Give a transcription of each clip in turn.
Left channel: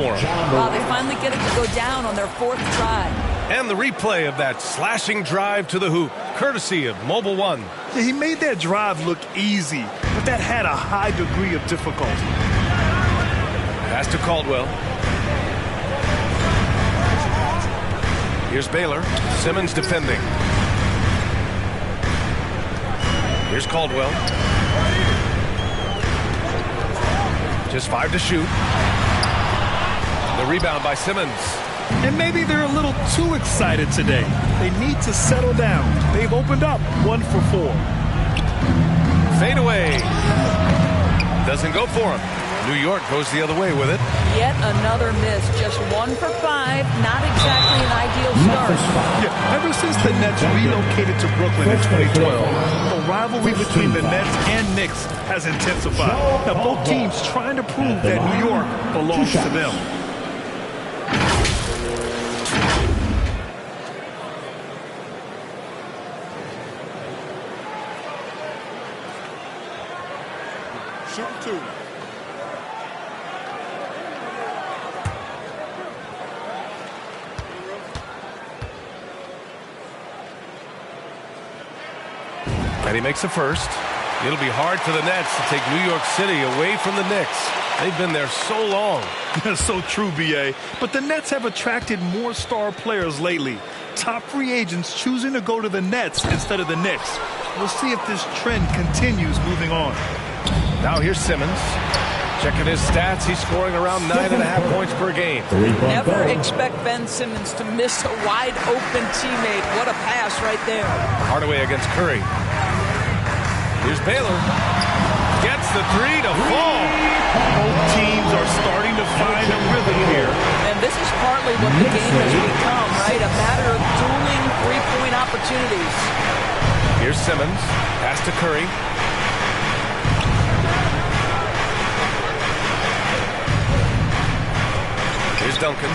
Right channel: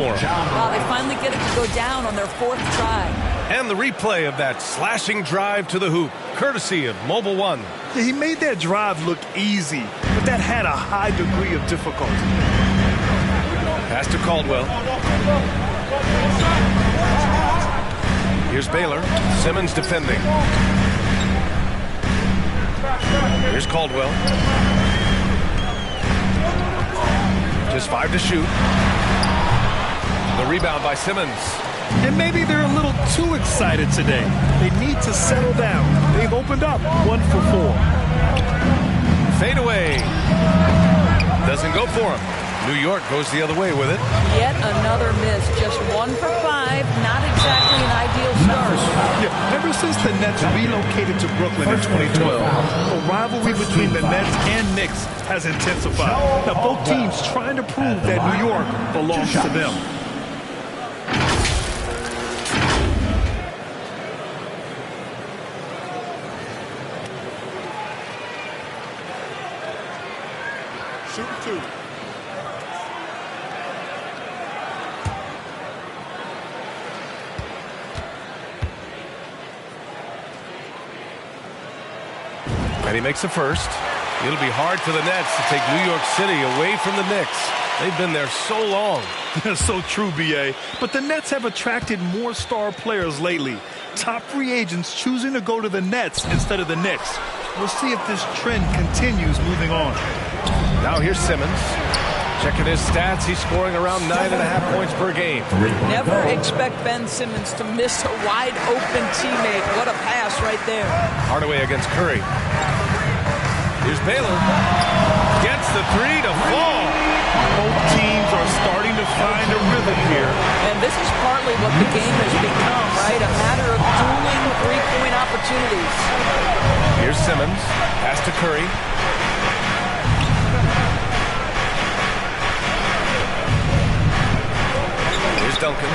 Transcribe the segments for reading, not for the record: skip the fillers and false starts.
Wow, they finally get it to go down on their 4th try. And the replay of that slashing drive to the hoop, courtesy of Mobile One. Yeah, he made that drive look easy, but that had a high degree of difficulty. Pass to Caldwell. Here's Baylor. Simmons defending. Here's Caldwell. Just 5 to shoot. The rebound by Simmons. And maybe they're a little too excited today. They need to settle down. They've opened up 1 for 4. Fade away. Doesn't go for him. New York goes the other way with it. Yet another miss. Just 1 for 5. Not exactly an ideal start. Yeah, ever since the Nets relocated to Brooklyn in 2012, the rivalry between the Nets and Knicks has intensified. Now, both teams trying to prove that New York belongs to them. Shooting 2. And he makes the first. It'll be hard for the Nets to take New York City away from the Knicks. They've been there so long. So true, B.A. But the Nets have attracted more star players lately. Top free agents choosing to go to the Nets instead of the Knicks. We'll see if this trend continues moving on. Now here's Simmons. Checking his stats, he's scoring around 9.5 points per game. Never expect Ben Simmons to miss a wide-open teammate. What a pass right there. Hardaway against Curry. Here's Baylor. Gets the 3 to fall. Both teams are starting to find a rhythm here. And this is partly what the game has become, right? A matter of dueling three-point opportunities. Here's Simmons. Pass to Curry. Here's Duncan.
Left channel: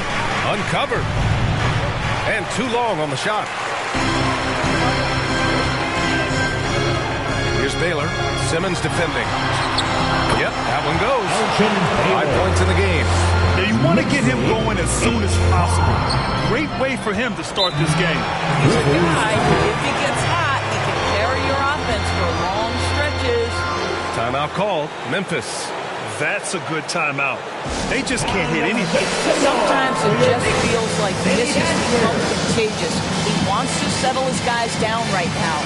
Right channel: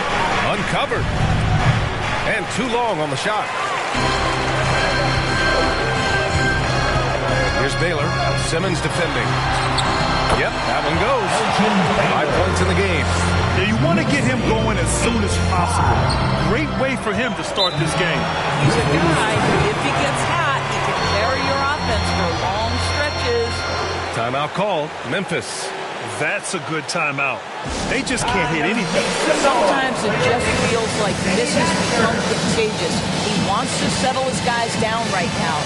Uncovered. And too long on the shot. Here's Baylor. Simmons defending. Yep, that one goes. 5 points in the game. Yeah, you want to get him going as soon as possible. Great way for him to start this game. He's a guy who, if he gets hot, he can carry your offense for long stretches. Timeout called. Memphis. That's a good timeout. They just can't hit anything. Sometimes it just feels like misses become contagious. He wants to settle his guys down right now.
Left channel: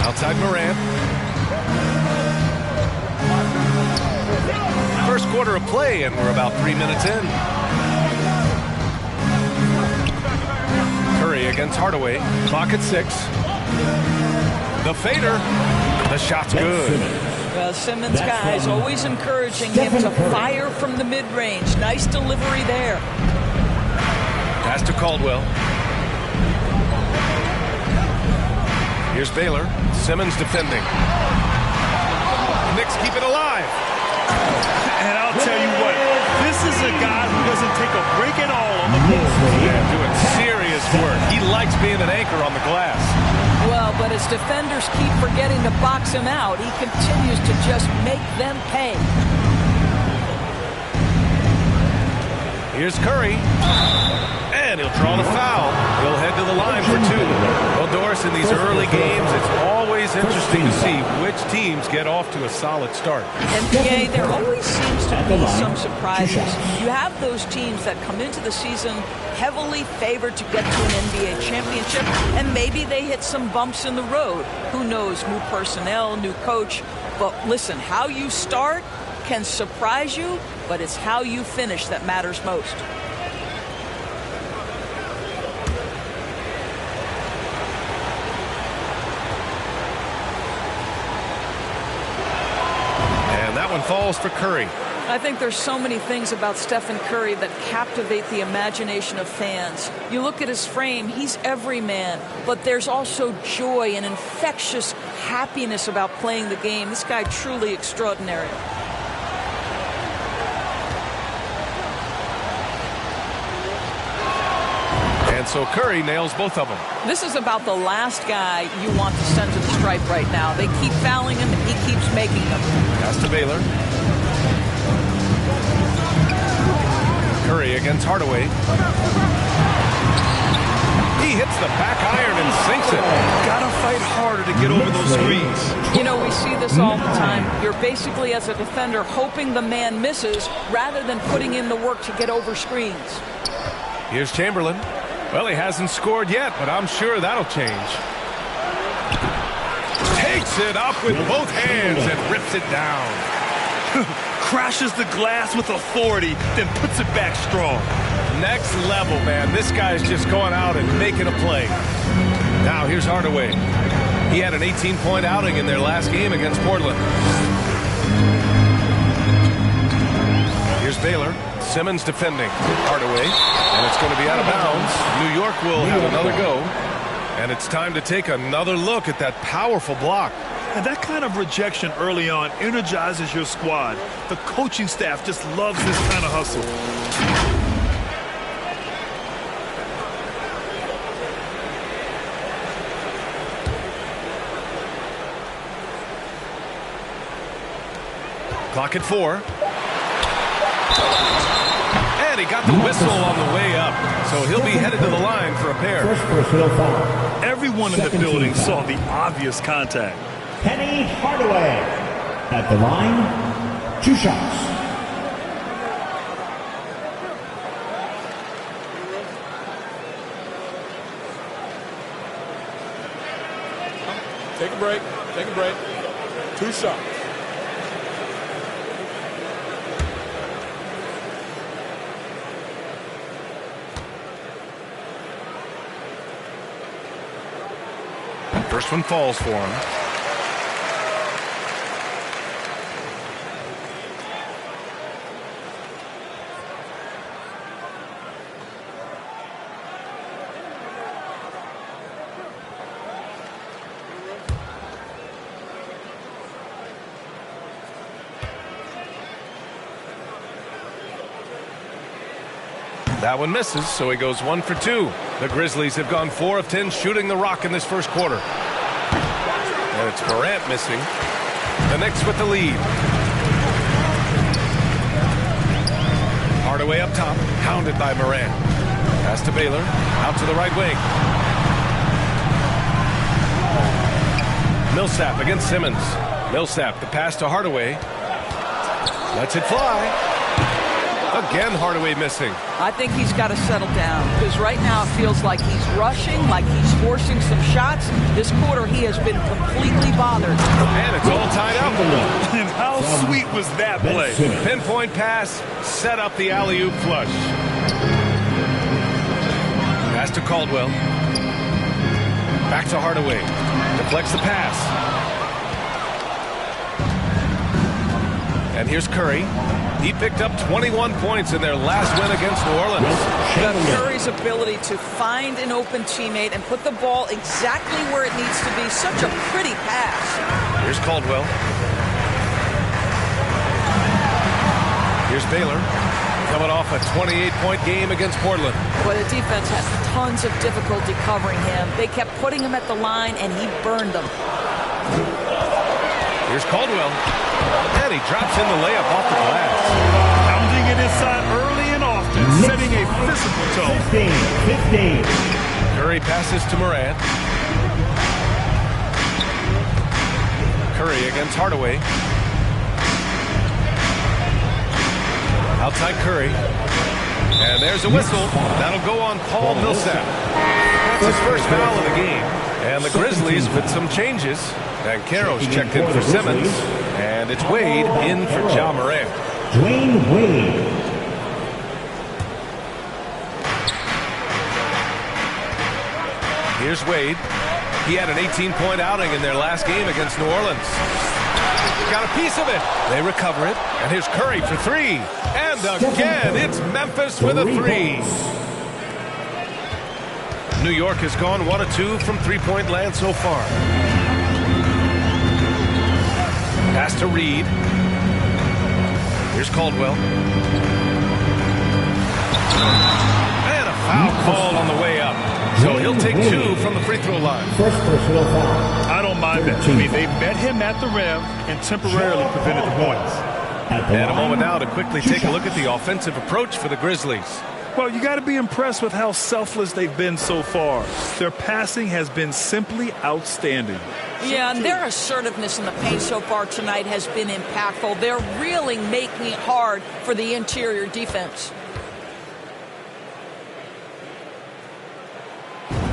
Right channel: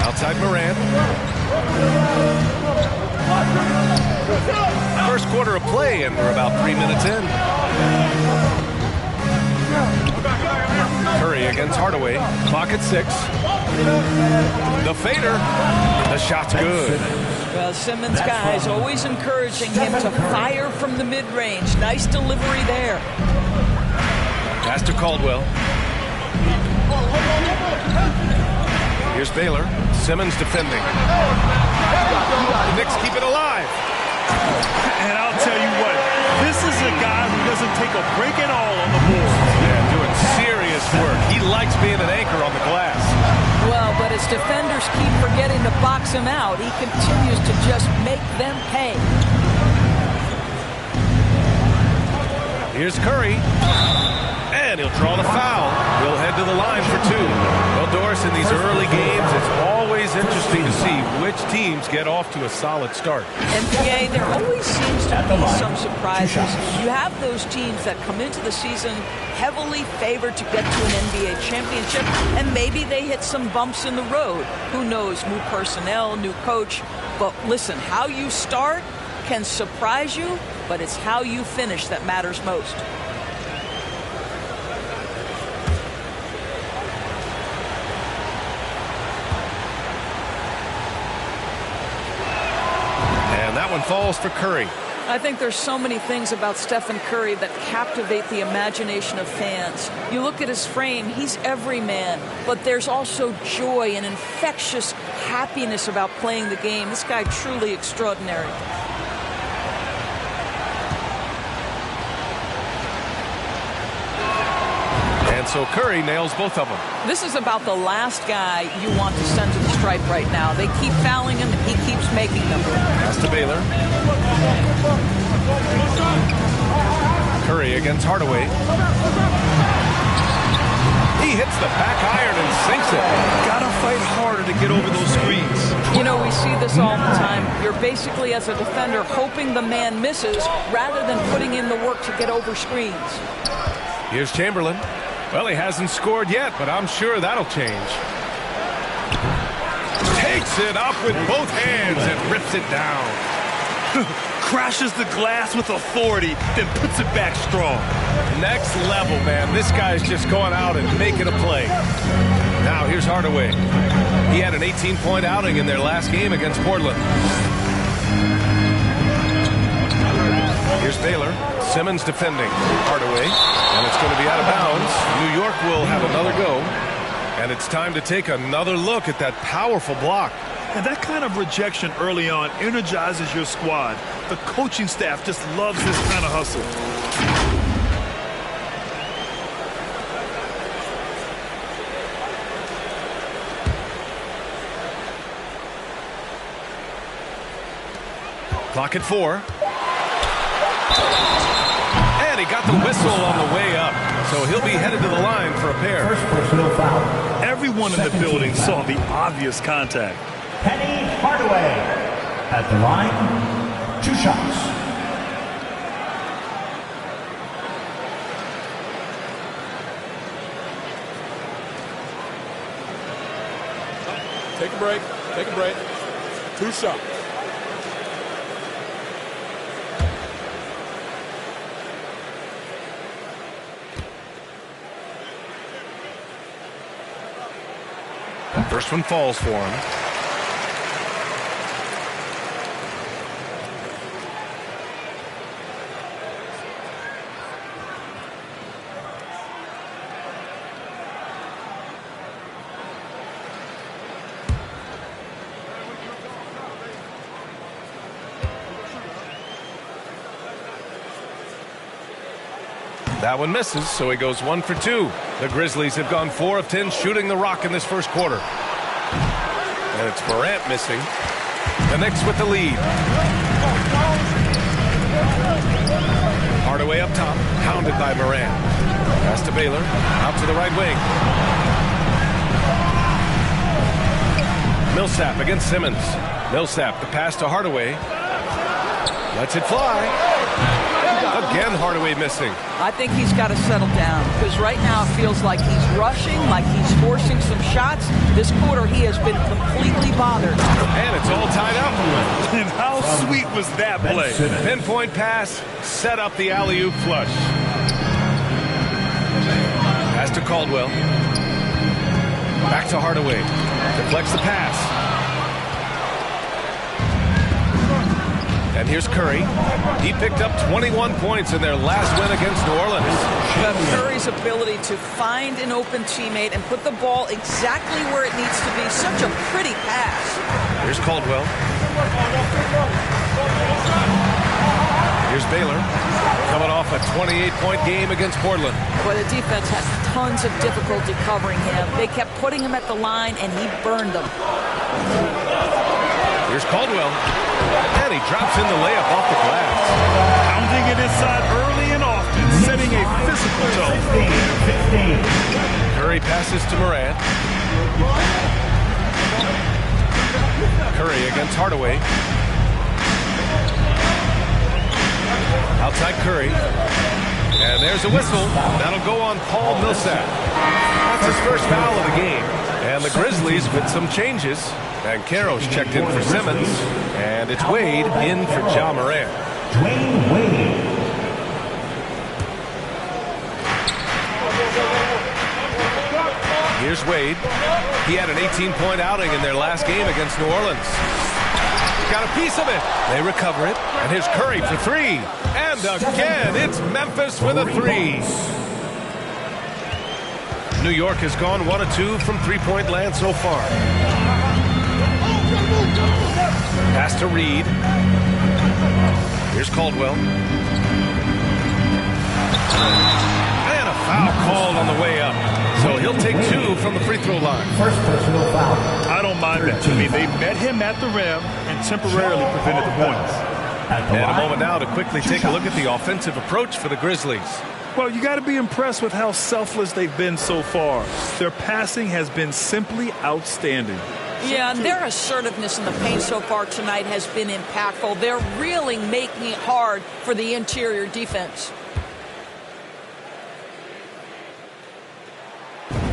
Outside Morant. First quarter of play, and we're about 3 minutes in. Curry against Hardaway. Clock at 6. The fader. The shot's good. Well, Simmons' guys always encouraging him to fire from the mid-range. Nice delivery there. Pass to Caldwell. Here's Baylor. Simmons defending. The Knicks keep it alive. And I'll tell you what, this is a guy who doesn't take a break at all on the board. Yeah, doing serious work. He likes being an anchor on the glass. Well, but as defenders keep forgetting to box him out, he continues to just make them pay. Here's Curry. And he'll draw the foul. He'll head to the line for 2. Well, Doris, in these early games, it's always interesting to see which teams get off to a solid start. NBA, there always seems to be some surprises. You have those teams that come into the season heavily favored to get to an NBA championship, and maybe they hit some bumps in the road. Who knows? New personnel, new coach. But listen, how you start can surprise you, but it's how you finish that matters most. And that one falls for Curry. I think there's so many things about Stephen Curry that captivate the imagination of fans. You look at his frame, he's every man, but there's also joy and infectious happiness about playing the game. This guy truly extraordinary. And so Curry nails both of them. This is about the last guy you want to send to the stripe right now. They keep fouling him, and he keeps making them. Pass to Baylor. Curry against Hardaway. He hits the back iron and sinks it. Gotta fight harder to get over those screens. You know, we see this all the time. You're basically, as a defender, hoping the man misses rather than putting in the work to get over screens. Here's Chamberlain. Well, he hasn't scored yet, but I'm sure that'll change. Takes it up with both hands and rips it down. Crashes the glass with authority, then puts it back strong. Next level, man. This guy's just going out and making a play. Now, here's Hardaway. He had an 18-point outing in their last game against Portland. Here's Baylor. Simmons defending. Hardaway. And it's going to be out of bounds. New York will have another go. And it's time to take another look at that powerful block. And that kind of rejection early on energizes your squad. The coaching staff just loves this kind of hustle. Clock at 4. And he got the whistle on the way up. So he'll be headed to the line for a pair. First personal foul. Everyone in the building saw the obvious contact. Penny Hardaway at the line, 2 shots. Take a break. Take a break. 2 shots. First one falls for him. That one misses, so he goes 1 for 2. The Grizzlies have gone 4 of 10 shooting the rock in this first quarter. And it's Morant missing. The Knicks with the lead. Hardaway up top, hounded by Morant. Pass to Baylor, out to the right wing. Millsap against Simmons. Millsap, the pass to Hardaway. Lets it fly. Again, Hardaway missing. I think he's got to settle down, because right now it feels like he's rushing, like he's forcing some shots. This quarter he has been completely bothered. And it's all tied up. And how sweet was that play? Pinpoint pass, set up the alley-oop flush. Pass to Caldwell. Back to Hardaway. Deflects the pass. And here's Curry. He picked up 21 points in their last win against New Orleans. But Curry's ability to find an open teammate and put the ball exactly where it needs to be, such a pretty pass. Here's Caldwell. Here's Baylor, coming off a 28-point game against Portland. But the defense had tons of difficulty covering him. They kept putting him at the line, and he burned them. Here's Caldwell. And he drops in the layup off the glass. Pounding it inside early and often, setting a physical tone. 15. Curry passes to Morant. Curry against Hardaway. Outside Curry. And there's a whistle. That'll go on Paul Millsap. That's his first foul of the game. And the Grizzlies with some changes. Banchero's checked in for Simmons. And it's Wade in for Ja Morant. Dwayne Wade. Here's Wade. He had an 18-point outing in their last game against New Orleans. Got a piece of it. They recover it. And here's Curry for three. And again, it's Memphis with a three. New York has gone 1 of 2 from three-point land so far. Pass to Reed. Here's Caldwell. And a foul called on the way up. So he'll take 2 from the free throw line. First personal foul. I don't mind that. I mean, they met him at the rim and temporarily prevented the points. And a moment now to quickly take a look at the offensive approach for the Grizzlies. Well, you got to be impressed with how selfless they've been so far. Their passing has been simply outstanding. Yeah, and their assertiveness in the paint so far tonight has been impactful. They're really making it hard for the interior defense.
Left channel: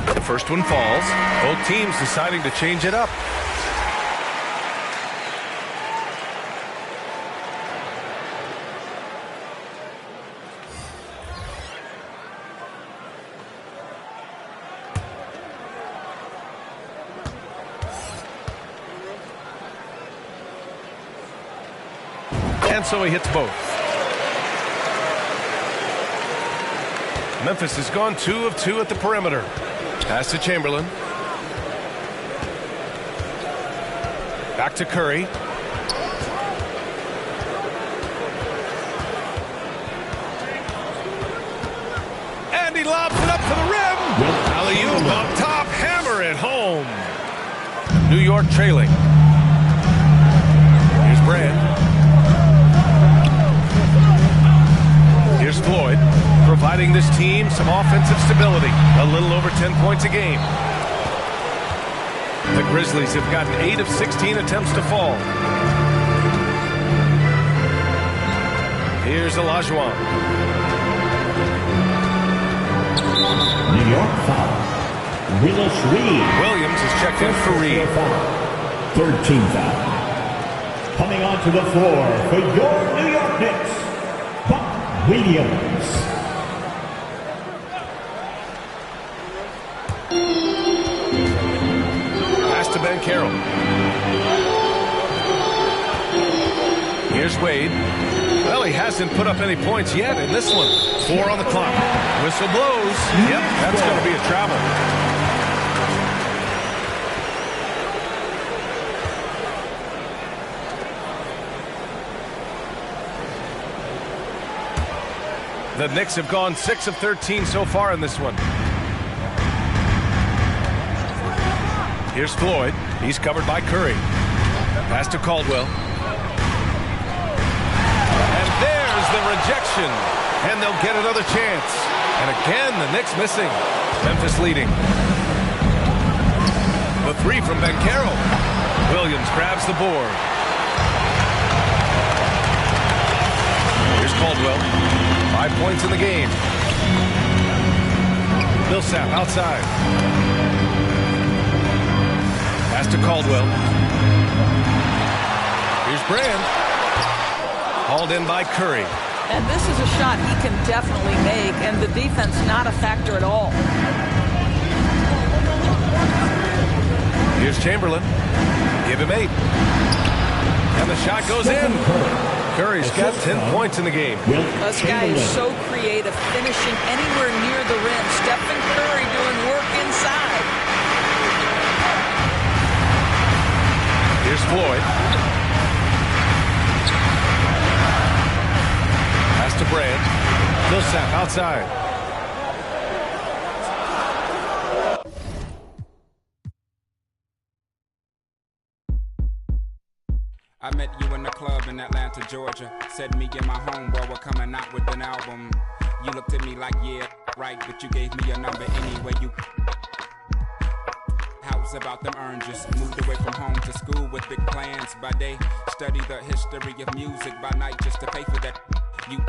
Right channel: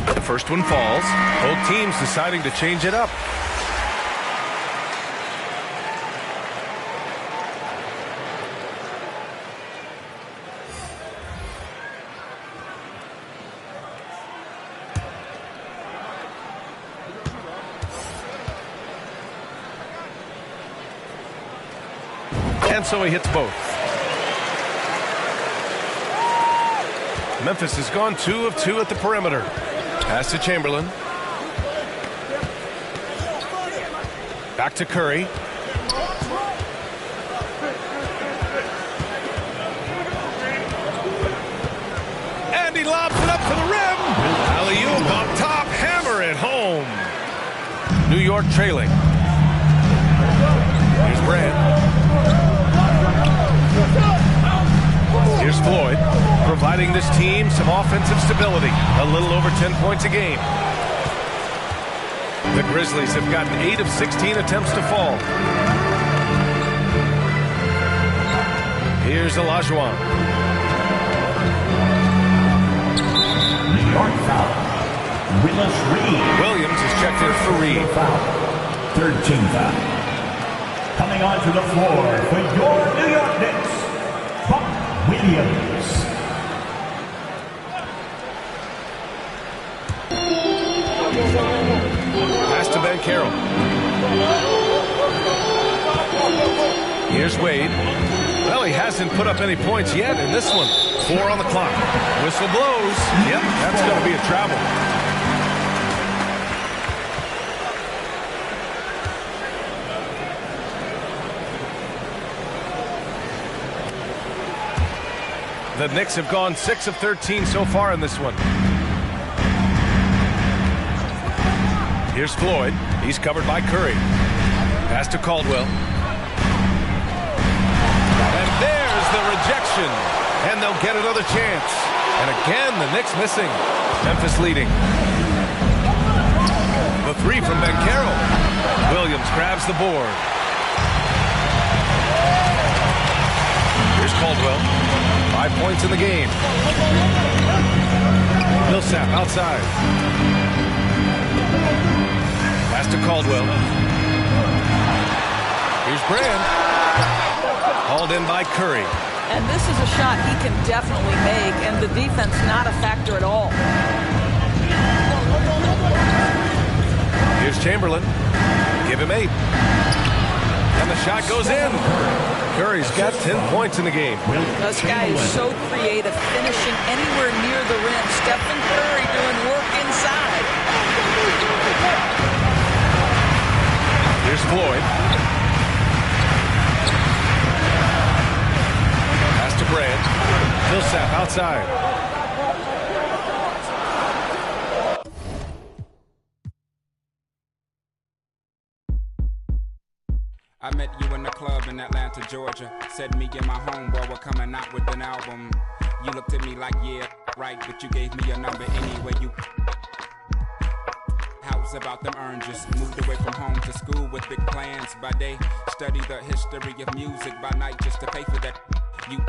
The first one falls. Both teams deciding to change it up. And so he hits both. Memphis has gone 2 of 2 at the perimeter. Pass to Chamberlain. Back to Curry. And he lobs it up to the rim. Alley-oop on top. Hammer it home. New York trailing. Here's Brand. Here's Floyd, providing this team some offensive stability. A little over 10 points a game. The Grizzlies have gotten 8 of 16 attempts to fall. Here's Olajuwon. New York foul. Willis Reed. Williams is checked in for Reed. Third team foul. Coming onto the floor for your New York Knicks, Buck Williams. Pass to Banchero. Here's Wade. Well, he hasn't put up any points yet in this one. 4 on the clock. Whistle blows. Yep, that's going to be a travel. The Knicks have gone 6 of 13 so far in this one. Here's Floyd. He's covered by Curry. Pass to Caldwell. And there's the rejection. And they'll get another chance. And again, the Knicks missing. Memphis leading. The three from Banchero. Williams grabs the board. Here's Caldwell. 5 points in the game. Millsap outside. Pass to Caldwell. Here's Brand. Hauled in by Curry. And this is a shot he can definitely make, and the defense not a factor at all. Here's Chamberlain. Give him 8. And the shot goes in. Curry's got 10 points in the game. This guy is so creative, finishing anywhere near the rim. Stephen Curry doing work inside. Here's Floyd. Pass to Brand. Millsap outside. I met you in the club in Atlanta, Georgia. Said me and my homeboy were coming out with an album. You looked at me like, yeah, right, but you gave me your number anyway. You house about them oranges. Moved away from home to school with big plans. By day, study the history of music. By night, just to pay for that. You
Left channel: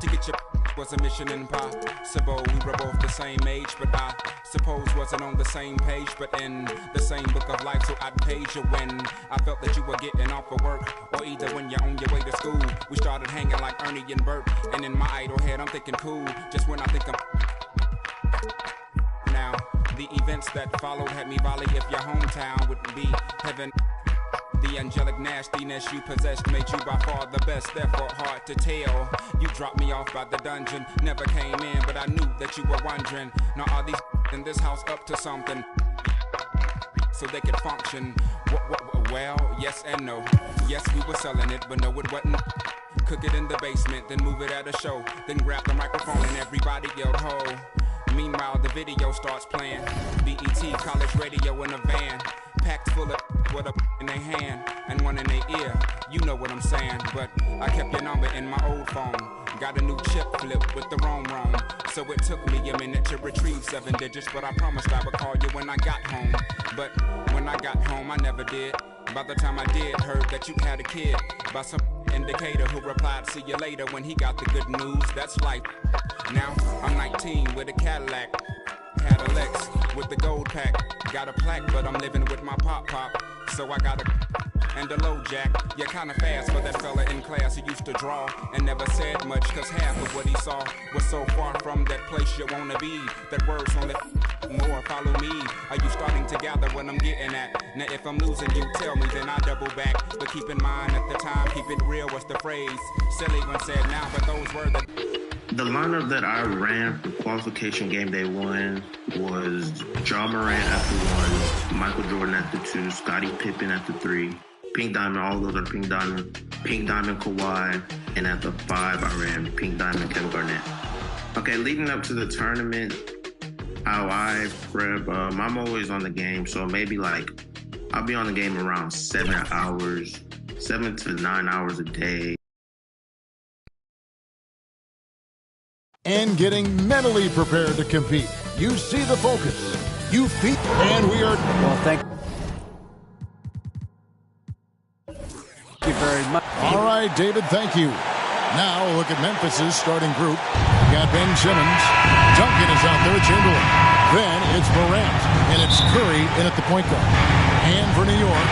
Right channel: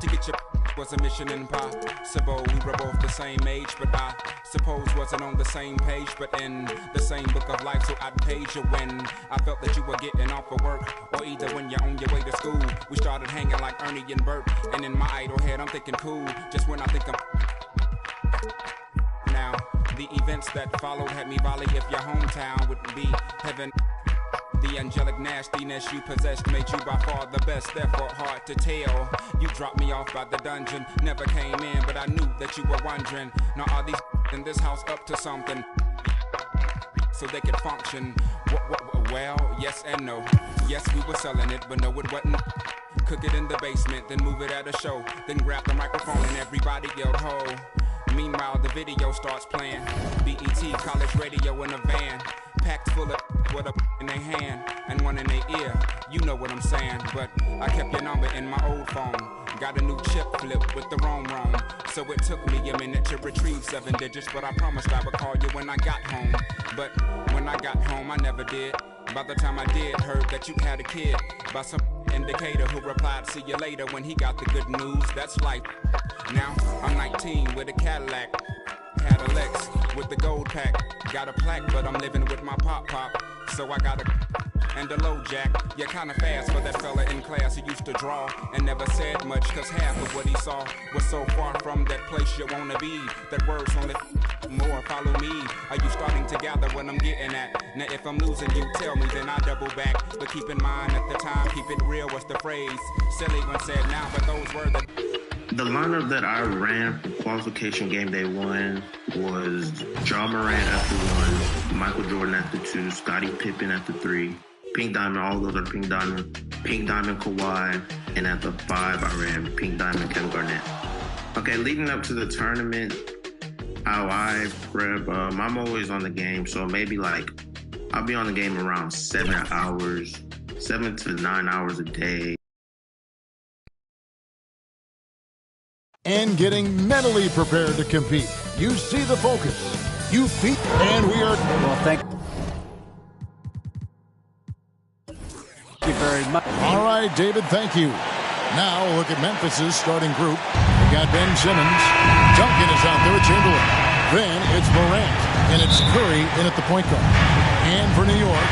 to get your was a mission impossible. We were both the same age, but I suppose wasn't on the same page, but in the same book of life. So I'd page you when I felt that you were getting off of work, or either when you're on your way to school. We started hanging like Ernie and Bert, and in my idle head I'm thinking cool. Just when I think I'm now, the events that followed had me volley if your hometown would be heaven. The angelic nastiness you possessed made you by far the best, therefore hard to tell. You dropped me off by the dungeon, never came in, but I knew that you were wondering. Now are these in this house up to something so they could function? Well, yes and no. Yes, we were selling it, but no, it wasn't. Cook it in the basement, then move it at a show, then grab the microphone and everybody yelled ho. Meanwhile, the video starts playing. BET, college radio in a van, packed full of with a in their hand and one in their ear. You know what I'm saying, but I kept your number in my old phone. Got a new chip flip with the wrong. So it took me a minute to retrieve 7 digits, but I promised I would call you when I got home. But when I got home, I never did. By the time I did, heard that you had a kid by some indicator who replied, see you later, when he got the good news. That's life. Now I'm 19 with a Cadillac, had a Lex with the gold pack, got a plaque, but I'm living with my pop, so I got a and a low jack. You're kinda fast for that fella in class who used to draw and never said much, cause half of what he saw was so far from that place you wanna be. That words only more, follow me. Are you starting to gather what I'm getting at? Now if I'm losing you, tell me, then I double back. But keep in mind at the time, keep it real was the phrase. Silly one said now, but those were the lineup that I ran for qualification game day 1 was Ja Morant at the 1, Michael Jordan at the 2, Scottie Pippen at the 3, Pink Diamond, all those are Pink Diamond Kawhi, and at the 5 I ran Pink Diamond Kevin Garnett. Okay, leading up to the tournament, how I prep, I'm always on the game, so maybe like I'll be on the game around 7 to 9 hours a day. And getting mentally prepared to compete. You see the focus. You feel, and we are. Well, thank you very much. All right, David, thank you. Now look at Memphis's starting group. We got Ben Simmons. Duncan is out there with Chamberlain. Then it's Morant, and it's Curry in at the point guard. And for New York,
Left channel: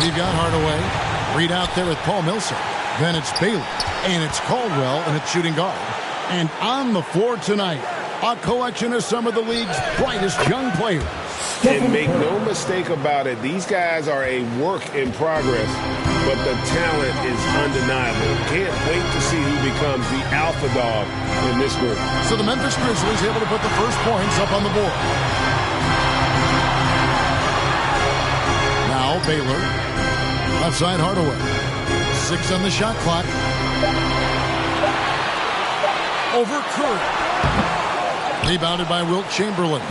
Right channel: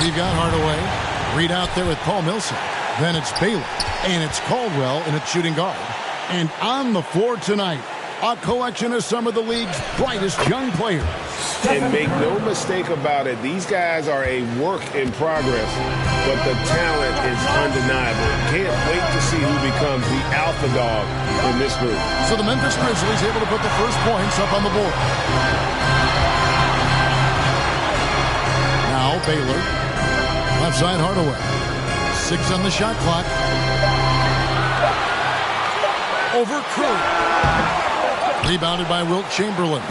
we've got Hardaway. Reed out there with Paul Millsap. Then it's Baylor, and it's Caldwell in at shooting guard. And on the floor tonight, a collection of some of the league's brightest young players. And make no mistake about it, these guys are a work in progress, but the talent is undeniable. Can't wait to see who becomes the alpha dog in this group. So the Memphis Grizzlies able to put the first points up on the board. Now Baylor, left side Hardaway. 6 on the shot clock. Over Curry. Rebounded by Wilt Chamberlain.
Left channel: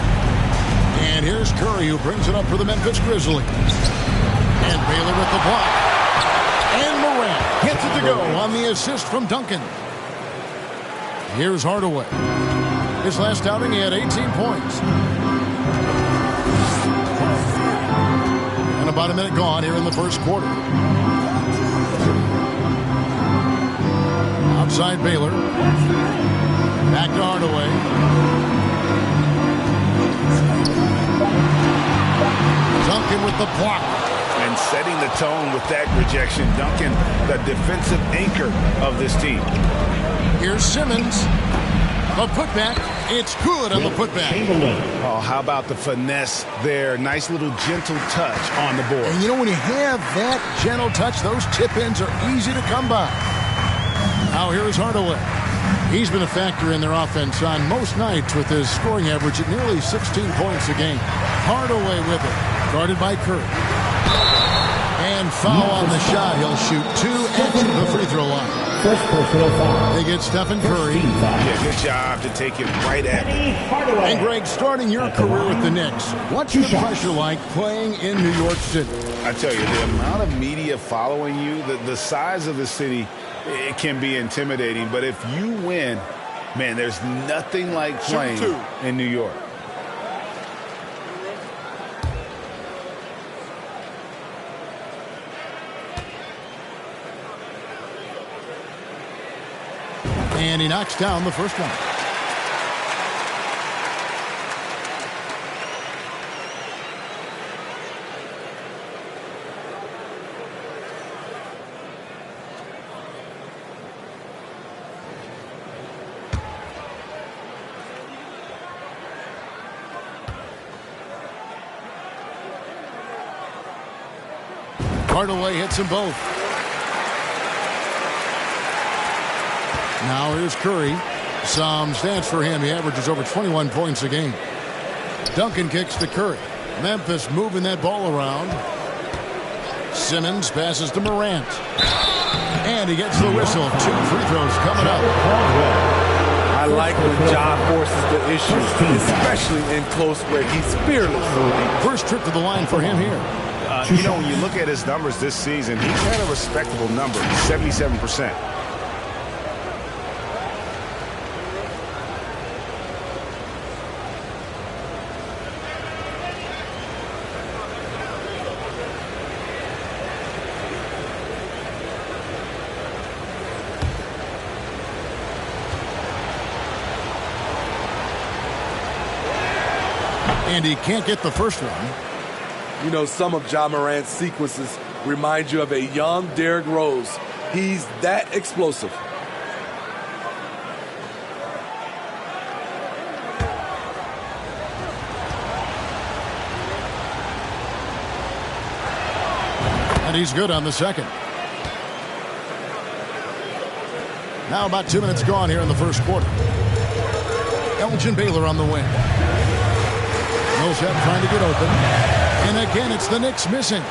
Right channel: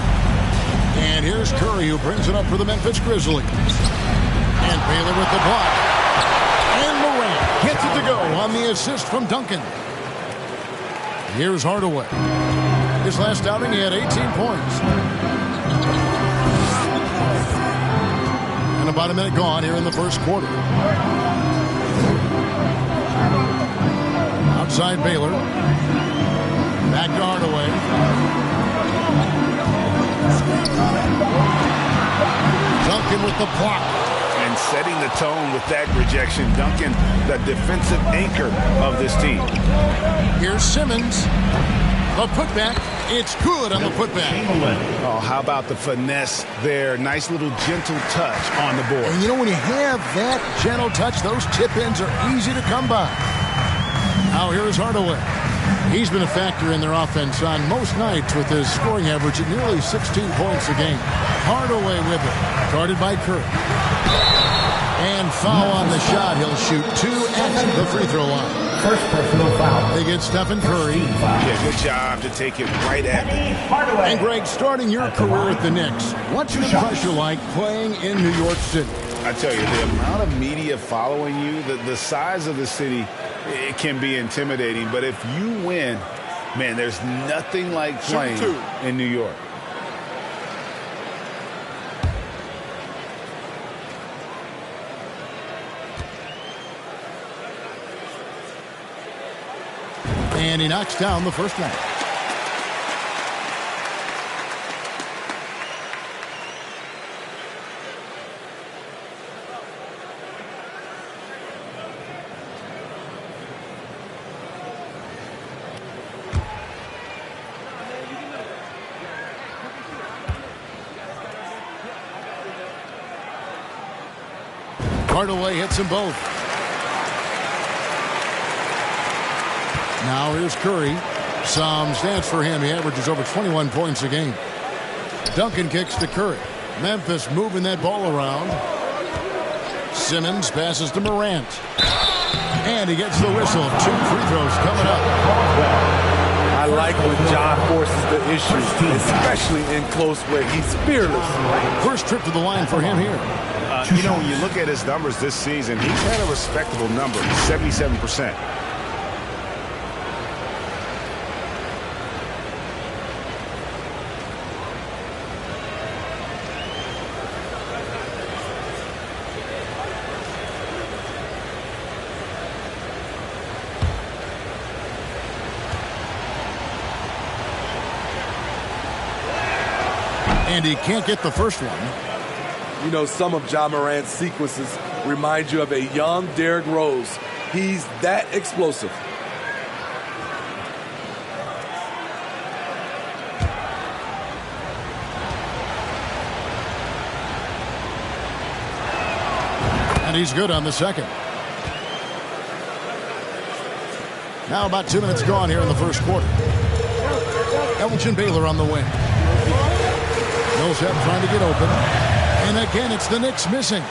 And here's Curry who brings it up for the Memphis Grizzlies. And Baylor with the block. And Morant gets it to go on the assist from Duncan. Here's Hardaway. His last outing, he had 18 points. And about a minute gone here in the first quarter. Outside Baylor. Back to Hardaway. Duncan with the block. And setting the tone with that rejection. Duncan, the defensive anchor of this team. Here's Simmons. The putback. It's good on the putback. Oh, how about the finesse there? Nice little gentle touch on the board. And you know, when you have that gentle touch, those tip-ins are easy to come by. Now here's Hardaway. He's been a factor in their offense on most nights with his scoring average at nearly 16 points a game. Hardaway with it. Guarded by Curry. And foul on the shot. He'll shoot 2 at the free throw line. First personal foul. They get Stephen Curry. Yeah, good job to take it right at them. And Greg, starting your career with the Knicks, what's the pressure like playing in New York City? I tell you, the amount of media following you, the size of the city, it can be intimidating. But if you win, man, there's nothing like playing in New York. And he knocks down the first one. Hardaway hits them both. Now here's Curry. Some stats for him. He averages over 21 points a game. Duncan kicks to Curry. Memphis moving that ball around. Simmons passes to Morant. And he gets the whistle. 2 free throws coming up. I like when Ja forces the issue, especially in close where he's fearless. First trip to the line for him here. You know, when you look at his numbers this season, he's had a respectable number, 77%. And he can't get the first one. You know, some of Ja Morant's sequences remind you of a young Derrick Rose. He's that explosive. And he's good on the second. Now about 2 minutes gone here in the first quarter. Elgin Baylor on the wing. Millsap trying to get open. And again, it's the Knicks missing.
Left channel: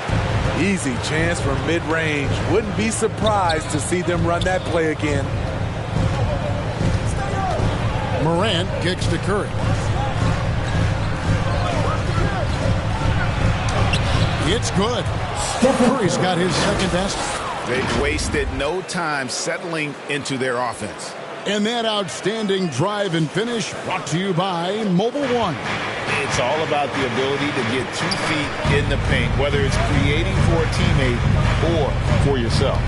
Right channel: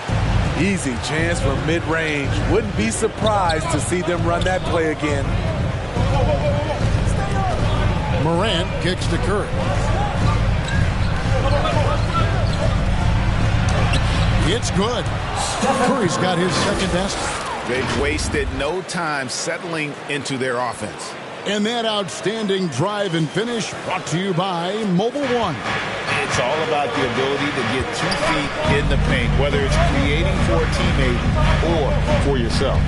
Easy chance from mid-range. Wouldn't be surprised to see them run that play again. Morant kicks to Curry. It's good. Curry's got his second best. They've wasted no time settling into their offense. And that outstanding drive and finish brought to you by Mobile One. It's all about the ability to get 2 feet in the paint, whether it's creating for a teammate or for yourself.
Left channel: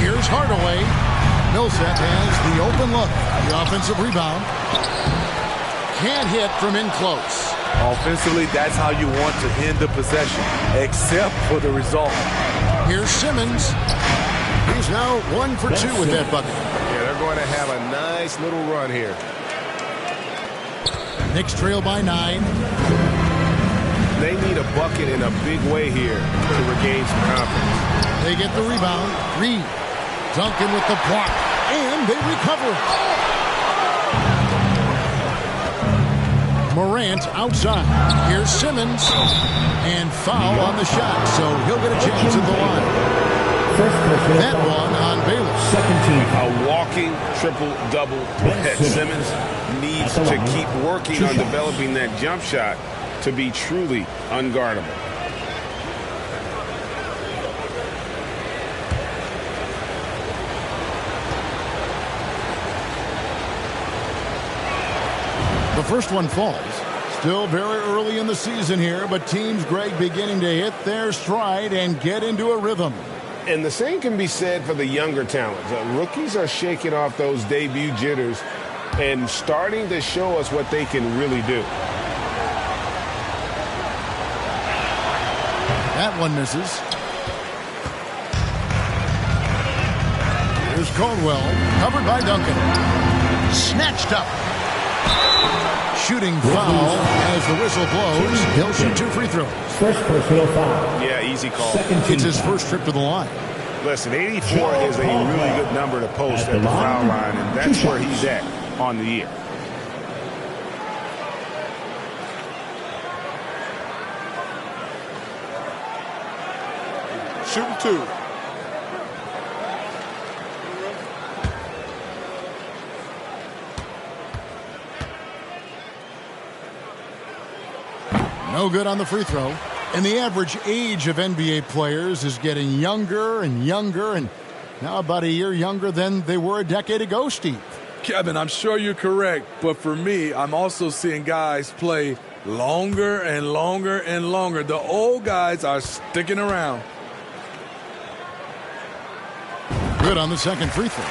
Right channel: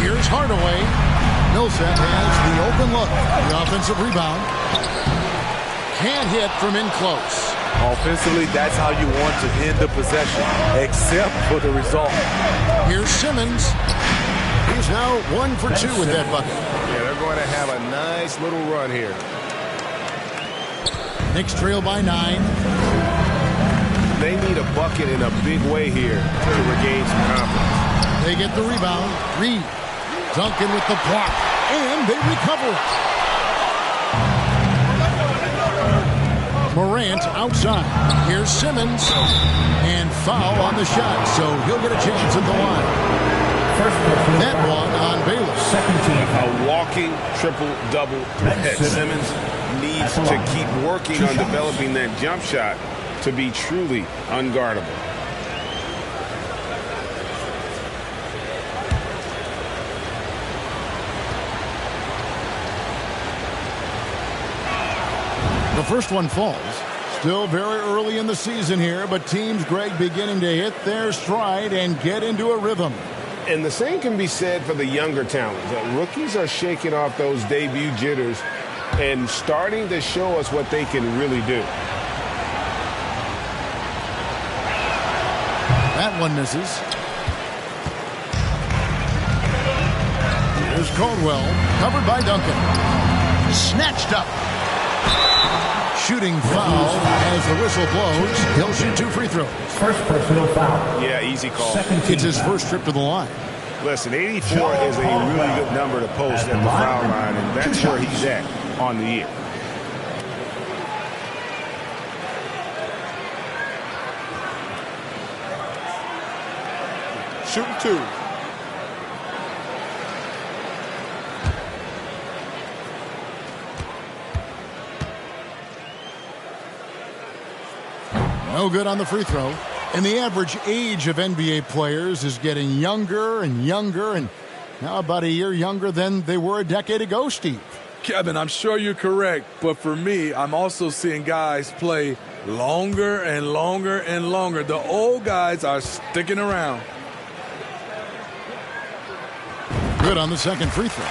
Here's Hardaway. Millsap has the open look. The offensive rebound. Can't hit from in close. Offensively, that's how you want to end the possession, except for the result. Here's Simmons. He's now 1 for 2 with that bucket. Yeah, they're going to have a nice little run here. Knicks trail by 9. They need a bucket in a big way here to regain some confidence. They get the rebound. Reed. Duncan with the block. And they recover it. Morant outside. Here's Simmons. And foul on the shot, so he'll get a chance at the line. That one on Baylor. Second team. A walking triple-double threat. Simmons needs to keep working on developing that jump shot to be truly unguardable. The first one falls. Still very early in the season here, but teams, Greg, beginning to hit their stride and get into a rhythm. And the same can be said for the younger talents. Rookies are shaking off those debut jitters and starting to show us what they can really do. That one misses. Here's Caldwell, covered by Duncan. Snatched up. Shooting foul as the whistle blows. He'll shoot 2 free throws. First personal foul. Yeah, easy call. It's his first trip to the line. Listen, 84 is a really good number to post at the foul line, and that's where he's at on the year. Shooting 2. No good on the free throw. And the average age of NBA players is getting younger and younger, and now about a year younger than they were a decade ago, Steve. Kevin, I'm sure you're correct, but for me, I'm also seeing guys play longer and longer and longer. The old guys are sticking around. Good on the second free throw.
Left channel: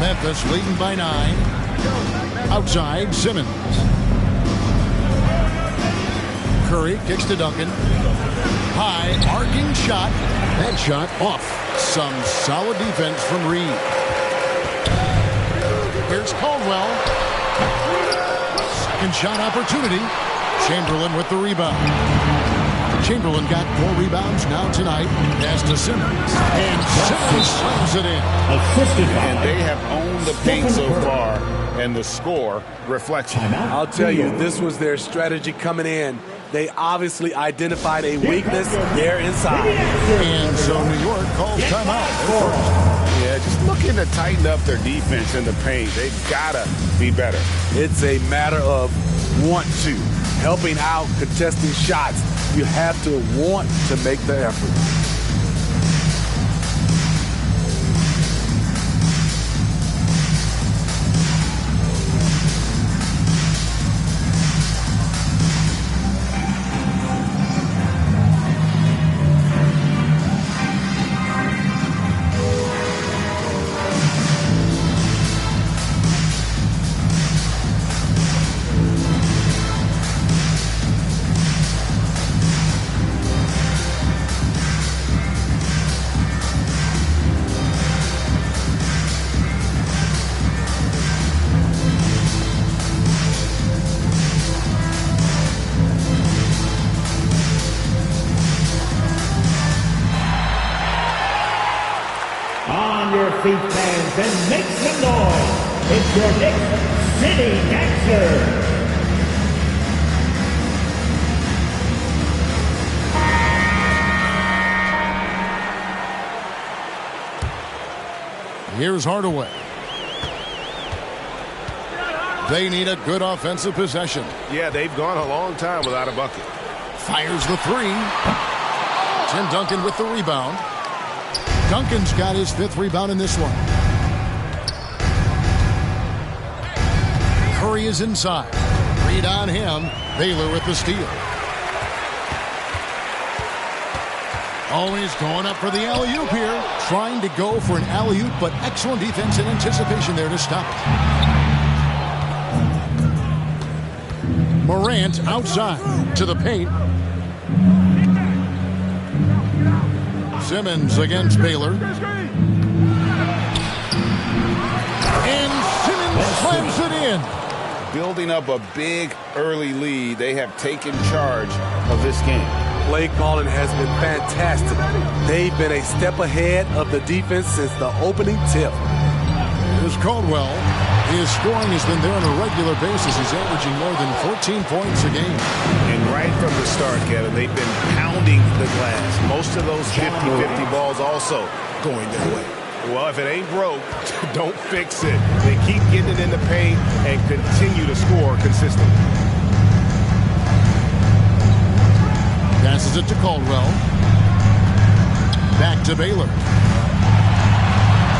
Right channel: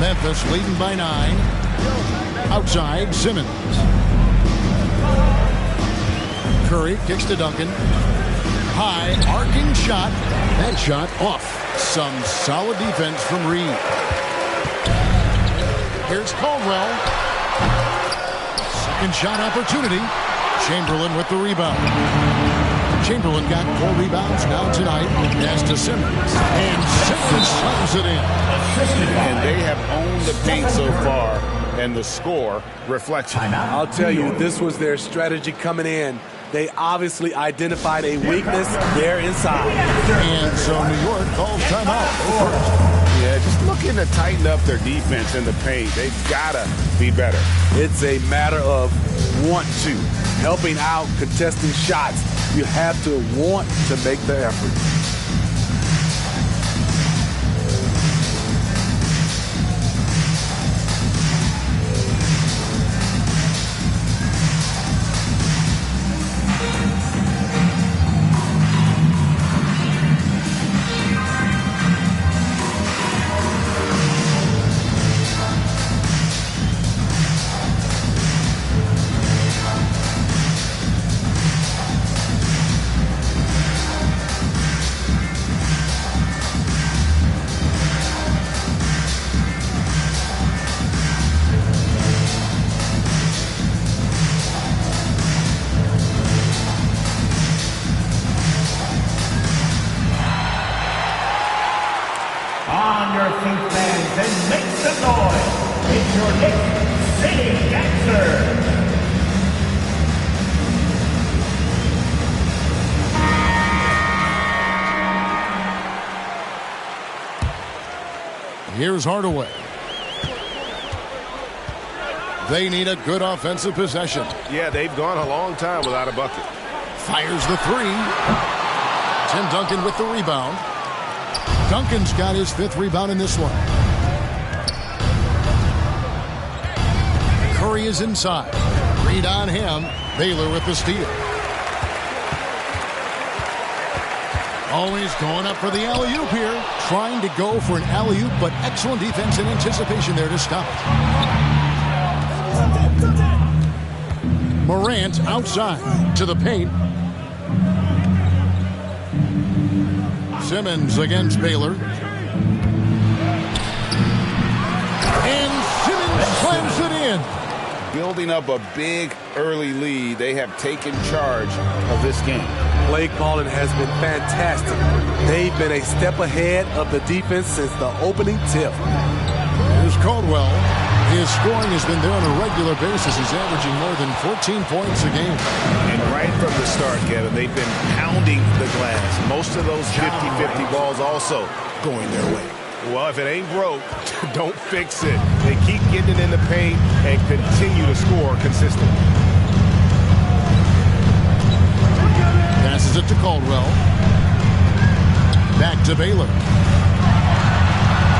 Memphis leading by 9. Outside, Simmons. Curry kicks to Duncan. High, arcing shot. That shot off. Some solid defense from Reed. Here's Caldwell. Second shot opportunity. Chamberlain with the rebound. Chamberlain got 4 rebounds now tonight. Pass to Simmons. And Simmons slams it in. And they have owned the paint so far, and the score reflects it. I'll tell you, this was their strategy coming in. They obviously identified a weakness there inside. And so New York calls timeout. They're first. Yeah, just looking to tighten up their defense in the paint. They've got to be better. It's a matter of want to. Helping out, contesting shots. You have to want to make the effort. Your feet, fans, and make some noise. It's your Knicks City Dancer. Here's Hardaway. They need a good offensive possession. Yeah, they've gone a long time without a bucket. Fires the 3. Tim Duncan with the rebound. Duncan's got his 5th rebound in this one. Curry is inside. Reed on him. Baylor with the steal. Always going up for the alley-oop here. Trying to go for an alley-oop, but excellent defense and anticipation there to stop it. Morant outside to the paint. Simmons against Baylor. And Simmons slams it in. Building up a big early lead, they have taken charge of this game. Play calling has been fantastic. They've been a step ahead of the defense since the opening tip. Here's Caldwell. His scoring has been there on a regular basis. He's averaging more than 14 points a game. And right from the start, Kevin, they've been pounding the glass. Most of those 50-50 balls also going their way. Well, if it ain't broke, don't fix it. They keep getting it in the paint and continue to score consistently. Passes it to Caldwell. Back to Baylor.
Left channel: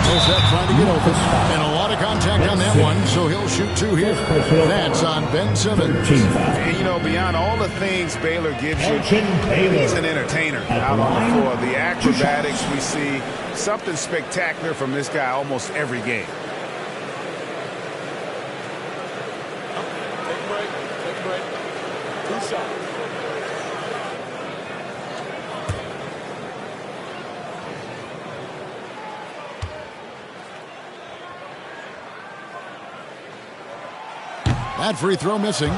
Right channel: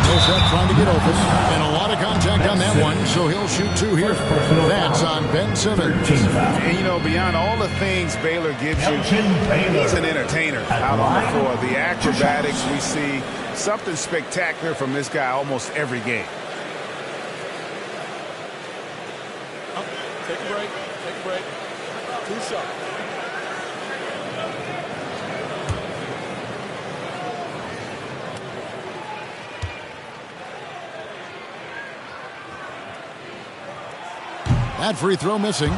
Millsap trying to get open. And a lot of contact on that one, so he'll shoot 2 here. That's on Ben Simmons. And, you know, beyond all the things Baylor gives you, he's an entertainer out on the floor. The acrobatics we see, something spectacular from this guy almost every game. Take a break. Take a break. 2 shots. That free throw missing.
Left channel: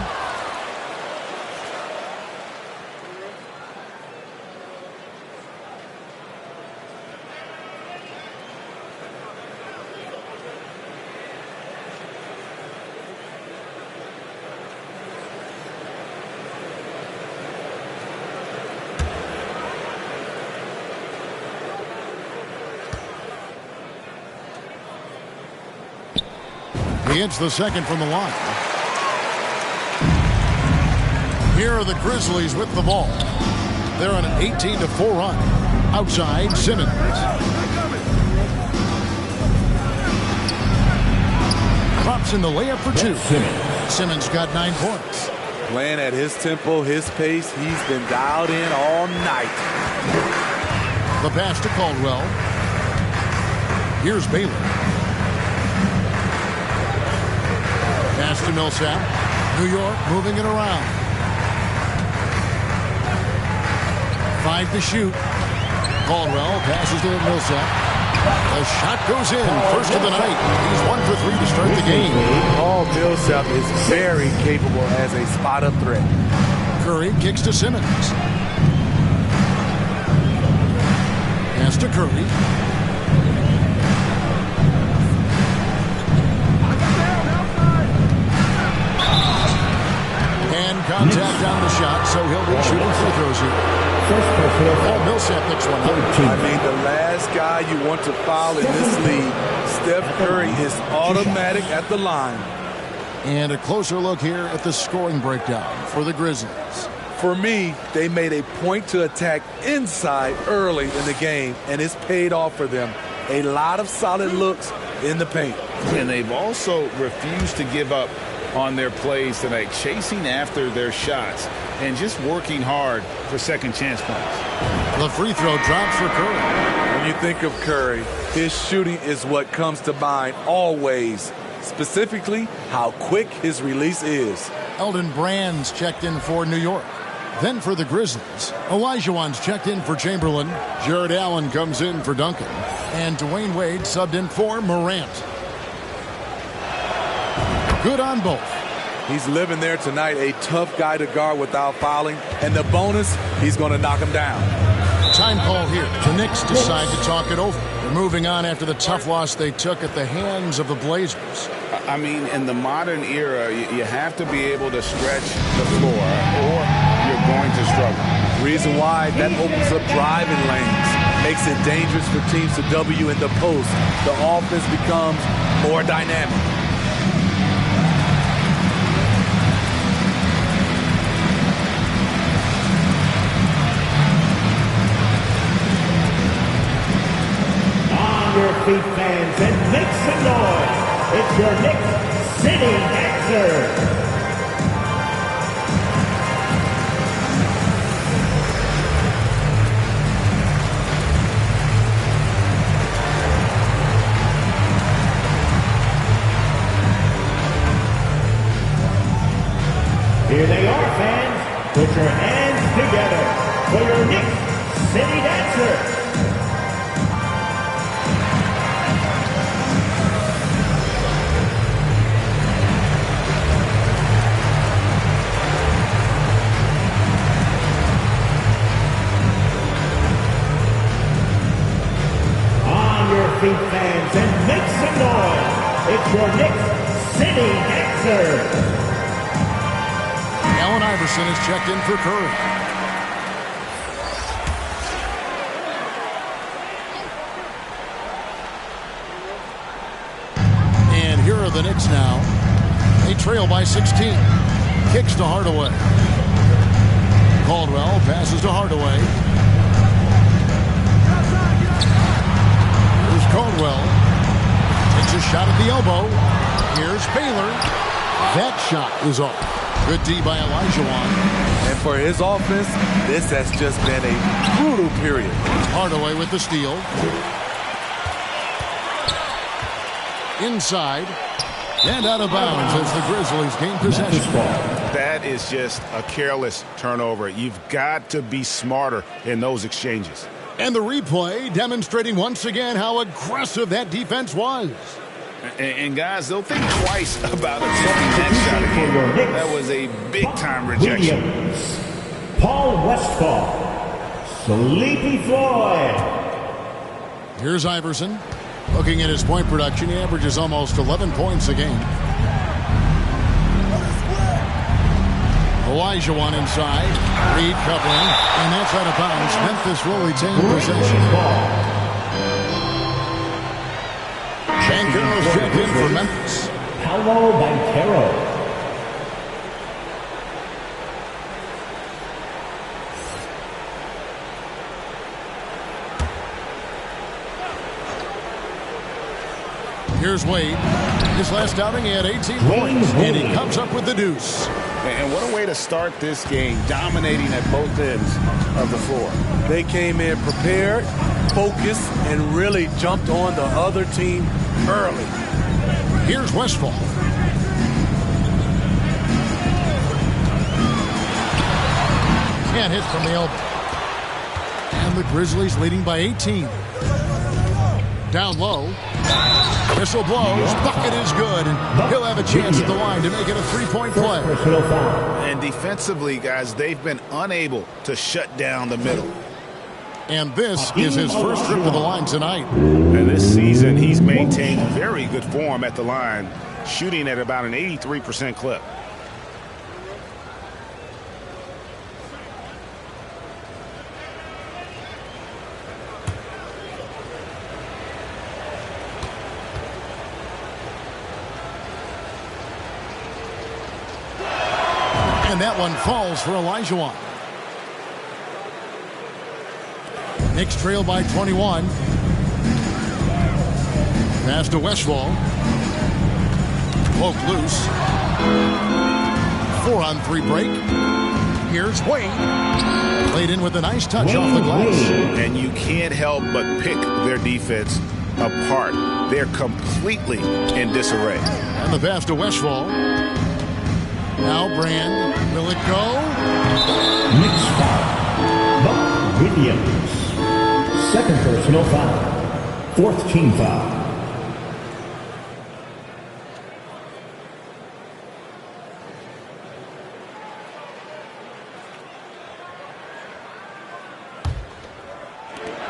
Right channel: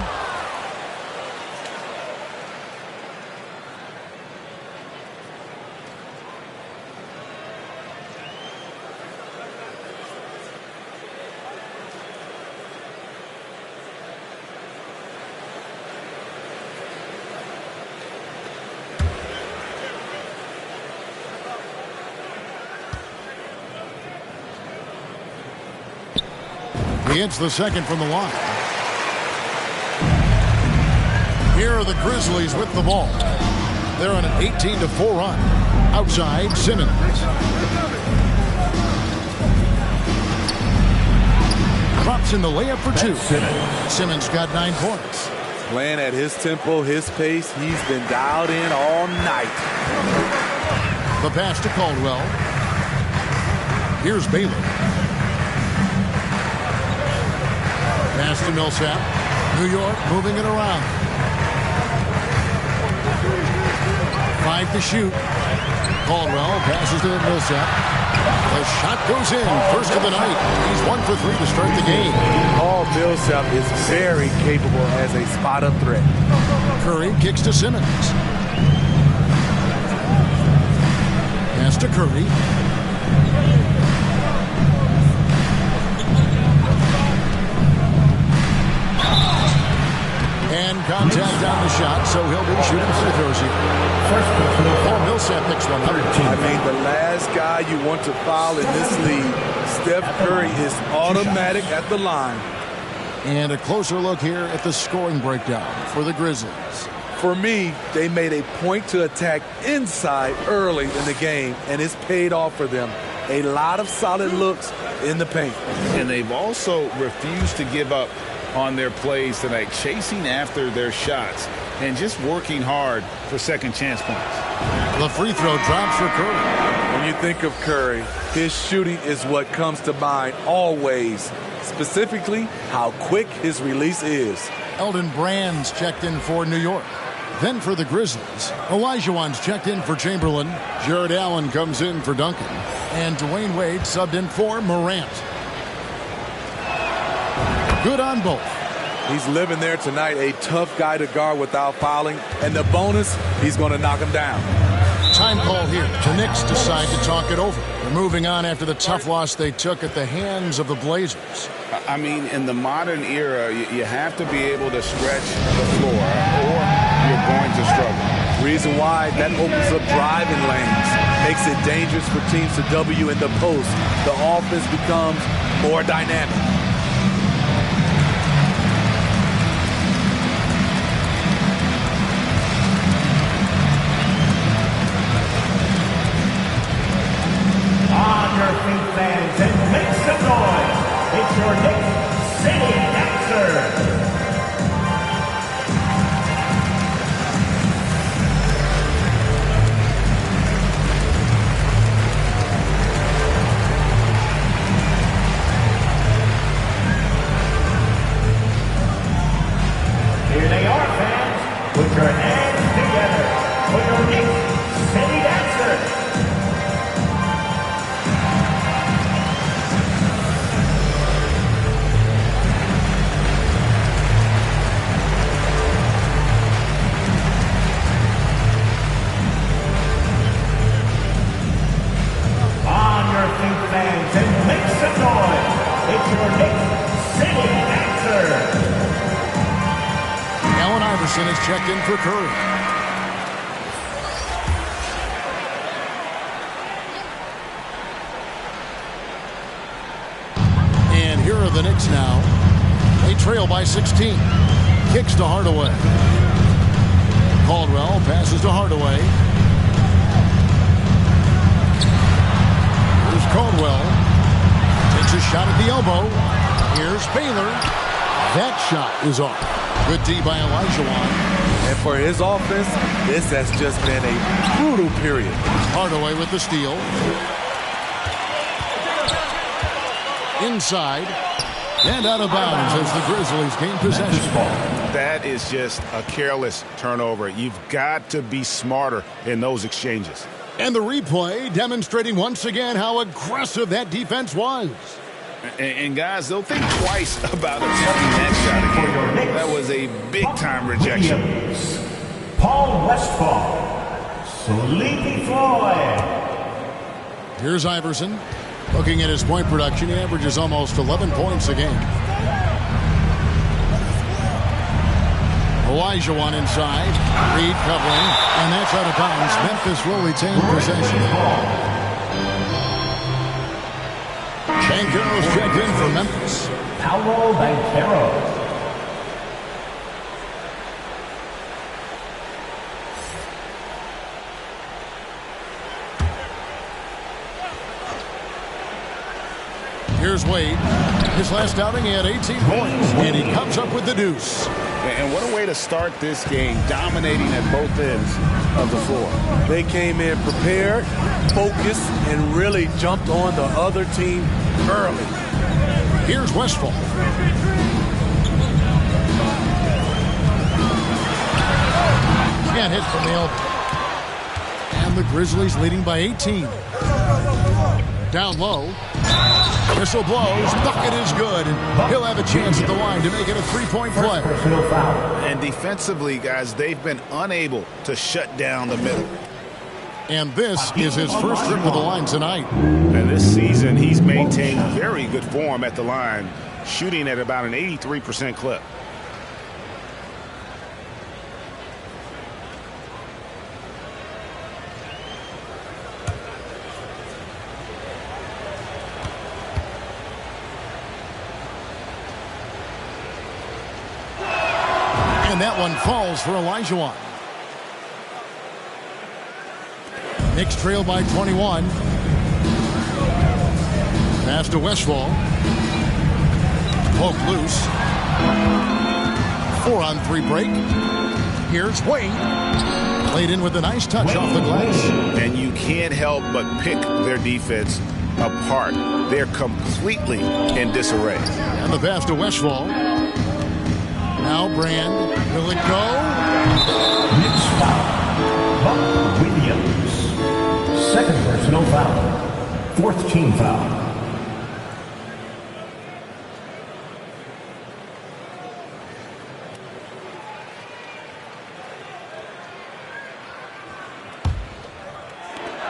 He hits the second from the line. Here are the Grizzlies with the ball. They're on an 18-4 run. Outside, Simmons. Drops in the layup for two. Simmons got 9 points. Playing at his tempo, his pace. He's been dialed in all night. The pass to Caldwell. Here's Baylor. Pass to Millsap. New York moving it around. 5 to shoot. Caldwell passes to Millsap. The shot goes in. First of the night. He's 1 for 3 to start the game. Paul Millsap is very capable as a spot-up threat. Curry kicks to Simmons. Pass to Curry. And contact on the shot, so he'll be shooting free throws here. Paul Millsap picks one up. I mean, the last guy you want to foul in this league, Steph Curry, is automatic at the line. And a closer look here at the scoring breakdown for the Grizzlies. For me, they made a point to attack inside early in the game, and it's paid off for them. A lot of solid looks in the paint. And they've also refused to give up on their plays tonight, chasing after their shots and just working hard for second chance points. The free throw drops for Curry. When you think of Curry, his shooting is what comes to mind always, specifically how quick his release is. Elton Brand's checked in for New York. Then for the Grizzlies, Olajuwon's checked in for Chamberlain. Jared Allen comes in for Duncan. And Dwayne Wade subbed in for Morant. Good on both. He's living there tonight, a tough guy to guard without fouling. And the bonus, he's going to knock him down. Time call here. The Knicks decide to talk it over. They're moving on after the tough loss they took at the hands of the Blazers. I mean, in the modern era, you have to be able to stretch the floor or you're going to struggle. Reason why, that opens up driving lanes, makes it dangerous for teams to W in the post. The offense becomes more dynamic. On your feet, fans, and make some noise. It's your Knicks City Dancers. Here they are, fans. Put your hands together for your Knicks City Dancers. On your feet, fans, and make some noise. It's your Knicks City Dancers. Allen Iverson is checked in for Curry. And here are the Knicks now. They trail by 16. Kicks to Hardaway. Caldwell passes to Hardaway. Here's Caldwell. Takes a shot at the elbow. Here's Baylor. That shot is off. Good D by Olajuwon. And for his offense, this has just been a brutal period. Hardaway with the steal. Inside. And out of bounds as the Grizzlies gain possession. That is just a careless turnover. You've got to be smarter in those exchanges. And the replay demonstrating once again how aggressive that defense was. And guys, they'll think twice about attempting that shot again. That was a big-time rejection. Williams, Paul Westphal, Sleepy Floyd. Here's Iverson. Looking at his point production, he averages almost 11 points a game. Olajuwon inside. Reed covering. And that's out of bounds. Memphis will retain possession. Banchero's checked in for Memphis. Paolo Banchero. Here's Wade. His last outing, he had 18 points, and he comes up with the deuce. And what a way to start this game, dominating at both ends of the floor. They came in prepared, focused, and really jumped on the other team early. Here's Westphal. Can't hit from the elbow. And the Grizzlies leading by 18. Down low. Whistle blows. Bucket is good. And he'll have a chance at the line to make it a three-point play. And defensively, guys, they've been unable to shut down the middle. And this is his first trip to the line tonight. And this season, he's maintained very good form at the line, shooting at about an 83% clip. And that one falls for Olajuwon. Knicks trail by 21. Pass to Westphal. Poke loose. 4-on-3 break. Here's Wade. Played in with a nice touch off the glass. And you can't help but pick their defense apart. They're completely in disarray. And the pass to Westphal. Now Brand. Will it go? Knicks foul. Buck Williams. Second personal foul. Fourth team foul.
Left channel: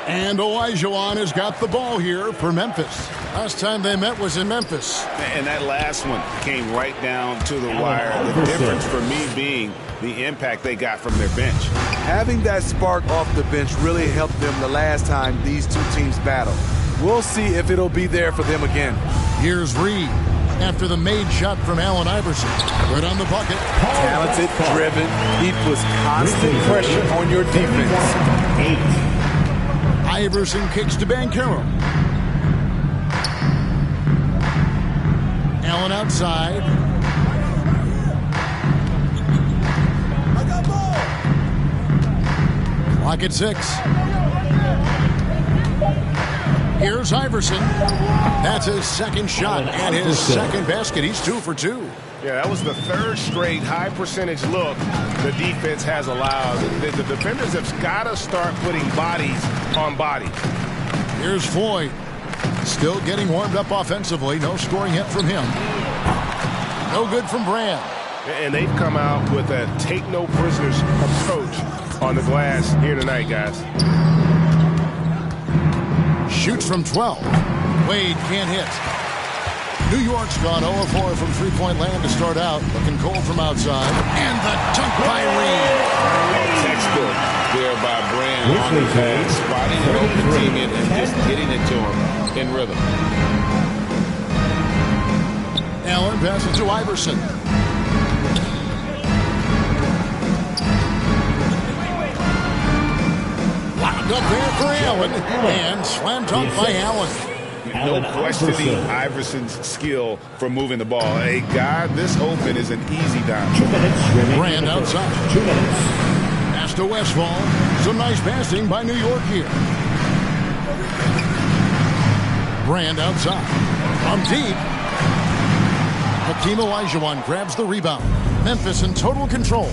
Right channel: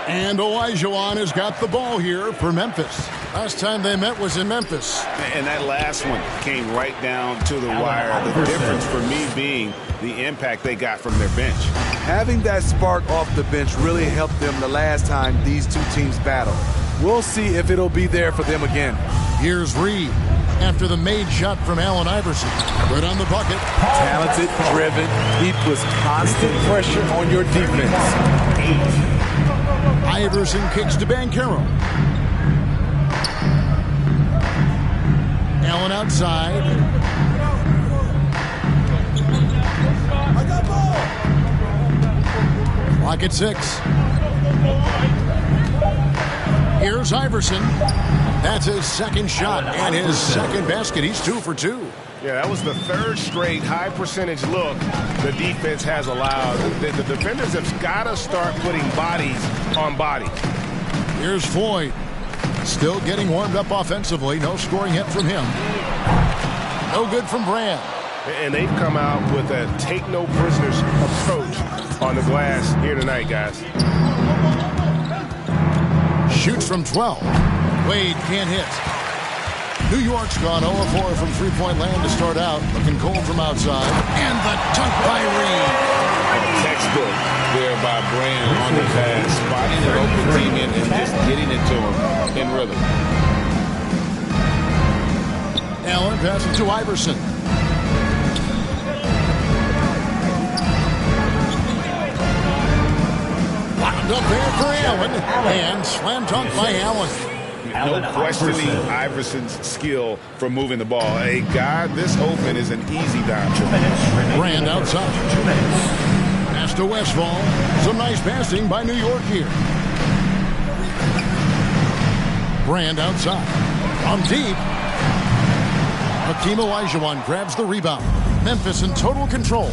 And Olajuwon has got the ball here for Memphis. Last time they met was in Memphis. And that last one came right down to the wire. The difference for me being the impact they got from their bench. Having that spark off the bench really helped them the last time these two teams battled. We'll see if it'll be there for them again. Here's Reed after the made shot from Allen Iverson. Good on the bucket. Talented, driven. He puts constant pressure on your defense. 8. Iverson kicks to Banchero. Allen outside. I got ball. Clock at 6. Here's Iverson. That's his second shot and his second basket. He's 2 for 2. Yeah, that was the third straight high percentage look the defense has allowed. The defenders have got to start putting bodies on bodies. Here's Floyd. Still getting warmed up offensively. No scoring yet from him. No good from Brand. And they've come out with a take no prisoners approach on the glass here tonight, guys. Shoots from 12. Wade can't hit. New York's gone 0-4 from three-point land to start out. Looking cold from outside. And the dunk by Reed. A textbook there by Brand on the pass, spotting an open teammate and just getting it to him in rhythm. Allen passes to Iverson. Wound up there for Allen. And slam dunk by Allen. No questioning Iverson's skill for moving the ball. A guy this open is an easy dime. 2 minutes. Brand outside. 2 minutes. Pass to Westphal. Some nice passing by New York here. Brand outside. From deep. Hakeem Olajuwon grabs the rebound. Memphis in total control.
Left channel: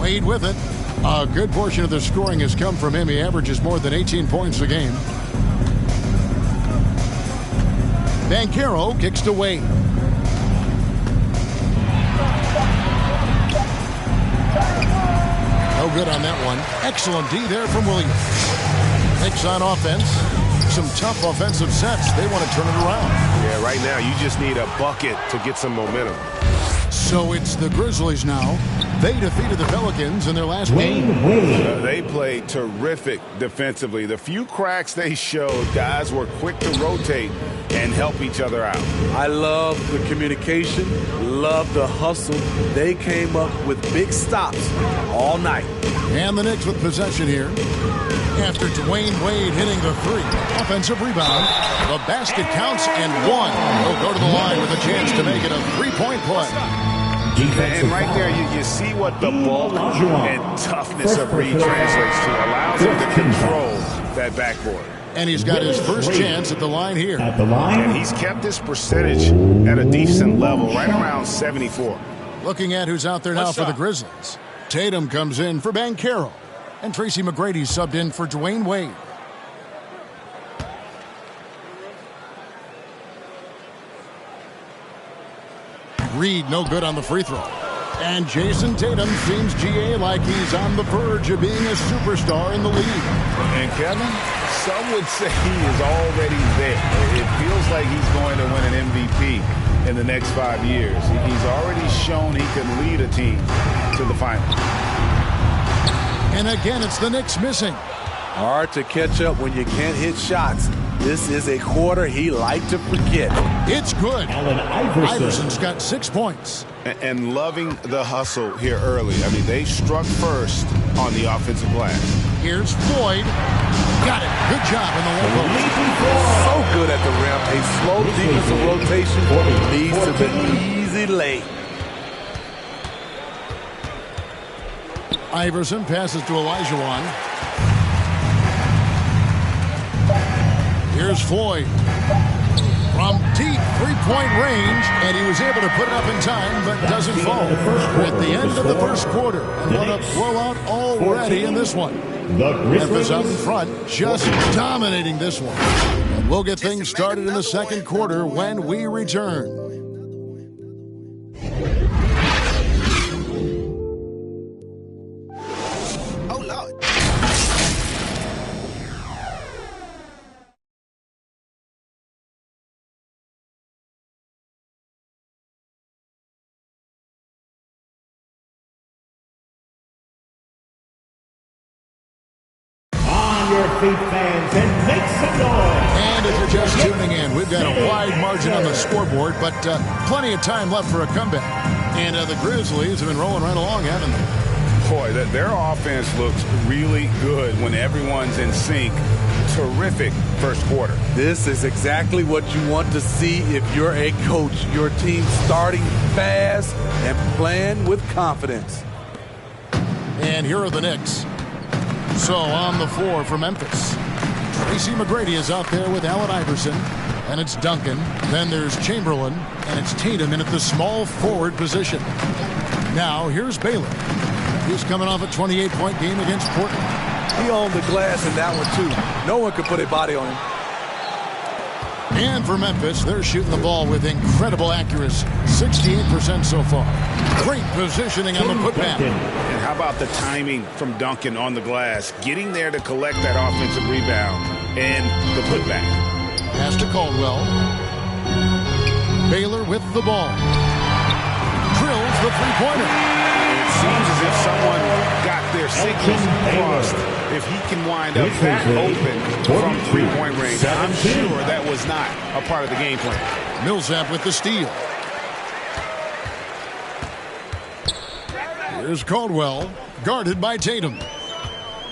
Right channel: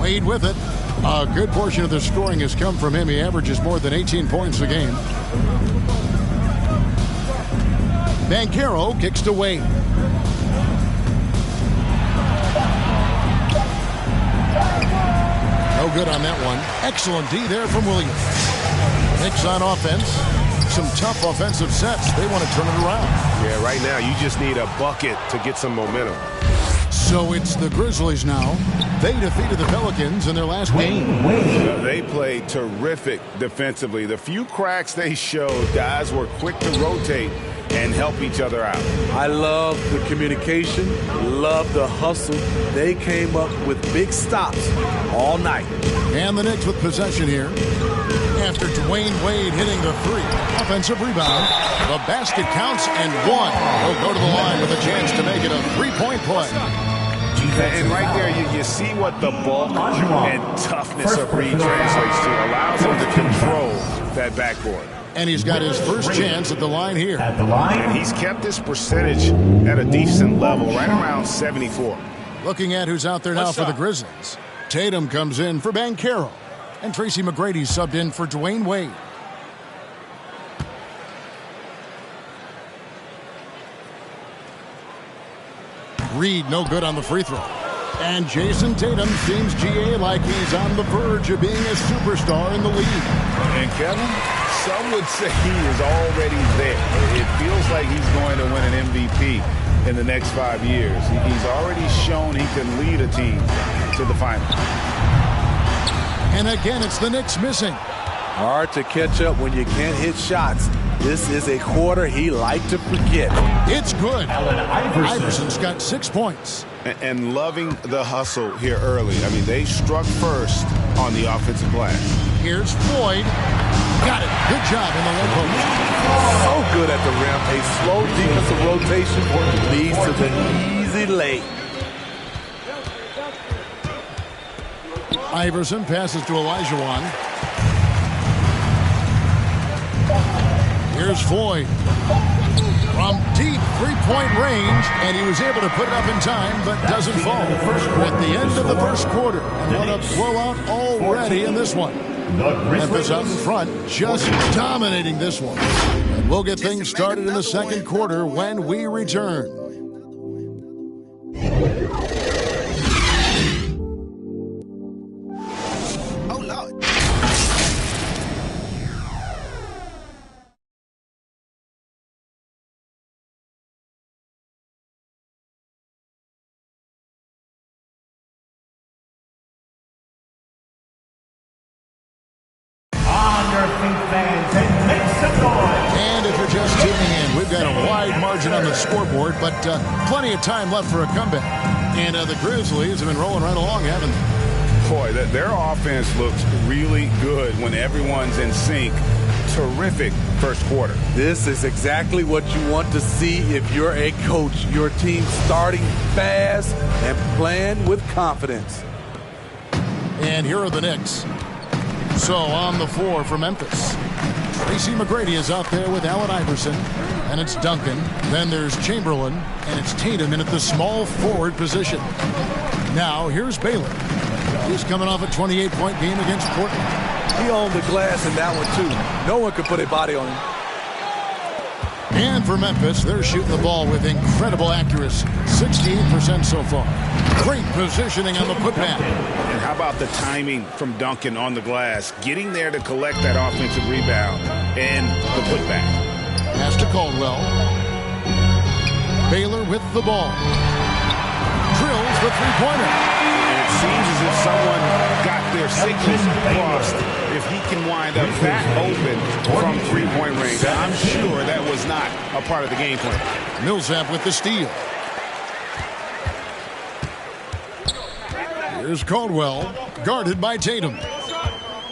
Wade with it. A good portion of the scoring has come from him. He averages more than 18 points a game. Banchero kicks to Wade. No good on that one. Excellent D there from Williams. Knicks on offense. Some tough offensive sets. They want to turn it around. Yeah, right now you just need a bucket to get some momentum. So it's the Grizzlies now. They defeated the Pelicans in their last game. They played terrific defensively. The few cracks they showed, guys were quick to rotate and help each other out. I love the communication, love the hustle. They came up with big stops all night. And the Knicks with possession here. After Dwayne Wade hitting the three. Offensive rebound. The basket counts and one. He'll go to the line with a chance to make it a three-point play. And right there, you see what the bulk and toughness of Reed translates to. Allows him to control that backboard. And he's got his first chance at the line here. And he's kept his percentage at a decent level, right around 74. Looking at who's out there now for the Grizzlies. Tatum comes in for Banchero. And Tracy McGrady subbed in for Dwayne Wade. Reed no good on the free throw. And Jason Tatum seems, GA, like he's on the verge of being a superstar in the league. And Kevin, some would say he is already there. It feels like he's going to win an MVP in the next 5 years. He's already shown he can lead a team to the finals. And again, it's the Knicks missing. Hard to catch up when you can't hit shots. This is a quarter he liked to forget. It's good. Allen Iverson. Iverson's got 6 points. And loving the hustle here early. I mean, they struck first on the offensive glass. Here's Floyd. Got it. Good job in the low post. So good at the rim. A slow defensive rotation leads to the easy lay. Iverson passes to Olajuwon. Here's Floyd. From deep three-point range, and he was able to put it up in time, but doesn't fall. We're at the end of the first quarter, and what a blowout already in this one. Memphis out in front, just dominating this one. And we'll get things started in the second quarter when we return. Your feet, fans, and make some noise. And if you're just tuning in, we've got a wide margin on the scoreboard, but plenty of time left for a comeback. And the Grizzlies have been rolling right along, haven't they? Boy, their offense looks really good when everyone's in sync. Terrific first quarter. This is exactly what you want to see if you're a coach. Your team starting fast and playing with confidence. And here are the Knicks. So on the floor for Memphis, Tracy McGrady is out there with Allen Iverson, and it's Duncan. Then there's Chamberlain, and it's Tatum in at the small forward position. Now here's Baylor. He's coming off a 28-point game against Portland. He owned the glass in that one too. No one could put a body on him. And for Memphis, they're shooting the ball with incredible accuracy. 68% so far. Great positioning on the putback. And how about the timing from Duncan on the glass? Getting there to collect that offensive rebound and the putback. Pass to Caldwell. Baylor with the ball. Drills the three-pointer. And it seems as if someone got their signals crossed. If he can wind up that open from three-point range, I'm sure that was not a part of the game plan. Millsap with the steal. Here's Caldwell, guarded by Tatum.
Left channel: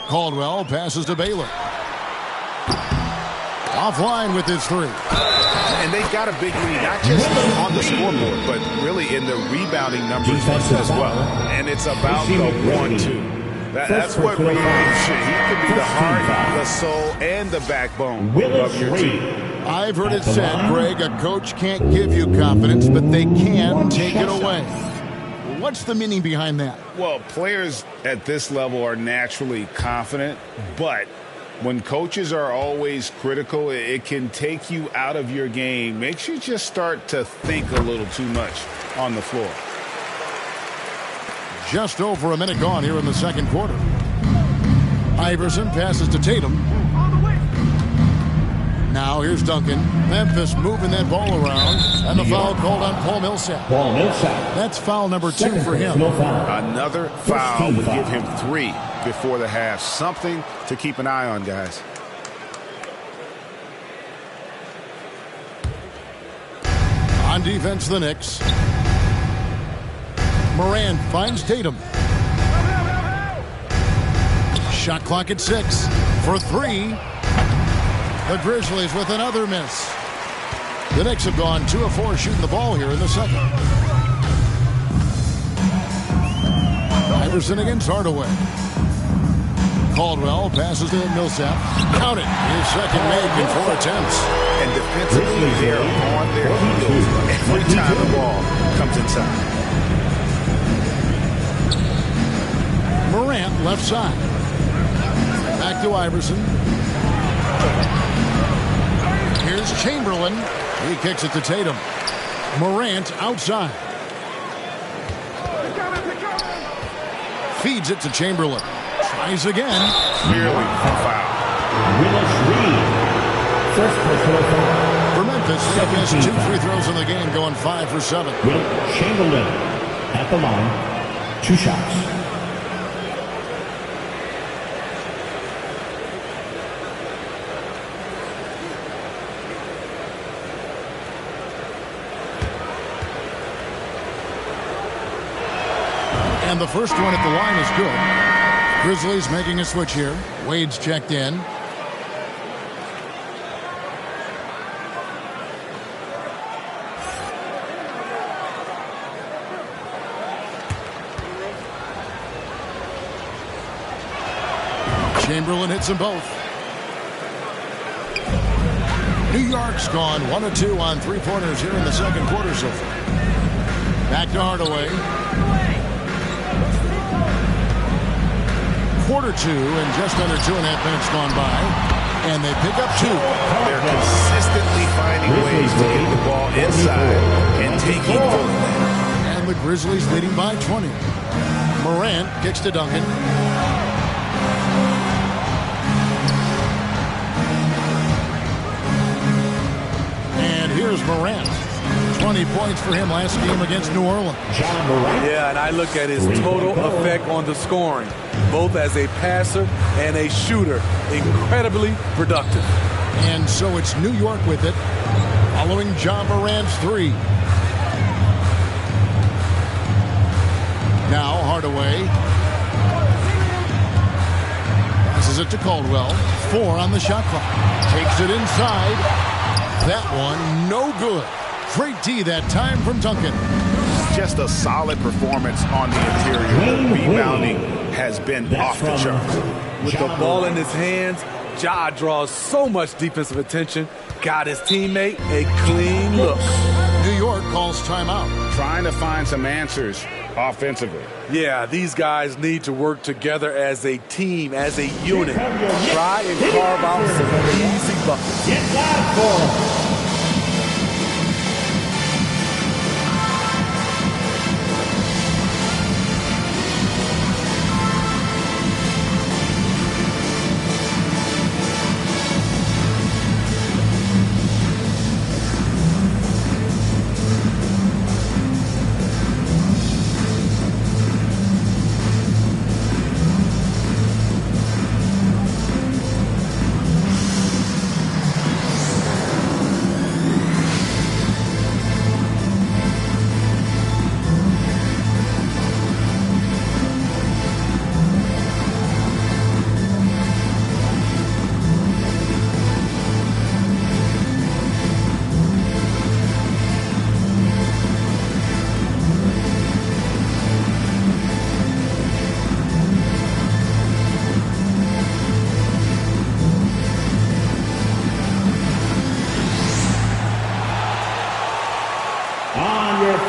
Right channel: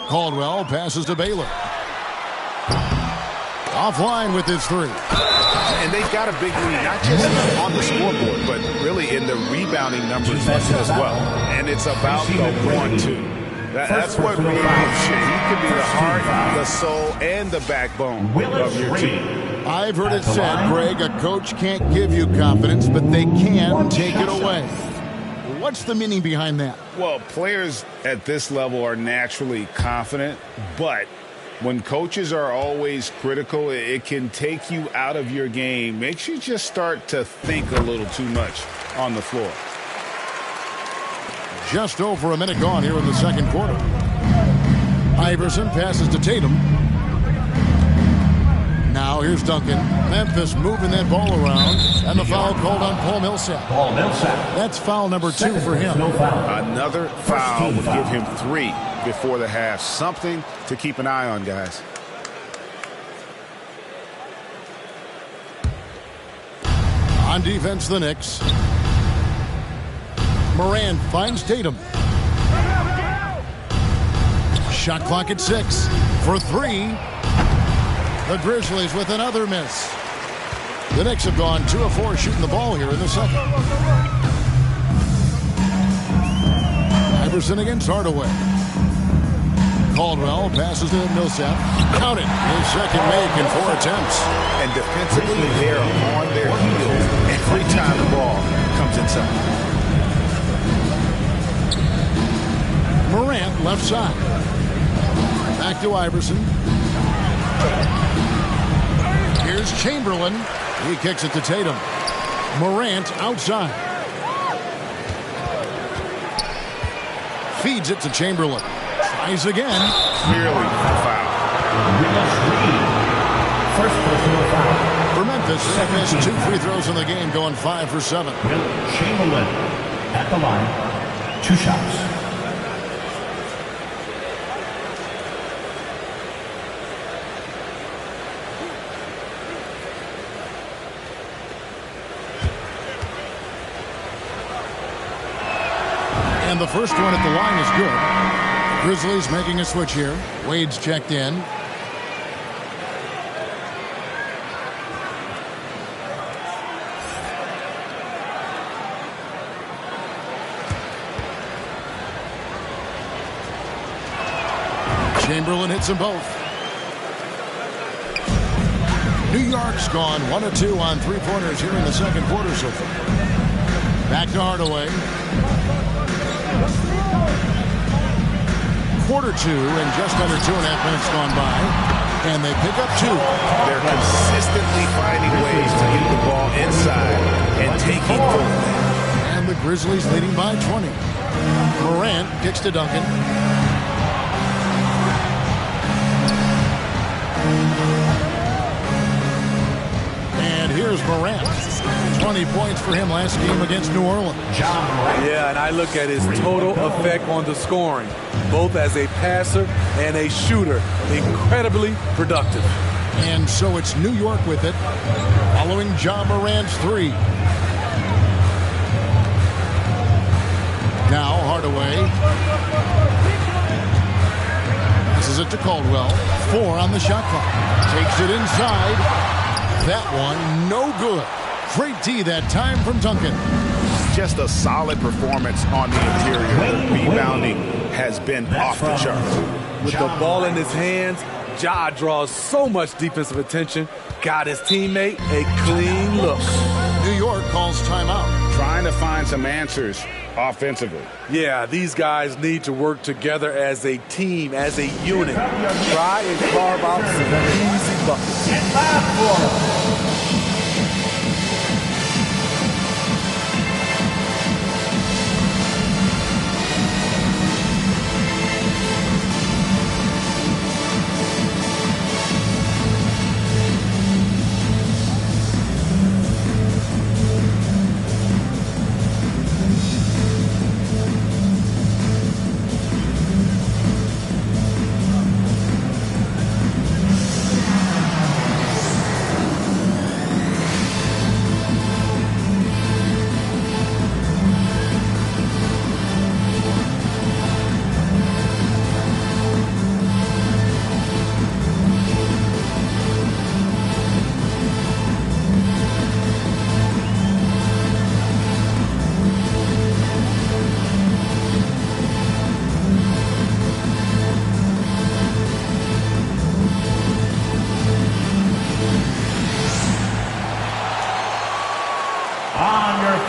Caldwell passes to Baylor. Offline with his three. And they've got a big lead, not just on the scoreboard, but really in the rebounding numbers as well. And it's about the 1-2. That's what Reed gives you. He can be the heart, the soul, and the backbone of your team. I've heard it said, Greg, a coach can't give you confidence, but they can take it away. What's the meaning behind that? Well, players at this level are naturally confident, but when coaches are always critical, it can take you out of your game. Makes you just start to think a little too much on the floor. Just over a minute gone here in the second quarter. Iverson passes to Tatum. Now here's Duncan. Memphis moving that ball around. And the foul called on Paul Millsap. Paul Millsap. That's foul number 2 for him. Another foul would give him 3 before the half. Something to keep an eye on, guys. On defense, the Knicks. Moran finds Tatum. Shot clock at 6. for three. The Grizzlies with another miss. The Knicks have gone 2 of 4 shooting the ball here in the second. Iverson against Hardaway. Caldwell passes to Millsap. Count it. His second make in 4 attempts. And defensively, they're on their heels every time the ball comes inside. Morant left side. Back to Iverson. Here's Chamberlain. He kicks it to Tatum. Morant outside. Feeds it to Chamberlain. Tries again. Clearly a foul. Willis Reed. First personal foul. For Memphis, they have missed 2 free throws in the game, going 5 for 7. Will Chamberlain at the line. 2 shots. And the first one at the line is good. Grizzlies making a switch here. Wade's checked in. Chamberlain hits them both. New York's gone 1 of 2 on 3-pointers here in the second quarter so far. Back to Hardaway. Quarter 2 and just under 2.5 minutes gone by. And they pick up 2. They're consistently finding ways to get the ball inside and taking full advantage. And the Grizzlies leading by 20. Morant kicks to Duncan. And here's Morant. 20 points for him last game against New Orleans. Yeah, and I look at his total effect on the scoring, both as a passer and a shooter. Incredibly productive. And so it's New York with it, following Ja Morant's 3. Now Hardaway passes it to Caldwell. 4 on the shot clock. Takes it inside. That one no good. Great D that time from Duncan. Just a solid performance on the interior. The rebounding has been off the charts. With the ball in his hands, Ja draws so much defensive attention. Got his teammate a clean look. New York calls timeout. Trying to find some answers offensively. Yeah, these guys need to work together as a team, as a unit. Try and carve out some easy buckets. Get loud for him.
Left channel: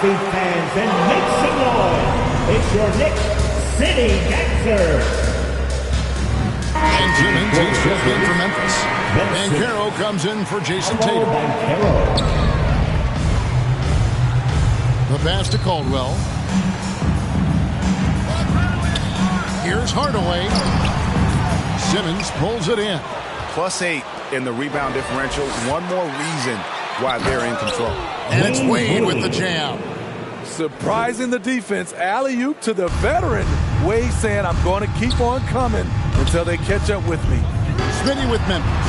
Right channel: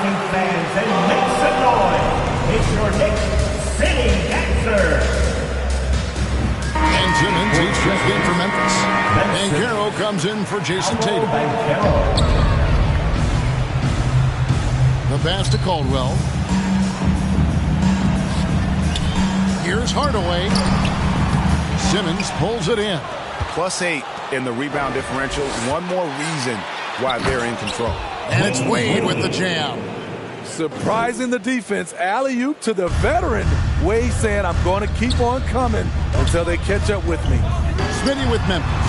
Feet fans and make some noise. It's your Knicks City Dancer. And Simmons, he's checked in for Memphis. Banchero comes in for Jason Tatum. The pass to Caldwell. Here's Hardaway. Simmons pulls it in. +8 in the rebound differential. One more reason why they're in control. And it's Wade with the jam. Surprising the defense. Alley-oop to the veteran. Wade saying, I'm going to keep on coming until they catch up with me. Smitty with Memphis.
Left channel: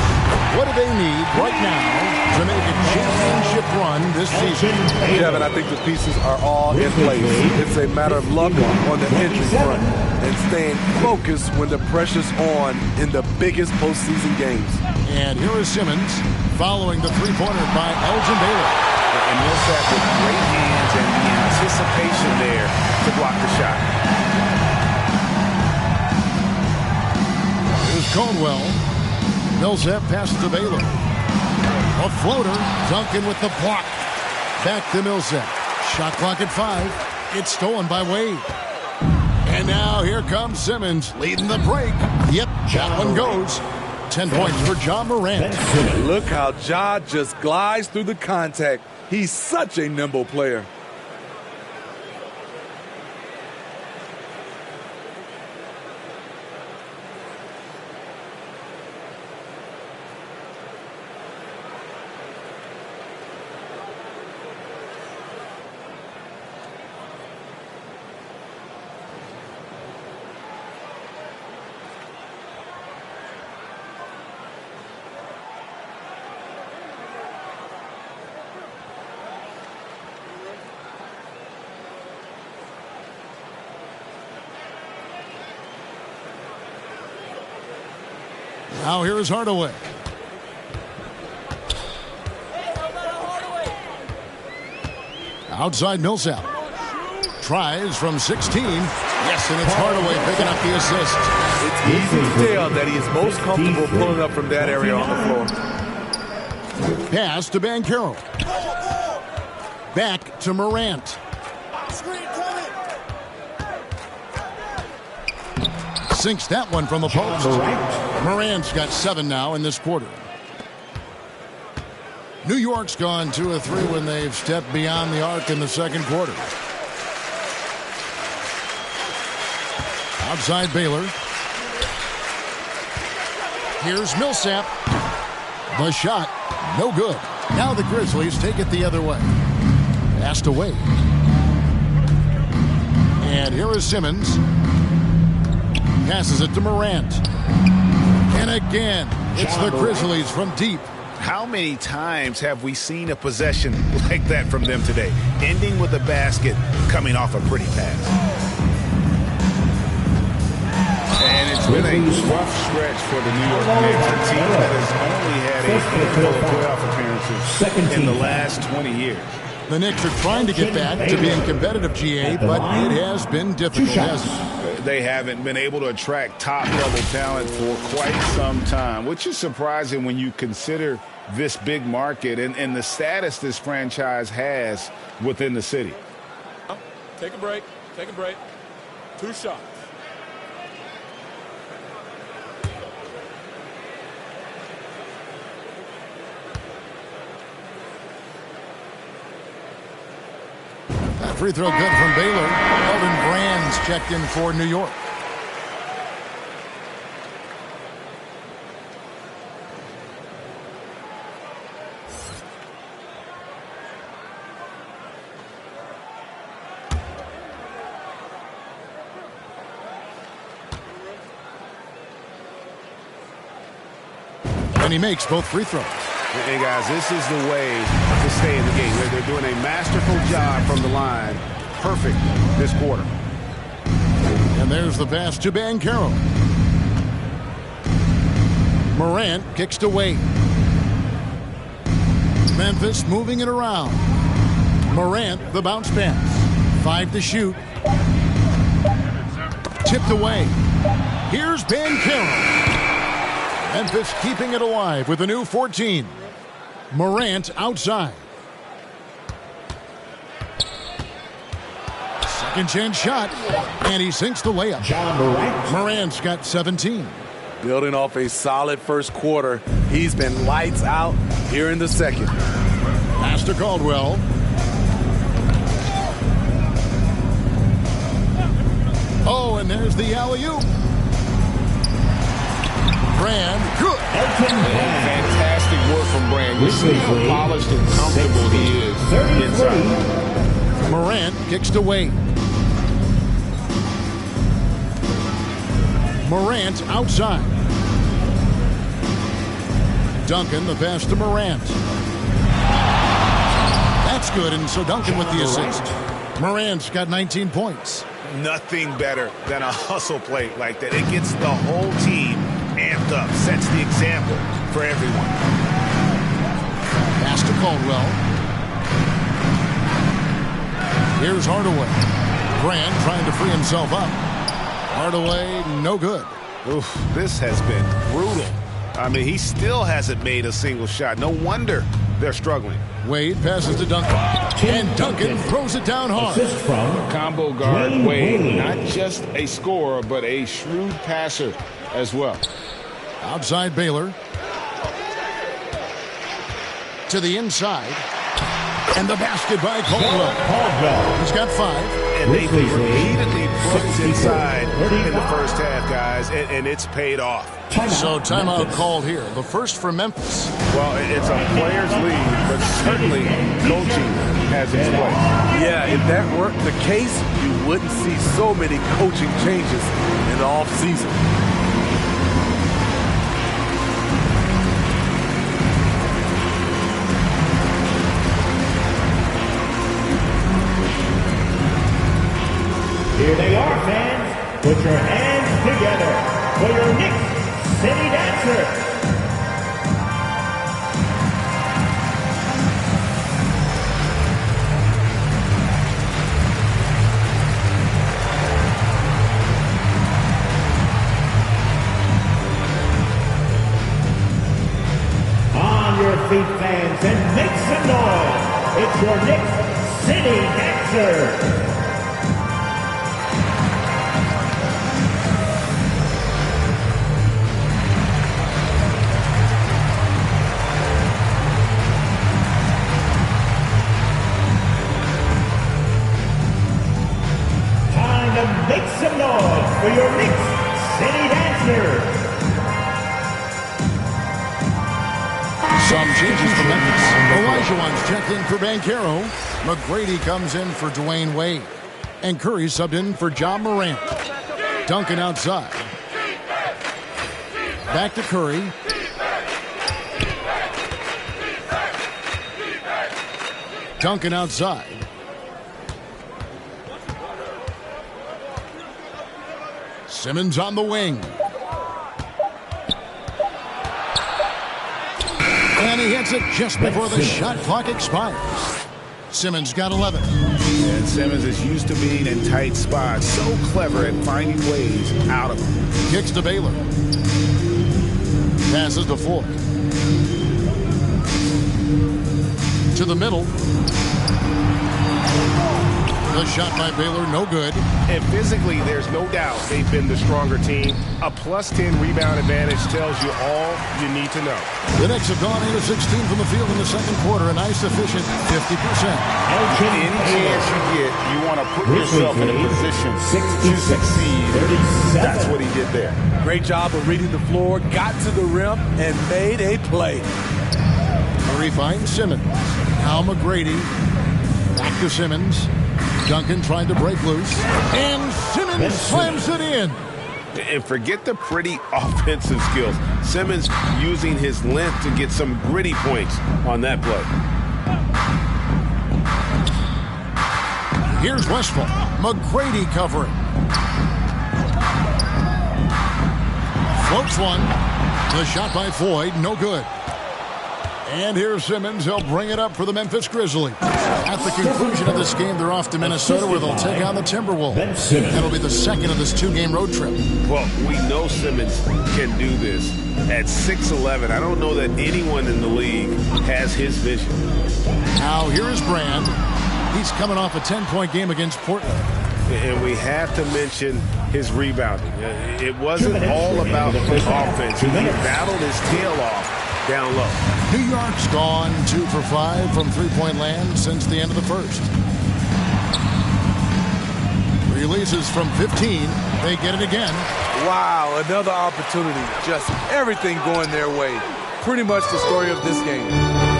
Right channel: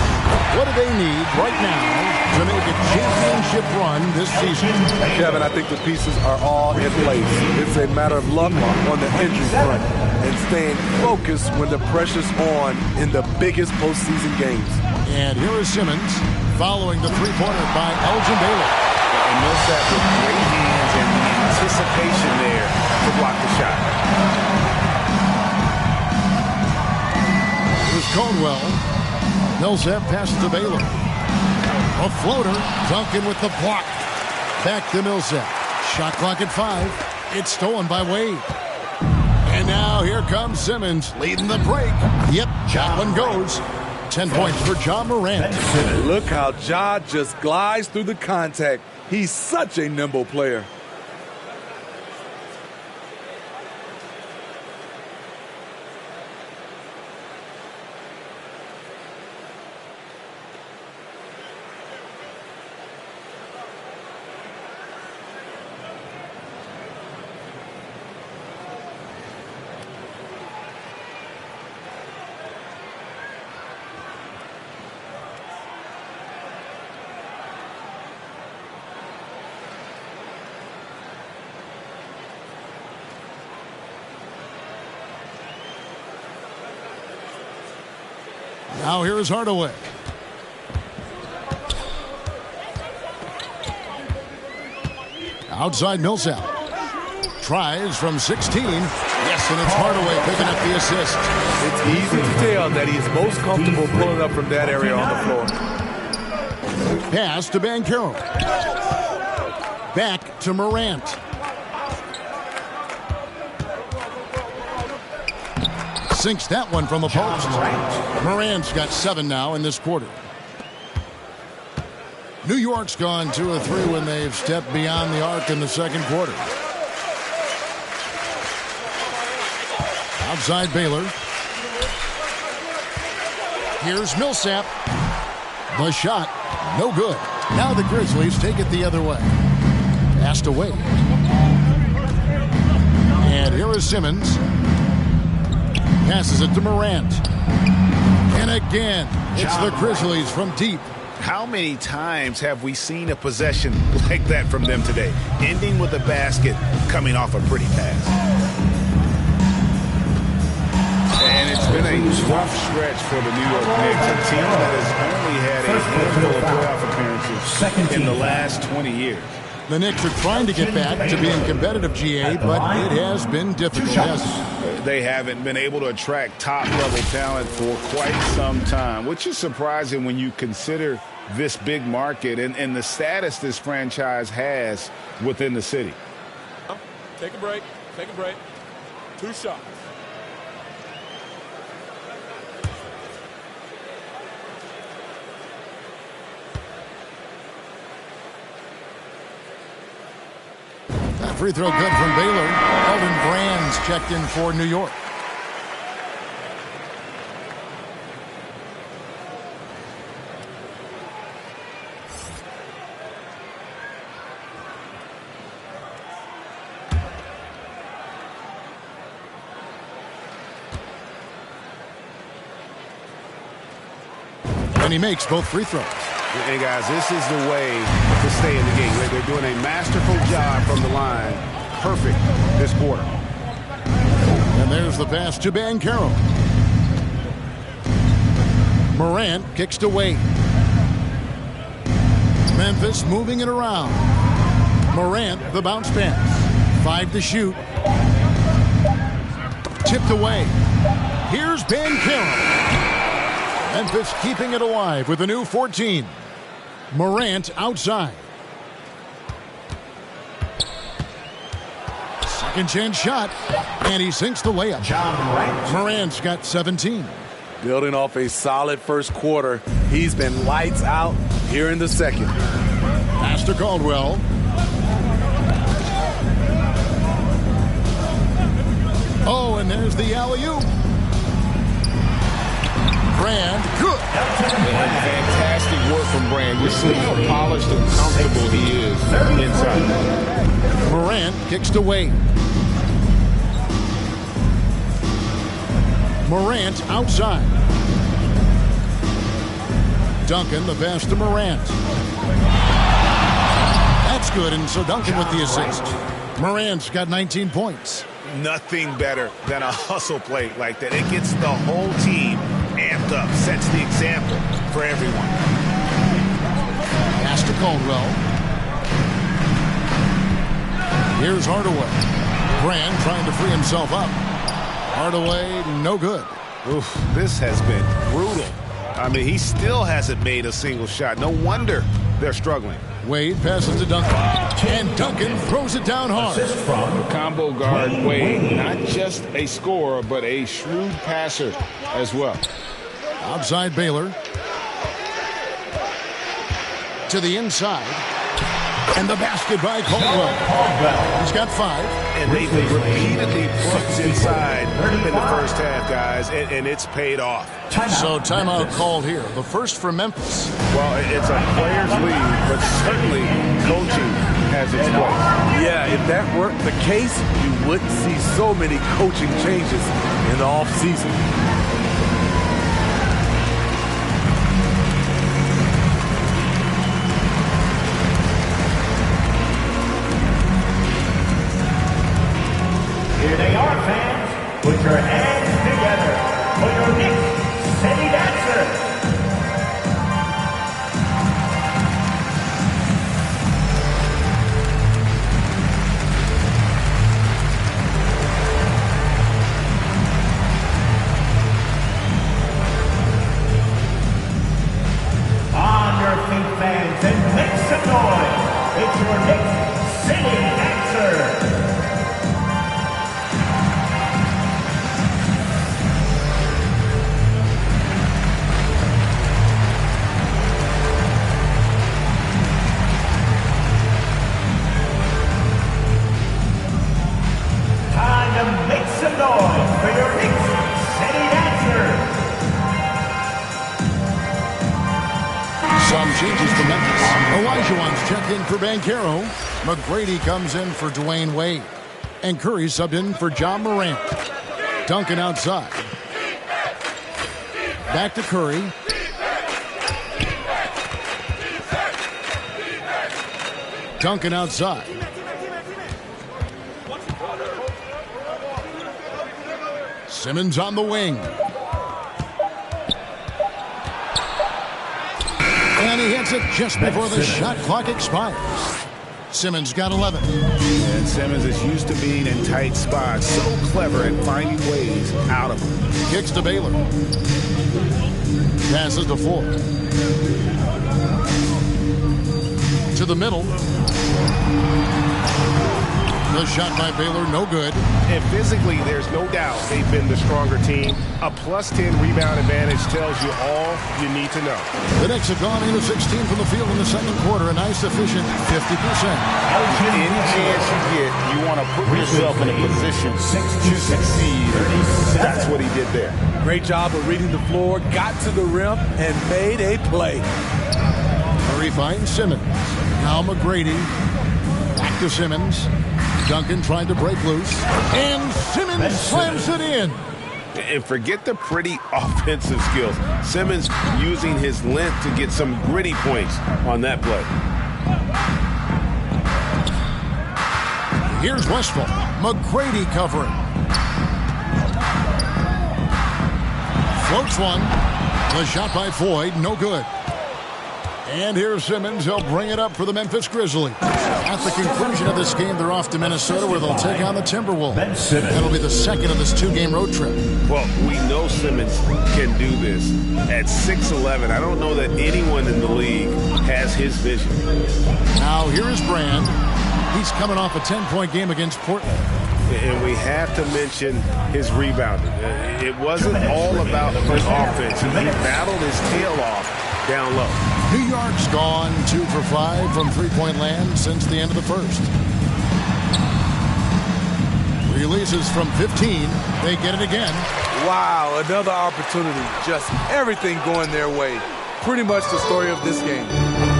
What do they need right now to make a championship run this season? Kevin, I think the pieces are all in place. It's a matter of luck on the injury front. and staying focused when the pressure's on in the biggest postseason games. And here is Simmons following the three-pointer by Elgin Baylor. And Millsap with great hands and the anticipation there to block the shot. Here's Caldwell. Millsap passes to Baylor. A floater. Duncan with the block. Back to Millsap. Shot clock at 5. It's stolen by Wade. And now here comes Simmons leading the break. Yep, that one goes. 10 points for Ja Morant. Look how Ja just glides through the contact. He's such a nimble player. Now here is Hardaway. Outside Millsap. Tries from 16. Yes, and it's Hardaway picking up the assist. It's easy to tell that he is most comfortable pulling up from that area on the floor. Pass to Banchero. Back to Morant. Sinks that one from the post. Morant's got 7 now in this quarter. New York's gone 2 of 3 when they've stepped beyond the arc in the second quarter. Outside Baylor. Here's Millsap. The shot, no good. Now the Grizzlies take it the other way. Passed away. And here is Simmons. Passes it to Morant. And again, it's the Grizzlies from deep. How many times have we seen a possession like that from them today? Ending with a basket, coming off a pretty pass. And it's been a rough stretch for the New York Knicks, a team that has only had a handful of playoff appearances in the last 20 years. The Knicks are trying to get back to being competitive, GA, but it has been difficult, hasn't it? They haven't been able to attract top-level talent for quite some time, which is surprising when you consider this big market and the status this franchise has within the city. Take a break. Take a break. 2 shots. That free throw good from Baylor. Elton Brand's checked in for New York. And he makes both free throws. Hey, guys, this is the way to stay in the game. They're doing a masterful job from the line. Perfect this quarter. And there's the pass to Banchero. Morant kicks to Wade. Memphis moving it around. Morant, the bounce pass. 5 to shoot. Tipped away. Here's Banchero. Memphis keeping it alive with a new 14. Morant outside. Second chance shot. And he sinks the layup. Morant's got 17. Building off a solid first quarter, he's been lights out here in the second. Pass to Caldwell. Oh, and there's the alley-oop. Brand, good. Fantastic work from Brand. You see how polished and comfortable he is inside. Morant kicks to Wade. Morant outside. Duncan, the pass to Morant. That's good, and so Duncan with the assist. Morant's got 19 points. Nothing better than a hustle play like that. It gets the whole team amped up, sets the example for everyone. Pass to Caldwell. Here's Hardaway. Brand trying to free himself up. Hardaway, no good. Oof, this has been brutal. I mean, he still hasn't made a single shot. No wonder they're struggling. Wade passes to Duncan. And Duncan throws it down hard. The combo guard, Wade, not just a scorer, but a shrewd passer as well. Outside Baylor. To the inside. And the basket by Caldwell. He's got 5. And they've repeatedly put inside in the first half, guys, and it's paid off. So timeout called here. The first for Memphis. Well, it's a player's lead, but certainly coaching has its place. Yeah, if that weren't the case, you wouldn't see so many coaching changes in the offseason. Here they are, fans. Put your hands together for your Knicks City Dancers. On your feet, fans, and make some noise. It's your Knicks City Dancers. Make some noise for your Knicks City Dancers. Some changes for Memphis. Olajuwon's checked in for Banchero. McGrady comes in for Dwayne Wade. And Curry subbed in for John Morant. Duncan outside. Back to Curry. Duncan outside. Simmons on the wing. And he hits it just before the shot clock expires. Simmons got 11. And Simmons is used to being in tight spots. So clever at finding ways out of them. Kicks to Baylor. Passes to Ford. To the middle. The shot by Baylor, no good. And physically, there's no doubt they've been the stronger team. A +10 rebound advantage tells you all you need to know. The Knicks have gone 8 of 16 from the field in the second quarter. A nice, efficient 50%. Any chance you get, you want to put yourself in a position to succeed. That's what he did there. Great job of reading the floor, got to the rim, and made a play. Murray finds Simmons. Now McGrady. Back to Simmons. Duncan trying to break loose. And Simmons slams it in. And forget the pretty offensive skills. Simmons using his length to get some gritty points on that play. Here's Westphal. McGrady covering. Floats one. The shot by Floyd, no good. And here's Simmons. He'll bring it up for the Memphis Grizzlies. At the conclusion of this game, they're off to Minnesota where they'll take on the Timberwolves. That'll be the second of this 2-game road trip. Well, we know Simmons can do this. At 6'11", I don't know that anyone in the league has his vision. Now, here is Brand. He's coming off a 10-point game against Portland. And we have to mention his rebounding. It wasn't all about the offense. He battled his tail off down low. New York's gone 2 for 5 from three-point land since the end of the first. Releases from 15. They get it again. Wow, another opportunity. Just everything going their way. Pretty much the story of this game.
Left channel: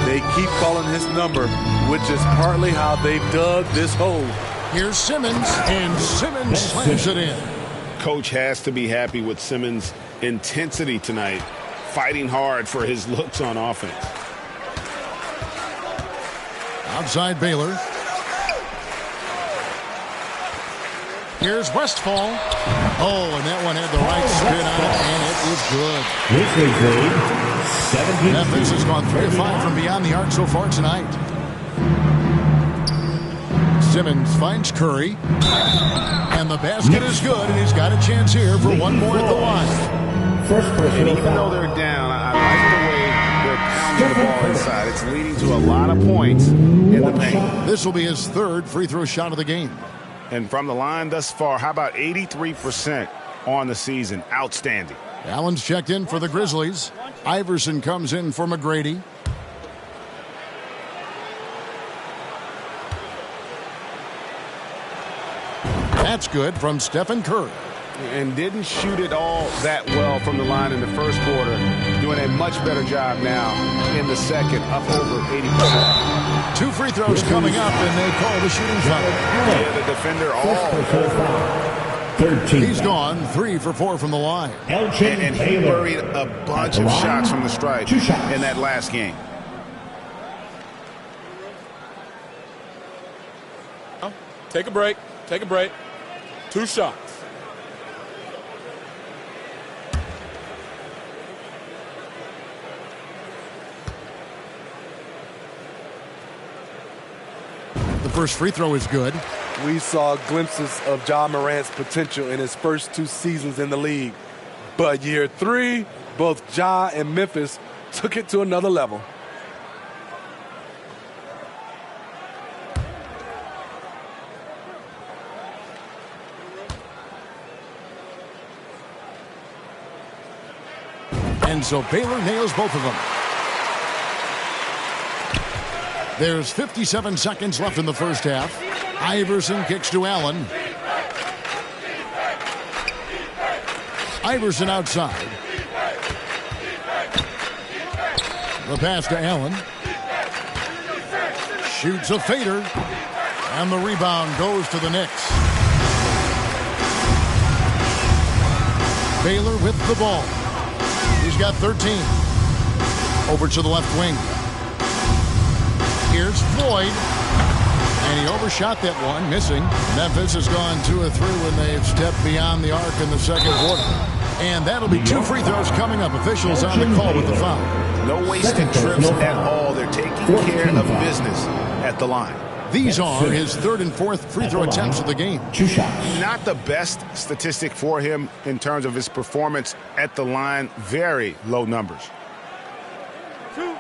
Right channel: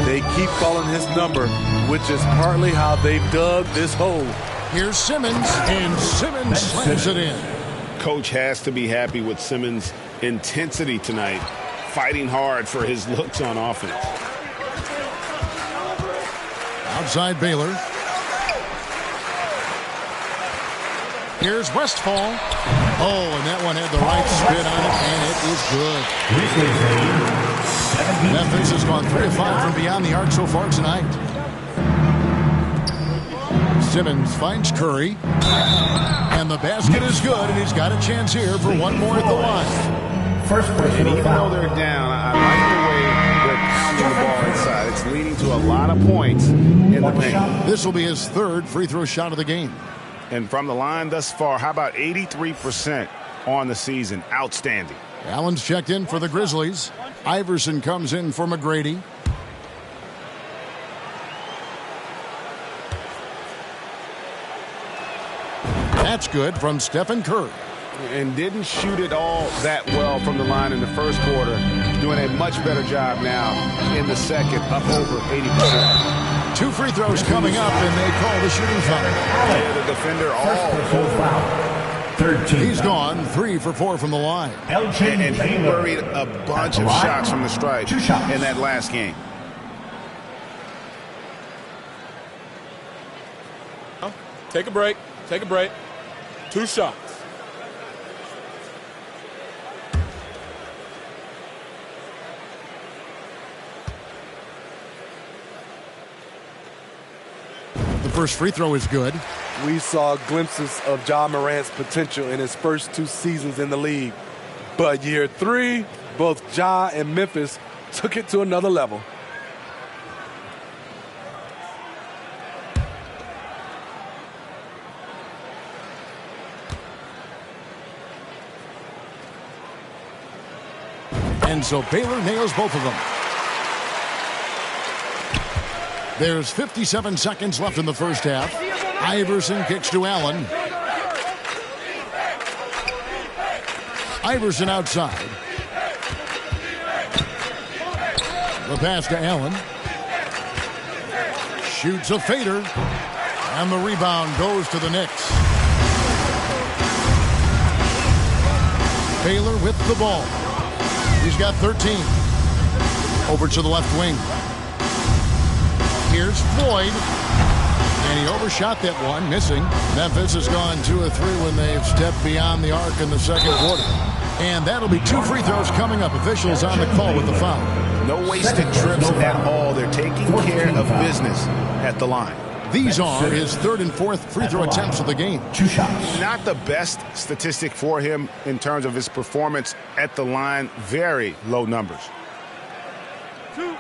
They keep calling his number, which is partly how they've dug this hole. Here's Simmons, and Simmons slams it in. Coach has to be happy with Simmons' intensity tonight, fighting hard for his looks on offense. Outside Baylor. Here's Westfall. Oh, and that one had the right spin on it, and it is good. Memphis has gone 3 of 5 from beyond the arc so far tonight. Simmons finds Curry. And the basket is good, and he's got a chance here for one more at the line. And even though they're down, I like the way they're pounding the ball inside. It's leading to a lot of points in the paint. This will be his 3rd free throw shot of the game. And from the line thus far, how about 83% on the season? Outstanding. Allen's checked in for the Grizzlies. Iverson comes in for McGrady. That's good from Stephen Curry. And didn't shoot it all that well from the line in the first quarter. Doing a much better job now in the second, up over 80%. 2 free throws coming up, and they call the shooting foul. Yeah, the defender all over. 13. He's gone 3 for 4 from the line. And he buried a bunch of shots from the stripe in that last game. Take a break. Take a break. 2 shots. The first free throw is good. We saw glimpses of Ja Morant's potential in his first 2 seasons in the league. But year 3, both Ja and Memphis took it to another level. And so Baylor nails both of them. There's 57 seconds left in the first half. Iverson kicks to Allen. Iverson outside. The pass to Allen. Shoots a fader. And the rebound goes to the Knicks. Baylor with the ball. He's got 13. Over to the left wing. Here's Floyd. And he overshot that one, missing. Memphis has gone 2 of 3 when they've stepped beyond the arc in the second quarter. And that'll be 2 free throws coming up. Officials on the call with the foul. No wasted trips at all. They're taking care of business at the line. These are his 3rd and 4th free throw attempts of the game. 2 shots. Not the best statistic for him in terms of his performance at the line. Very low numbers. 2.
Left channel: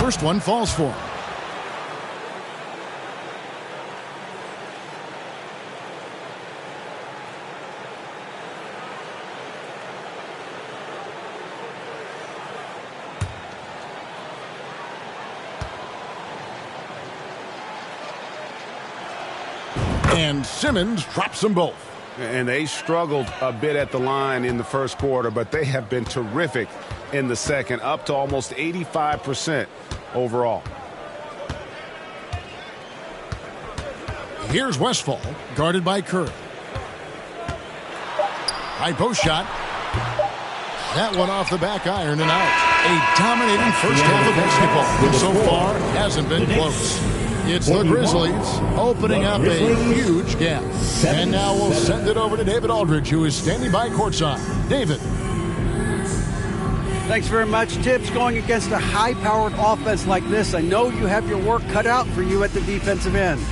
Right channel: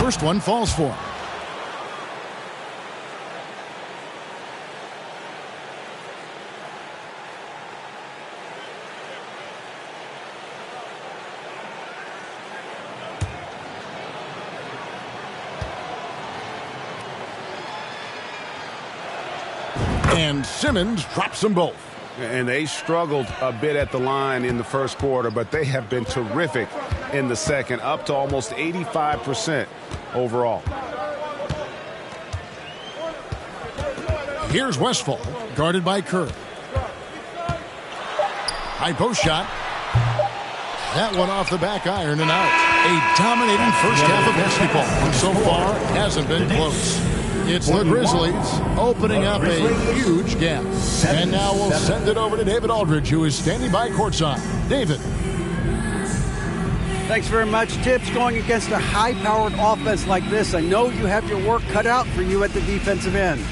First one falls for him. And Simmons drops them both. And they struggled a bit at the line in the first quarter, but they have been terrific in the second, up to almost 85% overall. Here's Westfall, guarded by Curry. High post shot. That one off the back iron and out. A dominating first half of basketball, which so far hasn't been close. It's the Grizzlies opening up a huge gap. And now we'll send it over to David Aldridge, who is standing by courtside. David. Thanks very much. Tips, going against a high-powered offense like this, I know you have your work cut out for you at the defensive end.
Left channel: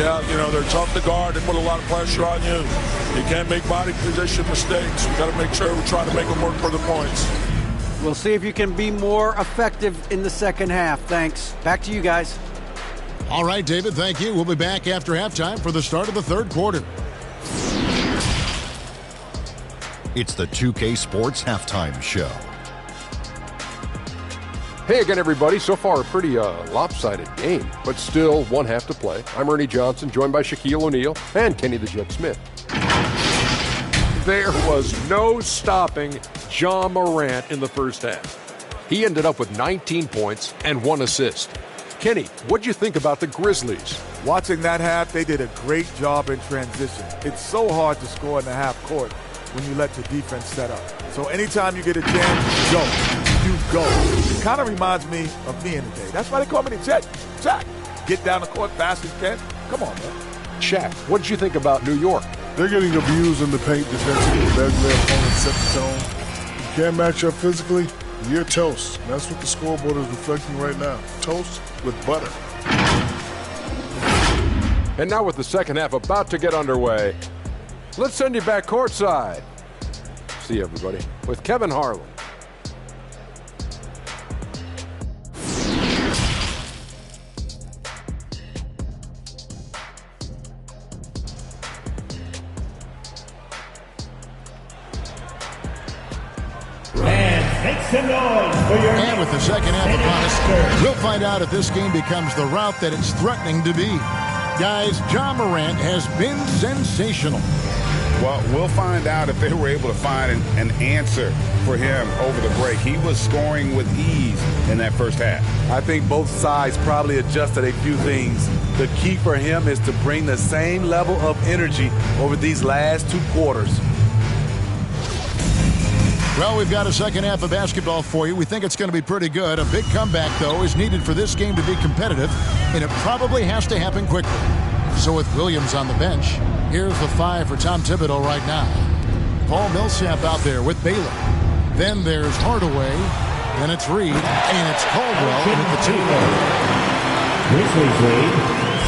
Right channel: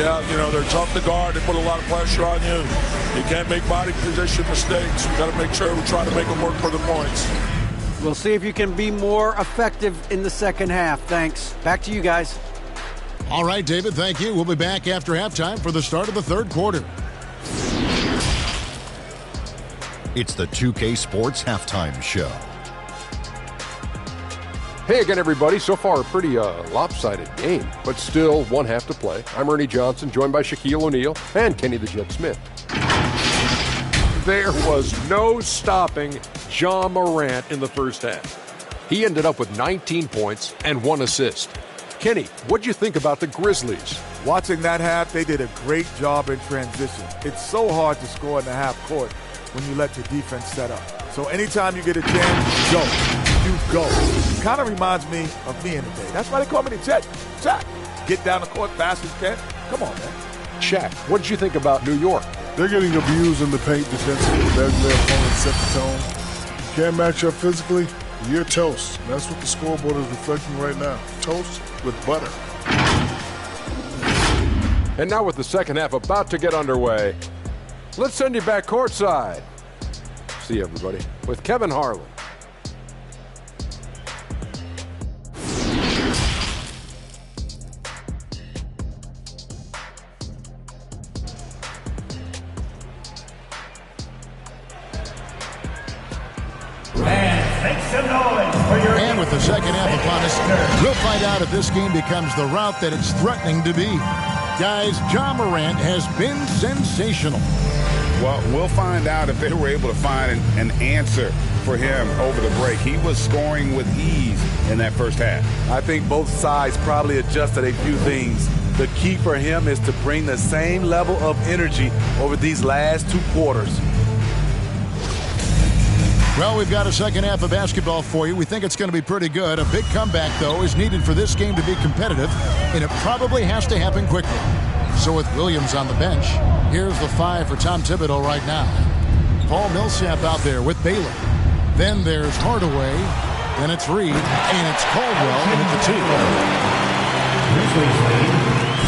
Yeah, they're tough to guard. They put a lot of pressure on you. You can't make body position mistakes. We got to make sure we try to make them work for the points. We'll see if you can be more effective in the second half. Thanks. Back to you guys. All right, David, thank you. We'll be back after halftime for the start of the third quarter. It's the 2K Sports Halftime Show. Hey again, everybody. So far, a pretty lopsided game, but still one half to play. I'm Ernie Johnson, joined by Shaquille O'Neal and Kenny the Jet Smith. There was no stopping Ja Morant in the first half. He ended up with 19 points and 1 assist. Kenny, what'd you think about the Grizzlies? Watching that half, they did a great job in transition. It's so hard to score in the half court when you let your defense set up. So anytime you get a chance, go. You go. Kind of reminds me of me in the day. That's why they call me the Jet. Jack, get down the court fast as you can. Come on, man. Shaq, what did you think about New York? They're getting abused in the paint defensively. Letting their opponents set the tone. You can't match up physically, you're toast. And that's what the scoreboard is reflecting right now. Toast with butter. And now with the second half about to get underway, let's send you back courtside. See everybody with Kevin Harlan. And with the second half upon us, we'll find out if this game becomes the route that it's threatening to be. Guys, Ja Morant has been sensational. Well, we'll find out if they were able to find an answer for him over the break. He was scoring with ease in that first half. I think both sides probably adjusted a few things. The key for him is to bring the same level of energy over these last 2 quarters. Well, we've got a second half of basketball for you. We think it's going to be pretty good. A big comeback, though, is needed for this game to be competitive, and it probably has to happen quickly. So with Williams on the bench, here's the 5 for Tom Thibodeau right now. Paul Millsap out there with Baylor. Then there's Hardaway, then it's Reed, and it's Caldwell in at the 2.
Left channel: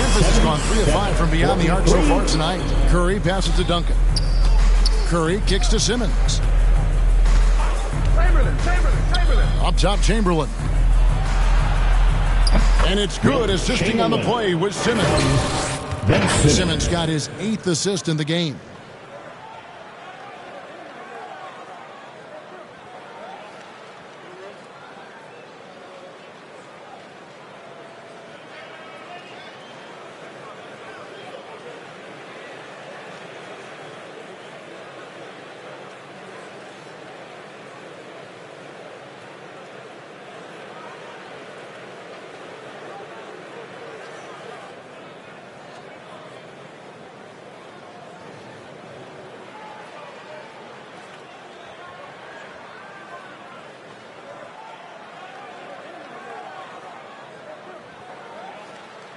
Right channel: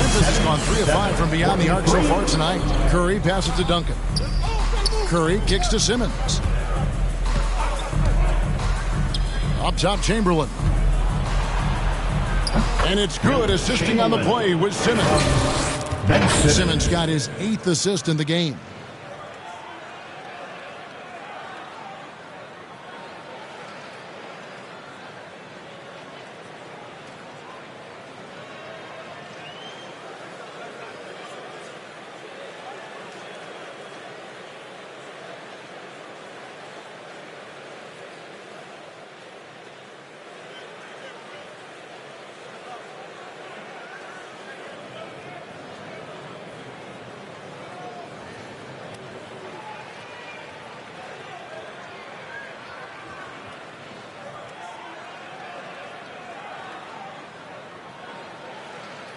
Memphis has gone 3 of 5 from beyond the arc so far tonight. Curry passes to Duncan. Curry kicks to Simmons. Up top, Chamberlain. And it's good, assisting on the play with Simmons. Simmons got his 8th assist in the game.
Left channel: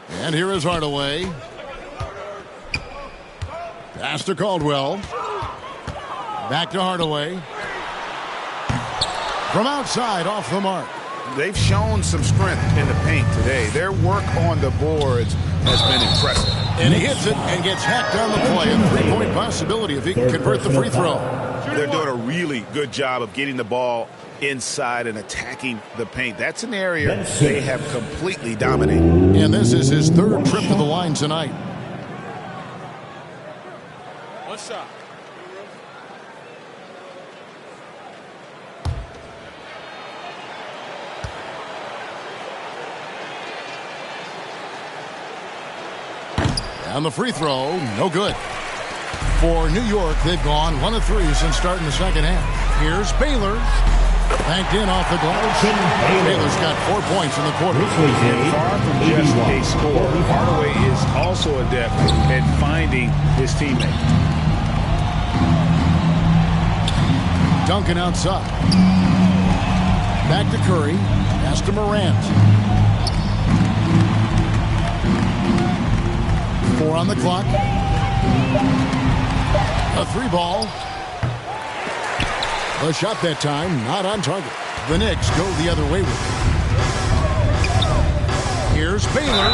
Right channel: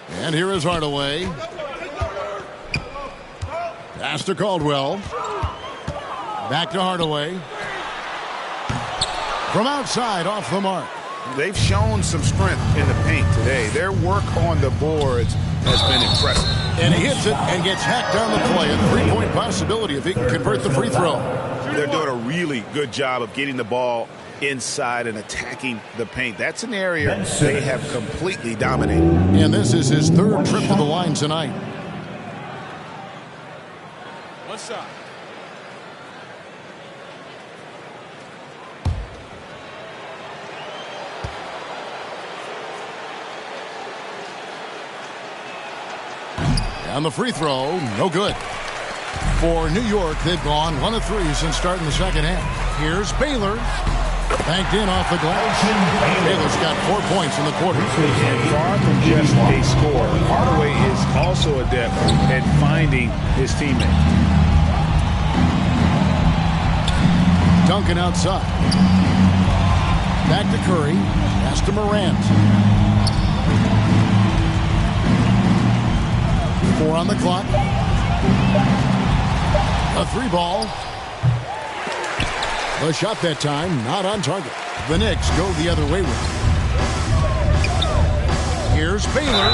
And here is Hardaway. Pass to Caldwell. Back to Hardaway. From outside, off the mark. They've shown some strength in the paint today. Their work on the boards has been impressive. And he hits it and gets hacked on the play. A 3-point possibility if he can convert the free throw. They're doing a really good job of getting the ball inside and attacking the paint. That's an area they have completely dominated. And this is his 3rd trip to the line tonight. One shot. And the free throw, no good. For New York, they've gone 1 of 3 since starting the second half. Here's Baylor. Banked in off the glass. Baylor's got 4 points in the quarter. And far from just a scorer, Hardaway is also adept at finding his teammate. Duncan outside. Back to Curry. Pass to Morant. 4 on the clock. A 3-ball. A shot that time, not on target. The Knicks go the other way with it. Here's Baylor.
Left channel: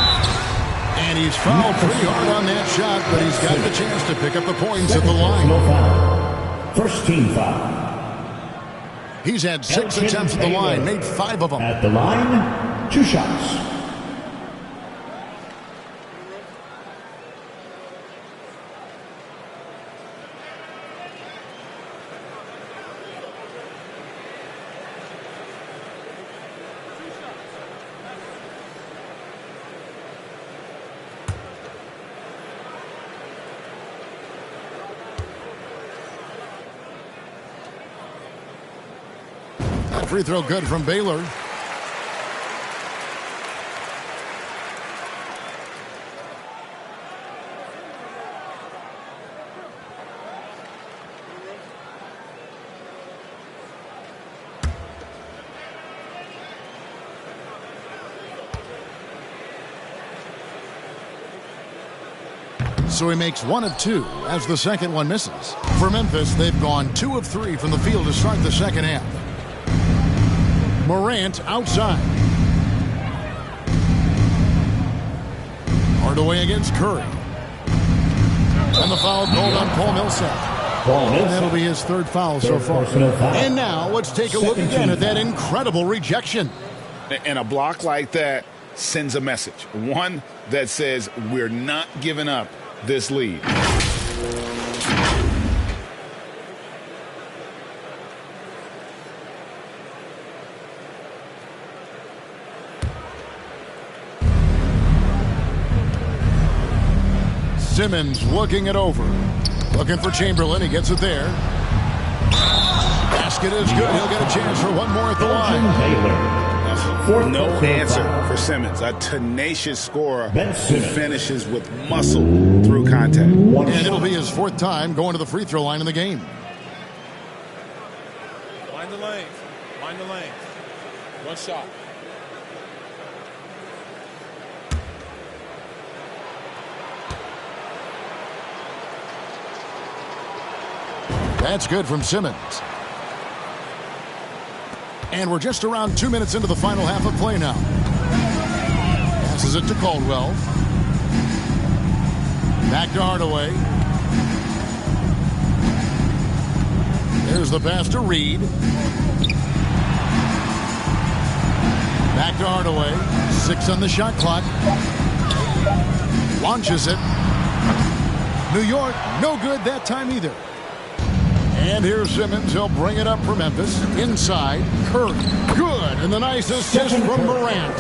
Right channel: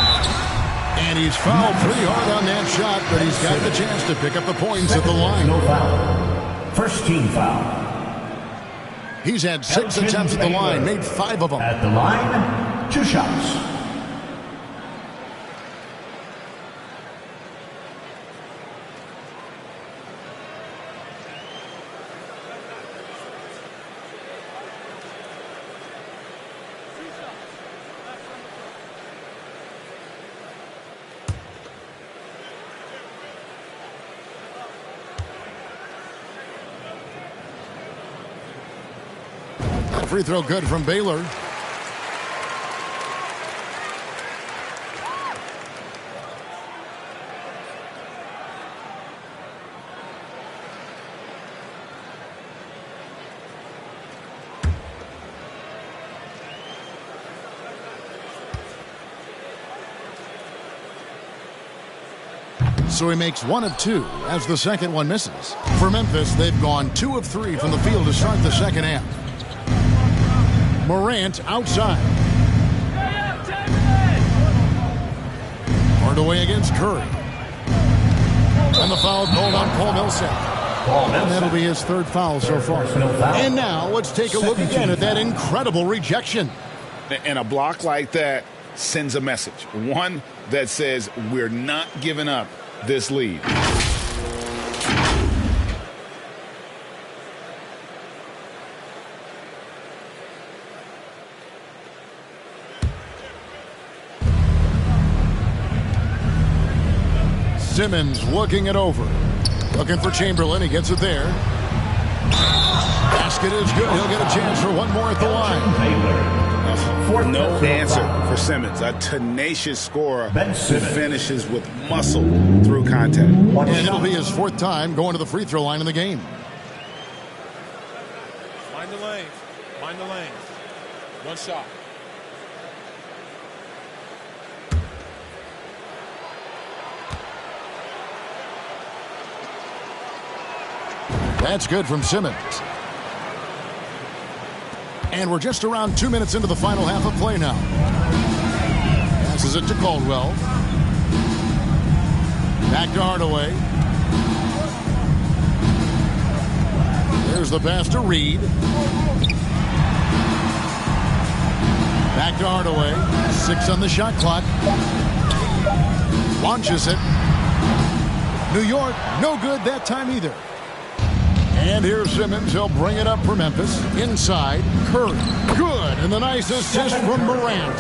And he's fouled pretty hard on that shot, but he's got the chance to pick up the points at the line. No foul. First team foul. He's had 6 attempts at the line, made 5 of them. At the line, 2 shots. Free throw good from Baylor. So he makes 1 of 2 as the second one misses. For Memphis, they've gone 2 of 3 from the field to start the second half. Morant outside. Hardaway against Curry. And the foul called on Paul Millsap. And that'll be his 3rd foul so far. And now let's take a look again at that incredible rejection. And a block like that sends a message. One that says we're not giving up this lead. Simmons looking it over. Looking for Chamberlain. He gets it there. Basket is good. He'll get a chance for one more at the line. No answer for Simmons. A tenacious scorer who finishes with muscle through contact. And it'll be his 4th time going to the free throw line in the game. Mind the lanes. Mind the lanes. One shot. That's good from Simmons. And we're just around 2 minutes into the final half of play now. Passes it to Caldwell. Back to Hardaway. There's the pass to Reed. Back to Hardaway. 6 on the shot clock. Launches it. New York, no good that time either. And here's Simmons. He'll bring it up for Memphis. Inside, Curry. Good. And the nice assist from Morant.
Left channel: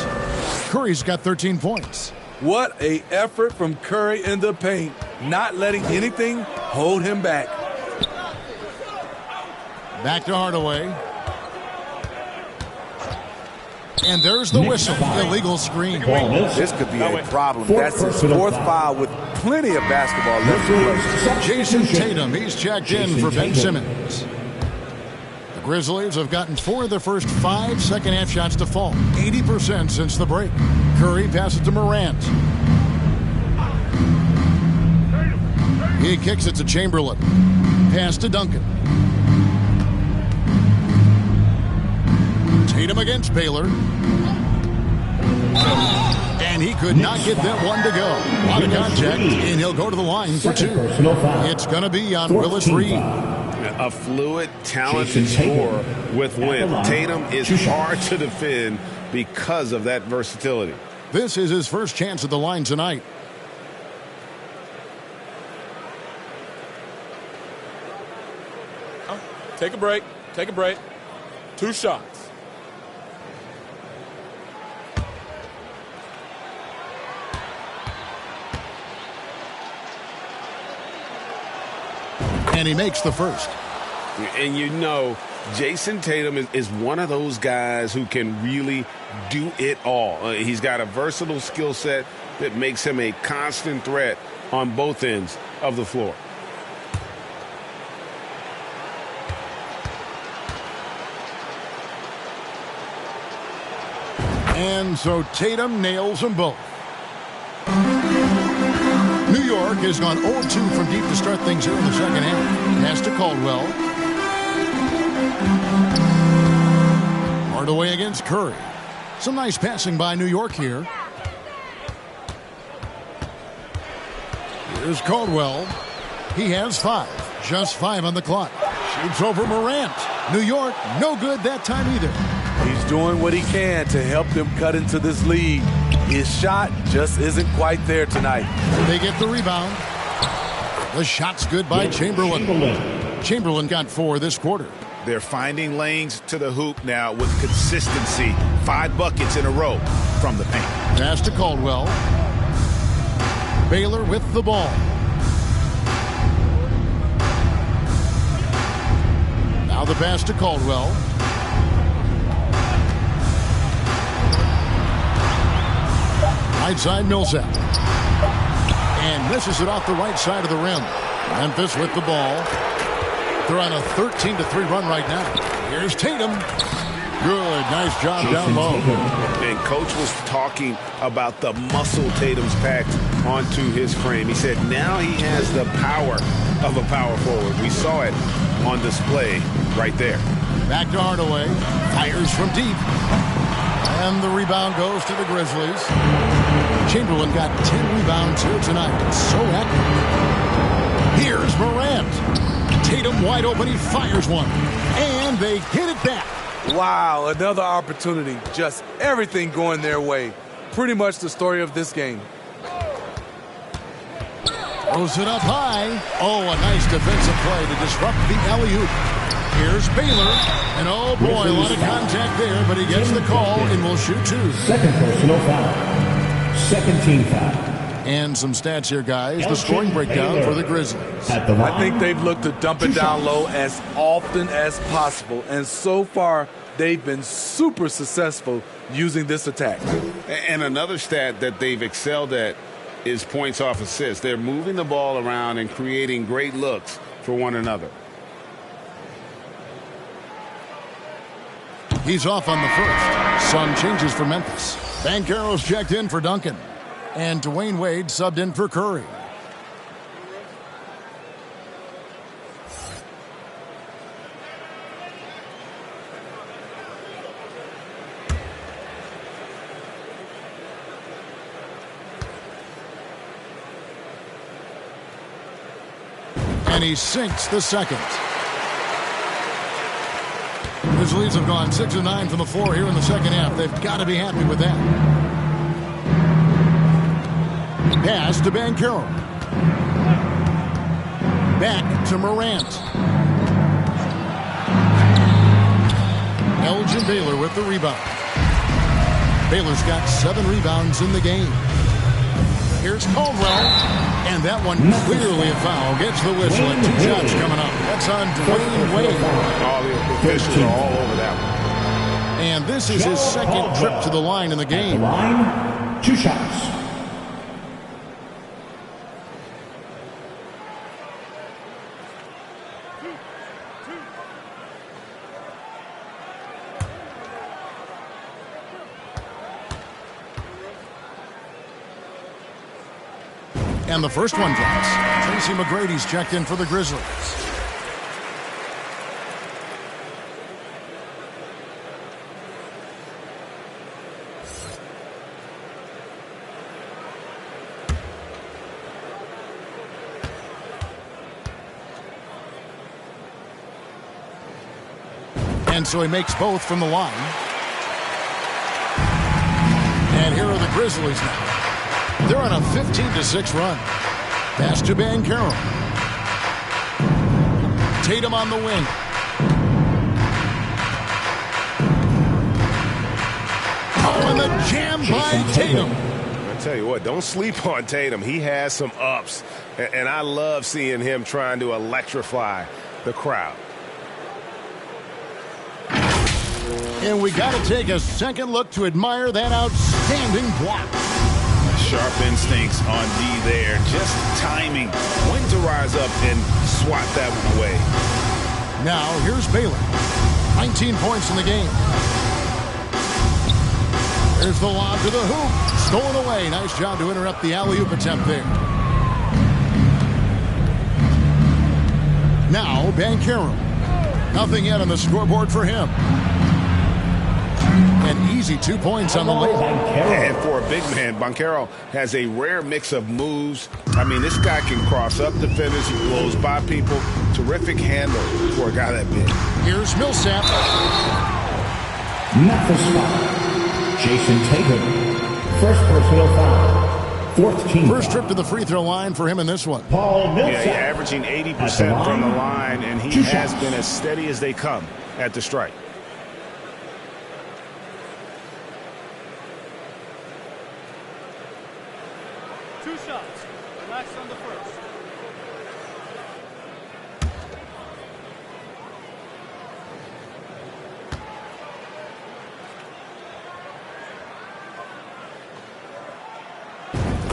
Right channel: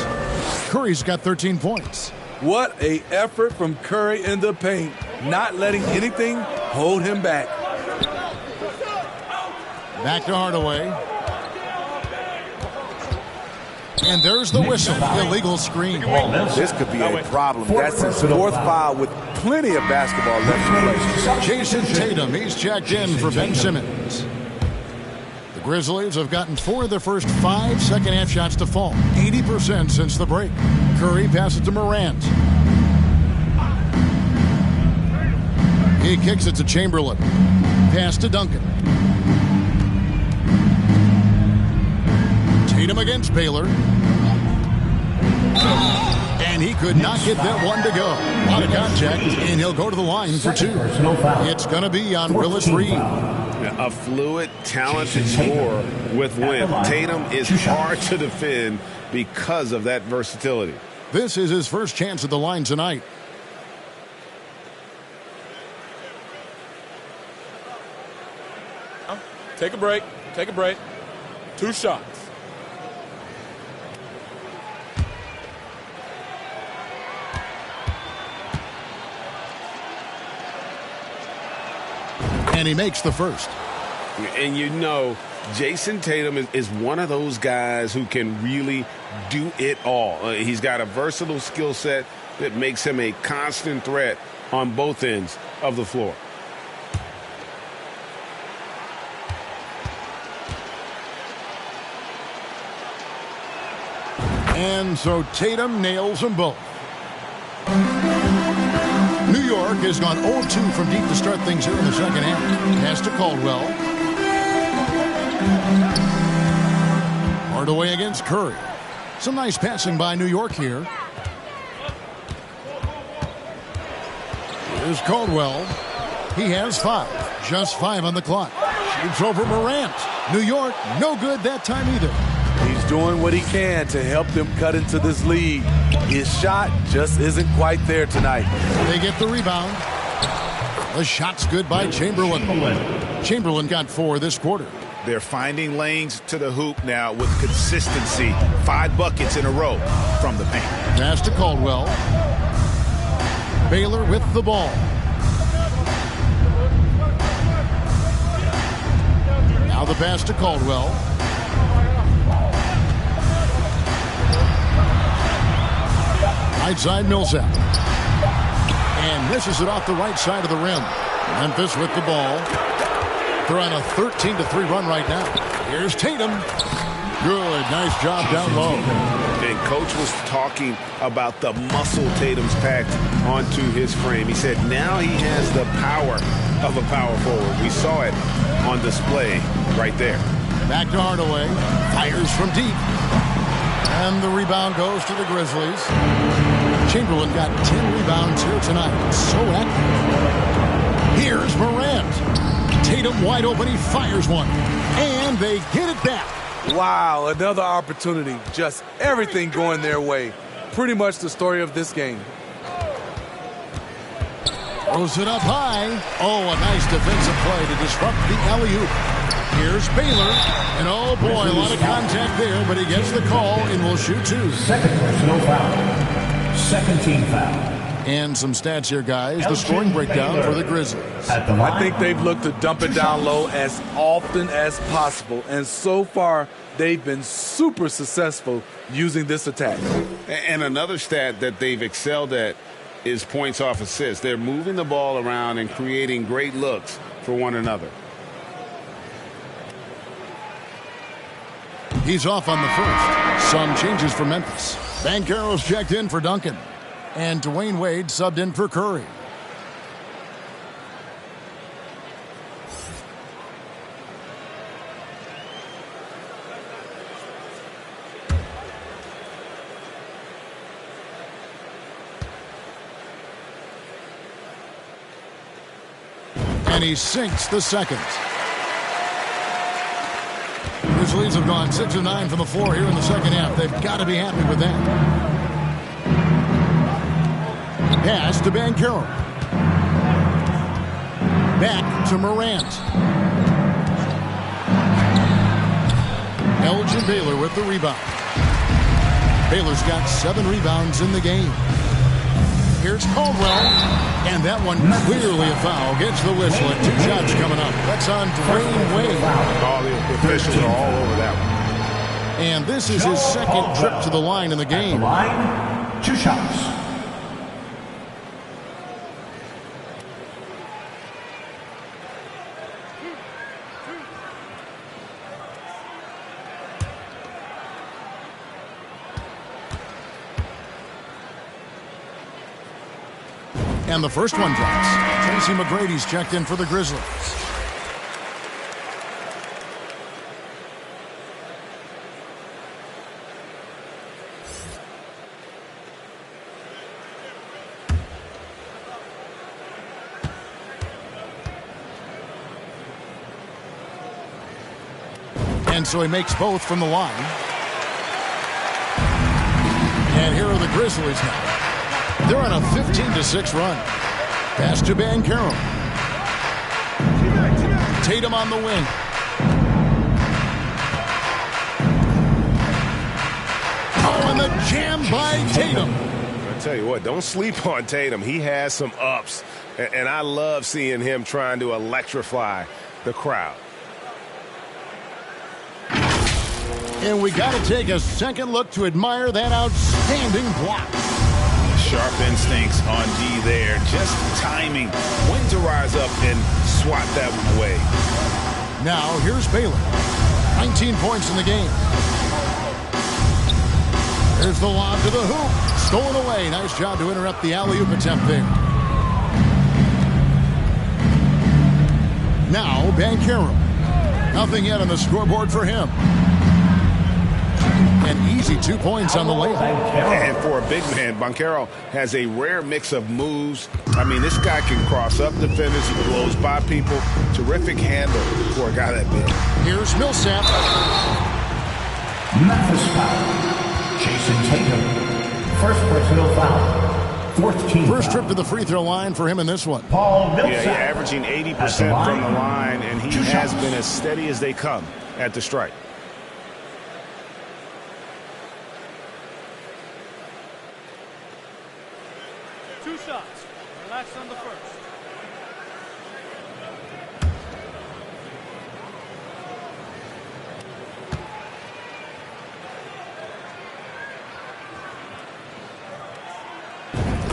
Curry's got 13 points. What a effort from Curry in the paint. Not letting anything hold him back. Back to Hardaway. And there's the whistle. Illegal screen. This could be a problem. That's his 4th foul with plenty of basketball left to play. Jason Tatum, he's checked in for Ben Simmons. The Grizzlies have gotten 4 of their first 5 second-half shots to fall. 80% since the break. Curry passes to Morant. He kicks it to Chamberlain. Pass to Duncan. Tatum against Baylor. And he could not get that one to go. A lot of contact, and he'll go to the line for 2. It's going to be on Willis Reed. A fluid, talented scorer with width. Tatum is hard to defend because of that versatility. This is his first chance at the line tonight. Take a break. Take a break. 2 shots. And he makes the first. And you know, Jason Tatum is one of those guys who can really do it all. He's got a versatile skill set that makes him a constant threat on both ends of the floor. And so Tatum nails them both. New York has gone 0-2 from deep to start things here in the second half. Pass to Caldwell. Hardaway against Curry. Some nice passing by New York here. Here's Caldwell. He has 5. Just 5 on the clock. Shoots over Morant. New York, no good that time either. He's doing what he can to help them cut into this lead. His shot just isn't quite there tonight. They get the rebound. The shot's good by Chamberlain. Chamberlain got 4 this quarter. They're finding lanes to the hoop now with consistency. 5 buckets in a row from the paint. Pass to Caldwell. Baylor with the ball. Now the pass to Caldwell. Right side Millsap. And misses it off the right side of the rim. Memphis with the ball. They're on a 13-3 run right now. Here's Tatum. Good. Nice job down low. And Coach was talking about the muscle Tatum's packed onto his frame. He said now he has the power of a power forward. We saw it on display right there. Back to Hardaway. Fires from deep. And the rebound goes to the Grizzlies. Chamberlain got 10 rebounds here tonight. So active. Here's Morant. Tatum wide open. He fires one. And they get it back. Wow, another opportunity. Just everything going their way. Pretty much the story of this game. Throws it up high. Oh, a nice defensive play to disrupt the alley-oop. Here's Baylor. And oh boy, a lot of contact there, but he gets the call and will shoot two. Second personal foul. Second team foul. And some stats here, guys. The scoring breakdown for the Grizzlies. I think they've looked to dump it down low as often as possible. And so far, they've been super successful using this attack. And another stat that they've excelled at is points off assists. They're moving the ball around and creating great looks for one another. He's off on the first. Some changes for Memphis. Banchero's checked in for Duncan. And Dwayne Wade subbed in for Curry. And he sinks the second. Grizzlies have gone 6 of 9 from the floor here in the second half. They've got to be happy with that. Pass to Banchero. Back to Morant. Elgin Baylor with the rebound. Baylor's got 7 rebounds in the game. Here's Caldwell. And that one clearly a foul. Gets the whistle and 2 shots coming up. That's on Dwayne Wade. All the officials are all over that one. And this is his second trip to the line in the game. Line, 2 shots. And the first one drops. Tracy McGrady's checked in for the Grizzlies. And so he makes both from the line. And here are the Grizzlies now. They're on a 15-6 run. Pass to Banchero. Tatum on the wing. Oh, and the jam by Tatum. I tell you what, don't sleep on Tatum. He has some ups, and I love seeing him trying to electrify the crowd. And we got to take a second look to admire that outstanding block. Sharp instincts on D there. Just timing when to rise up and swat that one away. Now, here's Baylor. 19 points in the game. There's the lob to the hoop. Stolen away. Nice job to interrupt the alley-oop attempt there. Now, Banchero. Nothing yet on the scoreboard for him. An easy 2 points on the layup. And for a big man, Banchero has a rare mix of moves. I mean, this guy can cross up defenders. He blows by people. Terrific handle for a guy that big. Here's Millsap. Memphis foul. Jason Tatum. First personal foul. Fourth team First foul. trip to the free throw line for him in this one. Paul Millsap. Yeah, he's averaging 80% from the line, and he has been as steady as they come at the strike. Two shots. Relax on the first.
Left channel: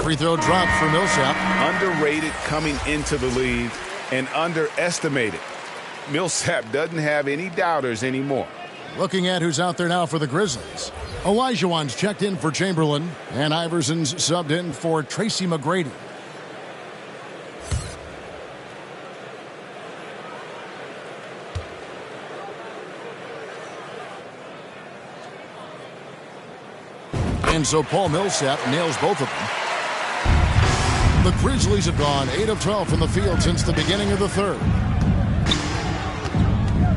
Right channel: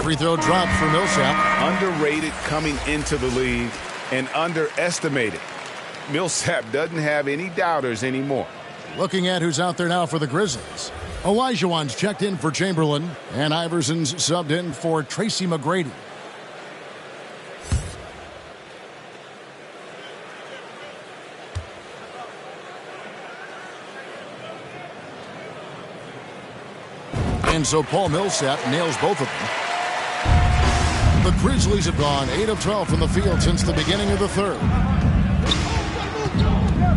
Free throw drop for Millsap. Underrated coming into the league and underestimated. Millsap doesn't have any doubters anymore. Looking at who's out there now for the Grizzlies. Olajuwon's checked in for Chamberlain, and Iverson's subbed in for Tracy McGrady. And so Paul Millsap nails both of them. The Grizzlies have gone 8 of 12 from the field since the beginning of the third.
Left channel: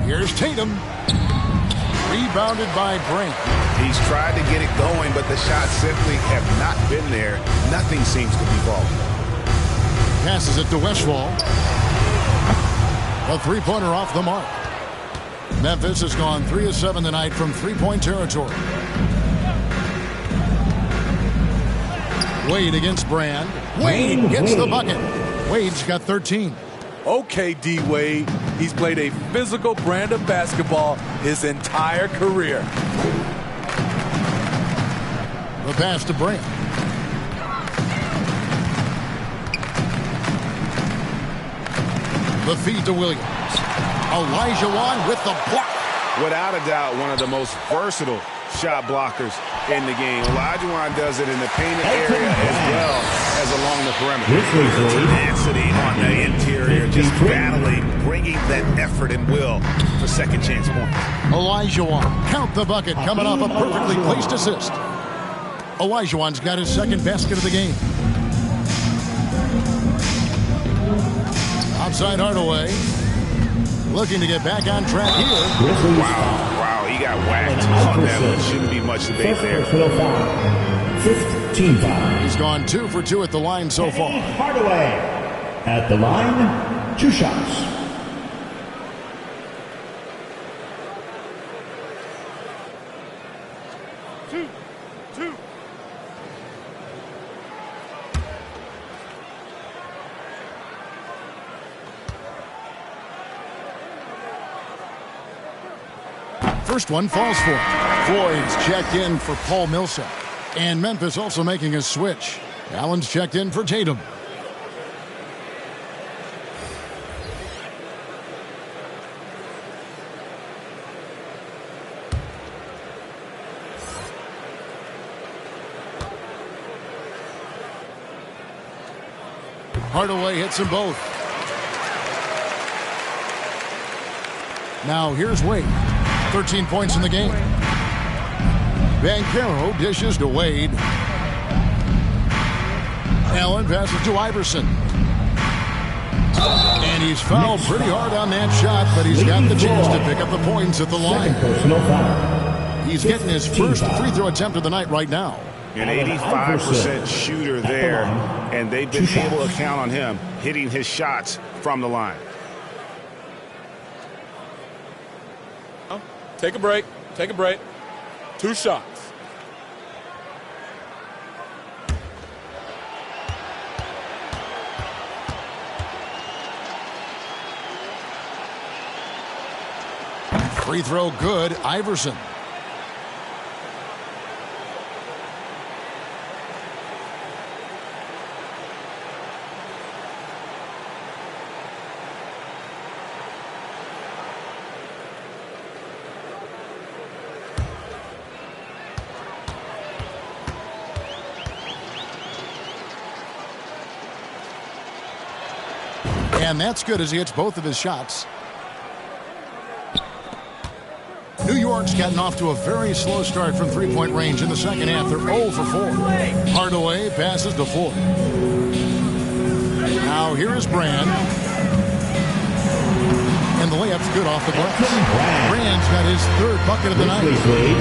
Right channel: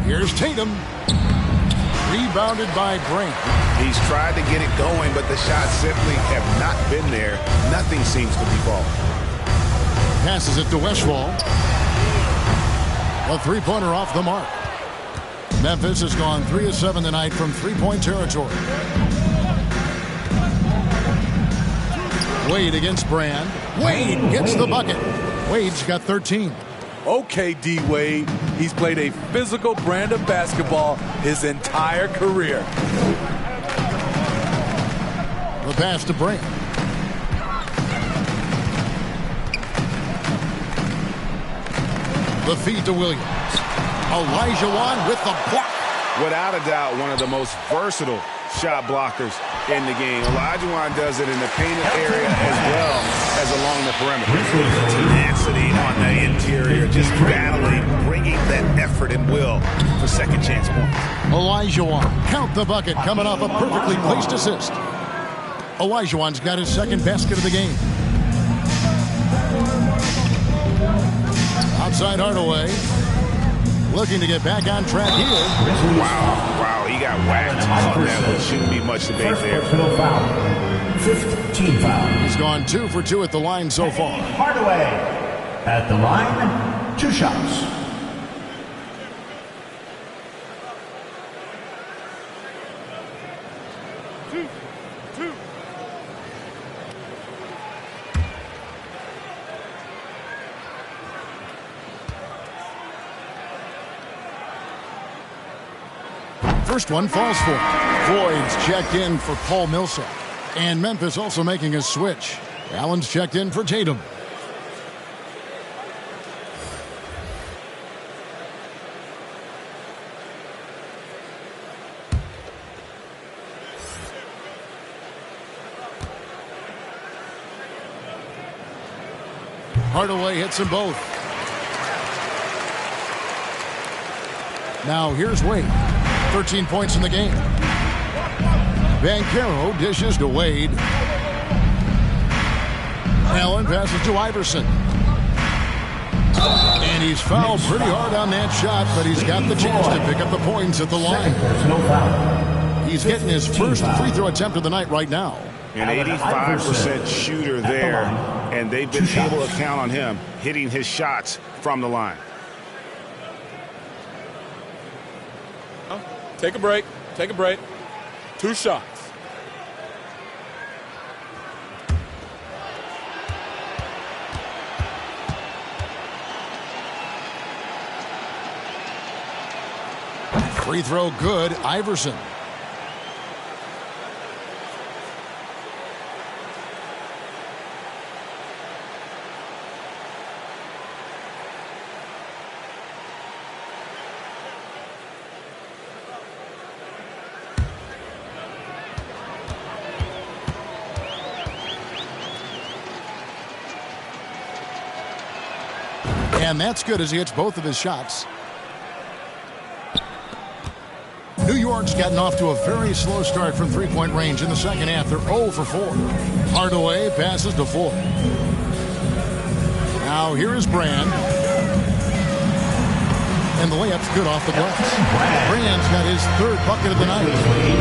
Here's Tatum. Rebounded by Brand. He's tried to get it going, but the shots simply have not been there. Nothing seems to be falling. Passes it to Westphal. A three-pointer off the mark. Memphis has gone 3 of 7 tonight from three-point territory. Wade against Brand. Wade gets the bucket. Wade's got 13. Okay, D. Wade. He's played a physical brand of basketball his entire career. The pass to Brand. The feed to Williams. Olajuwon with the block. Without a doubt, one of the most versatile shot blockers in the game. Olajuwon does it in the painted area as well as along the perimeter. The tenacity on the interior, just battling, bringing that effort and will for second chance points. Olajuwon, count the bucket, coming off a perfectly placed assist. Olajuwon's got his second basket of the game. Outside Hardaway. Looking to get back on track here. Wow, he got whacked on that one. Shouldn't be much debate there. 15 foul. He's gone 2 for 2 at the line so far. Hardaway at the line, 2 shots. Two. First one falls for him. Floyd's checked in for Paul Millsap. And Memphis also making a switch. Allen's checked in for Tatum. Hardaway hits them both. Now here's Wade. 13 points in the game. Banchero dishes to Wade. Allen passes to Iverson. And he's fouled pretty hard on that shot, but he's got the chance to pick up the points at the line. He's getting his first free throw attempt of the night right now. An 85% shooter there, and they've been able to count on him hitting his shots from the line. Take a break. 2 shots. Free throw good, Iverson. And that's good as he hits both of his shots. New York's gotten off to a very slow start from three-point range in the second half. They're 0 for 4. Hardaway passes to Floyd. Now here is Brand. And the layup's good off the glass. Brand's got his third bucket of the night.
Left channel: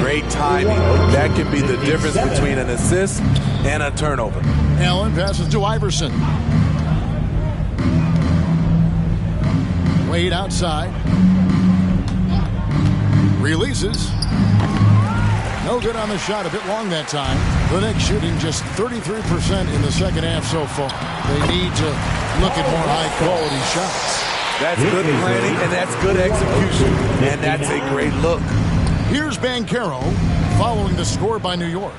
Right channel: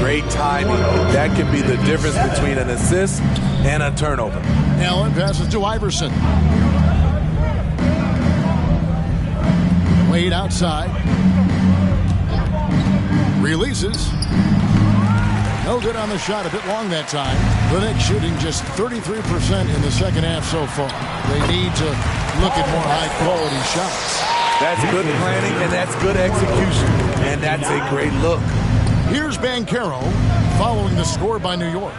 Great timing. That can be the difference between an assist and a turnover. Allen passes to Iverson. Wade outside. Releases. No good on the shot. A bit long that time. The Knicks shooting just 33% in the second half so far. They need to look at more high-quality shots. That's good planning, and that's good execution. And that's a great look. Here's Banchero following the score by New York.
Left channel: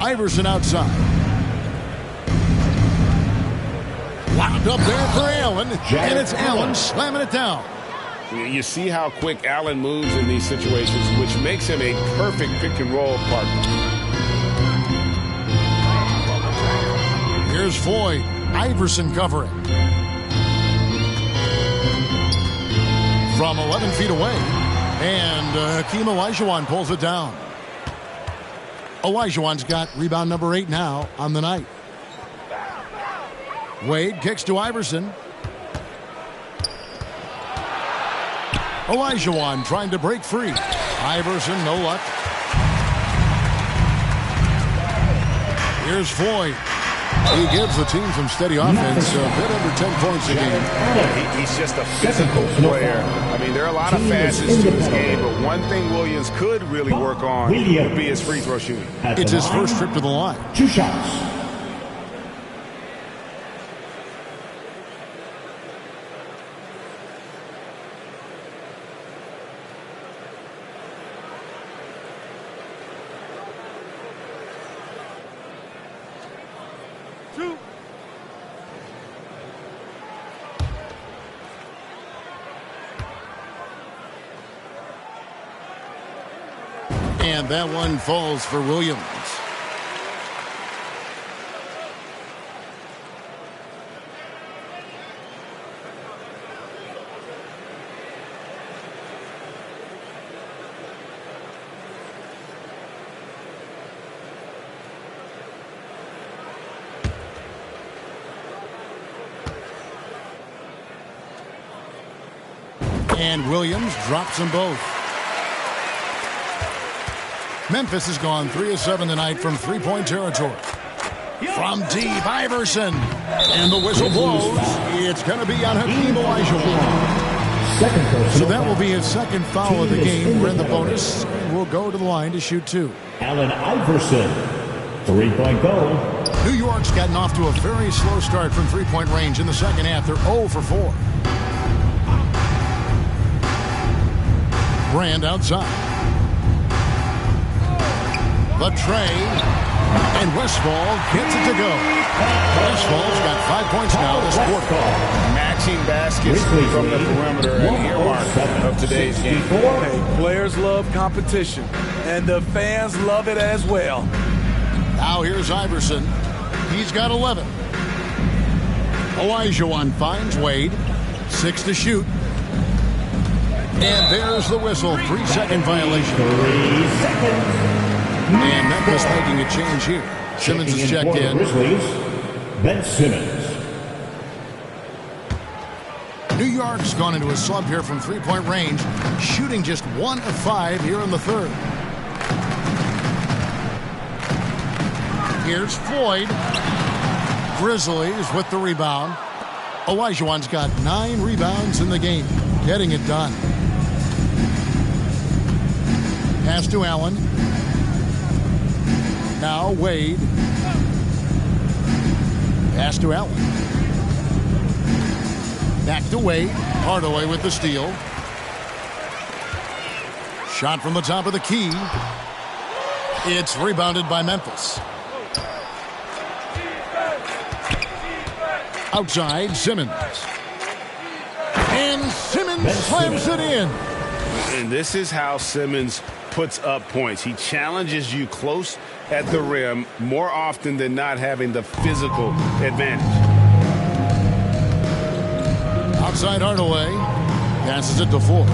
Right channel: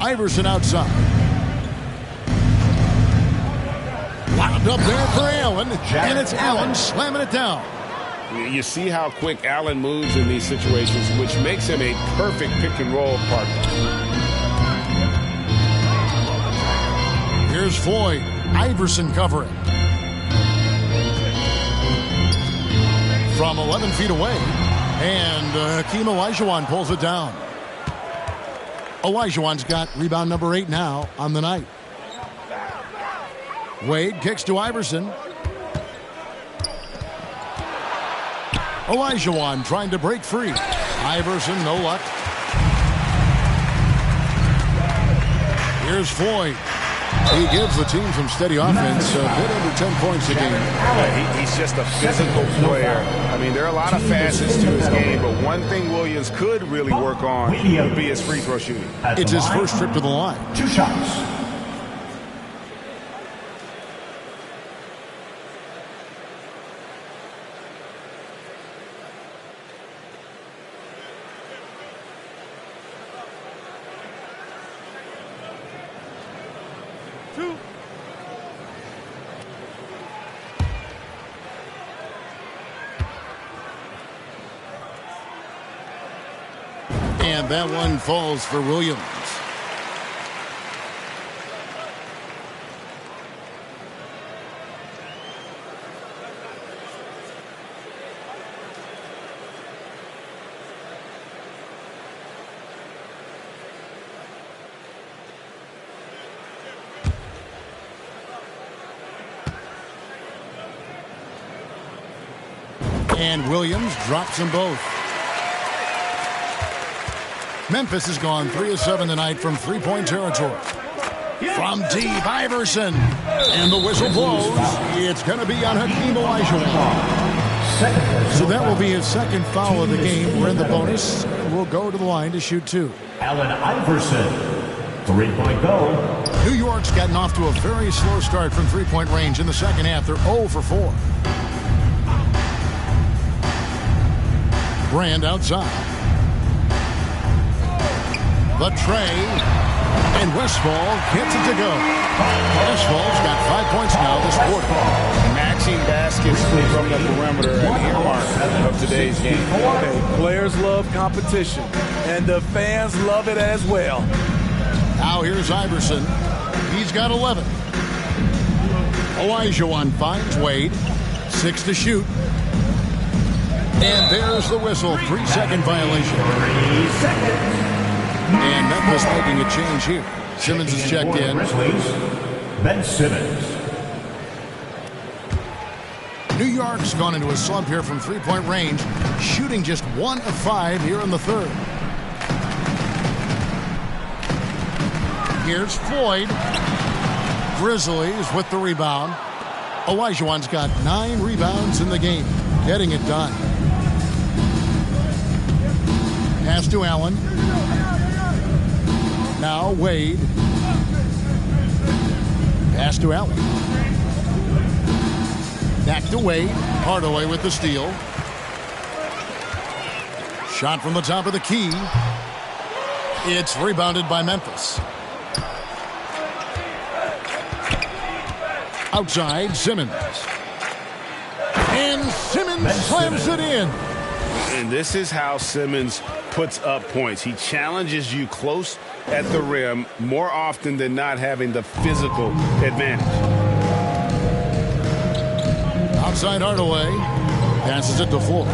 Iverson outside. Locked up there for Allen, and it's Allen slamming it down. You see how quick Allen moves in these situations, which makes him a perfect pick-and-roll partner. Here's Floyd. Iverson covering. From 11 feet away. And Hakeem Olajuwon pulls it down. Olajuwon's got rebound number 8 now on the night. Wade kicks to Iverson. Olajuwon trying to break free. Iverson, no luck. Here's Floyd. He gives the team some steady offense, a bit under 10 points a game. Yeah, he's just a physical player. I mean, there are a lot of facets to his game, but one thing Williams could really work on would be his free throw shooting. It's his first trip to the line. 2 shots. And that one falls for Williams. And Williams drops them both. Memphis has gone 3 of 7 tonight from three-point territory. From deep, Iverson. And the whistle blows. It's going to be on Hakeem Olajuwon. So that will be his second foul of the game. We're in the bonus, and we'll go to the line to shoot 2. Allen Iverson. 3-point goal. New York's gotten off to a very slow start from three-point range in the second half. They're 0 for 4. Brand outside. The tray, and Westphal gets it to go. Westphal's got 5 points now this quarter. Matching baskets from the perimeter, an earmark of today's game. Hey, players love competition, and the fans love it as well. Now here's Iverson. He's got 11. Olajuwon finds Wade. 6 to shoot. And there's the whistle. 3-second violation. 3 seconds. And Memphis making a change here. Simmons is checked in. Grizzlies, Ben Simmons. New York's gone into a slump here from three-point range, shooting just 1 of 5 here in the third. Here's Floyd. Grizzlies with the rebound. Olajuwon's got 9 rebounds in the game, getting it done. Pass to Allen. Now Wade. Pass to Allen. Back to Wade. Hardaway with the steal. Shot from the top of the key. It's rebounded by Memphis. Outside, Simmons. And Simmons slams it in. And this is how Simmons puts up points. He challenges you close at the rim more often than not, having the physical advantage. Outside Hardaway. Passes it to Fuller.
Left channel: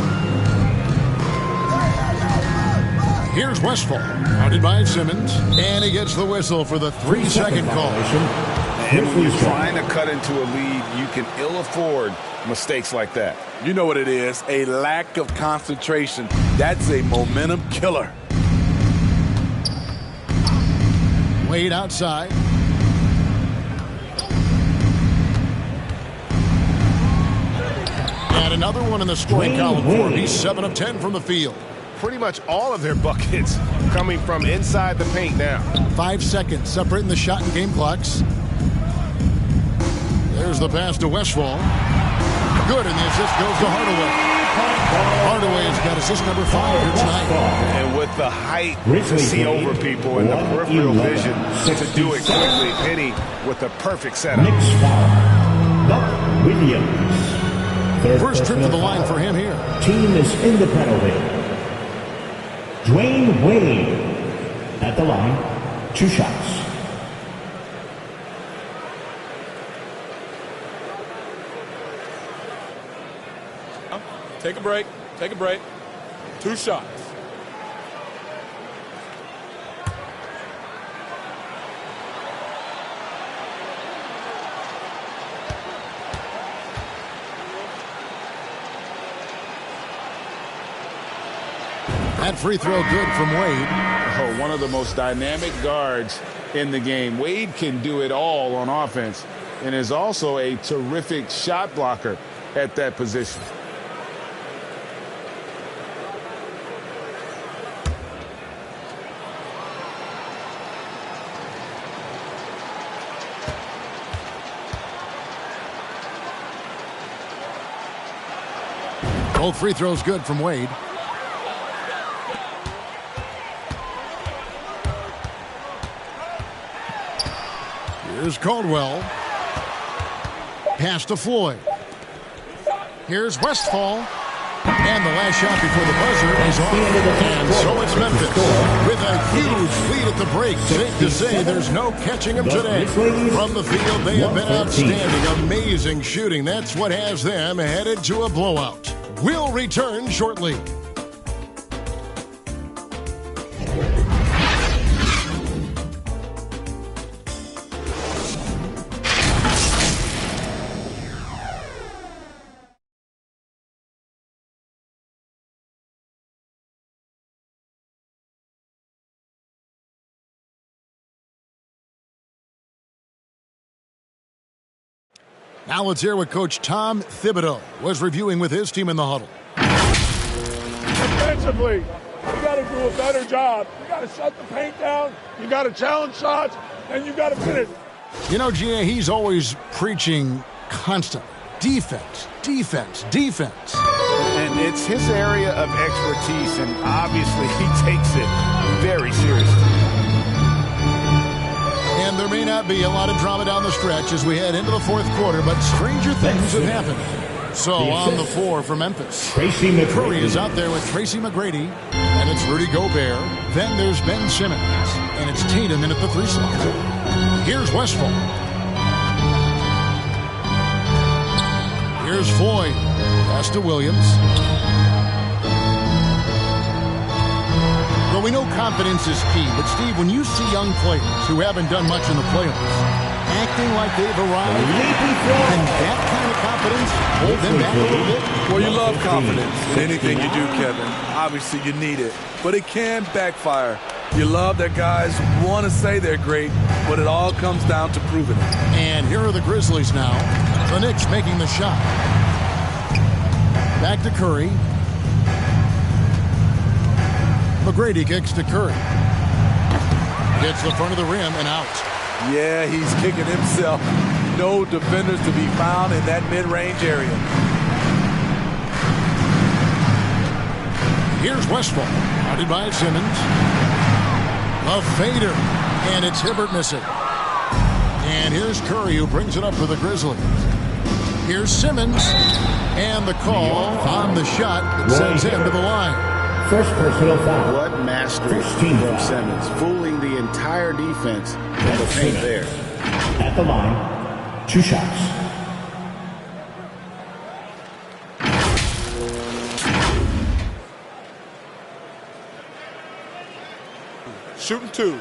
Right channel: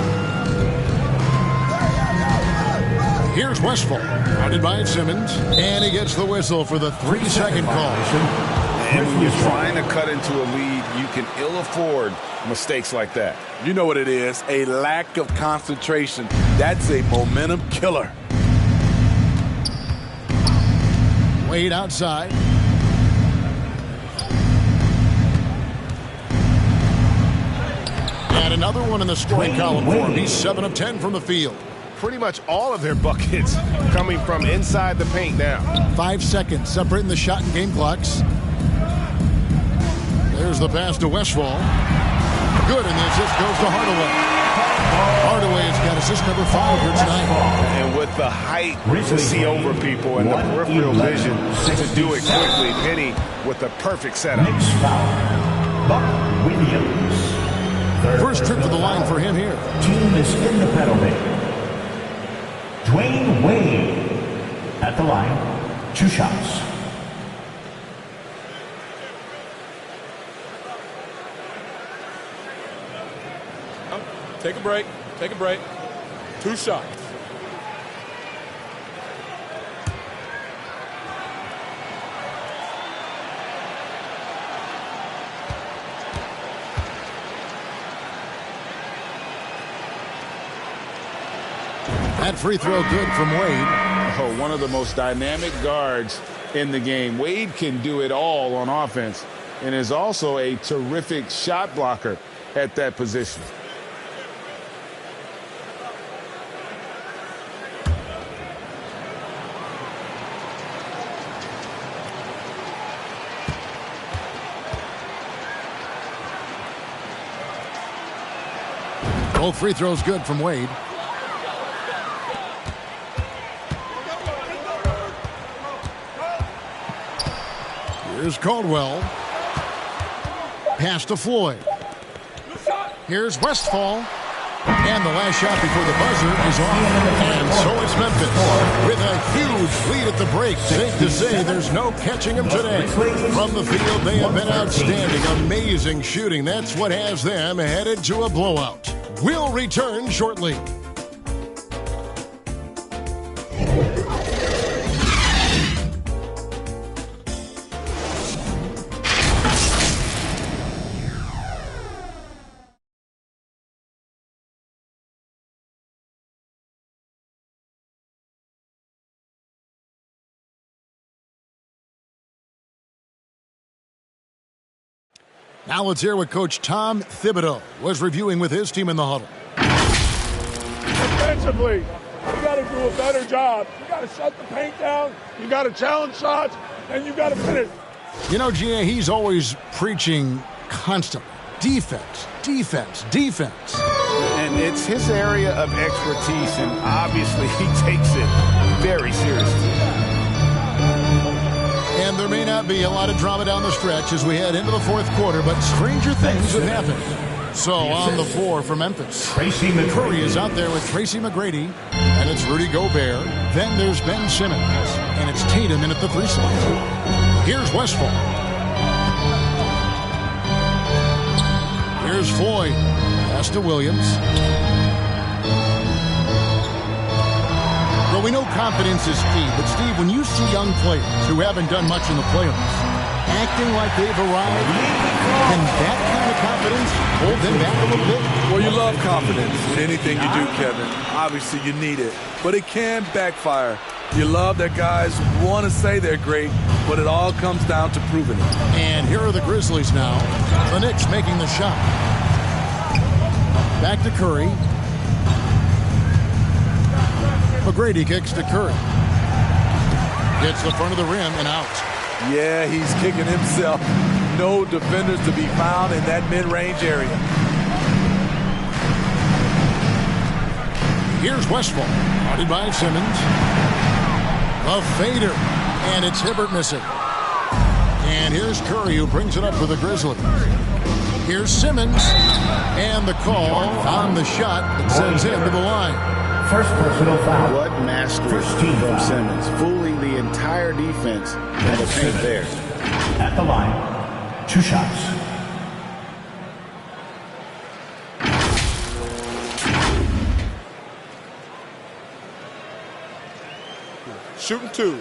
Here's Westphal. Guarded by Simmons. And he gets the whistle for the 3-second call. And when you're trying to cut into a lead, you can ill afford mistakes like that. You know what it is, a lack of concentration. That's a momentum killer. Wade outside. And another one in the scoring column for him. He's 7 of 10 from the field. Pretty much all of their buckets coming from inside the paint now. 5 seconds separating the shot and game clocks. There's the pass to Westphal. Good, and the assist goes to Hardaway. Hardaway has got assist number 5 here tonight. And with the height to see over people and the peripheral vision to do it quickly, Penny with the perfect setup. Next foul, Buck Williams. First trip to the line for him here. Team is in the penalty. Dwayne Wade at the line. 2 shots. Take a break. Take a break. 2 shots. That free throw good from Wade. Oh, one of the most dynamic guards in the game. Wade can do it all on offense and is also a terrific shot blocker at that position. Both free throws good from Wade. Here's Caldwell. Pass to Floyd. Here's Westphal. And the last shot before the buzzer is off. And so it's Memphis with a huge lead at the break. Safe to say there's no catching them today. From the field, they have been outstanding. Amazing shooting. That's what has them headed to a blowout. We'll return shortly. Now let's hear what Coach Tom Thibodeau was reviewing with his team in the huddle. Defensively, you got to do a better job. You got to shut the paint down. You got to challenge shots, and you got to finish. You know, G.A., he's always preaching constantly. Defense, defense, defense. And it's his area of expertise, and obviously he takes it very seriously. And there may not be a lot of drama down the stretch as we head into the fourth quarter, but stranger things have happened. So on the floor for Memphis, Curry is out there with Tracy McGrady, and it's Rudy Gobert. Then there's Ben Simmons, and it's Tatum in at the 3 slot. Here's Westphal. Here's Floyd. Pass to Williams. Well, we know confidence is key, but Steve, when you see young players who haven't done much in the playoffs acting like they've arrived, can that kind of confidence hold them back a little bit? Well, you love confidence in anything you do, Kevin. Obviously, you need it, but it can backfire. You love that guys want to say they're great, but it all comes down to proving it. And here are the Grizzlies now. The Knicks making the shot. Back to Curry. McGrady kicks to Curry. Gets the front of the rim and out. Yeah, he's kicking himself. No defenders to be found in that mid-range area. Here's Westphal. Guarded by Simmons. A fader. And it's Hibbert missing. And here's Curry who brings it up for the Grizzlies. Here's Simmons. And the call on the shot that sends him to the line. First personal foul. What mastery from Simmons, fooling the entire defense in the paint there. At the line, 2 shots. Shooting 2.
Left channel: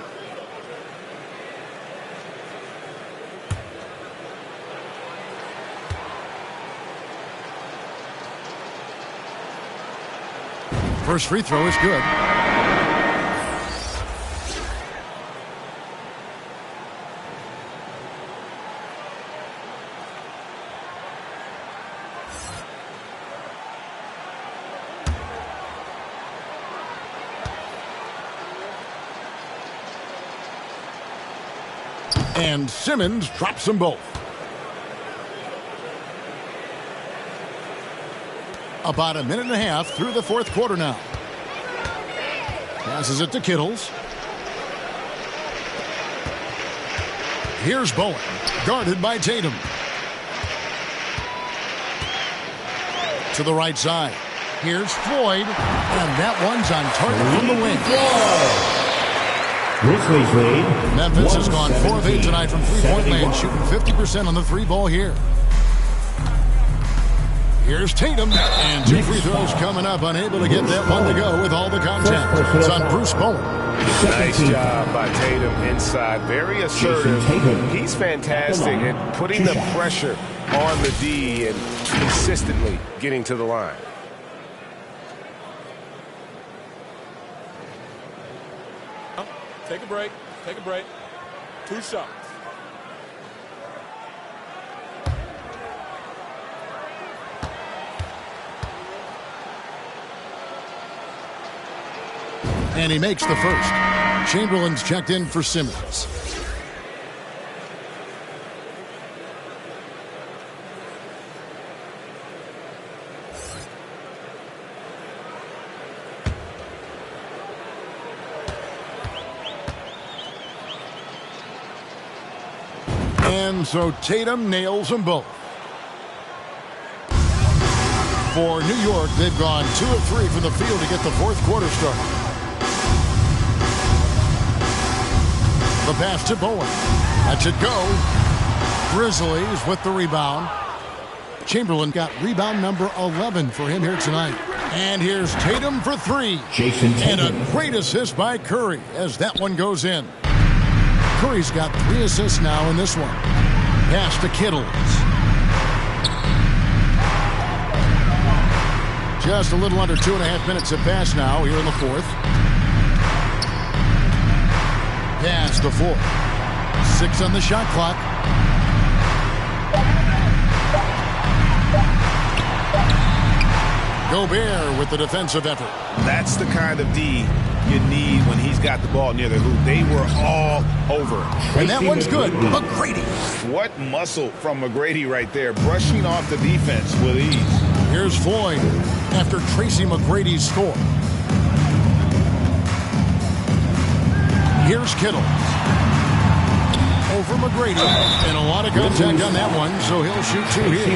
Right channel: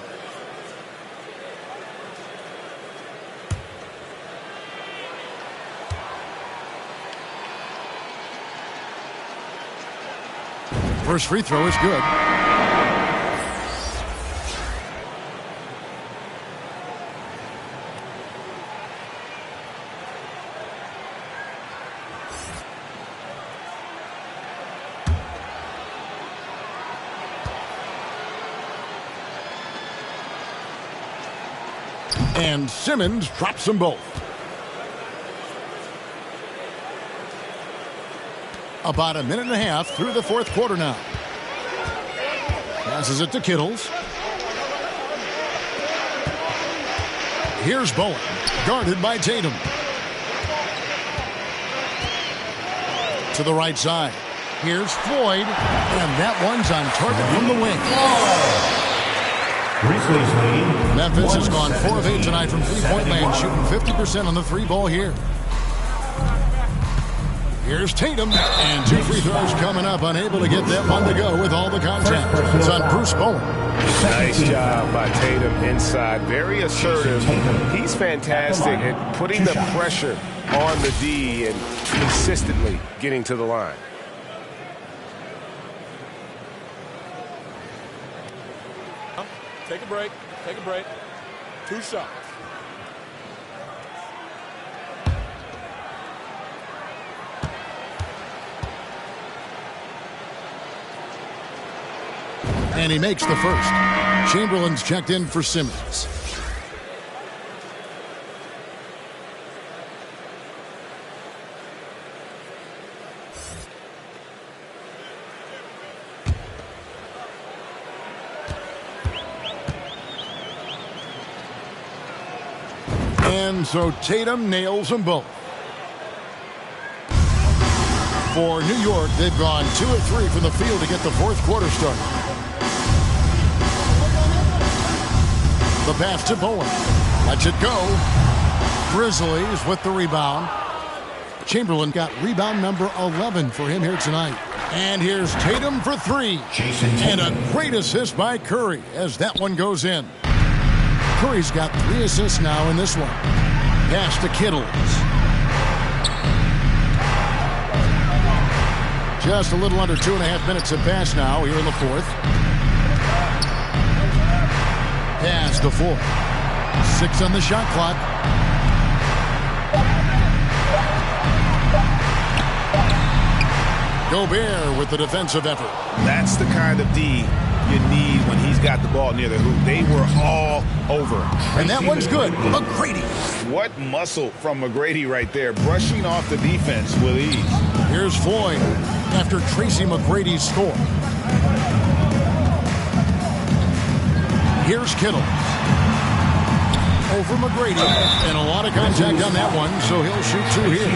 First free throw is good. And Simmons drops them both. About a minute and a half through the fourth quarter now. Passes it to Kittles. Here's Bowen, guarded by Tatum. to the right side. Here's Floyd, and that one's on target from the wing. Grizzlies lead. Memphis has gone 4 of 8 tonight from three-point land, shooting 50% on the three ball here. Here's Tatum, and 2 free throws coming up, unable to get that one to go with all the contact. It's on Bruce Bowen. Nice job by Tatum inside. Very assertive. He's fantastic at putting the pressure on the D and consistently getting to the line. Take a break. Take a break. 2 shots. And he makes the first. Chamberlain's checked in for Simmons. And so Tatum nails them both. For New York, they've gone 2 of 3 from the field to get the fourth quarter started. The pass to Bowen. Lets it go. Grizzlies with the rebound. Chamberlain got rebound number 11 for him here tonight. And here's Tatum for 3. And a great assist by Curry as that one goes in. Curry's got 3 assists now in this one. Pass to Kittles. Just a little under 2.5 minutes have passed now here in the fourth. Pass to Ford. 6 on the shot clock. Gobert with the defensive effort. That's the kind of D you need when he's got the ball near the hoop. They were all over. And that one's good. McGrady. What muscle from McGrady right there, brushing off the defense with ease. Here's Floyd after Tracy McGrady's score. Here's Kittles. Over McGrady. And a lot of contact on that one, so he'll shoot 2 here.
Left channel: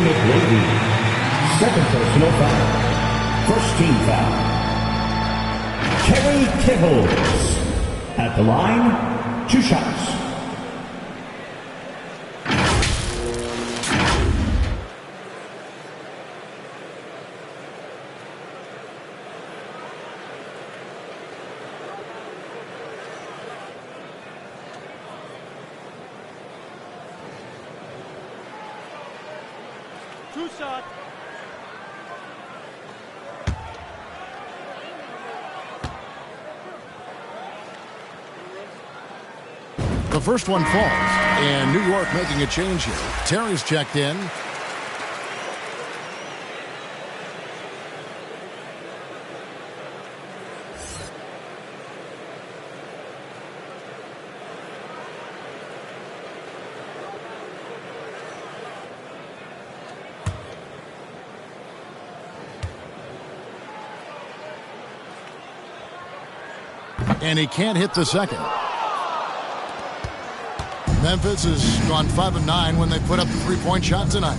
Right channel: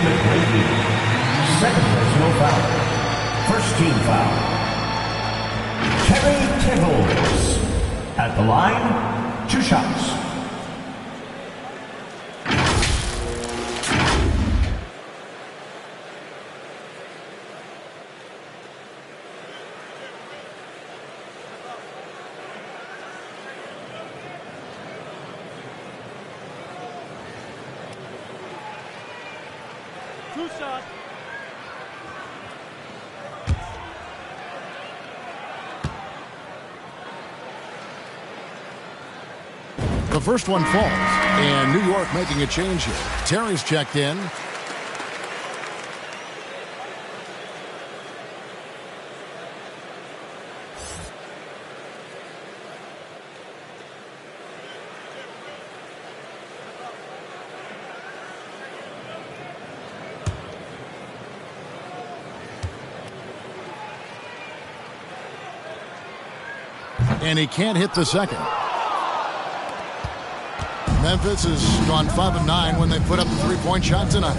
Second personal foul. First team foul. Terry Kittles. At the line, 2 shots. Two shots. The first one falls, and New York making a change here. Terry's checked in. And he can't hit the second. Memphis has gone 5 of 9 when they put up the 3-point shot tonight.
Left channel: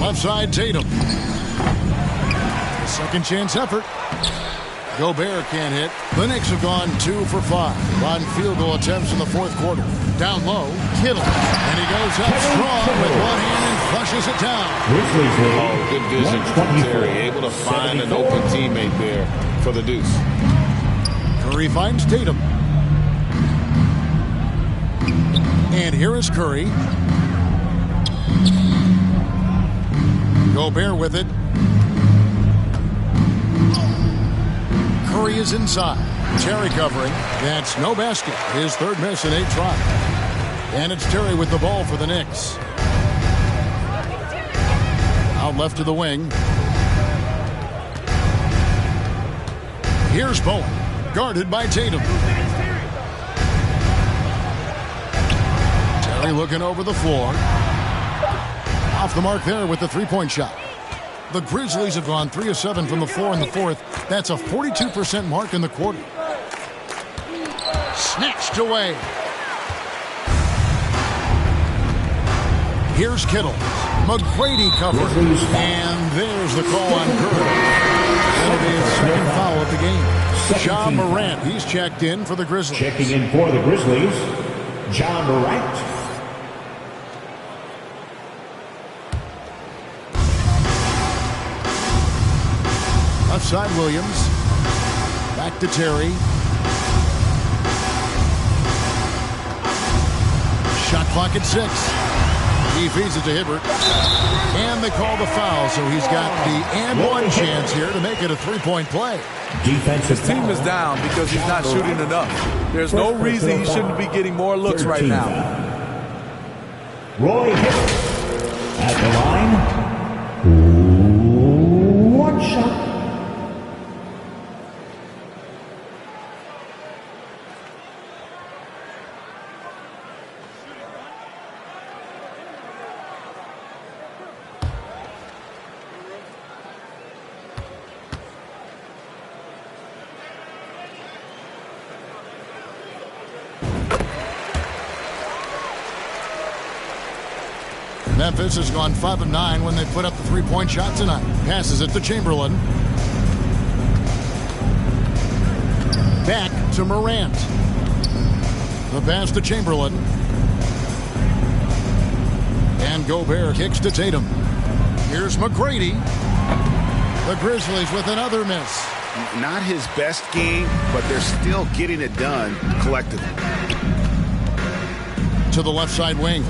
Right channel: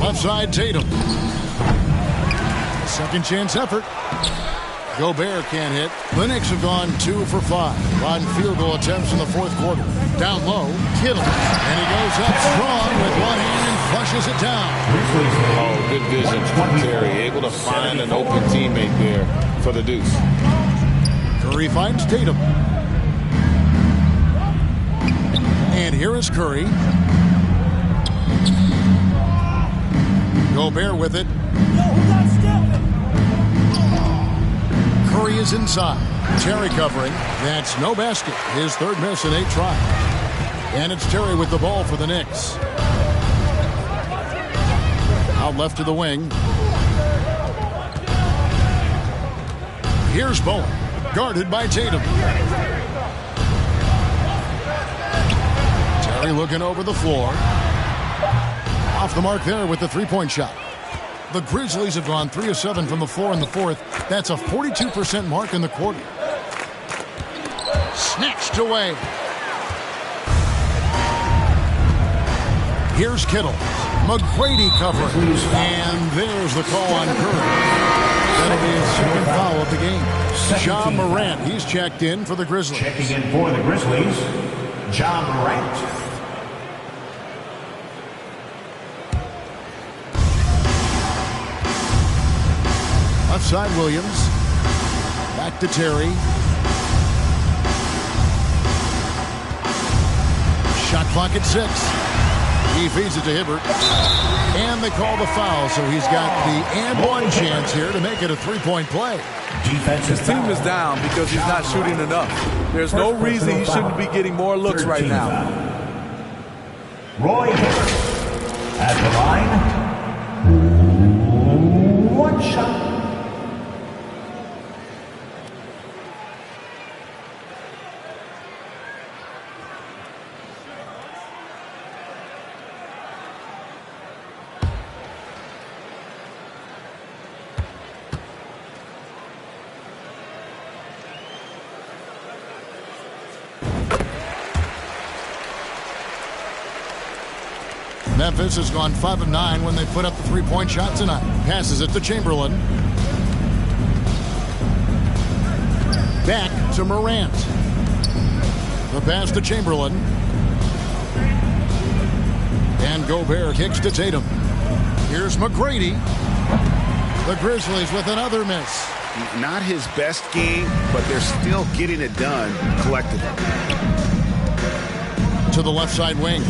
Left side, Tatum. A second chance effort. Gobert can't hit. The Knicks have gone 2 for 5 on field goal attempts in the fourth quarter. Down low, Kittle. And he goes up strong with one hand and flushes it down. Oh, good vision from Terry. Able to find an open teammate there for the deuce. Curry finds Tatum. And here is Curry. Gobert with it. Curry is inside. Terry covering. That's no basket. His third miss in 8 tries. And it's Terry with the ball for the Knicks. Out left to the wing. Here's Bowen. Guarded by Tatum. Terry looking over the floor. Off the mark there with the 3-point shot. The Grizzlies have gone 3 of 7 from the floor in the fourth. That's a 42% mark in the quarter. Snatched away. Here's Kittle. McGrady covering. And there's the call on Curry. That'll be his second foul of the game. Ja Morant, he's checked in for the Grizzlies. Checking in for the Grizzlies, Ja Morant. Left side, Williams. Back to Terry. Shot clock at 6. He feeds it to Hibbert. And they call the foul, so he's got the and one chance here to make it a three-point play. His team is down because he's not shooting enough. There's no reason he shouldn't be getting more looks right now. Roy Hibbert at the line. One shot. Memphis has gone 5 of 9 when they put up the three-point shot tonight. Passes it to Chamberlain. Back to Morant. The pass to Chamberlain. And Gobert kicks to Tatum. Here's McGrady. The Grizzlies with another miss. Not his best game, but they're still getting it done collectively. To the left side wing.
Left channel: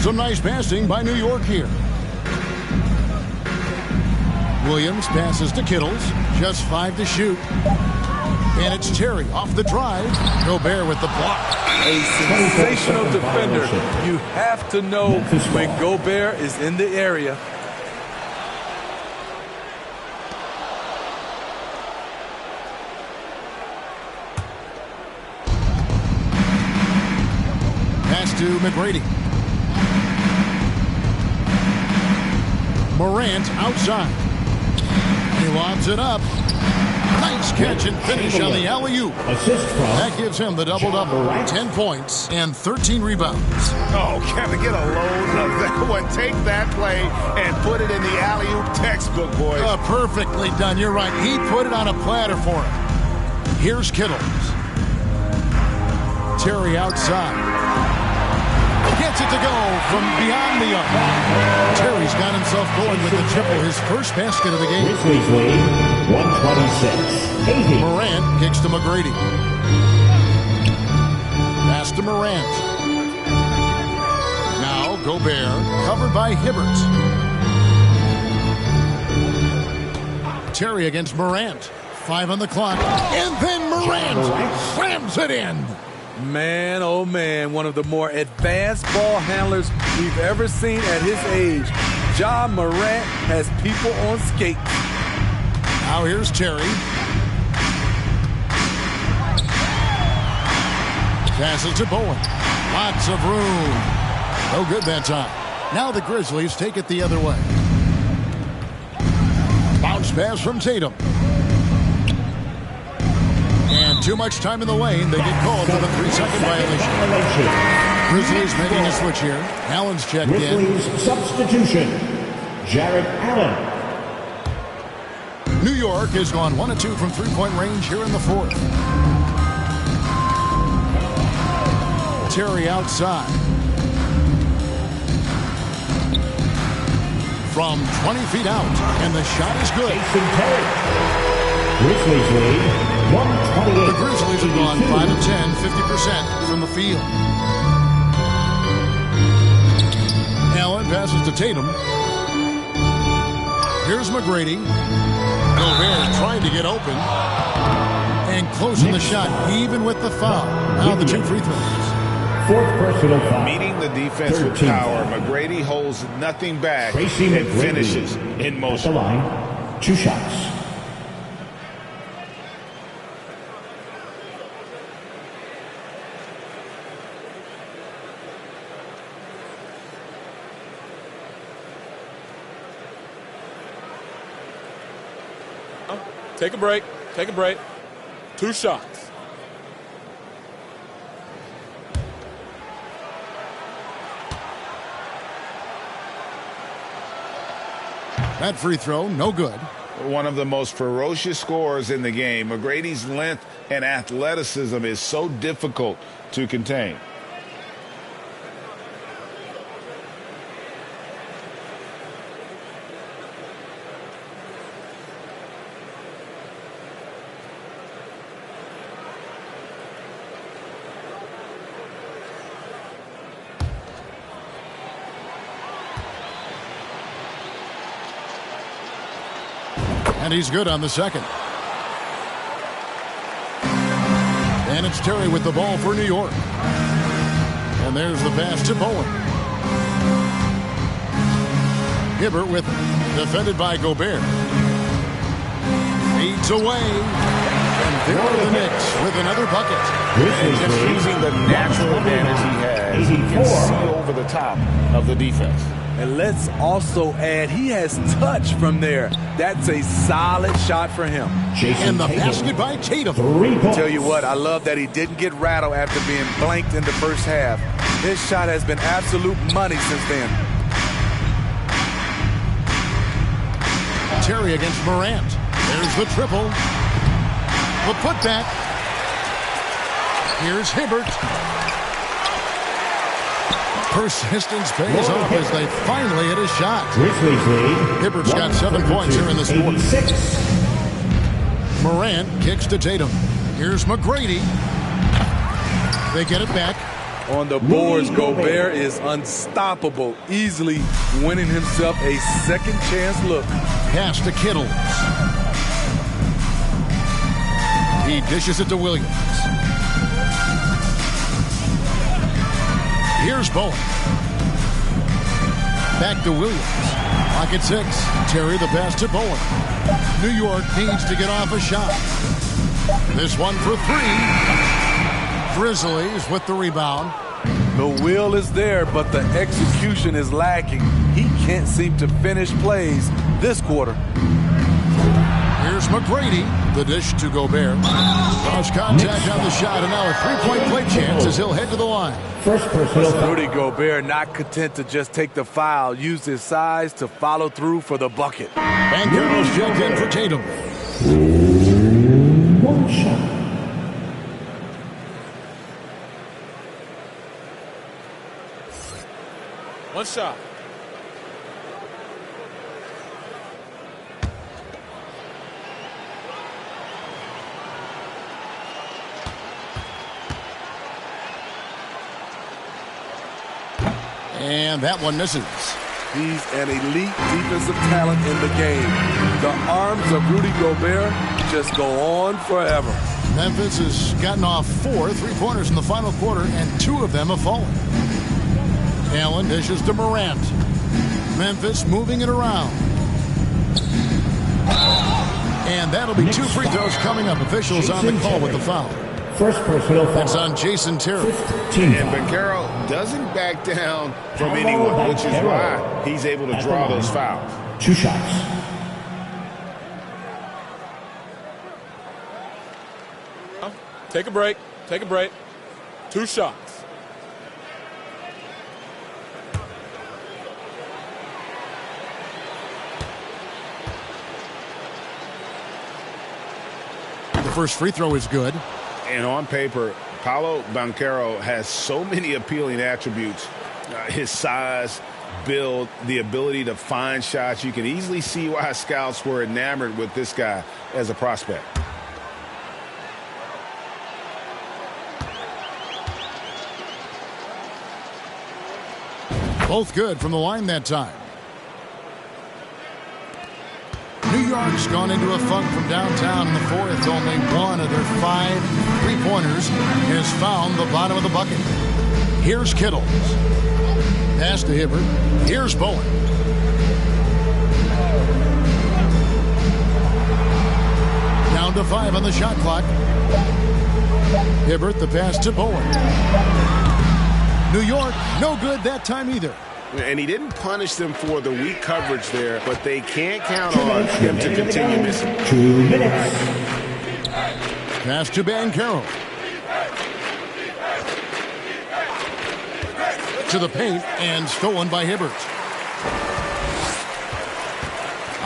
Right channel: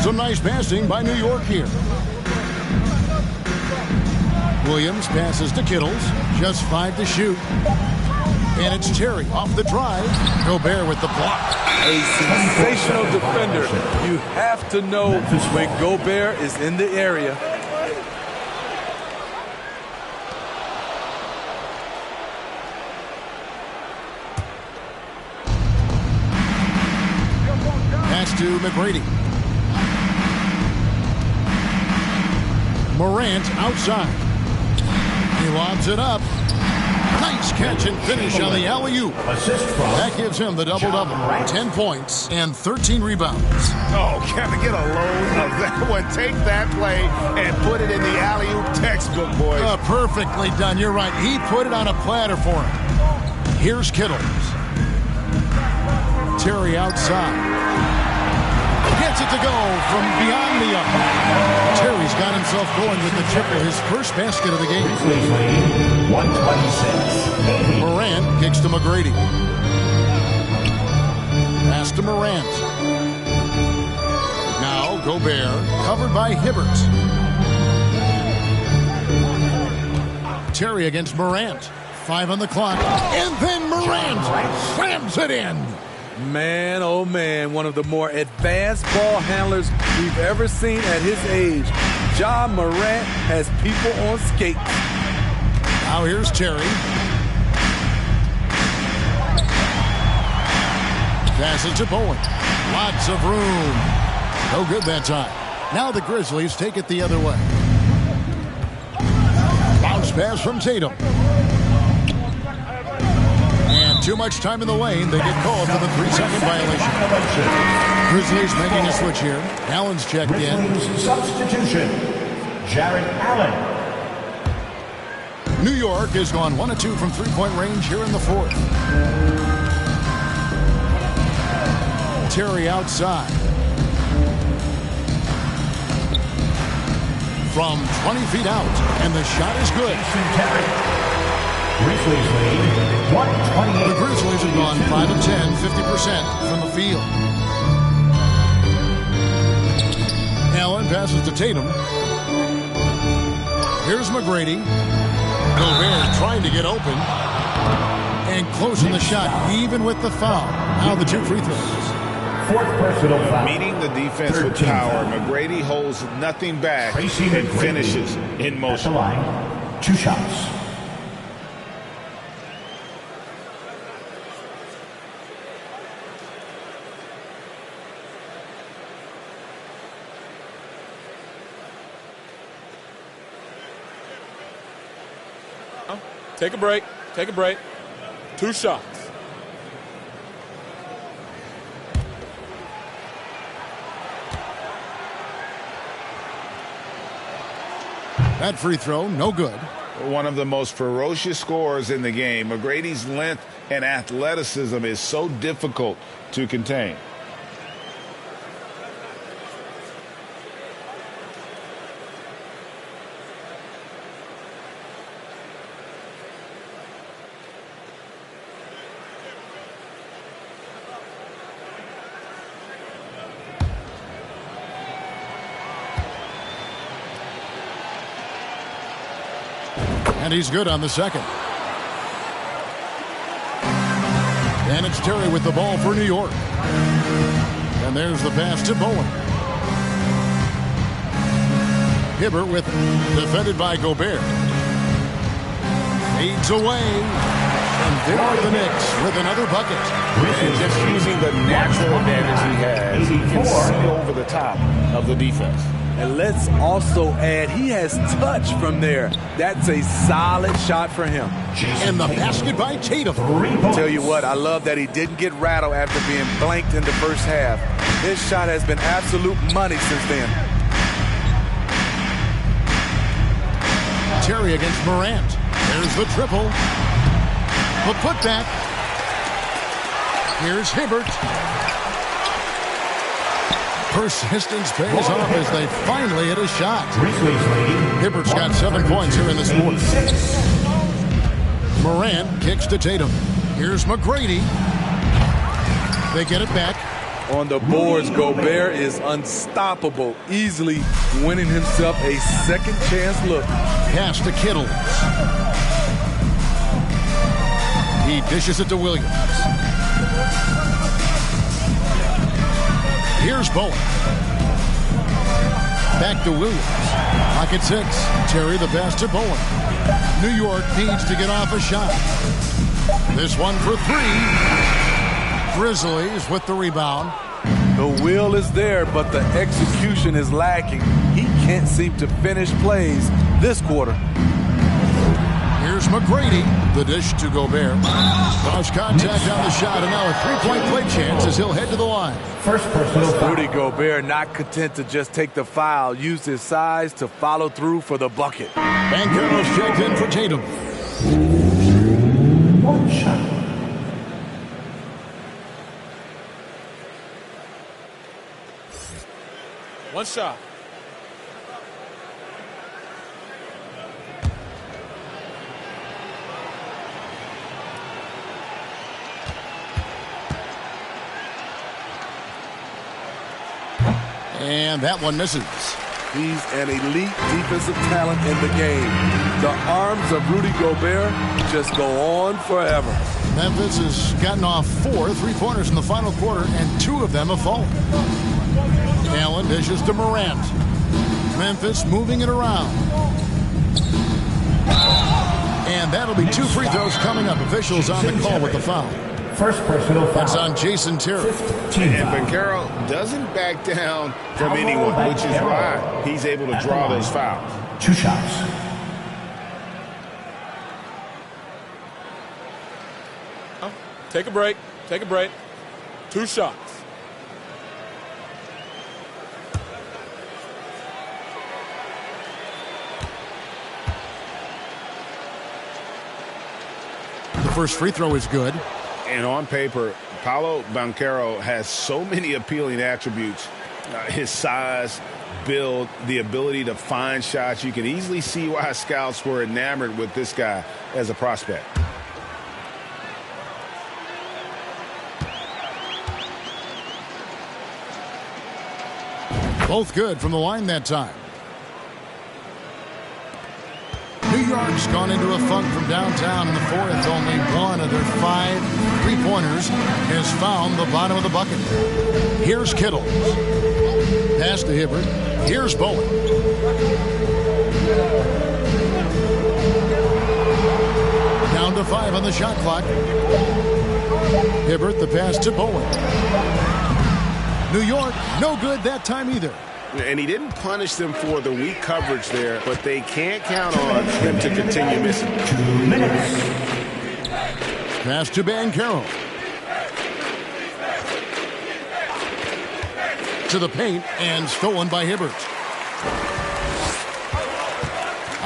Some nice passing by New York here. Williams passes to Kittles. Just 5 to shoot. And it's Terry off the drive. Gobert with the block. A sensational defender. You have to know when Gobert is in the area. Pass to McGrady. Morant outside. He lobs it up. Nice catch and finish on the alley-oop. Assist from that gives him the double-double. 10 points and 13 rebounds. Oh, Kevin, get a load of that one. Take that play and put it in the alley-oop textbook, boys. Perfectly done. You're right. He put it on a platter for him. Here's Kittles. Terry outside. Gets it to go from beyond the arc. Terry's got himself going with the triple, his first basket of the game. Grizzlies lead 126-80. Morant kicks to McGrady. Pass to Morant. Now Gobert covered by Hibbert. Terry against Morant. 5 on the clock. And then Morant slams it in. Man, oh man, one of the more advanced ball handlers we've ever seen at his age. Ja Morant has people on skates. Now here's Terry. Passes to Bowen. Lots of room. No good that time. Now the Grizzlies take it the other way. Bounce pass from Tatum. And too much time in the lane. They get called for the 3-second violation. Grizzlies making a switch here. Allen's checked Grizzlies in. Substitution. Jarrett Allen. New York has gone 1 of 2 from three-point range here in the fourth. Terry outside. From 20 feet out. And the shot is good. Jason Terry. Grizzlies lead 128. The Grizzlies have gone 5 of 10, 50% from the field. Allen passes to Tatum. Here's McGrady. Gobert trying to get open. And closing the shot, even with the foul. Now the 2 free throws. Fourth personal foul. Meeting the defense with power. McGrady holds nothing back and finishes in motion. At the line, 2 shots. Take a break. Take a break. 2 shots. That free throw, no good. One of the most ferocious scorers in the game. McGrady's length and athleticism is so difficult to contain. And he's good on the second. And it's Terry with the ball for New York. And there's the pass to Bowen. Hibbert with it. Defended by Gobert. Fades away. And there are the Knicks with another bucket. And just using the natural advantage he has, he can see over the top of the defense. And let's also add, he has touch from there. That's a solid shot for him. And the basket by Tatum. Tell you what, I love that he didn't get rattled after being blanked in the first half. His shot has been absolute money since then. Terry against Morant. There's the triple. The putback. Here's Hibbert. Persistence pays off as they finally hit a shot. Hibbert's got 7 points here in this quarter. Morant kicks to Tatum. Here's McGrady. They get it back. On the boards, Gobert is unstoppable, easily winning himself a second chance look. Pass to Kittles. He dishes it to Williams. Here's Bowen. Back to Williams. Lock at 6. Terry the pass to Bowen. New York needs to get off a shot. This one for 3. Grizzlies with the rebound. The will is there, but the execution is lacking. He can't seem to finish plays this quarter. Here's McGrady. The dish to Gobert. Lost contact on the shot, and now a 3-point play chance as he'll head to the line. First personal foul. Rudy Gobert not content to just take the foul, used his size to follow through for the bucket. Banchero's checked in for Tatum. One shot. One shot. And that one misses. He's an elite defensive talent in the game. The arms of Rudy Gobert just go on forever. Memphis has gotten off 4 3-pointers in the final quarter, and 2 of them have fallen. Allen dishes to Morant. Memphis moving it around. And that'll be 2 free throws coming up. Officials on the call with the foul. First personal foul. That's on Jason Terry. And Banchero doesn't back down from anyone, which is why he's able to draw those fouls. 2 shots. Take a break. Take a break. 2 shots. The first free throw is good. And on paper, Paolo Banchero has so many appealing attributes. His size, build, the ability to find shots. You can easily see why scouts were enamored with this guy as a prospect. Both good from the line that time. New York's gone into a funk from downtown in the fourth. Only one of their 5 3-pointers has found the bottom of the bucket. Here's Kittles. Pass to Hibbert. Here's Bowen. Down to 5 on the shot clock. Hibbert the pass to Bowen. New York, no good that time either. And he didn't punish them for the weak coverage there, but they can't count on him to continue missing. 2 minutes. Pass to Banchero. To the paint and stolen by Hibbert.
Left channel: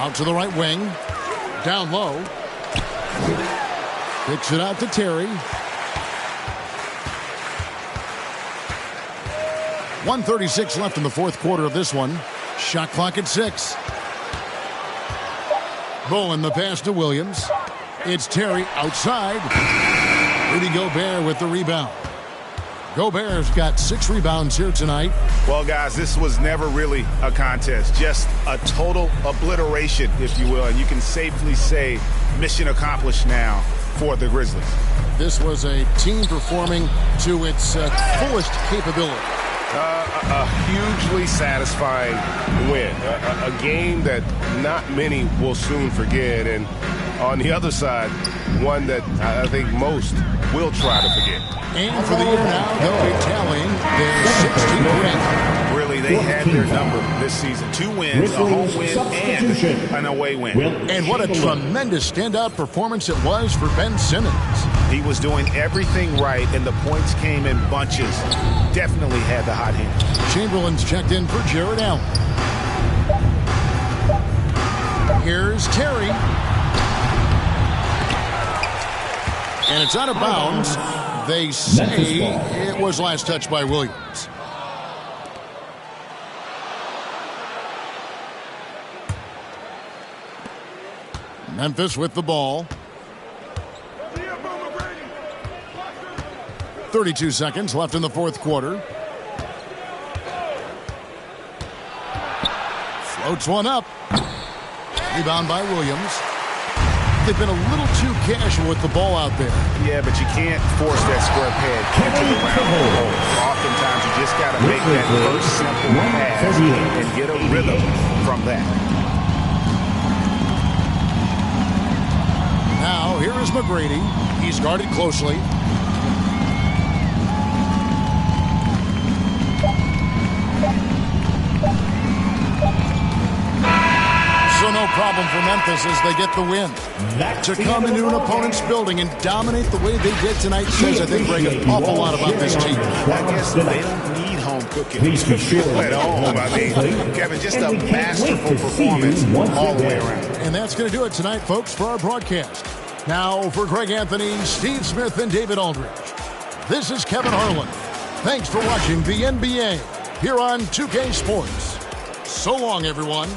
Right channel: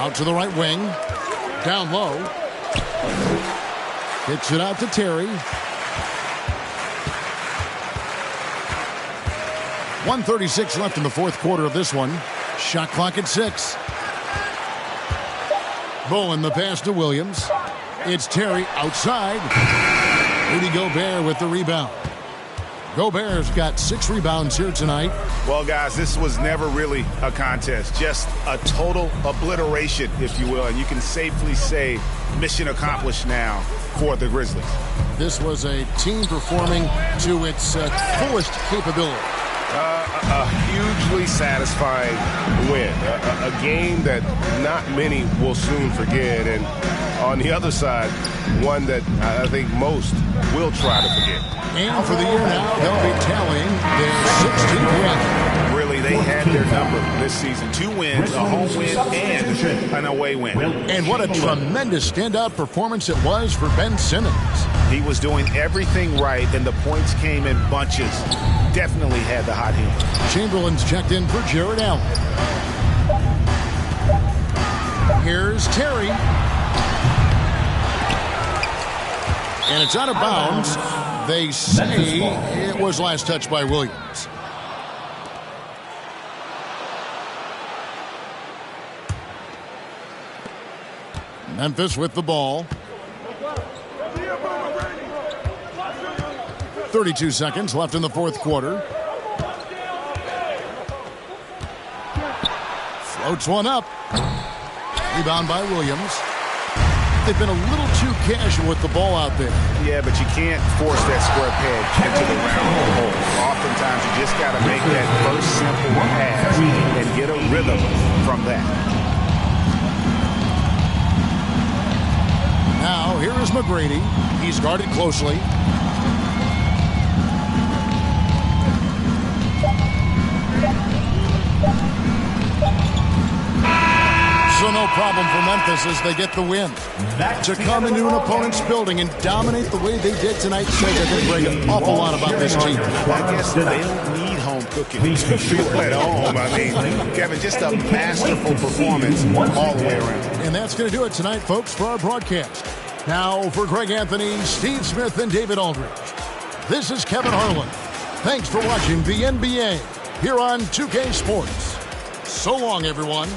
Out to the right wing. Down low. Kicks it out to Terry. 1:36 left in the fourth quarter of this one. Shot clock at 6. Bowen the pass to Williams. It's Terry outside. Rudy Gobert with the rebound. Gobert's got 6 rebounds here tonight. Well, guys, this was never really a contest. Just a total obliteration, if you will. And you can safely say mission accomplished now for the Grizzlies. This was a team performing to its fullest capability. A hugely satisfying win. A game that not many will soon forget. And on the other side, one that I think most will try to forget. And for the year now, they'll be tallying their 16th win. Really, they had their number this season. 2 wins, a home win, and an away win. And what a tremendous standout performance it was for Ben Simmons. He was doing everything right, and the points came in bunches. Definitely had the hot hand. Chamberlain's checked in for Jared Allen. Here's Terry. And it's out of bounds. They say it was last touched by Williams. Memphis with the ball. 32 seconds left in the fourth quarter. Floats one up. Rebound by Williams. They've been a little too casual with the ball out there. Yeah, but you can't force that square peg into the round hole. Oftentimes, you just got to make that first simple pass and get a rhythm from that. Now, here is McGrady. He's guarded closely. So no problem for Memphis as they get the win. To come into an opponent's building and dominate the way they did tonight says, I think, Greg, an awful lot about this team. I guess they don't need home cooking to feel at home. I mean, Kevin, just a masterful performance all the way around. And that's going to do it tonight, folks, for our broadcast. Now, for Greg Anthony, Steve Smith, and David Aldridge, this is Kevin Harlan. Thanks for watching the NBA here on 2K Sports. So long, everyone.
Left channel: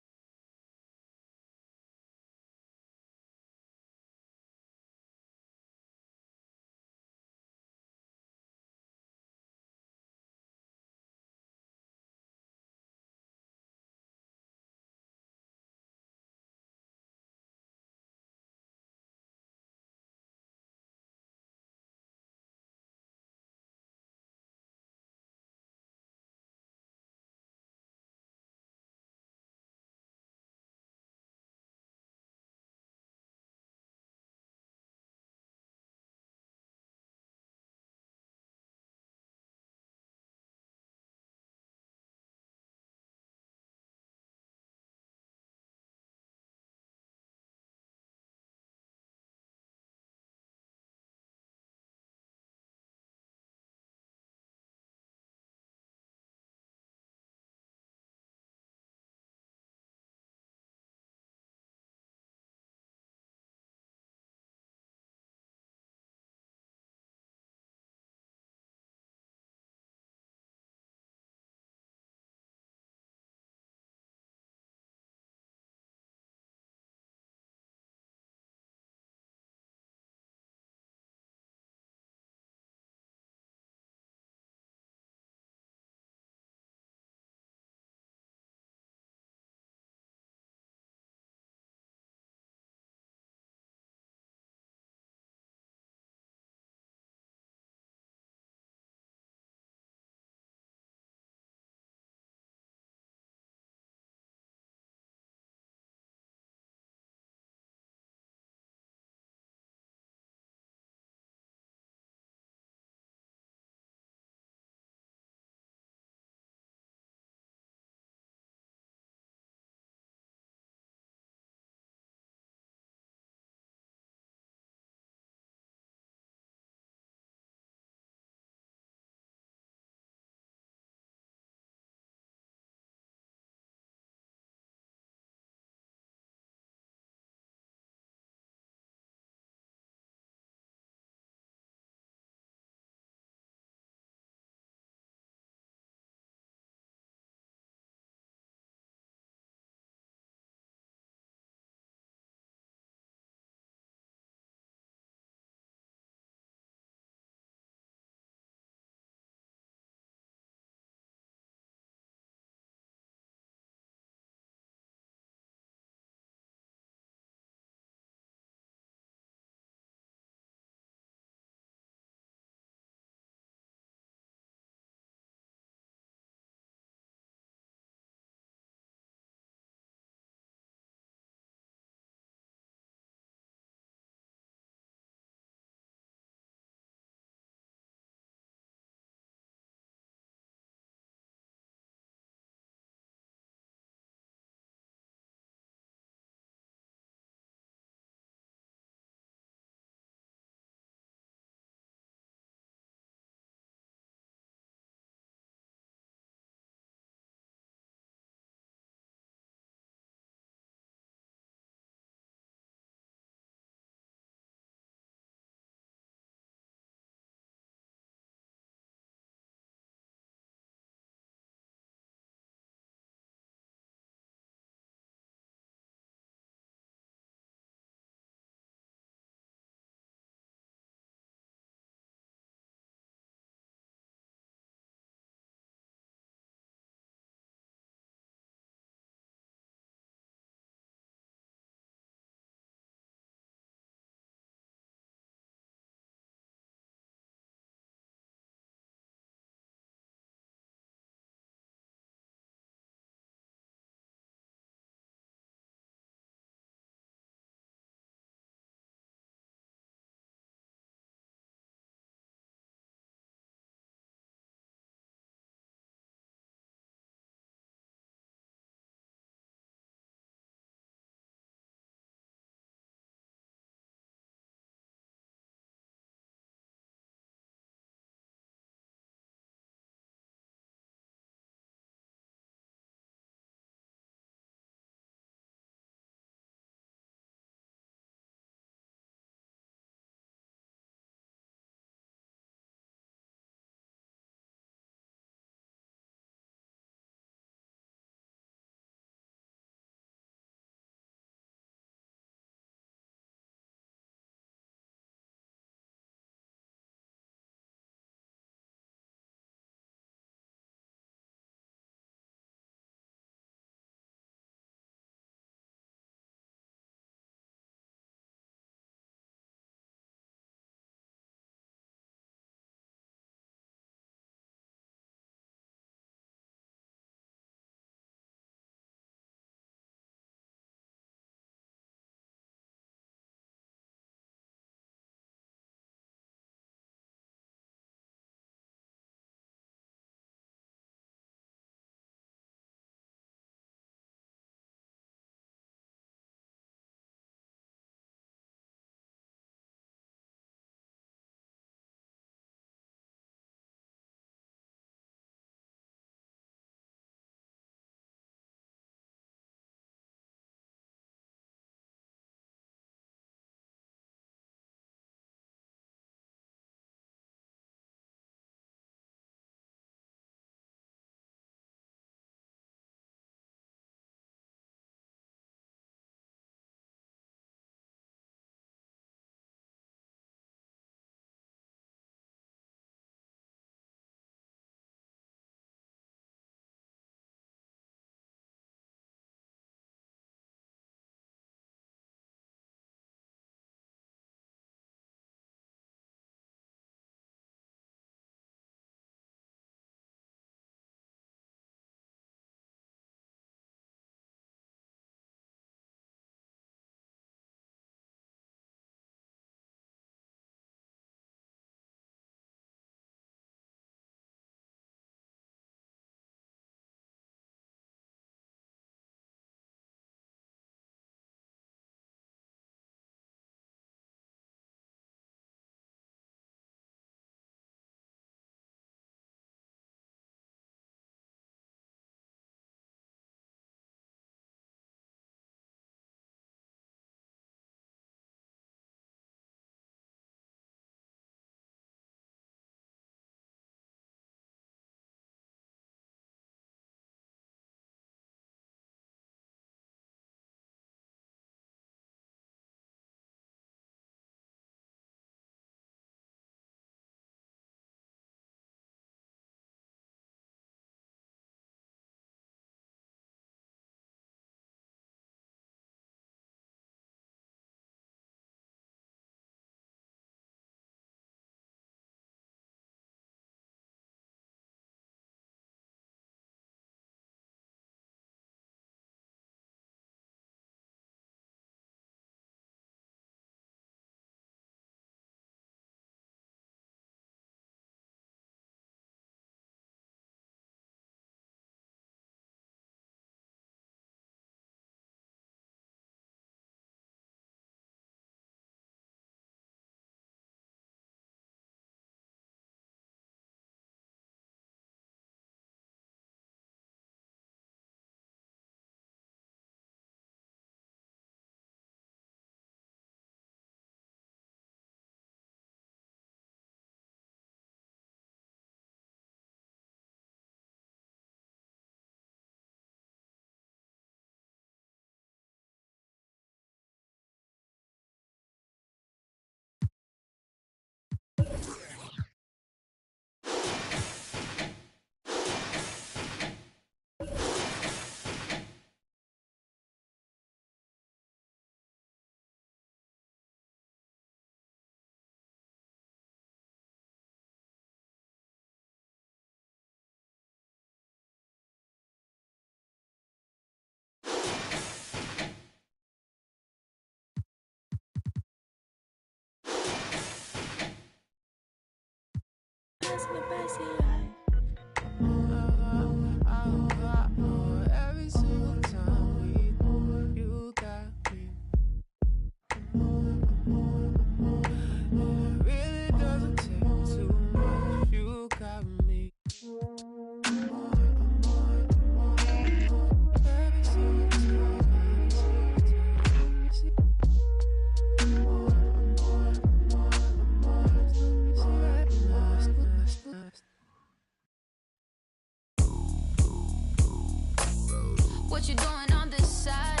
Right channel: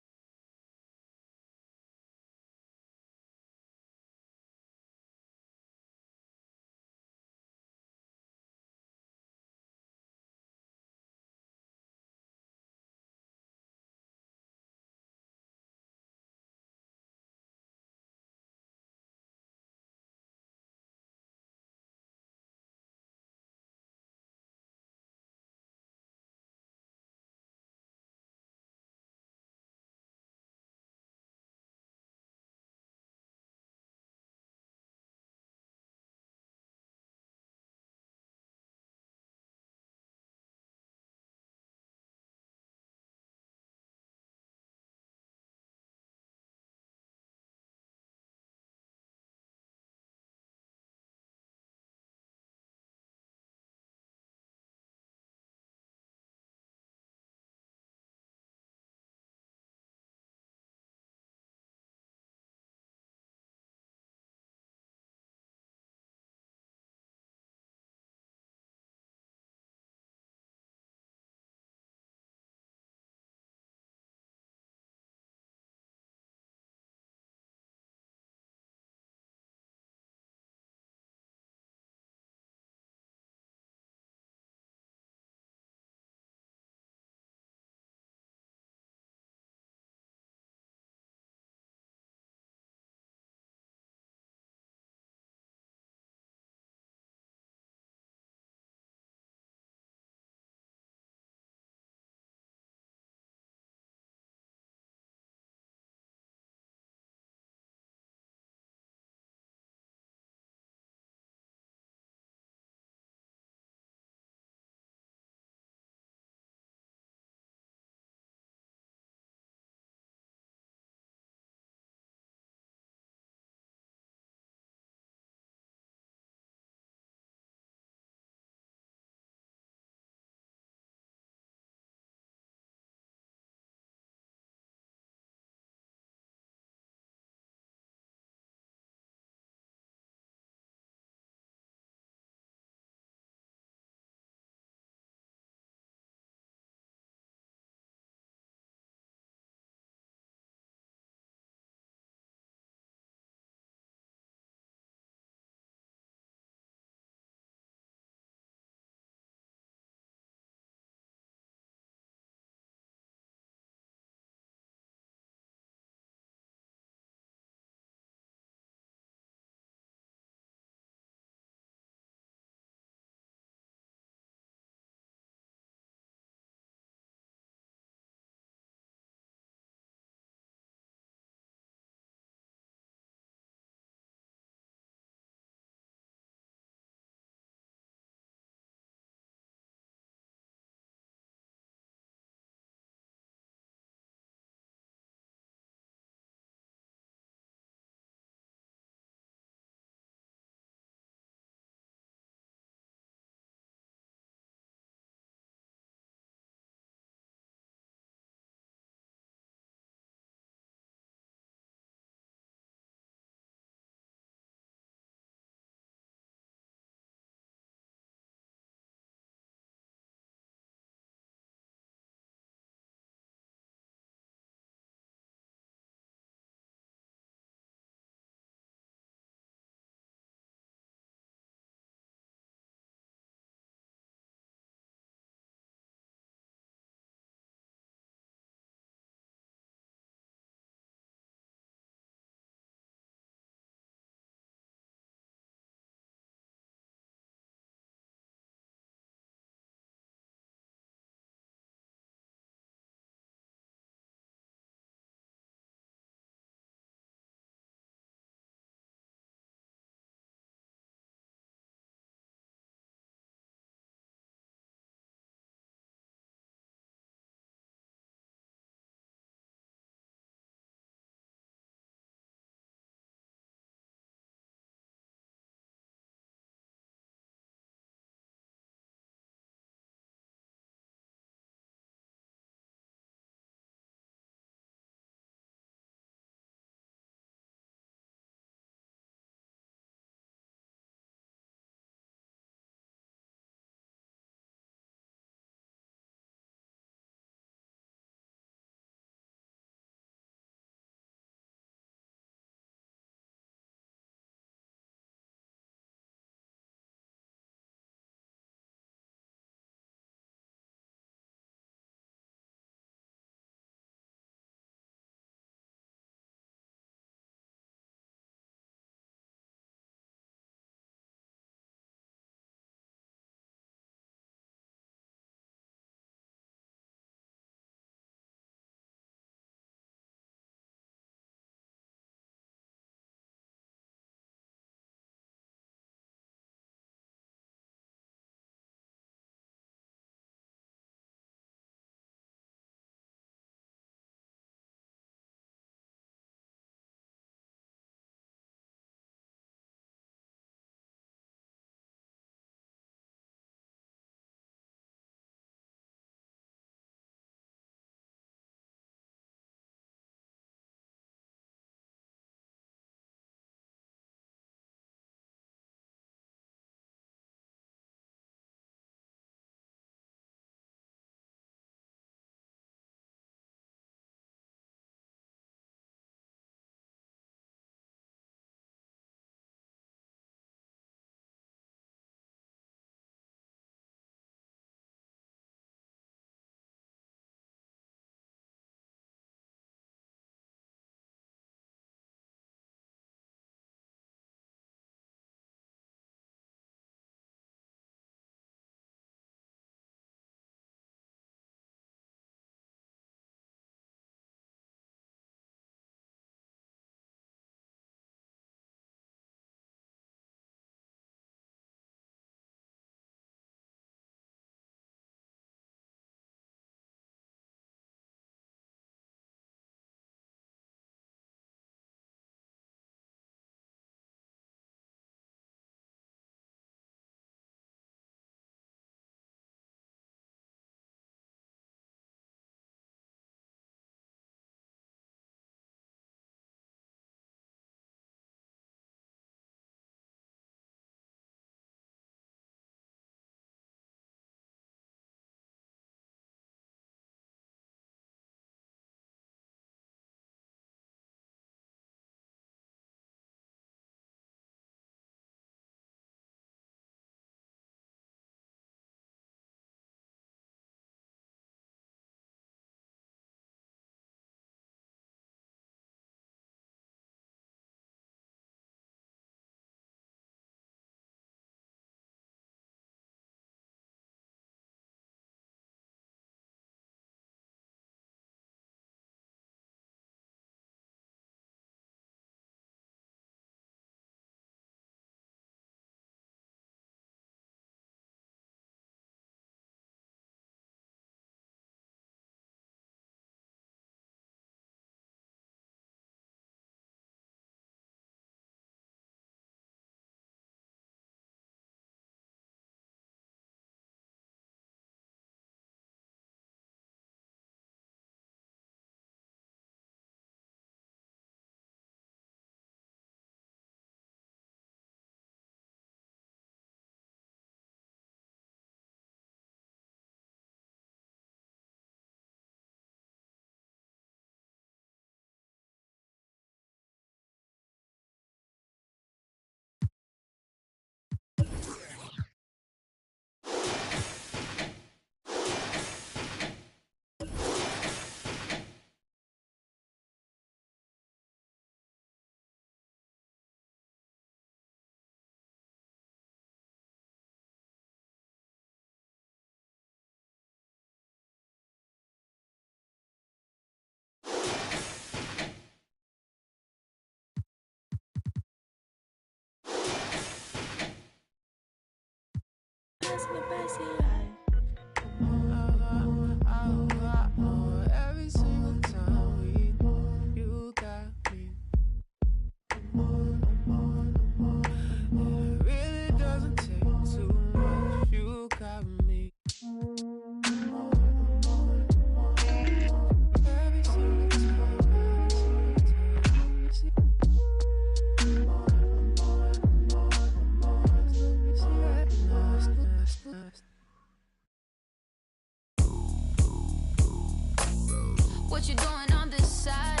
What you doing on this side?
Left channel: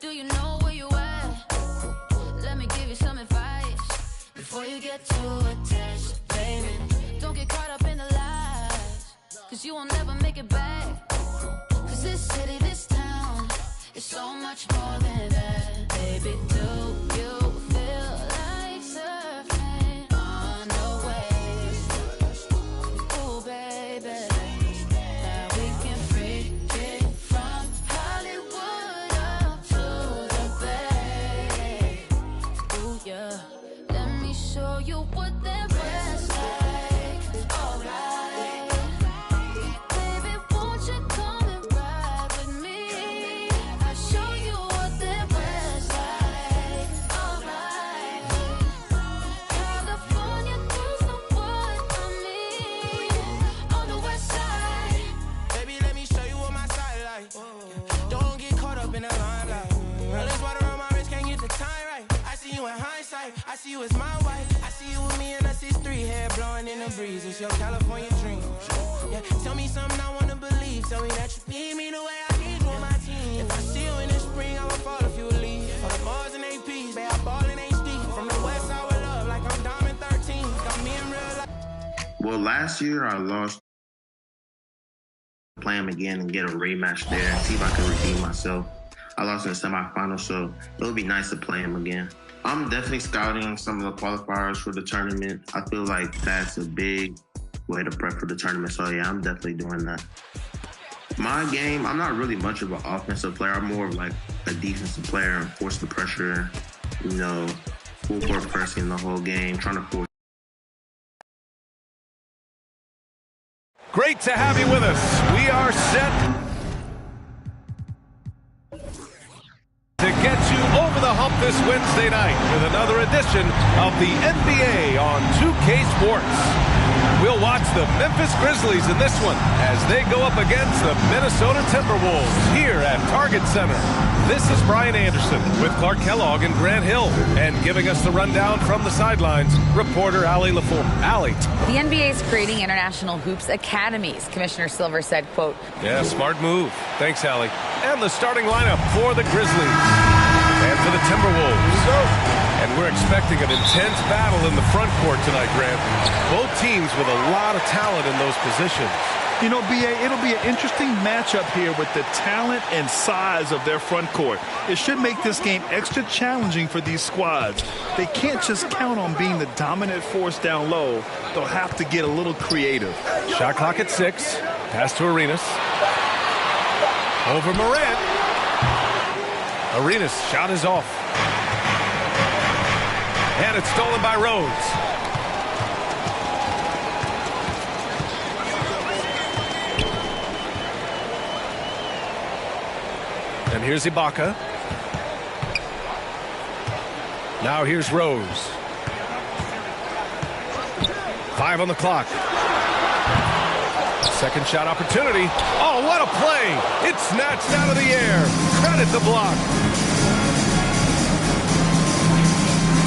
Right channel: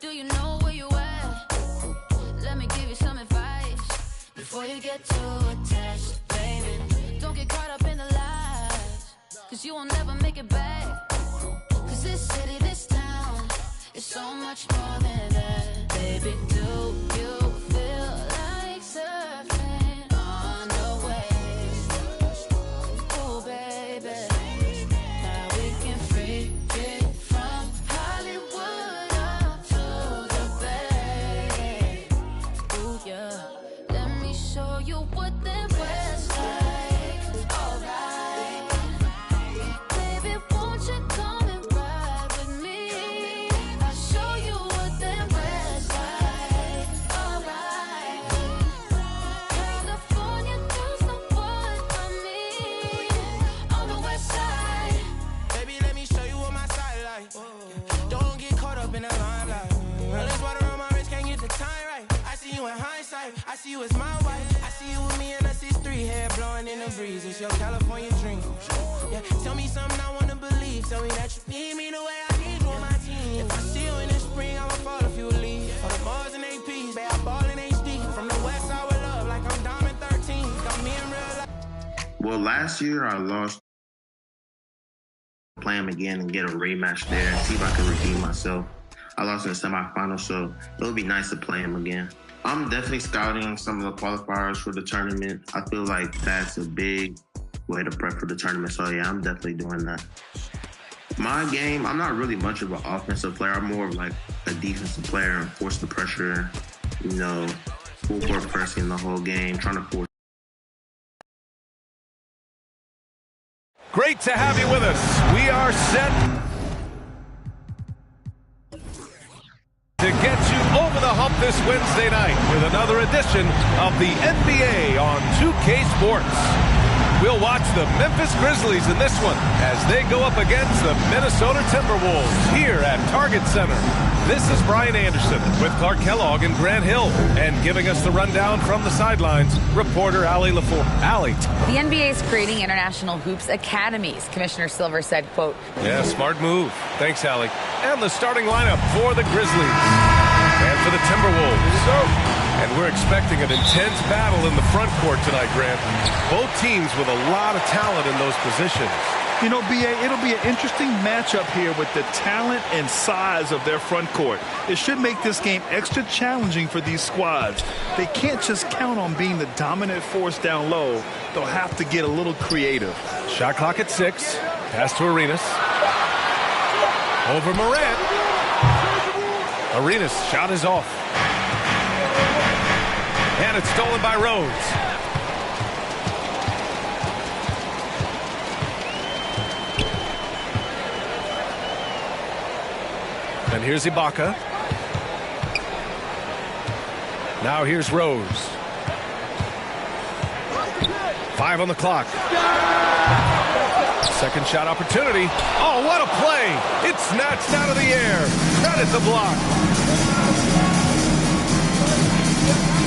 Do you know where you at? Let me give you some advice before you get too attached, baby. Don't get caught up in the lies, cause you will never make it back. Cause this city, this town is so much more than that. Baby, do you feel like surfing on the waves? Ooh, baby. Now we can freak it from Hollywood up to the Bay. Ooh, yeah. Let me show you what that West like. Alright. Baby, won't you come and ride with me? I'll show you what that West like. Alright. California girls know what I mean. On the West side. Baby, let me show you what my side like. Don't get caught up in the limelight. All this water on my wrist, can't get the time right. I see you in hindsight, I see you as my wife. I see you with me and us is three, hair blowing in the breeze. It's your California dream. Yeah, tell me something I wanna believe. Tell me that you need me the way I need you on my team. If I see you in the spring, I will fall if you leave. For the Mars and APs, babe, I ball in HD. From the West side with love, like I'm Diamond 13. Got me in real life. Well, last year I lost. Play him again and get a rematch there and see if I can redeem myself. I lost in the semifinals, so it would be nice to play him again. I'm definitely scouting some of the qualifiers for the tournament. I feel like that's a big way to prep for the tournament, so yeah, I'm definitely doing that. My game, I'm not really much of an offensive player. I'm more of like a defensive player and force the pressure, you know, full court pressing the whole game, trying to force. Great to have you with us. We are set to get you over the hump this Wednesday night with another edition of the NBA on 2K Sports. We'll watch the Memphis Grizzlies in this one as they go up against the Minnesota Timberwolves here at Target Center. This is Brian Anderson with Clark Kellogg and Grant Hill, and giving us the rundown from the sidelines, reporter Allie LaForge. Allie. The NBA is creating international hoops academies. Commissioner Silver said, quote, "Yeah, smart move. Thanks, Allie." And the starting lineup for the Grizzlies and for the Timberwolves. And we're expecting an intense battle in the front court tonight, Grant. Both teams with a lot of talent in those positions. You know, B.A., it'll be an interesting matchup here with the talent and size of their front court. It should make this game extra challenging for these squads. They can't just count on being the dominant force down low. They'll have to get a little creative. Shot clock at 6. Pass to Arenas. Over Morant. Arenas' shot is off. And it's stolen by Rose. And here's Ibaka. Now here's Rose. 5 on the clock. Second shot opportunity. Oh, what a play. It's snatched out of the air. Credit the block.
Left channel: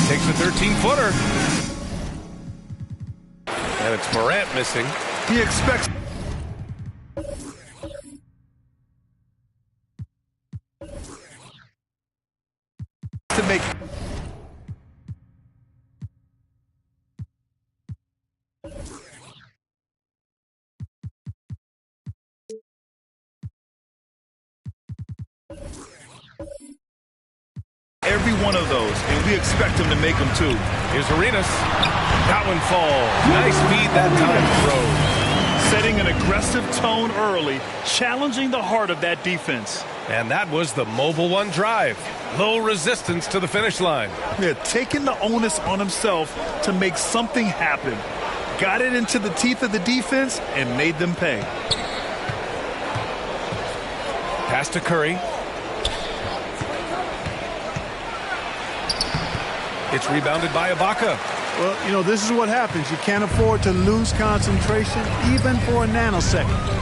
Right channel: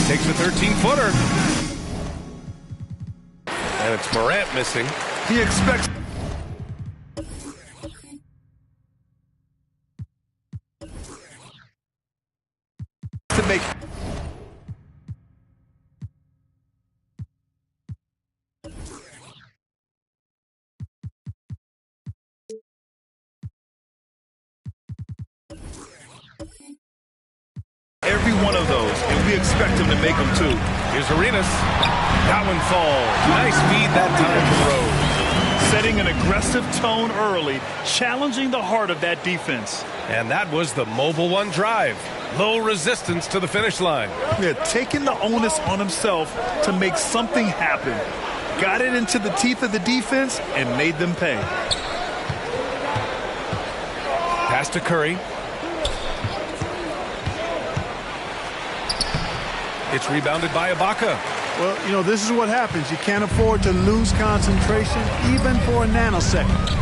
Takes a 13-footer. And it's Morant missing. He expects to make every one of those, and we expect him to make them too. Here's Arenas. That one falls. Nice feed that time from Rose. Setting an aggressive tone early, challenging the heart of that defense. And that was the Mobile One drive. Low resistance to the finish line. Yeah, taking the onus on himself to make something happen. got it into the teeth of the defense and made them pay. Pass to Curry. It's rebounded by Ibaka. Well, you know, this is what happens. You can't afford to lose concentration even for a nanosecond.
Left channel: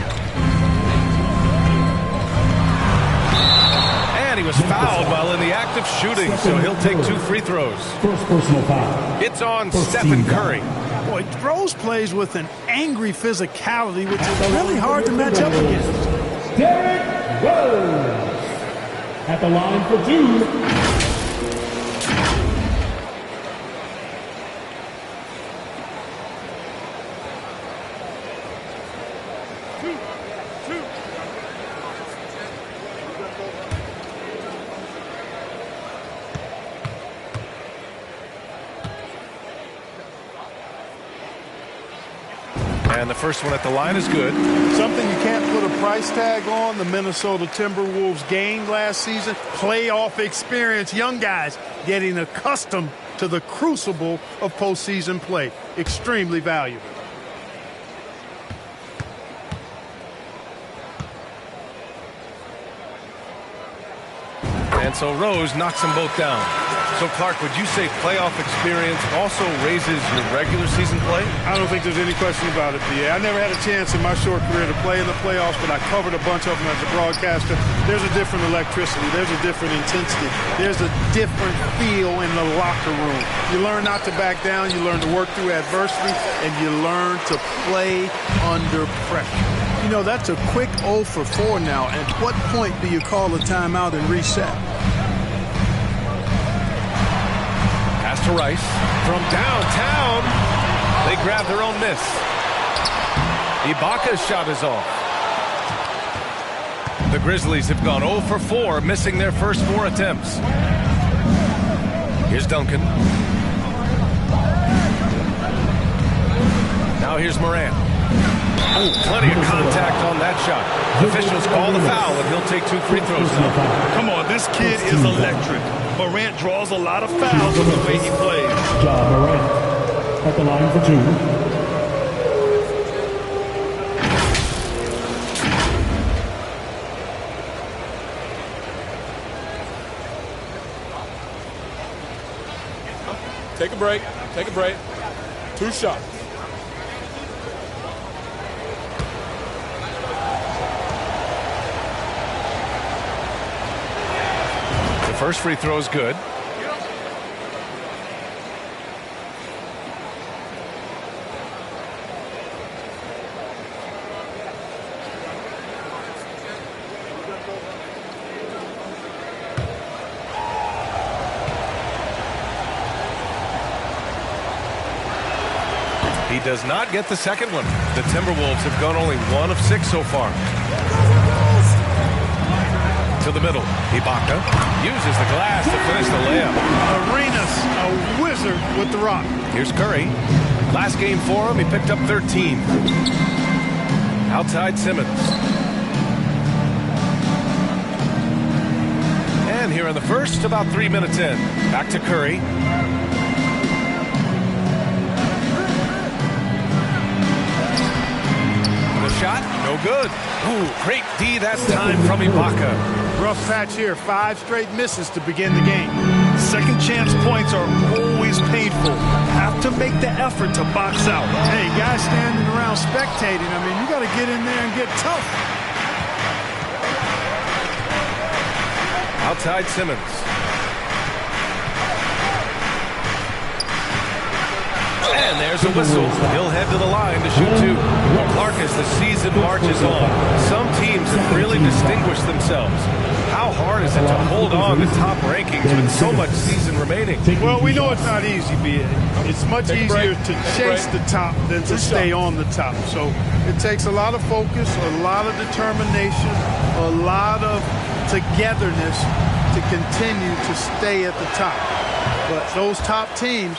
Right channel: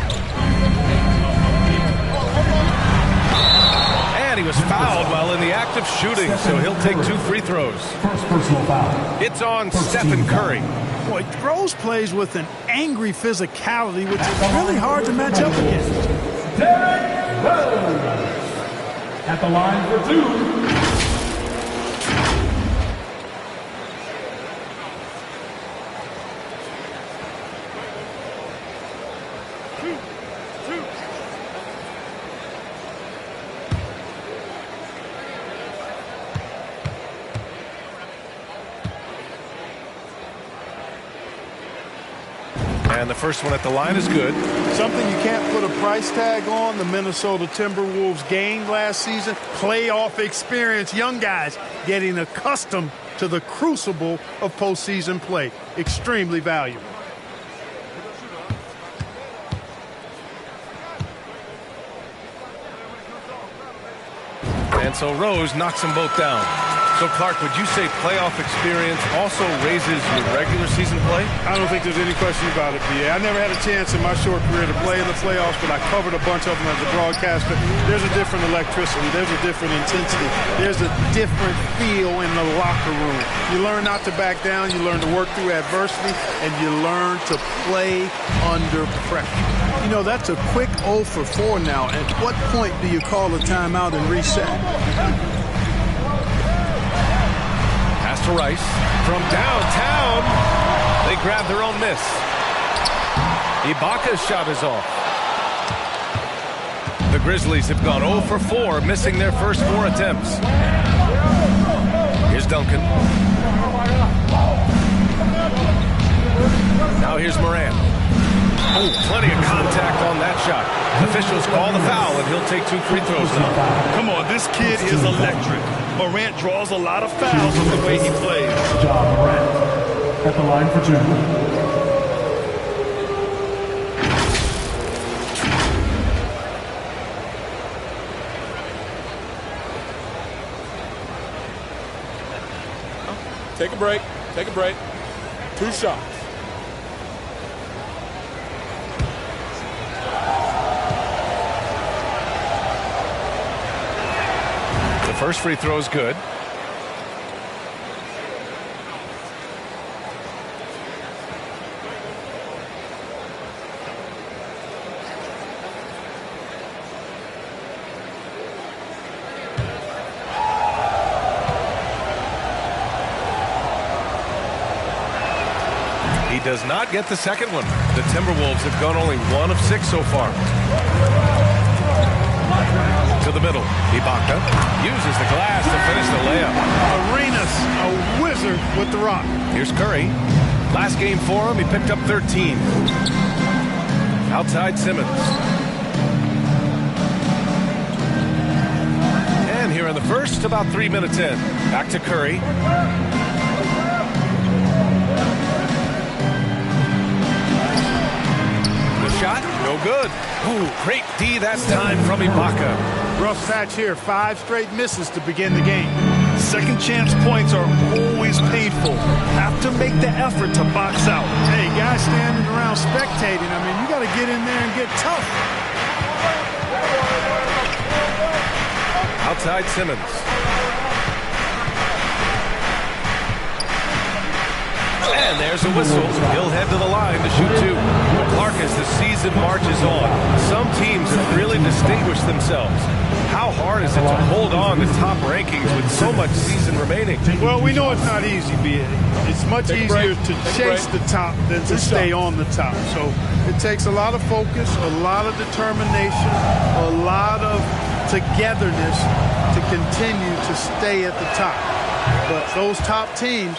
And he was fouled while in the act of shooting, so he'll take 2 free throws. First personal foul. It's on Stephen Curry. Boy, Rose plays with an angry physicality, which is really hard to match up against. Derrick Rose at the line for 2. And the first one at the line is good. Something you can't put a price tag on, the Minnesota Timberwolves gained last season. Playoff experience, young guys getting accustomed to the crucible of postseason play. Extremely valuable. And so Rose knocks them both down. So, Clark, would you say playoff experience also raises your regular season play? I don't think there's any question about it, B.A. I never had a chance in my short career to play in the playoffs, but I covered a bunch of them as a broadcaster. There's a different electricity. There's a different intensity. There's a different feel in the locker room. You learn not to back down. You learn to work through adversity, and you learn to play under pressure. You know, that's a quick 0 for 4 now. At what point do you call a timeout and reset? Pass to Rice from downtown. They grab their own miss. Ibaka's shot is off. The Grizzlies have gone 0 for 4, missing their first 4 attempts. Here's Duncan. Now here's Morant. Oh, plenty of contact on that shot. Officials call the foul, and he'll take 2 free throws now. Come on, this kid is electric. Morant draws a lot of fouls with the way he plays. Ja Morant at the line for 2. Take a break. Take a break. 2 shots. The first free throw is good. He does not get the second one. The Timberwolves have gone only 1 of 6 so far. To the middle. Ibaka uses the glass to finish the layup. Arenas, a wizard with the rock. Here's Curry. Last game for him, he picked up 13. Outside Simmons. And here in the first, about 3 minutes in. Back to Curry. The shot, no good. Ooh, great D that time from Ibaka. Rough patch here, 5 straight misses to begin the game. Second chance points are always painful. Have to make the effort to box out. Hey, guys standing around spectating, I mean, you got to get in there and get tough. Outside Simmons. And there's a whistle. He'll head to the line to shoot 2. Well, Clark, as the season marches on, some teams have really distinguished themselves. How hard is it to hold on to top rankings with so much season remaining? Well, we know it's not easy, B.A. It's much easier to chase the top than to stay on the top. So it takes a lot of focus, a lot of determination, a lot of togetherness to continue to stay at the top. But those top teams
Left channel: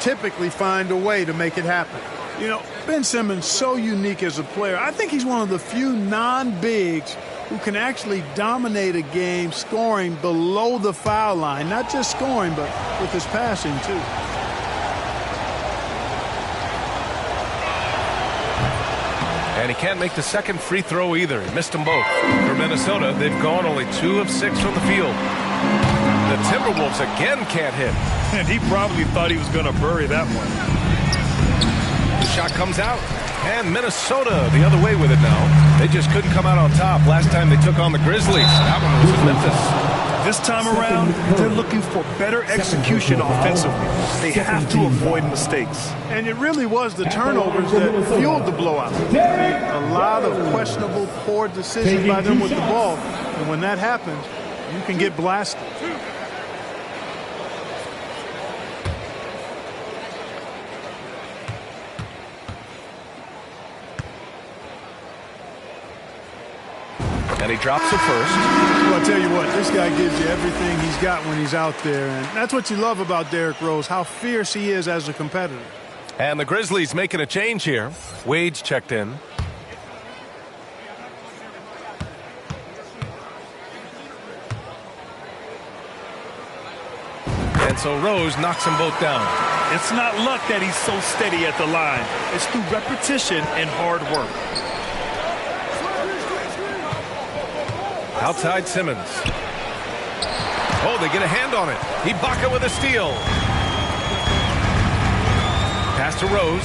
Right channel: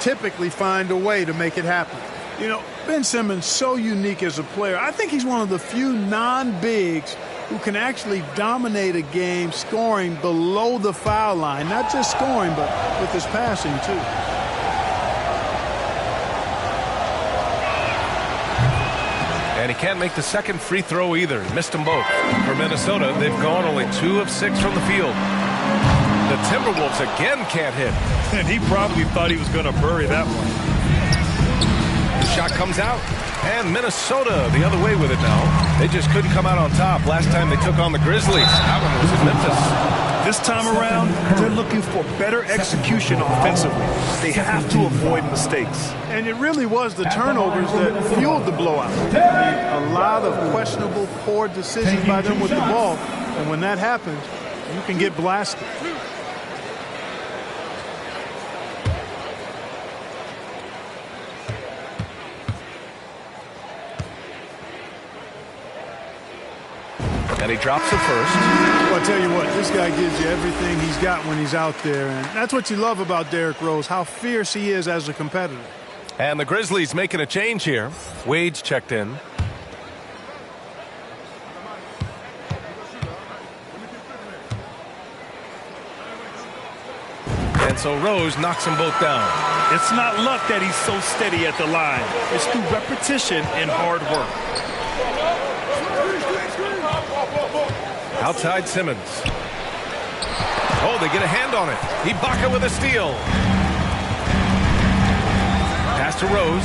typically find a way to make it happen. You know, Ben Simmons, so unique as a player. I think he's one of the few non-bigs who can actually dominate a game scoring below the foul line. Not just scoring, but with his passing, too. And he can't make the second free throw either. He missed them both. For Minnesota, they've gone only 2 of 6 from the field. The Timberwolves again can't hit. And he probably thought he was going to bury that one. The shot comes out. And Minnesota the other way with it now. They just couldn't come out on top last time they took on the Grizzlies. That one was in Memphis. This time around, they're looking for better execution offensively. They have to avoid mistakes. And it really was the turnovers that fueled the blowout. A lot of questionable, poor decisions by them with the ball. And when that happens, you can get blasted. And he drops the first. Well, I'll tell you what, this guy gives you everything he's got when he's out there. And that's what you love about Derrick Rose, how fierce he is as a competitor. And the Grizzlies making a change here. Wade's checked in. And so Rose knocks them both down. It's not luck that he's so steady at the line. It's through repetition and hard work. Outside Simmons. Oh, they get a hand on it. Ibaka with a steal. Pass to Rose.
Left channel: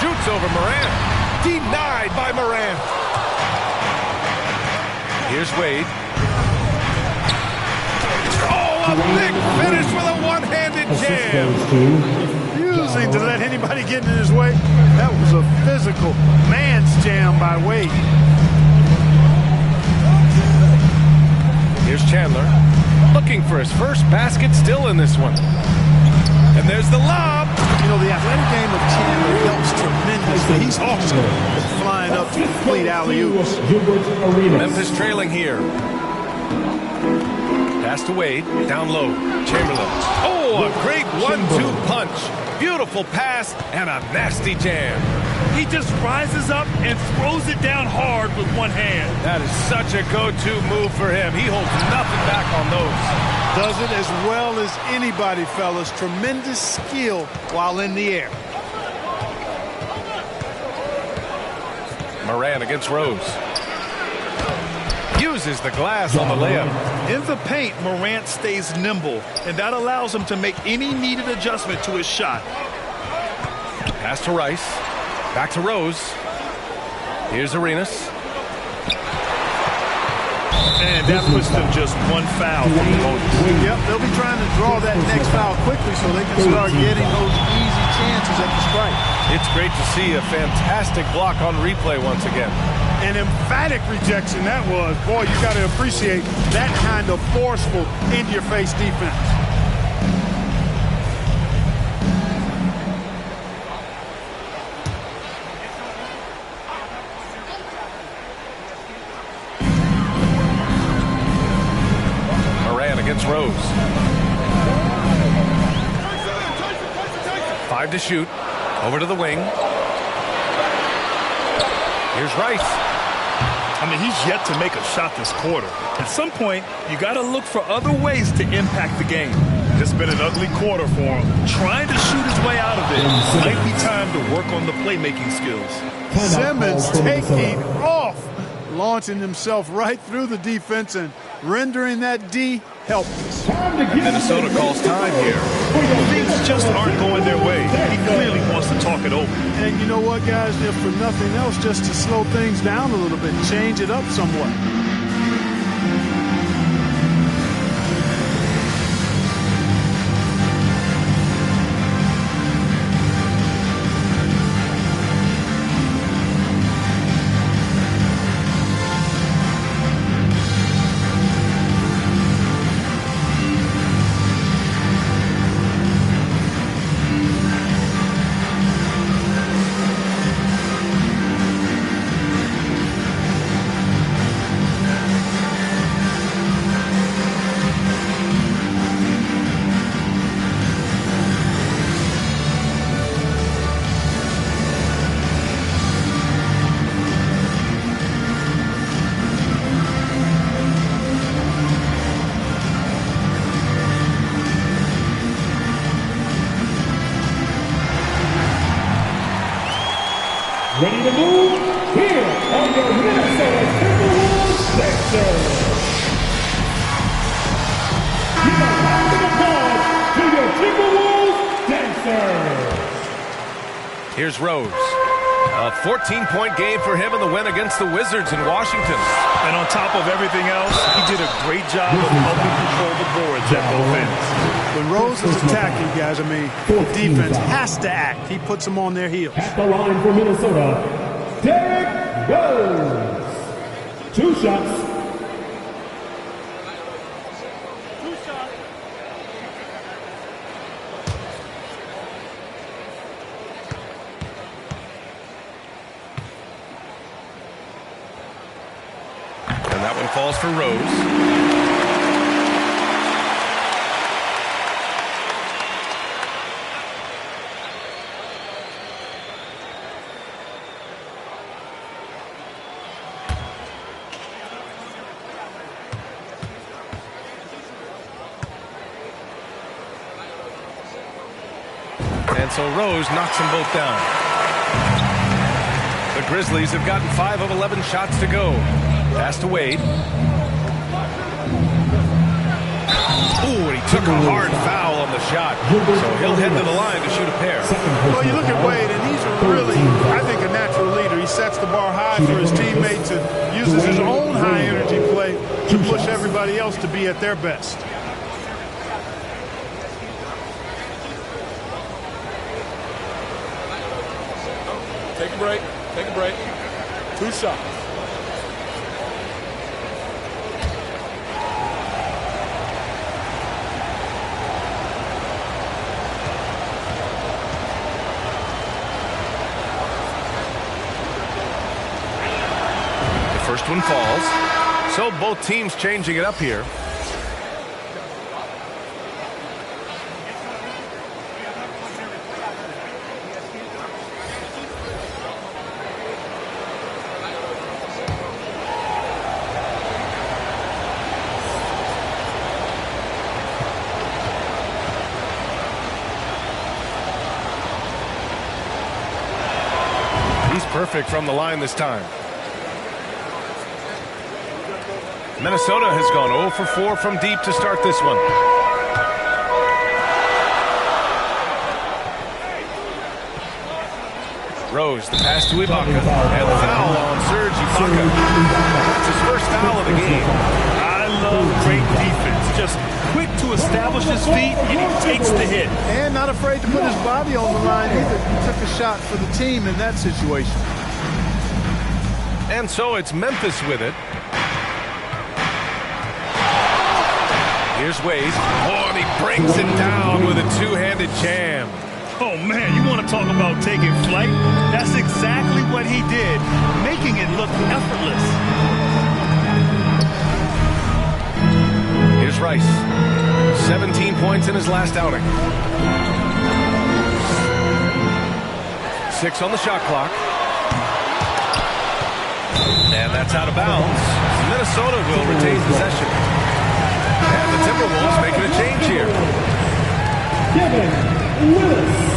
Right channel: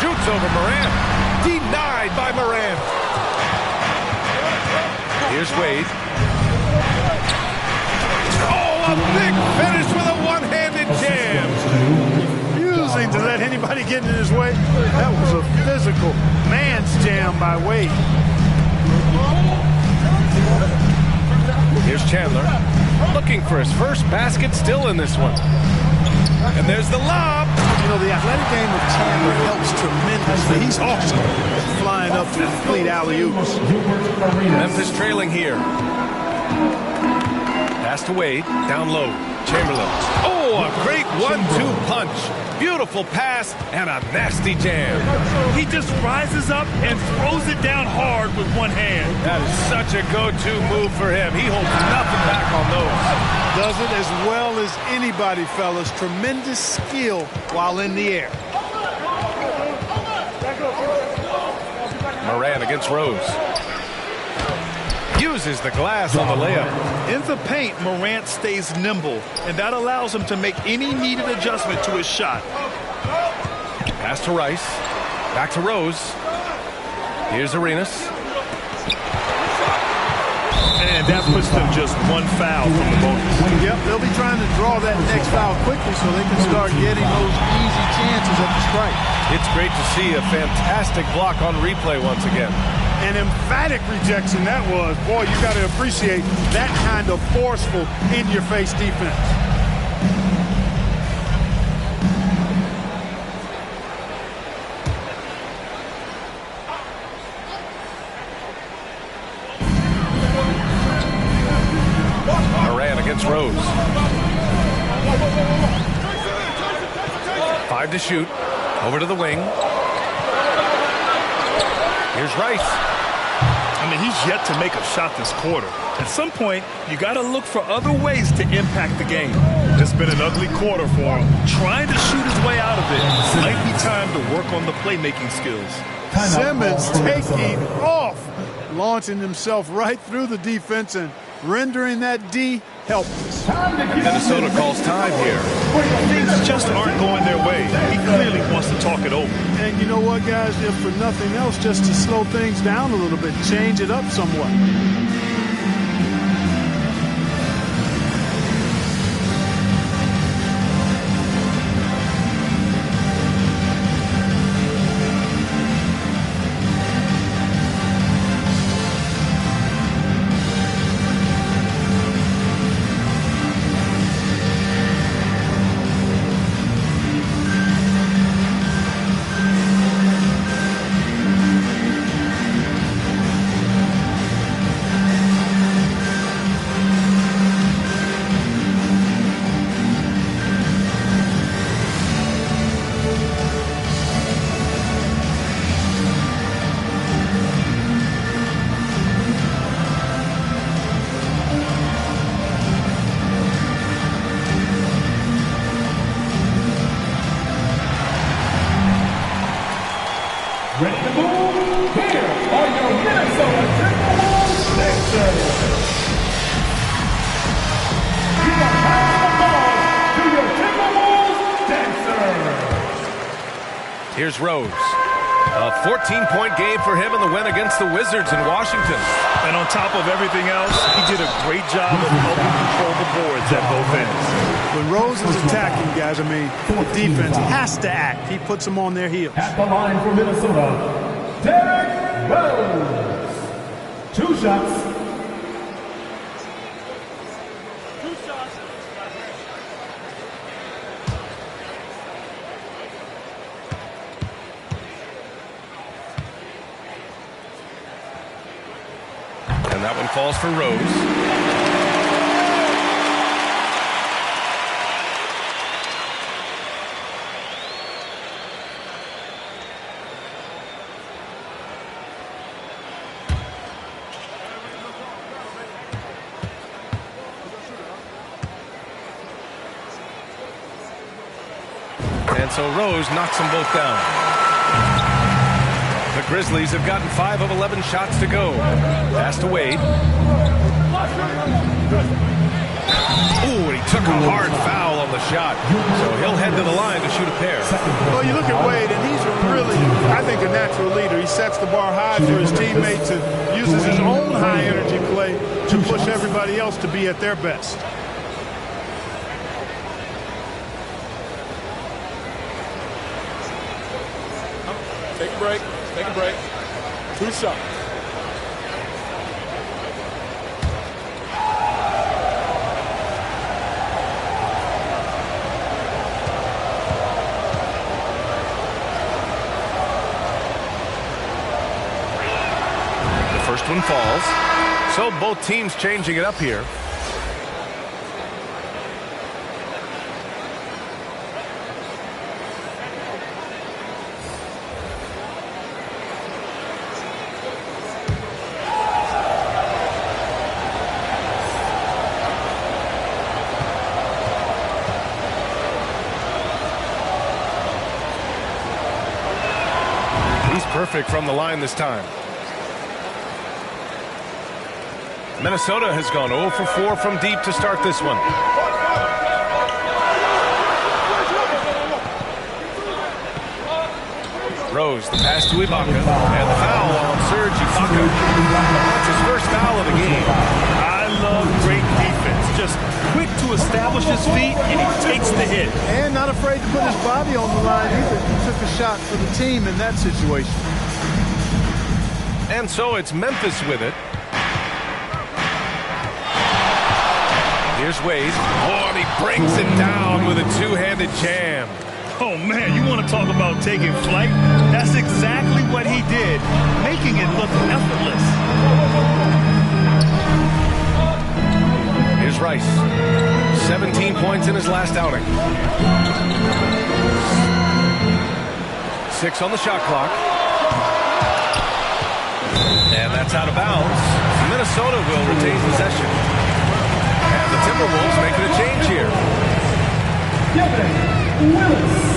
Shoots over Morant. Denied by Morant. Here's Wade. Oh, a big finish with a one-handed jam. Refusing to let anybody get in his way. That was a physical man's jam by Wade. Here's Chandler, looking for his first basket, still in this one. And there's the lob. You know, the athletic game of Chandler helps tremendously. He's awesome at flying up to complete alley-oops. Memphis trailing here. Pass to Wade, down low. Chamberlain. Oh, a great 1-2 punch. Beautiful pass and a nasty jam. He just rises up and throws it down hard with one hand. That is such a go-to move for him. He holds nothing back on those. Does it as well as anybody, fellas. Tremendous skill while in the air. Morant against Rose. Uses the glass on the layup. In the paint, Morant stays nimble, and that allows him to make any needed adjustment to his shot. Pass to Rice. Back to Rose. Here's Arenas. And that puts them just one foul from the bonus. Yep, they'll be trying to draw that next foul quickly so they can start getting those easy chances at the strike. It's great to see a fantastic block on replay once again. An emphatic rejection that was. Boy, you got to appreciate that kind of forceful, in-your-face defense. Morant against Rose. 5 to shoot. Over to the wing. Here's Rice. I mean, he's yet to make a shot this quarter. At some point, you got to look for other ways to impact the game. It's been an ugly quarter for him. Trying to shoot his way out of it might be time to work on the playmaking skills. Simmons taking off, launching himself right through the defense and rendering that D helpless. And Minnesota calls time here. Things just aren't going their way. He clearly wants to talk it over. And you know what, guys? If for nothing else, just to slow things down a little bit, change it up somewhat. Here's Rose. A 14-point game for him in the win against the Wizards in Washington. And on top of everything else, he did a great job of helping control the boards at both ends. When Rose is attacking, guys, the defense has to act. He puts them on their heels. At the line for Minnesota, Derrick Rose. 2 shots. And that one falls for Rose. And so Rose knocks them both down. The Grizzlies have gotten 5 of 11 shots to go. Pass to Wade. Ooh, and he took a hard foul on the shot. So he'll head to the line to shoot a pair. Well, you look at Wade, and he's really, I think, a natural leader. He sets the bar high for his teammates and uses his own high-energy play to push everybody else to be at their best. Take a break. Take a break. 2 shots. The first one falls. So both teams changing it up here. Perfect from the line this time. Minnesota has gone 0 for 4 from deep to start this one. Rose, the pass to Ibaka, and the foul on Serge Ibaka. That's his first foul of the game. I love great defense. Just quick to establish his feet, and he takes the hit. And not afraid to put his body on the line either. He took a shot for the team in that situation. And so it's Memphis with it. Here's Wade. Oh, and he brings it down with a two-handed jam. Oh, man, you want to talk about taking flight? That's exactly what he did, making it look effortless. Here's Rice. 17 points in his last outing. 6 on the shot clock. And that's out of bounds. Minnesota will retain possession. And the Timberwolves making a change here. Kevin Willis.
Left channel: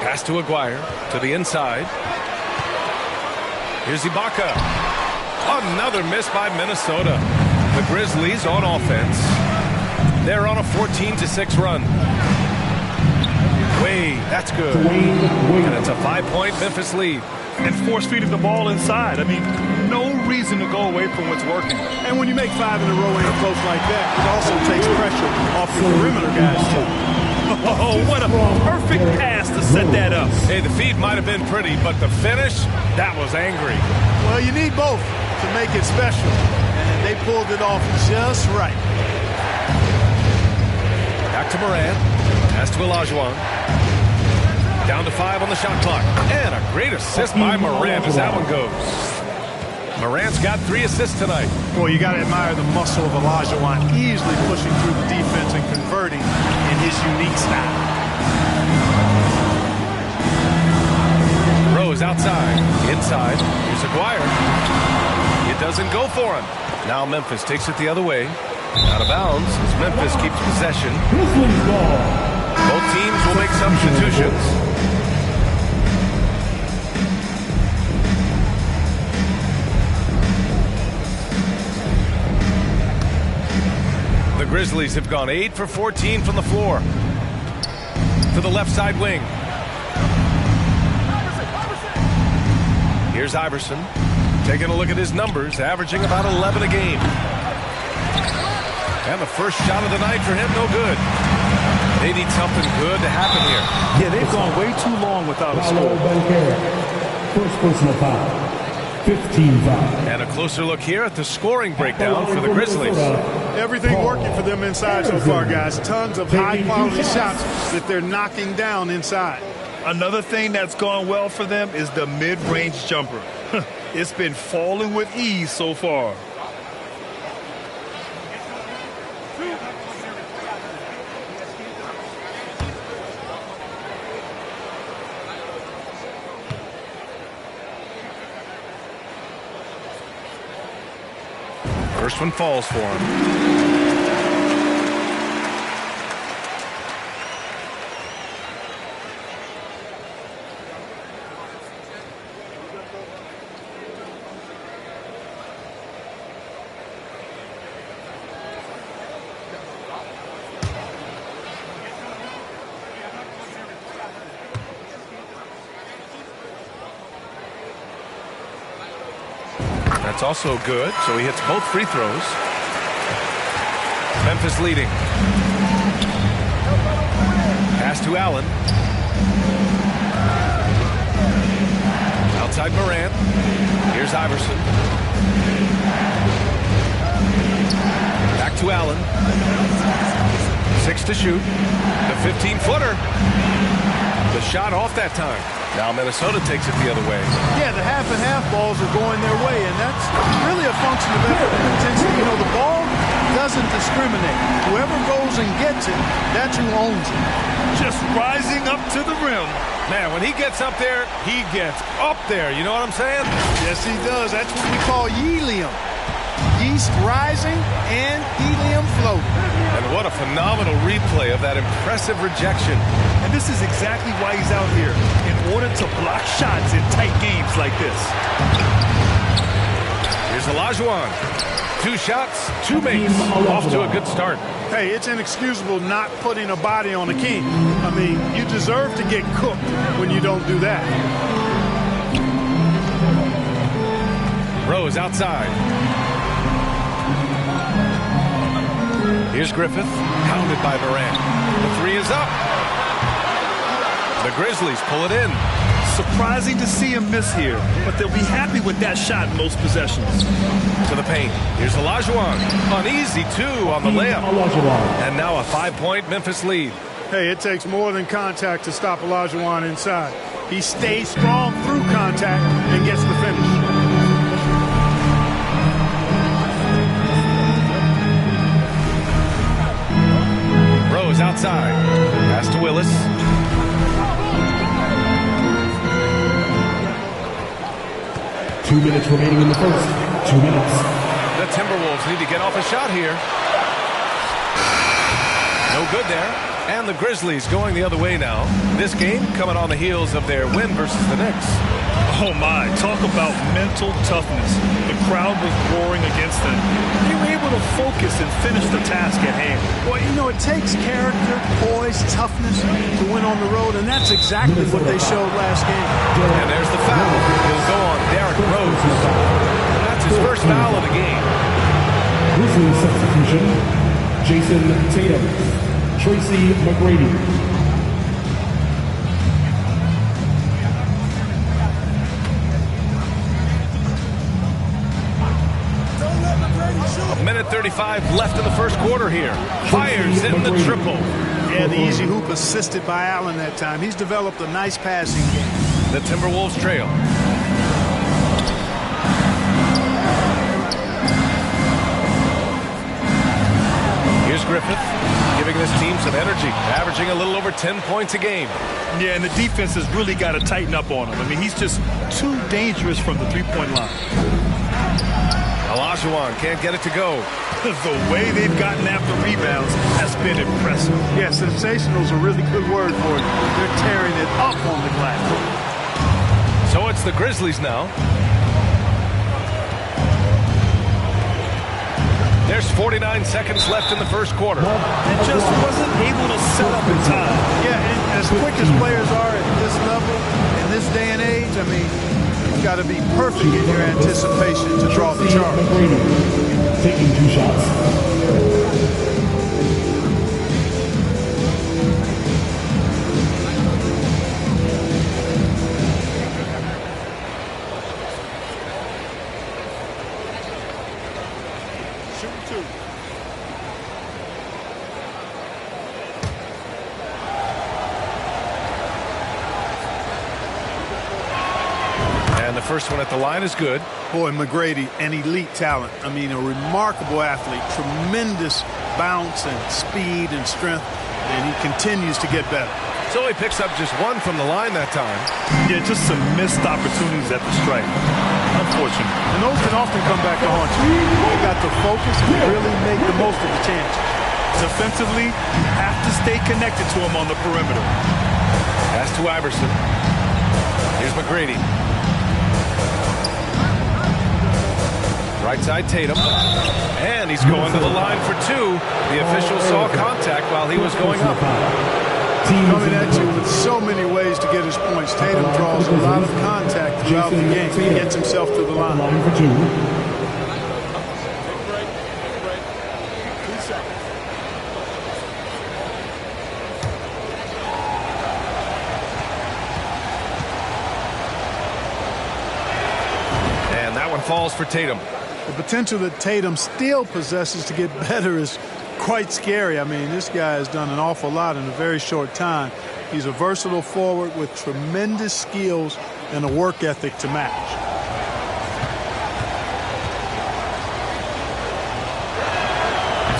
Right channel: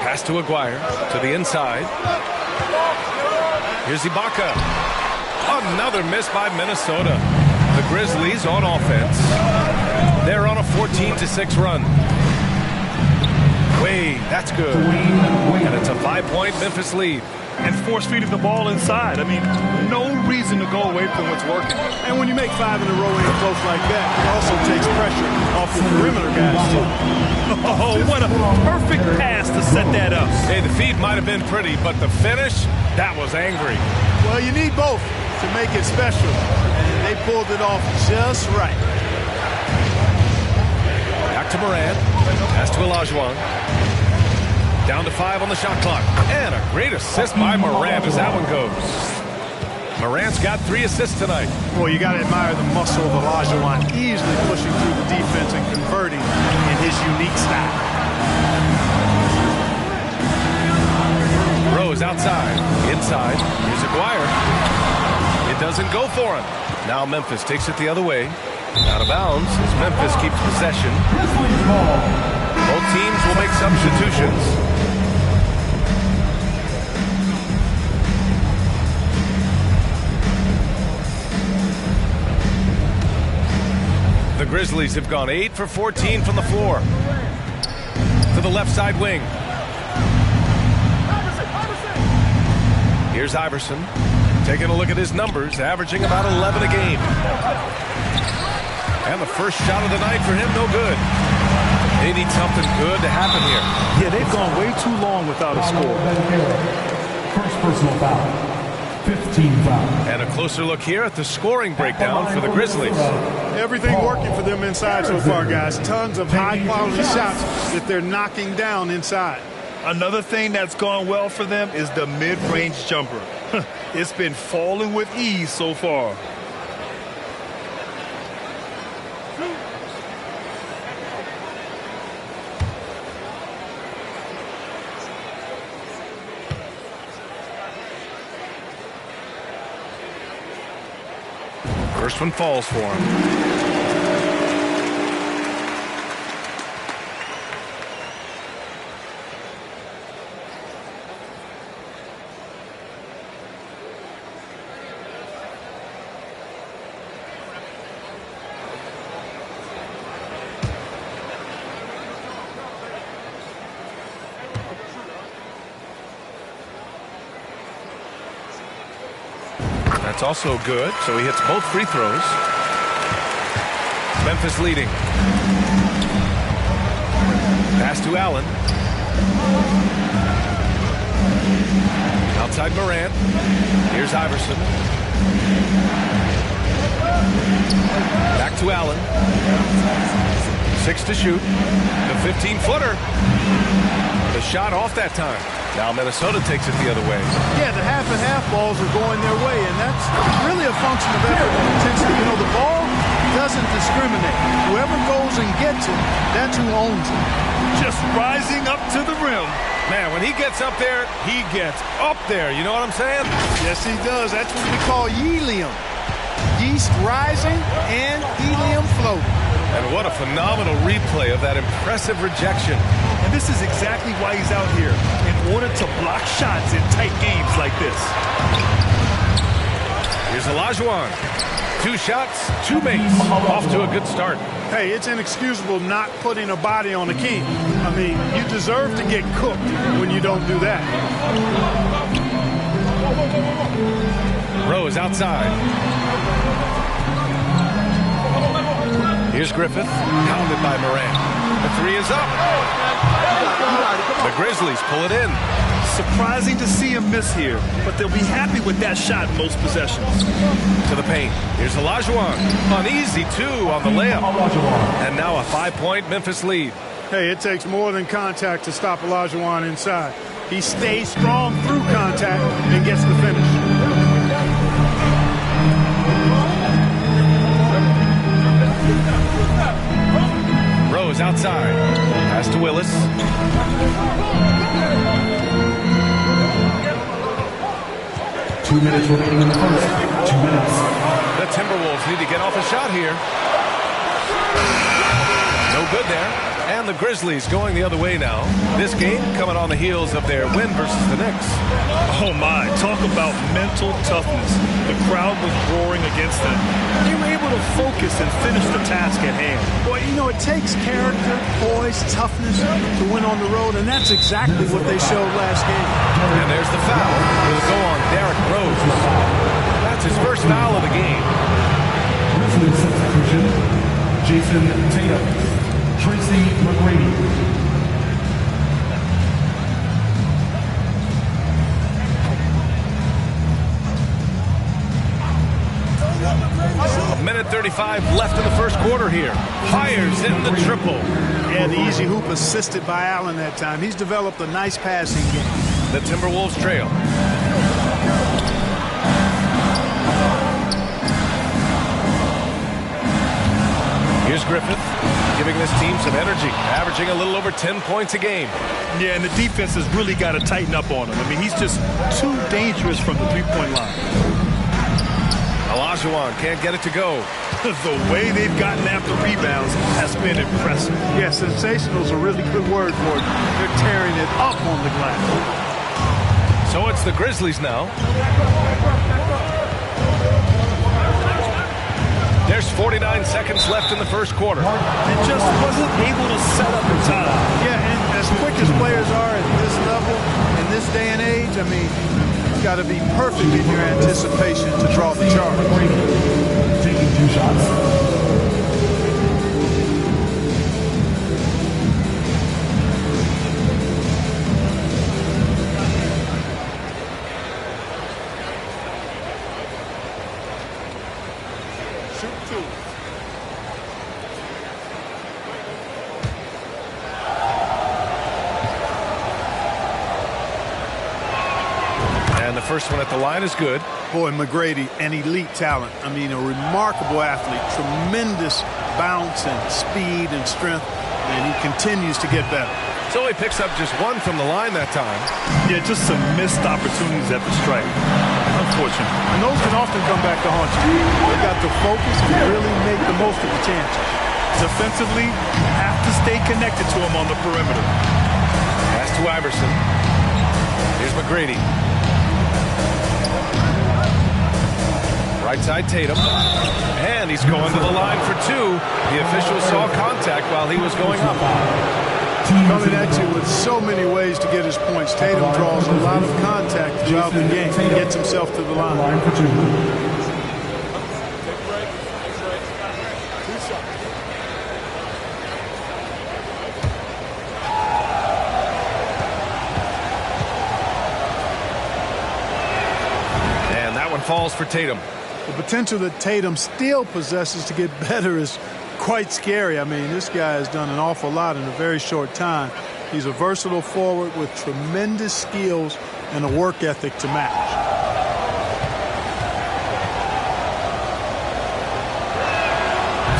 Pass to Aguirre to the inside. Here's Ibaka. Another miss by Minnesota. The Grizzlies on offense. They're on a 14-6 run. Wade, that's good. And it's a 5-point Memphis lead. And force-feeding the ball inside. I mean, no reason to go away from what's working. And when you make 5 in a row in close like that, it also takes pressure off your perimeter guys, too. Oh, what a perfect pass to set that up. Hey, the feed might have been pretty, but the finish, that was angry. Well, you need both to make it special, and they pulled it off just right. Back to Morant. Pass to Olajuwon. Down to 5 on the shot clock. And a great assist by Morant as that one goes. Morant's got 3 assists tonight. Boy, you got to admire the muscle of Olajuwon, easily pushing through the defense and converting in his unique style. Rose outside. Inside. Here's Aguirre. It doesn't go for him. Now Memphis takes it the other way. Out of bounds as Memphis keeps possession. Grizzlies ball. Both teams will make substitutions. The Grizzlies have gone 8 for 14 from the floor. To the left side wing. Here's Iverson. Taking a look at his numbers, averaging about 11 a game. And the first shot of the night for him, no good. They need something good to happen here. Yeah, they've gone way too long without a score. First personal foul. 15 foul. And a closer look here at the scoring breakdown for the Grizzlies. Everything working for them inside so far, guys. Tons of high-quality shots that they're knocking down inside. Another thing that's gone well for them is the mid-range jumper. It's been falling with ease so far. First one falls for him. That's also good, so he hits both free throws. Memphis leading. Pass to Allen. Outside Morant. Here's Iverson. Back to Allen. 6 to shoot. The 15-footer. The shot off that time. Now Minnesota takes it the other way. Yeah, the half-and-half balls are going their way, and that's really a function of effort and intensity. You know, the ball doesn't discriminate. Whoever goes and gets it, that's who owns it. Just rising up to the rim. Man, when he gets up there, he gets up there. You know what I'm saying? Yes, he does. That's what we call helium. Yeast rising and helium floating. And what a phenomenal replay of that impressive rejection. And this is exactly why he's out here, in order to block shots in tight games like this. Here's Olajuwon. 2 shots, 2 makes. Off to a good start. Hey, it's inexcusable not putting a body on a king. I mean, you deserve to get cooked when you don't do that. Rose outside. Here's Griffith, pounded by Morant. The 3 is up. The Grizzlies pull it in. Surprising to see him miss here, but they'll be happy with that shot most possessions. To the paint. Here's Olajuwon. Uneasy 2 on the layup. And now a 5-point Memphis lead. Hey, it takes more than contact to stop Olajuwon inside. He stays strong through contact and gets the finish. Rose outside. Pass to Willis. Two minutes remaining in the first. 2 minutes. The Timberwolves need to get off a shot here. No good there. And the Grizzlies going the other way now. This game coming on the heels of their win versus the Knicks. Oh my, talk about mental toughness. The crowd was roaring against them. They were able to focus and finish the task at hand. Well, you know, it takes character, poise, toughness to win on the road, and that's exactly what they showed last game. And there's the foul. It'll go on Derrick Rose. That's his first foul of the game. Grizzlies substitution, Jason Tatum, Tracy McGrady. A minute 35 left in the first quarter here. Fires in the triple. Yeah, the easy hoop assisted by Allen that time. He's developed a nice passing game. The Timberwolves trail. Here's Griffith, giving this team some energy, averaging a little over 10 points a game. Yeah, and the defense has really got to tighten up on him. I mean, he's just too dangerous from the three-point line. Olajuwon can't get it to go. The way they've gotten after rebounds has been impressive. Yeah, sensational is a really good word for it. They're tearing it up on the glass. So it's the Grizzlies now. There's 49 seconds left in the first quarter. And just wasn't able to set up in time. Yeah, and as quick as players are at this level, in this day and age, I mean, you've got to be perfect in your anticipation to draw the charge. Taking 2 shots. Shoot 2. And the first one at the line is good. Boy, McGrady, an elite talent. I mean, a remarkable athlete. Tremendous bounce and speed and strength. And he continues to get better. So he picks up just 1 from the line that time. Yeah, just some missed opportunities at the stripe. Unfortunate. And those can often come back to haunt you. They got to focus and really make the most of the chances. Defensively, you have to stay connected to him on the perimeter. Pass to Iverson. Here's McGrady. Right side Tatum. And he's going to the line for 2. The official saw contact while he was going up. Coming at you with so many ways to get his points. Tatum draws a lot of contact throughout the game. He gets himself to the line. For 2. Take a break. Take a break. 2 shots. And that one falls for Tatum. The potential that Tatum still possesses to get better is quite scary. I mean, this guy has done an awful lot in a very short time. He's a versatile forward with tremendous skills and a work ethic to match.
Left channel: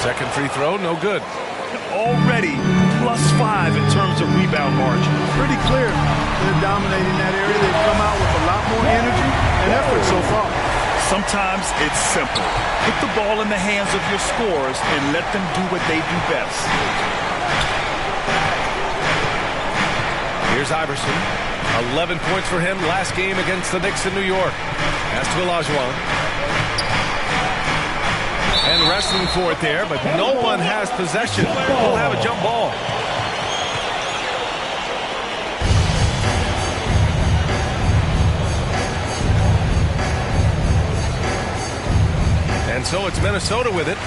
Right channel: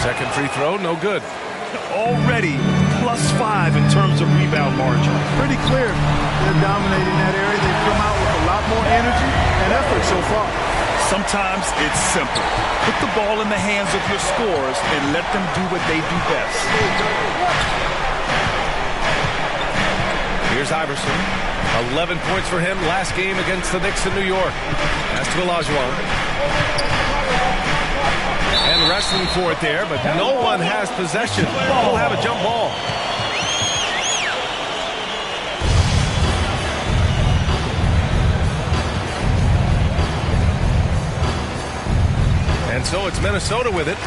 Second free throw, no good. Already +5 in terms of rebound margin. Pretty clear. They're dominating that area. They've come out with a lot more energy and effort so far. Sometimes it's simple. Put the ball in the hands of your scorers and let them do what they do best. Here's Iverson. 11 points for him last game against the Knicks in New York. Pass to Olajuwon. And wrestling for it there, but no one has possession. We'll have a jump ball. And so it's Minnesota with it.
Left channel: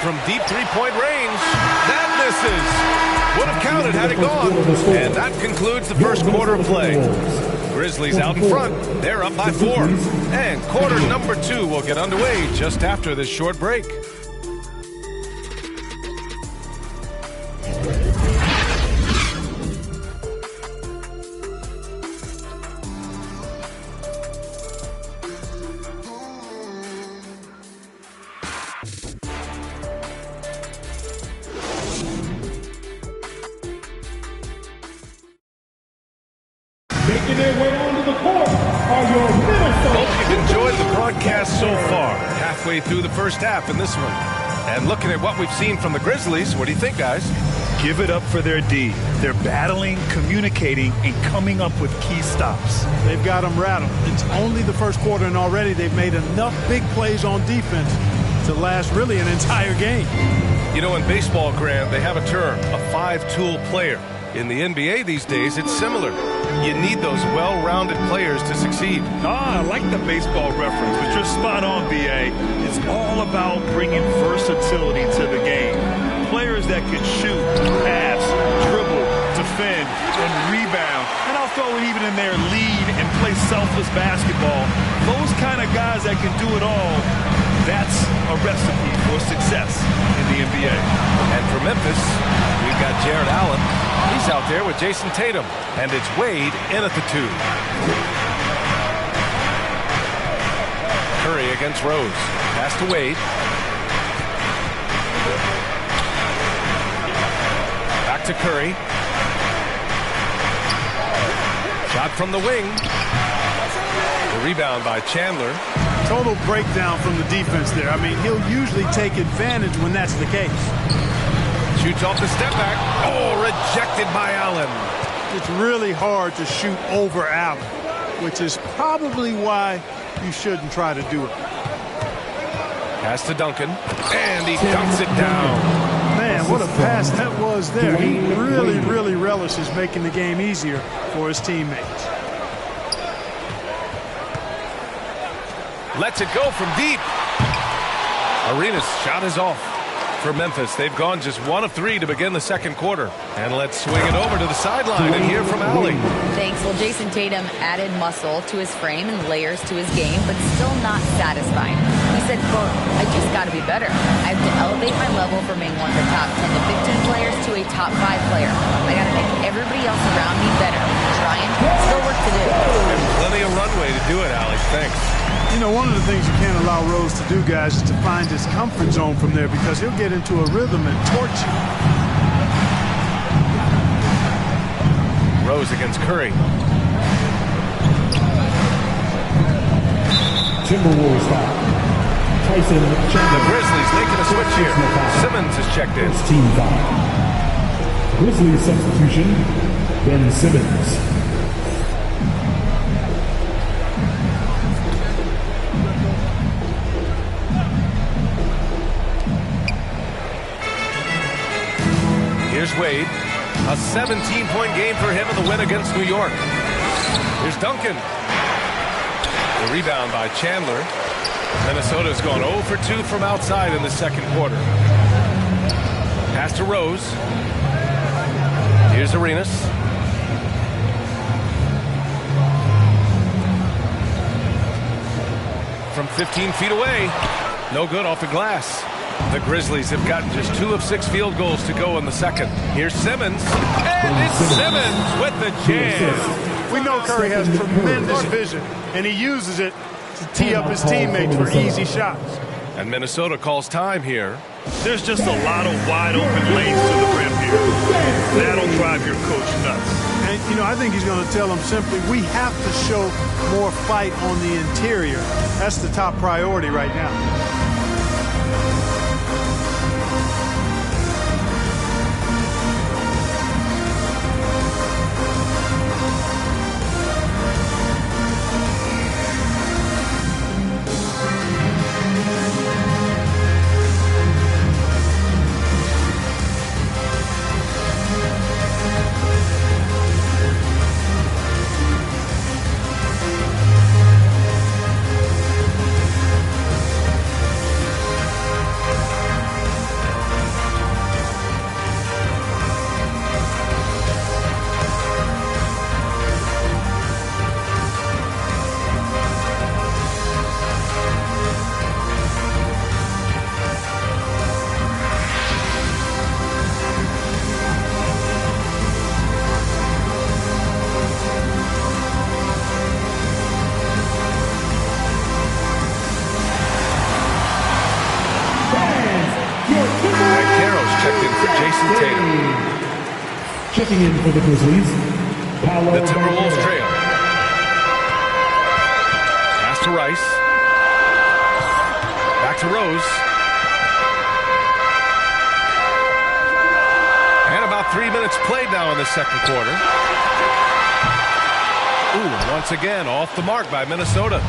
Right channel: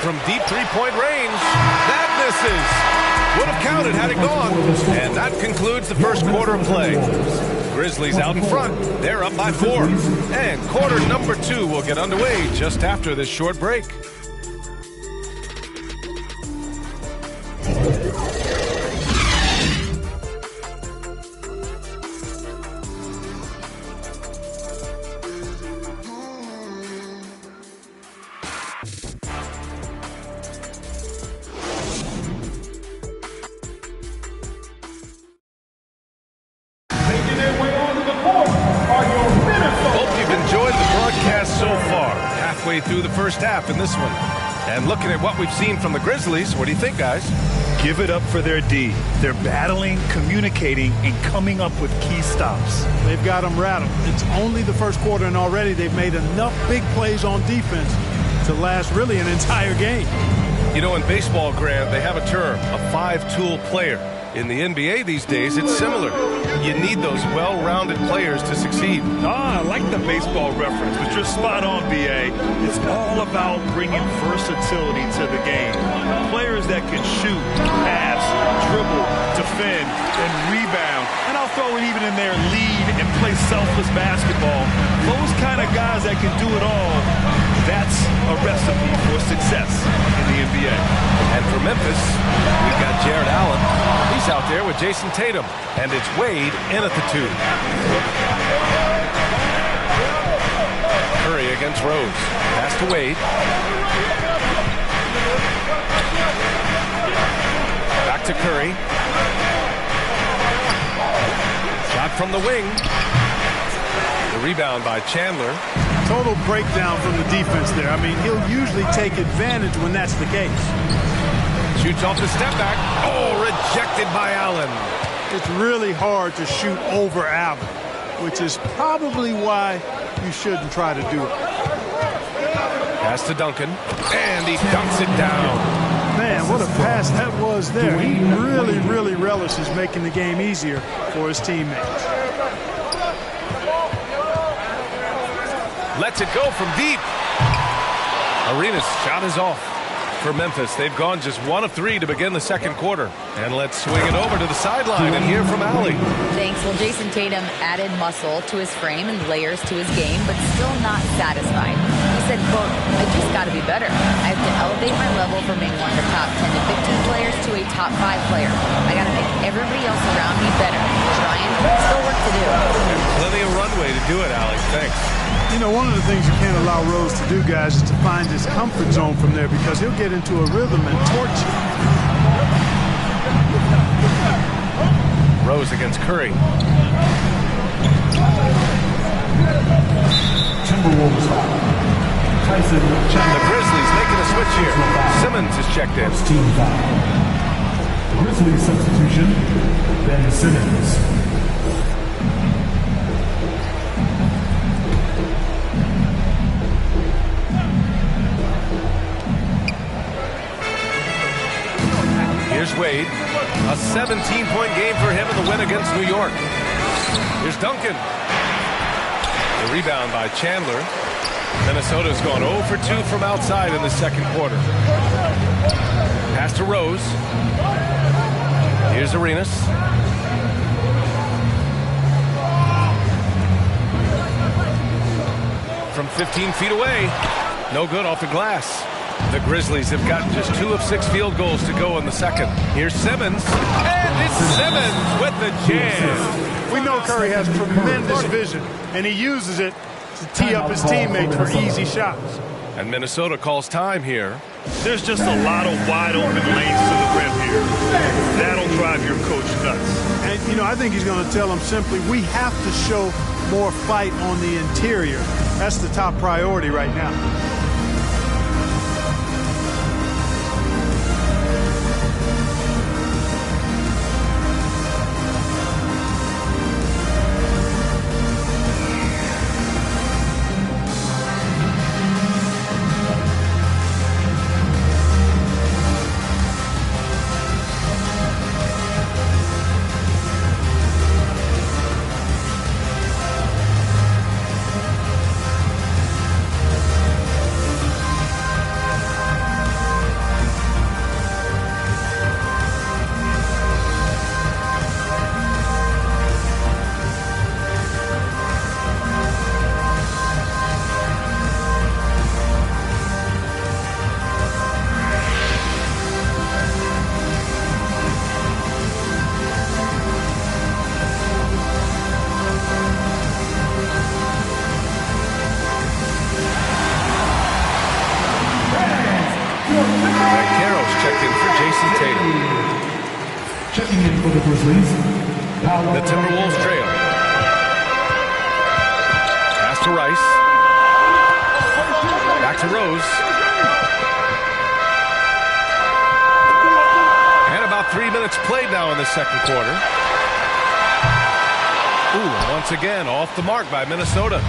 From deep three-point range, that misses. Would have counted had it gone. And that concludes the first quarter of play. Grizzlies out in front. They're up by 4. And quarter number 2 will get underway just after this short break. Making their way onto the court are your Minnesota. Hope you've enjoyed the broadcast so far. Halfway through the first half in this one. And looking at what we've seen from the Grizzlies, what do you think, guys? Give it up for their D. They're battling, communicating, and coming up with key stops. They've got them rattled. It's only the first quarter, and already they've made enough big plays on defense to last really an entire game. You know, in baseball, Grant, they have a term, a 5-tool player. In the NBA these days, it's similar. You need those well-rounded players to succeed. I like the baseball reference, but you're spot on, B.A. It's all about bringing versatility to the game. Players that can shoot, pass, dribble, defend, and rebound. And I'll throw it even in there, lead and play selfless basketball. Those kind of guys that can do it all, that's a recipe for success in the NBA. And for Memphis, we've got Jared Allen. He's out there with Jason Tatum. And it's Wade in at the 2. Curry against Rose. Pass to Wade. Back to Curry. Shot from the wing. The rebound by Chandler. Total breakdown from the defense there. I mean, he'll usually take advantage when that's the case. Shoots off the step back. Oh, rejected by Allen. It's really hard to shoot over Allen, which is probably why you shouldn't try to do it. Pass to Duncan, and he dunks it down. Man, what a pass that was there. He really relishes making the game easier for his teammates. Lets it go from deep. Arenas' shot is off for Memphis. They've gone just 1 of 3 to begin the second quarter. And let's swing it over to the sideline and hear from Allie. Thanks. Well, Jason Tatum added muscle to his frame and layers to his game, but still not satisfied. He said, quote, "I just got to be better. I have to elevate my level from being one of the top 10 to 15 players to a top 5 player. I got to make everybody else around me better. Trying, still work to do." And plenty of runway to do it, Allie. Thanks. You know, one of the things you can't allow Rose to do, guys, is to find his comfort zone from there because he'll get into a rhythm and torch you. Rose against Curry. Timberwolves foul. Tyson Chandler. The Grizzlies making a switch here. Simmons is checked in. First team foul. Grizzlies substitution, Ben Simmons. Here's Wade. A 17-point game for him in the win against New York. Here's Duncan. The rebound by Chandler. Minnesota's gone 0 for 2 from outside in the second quarter. Pass to Rose. Here's Arenas. From 15 feet away. No good off the glass. The Grizzlies have gotten just 2 of 6 field goals to go in the second. Here's Simmons. And it's Simmons with the jam. We know Curry has tremendous vision, and he uses it to tee up his teammates for easy shots. And Minnesota calls time here. There's just a lot of wide open lanes to the rim here. That'll drive your coach nuts. And, you know, I think he's going to tell them simply, we have to show more fight on the interior. That's the top priority right now. Checked in for Jason Tatum. Checking in for the Grizzlies. The Timberwolves trail. Pass to Rice. Back to Rose. And about 3 minutes played now in the second quarter. Ooh, once again, off the mark by Minnesota.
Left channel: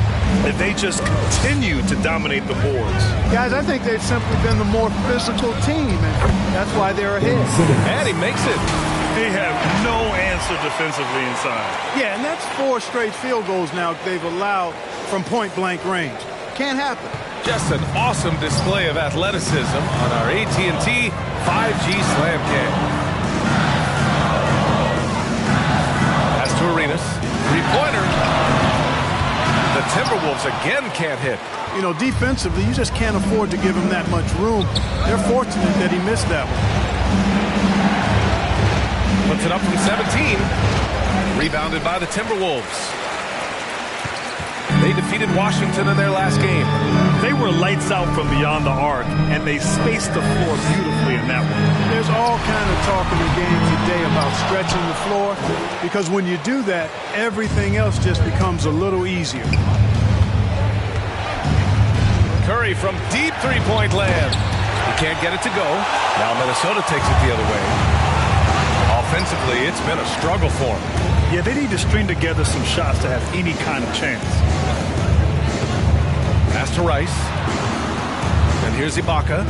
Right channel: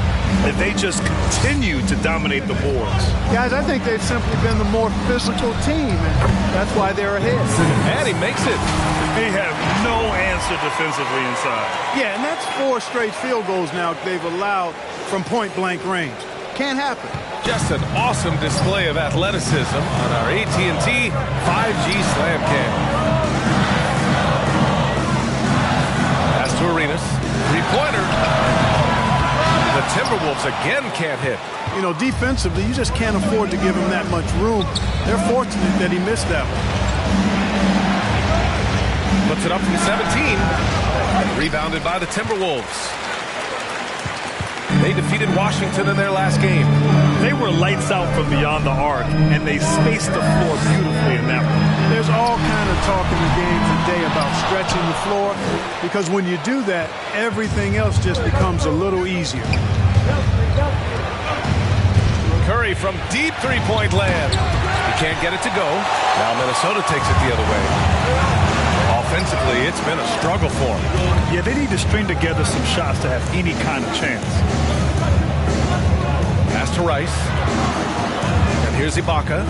If they just continue to dominate the boards. Guys, I think they've simply been the more physical team, and that's why they're ahead. And he makes it. They have no answer defensively inside. Yeah, and that's 4 straight field goals now they've allowed from point-blank range. Can't happen. Just an awesome display of athleticism on our AT&T 5G Slam Cam. Pass to Arenas. Three-pointer. The Timberwolves again can't hit. You know, defensively, you just can't afford to give him that much room. They're fortunate that he missed that one. Puts it up from 17. Rebounded by the Timberwolves. They defeated Washington in their last game. They were lights out from beyond the arc, and they spaced the floor beautifully in that one. There's all kind of talk in the game today about stretching the floor, because when you do that, everything else just becomes a little easier. Curry from deep three-point land. He can't get it to go. Now Minnesota takes it the other way. Offensively, it's been a struggle for them. Yeah, they need to string together some shots to have any kind of chance. Pass to Rice. And here's Ibaka.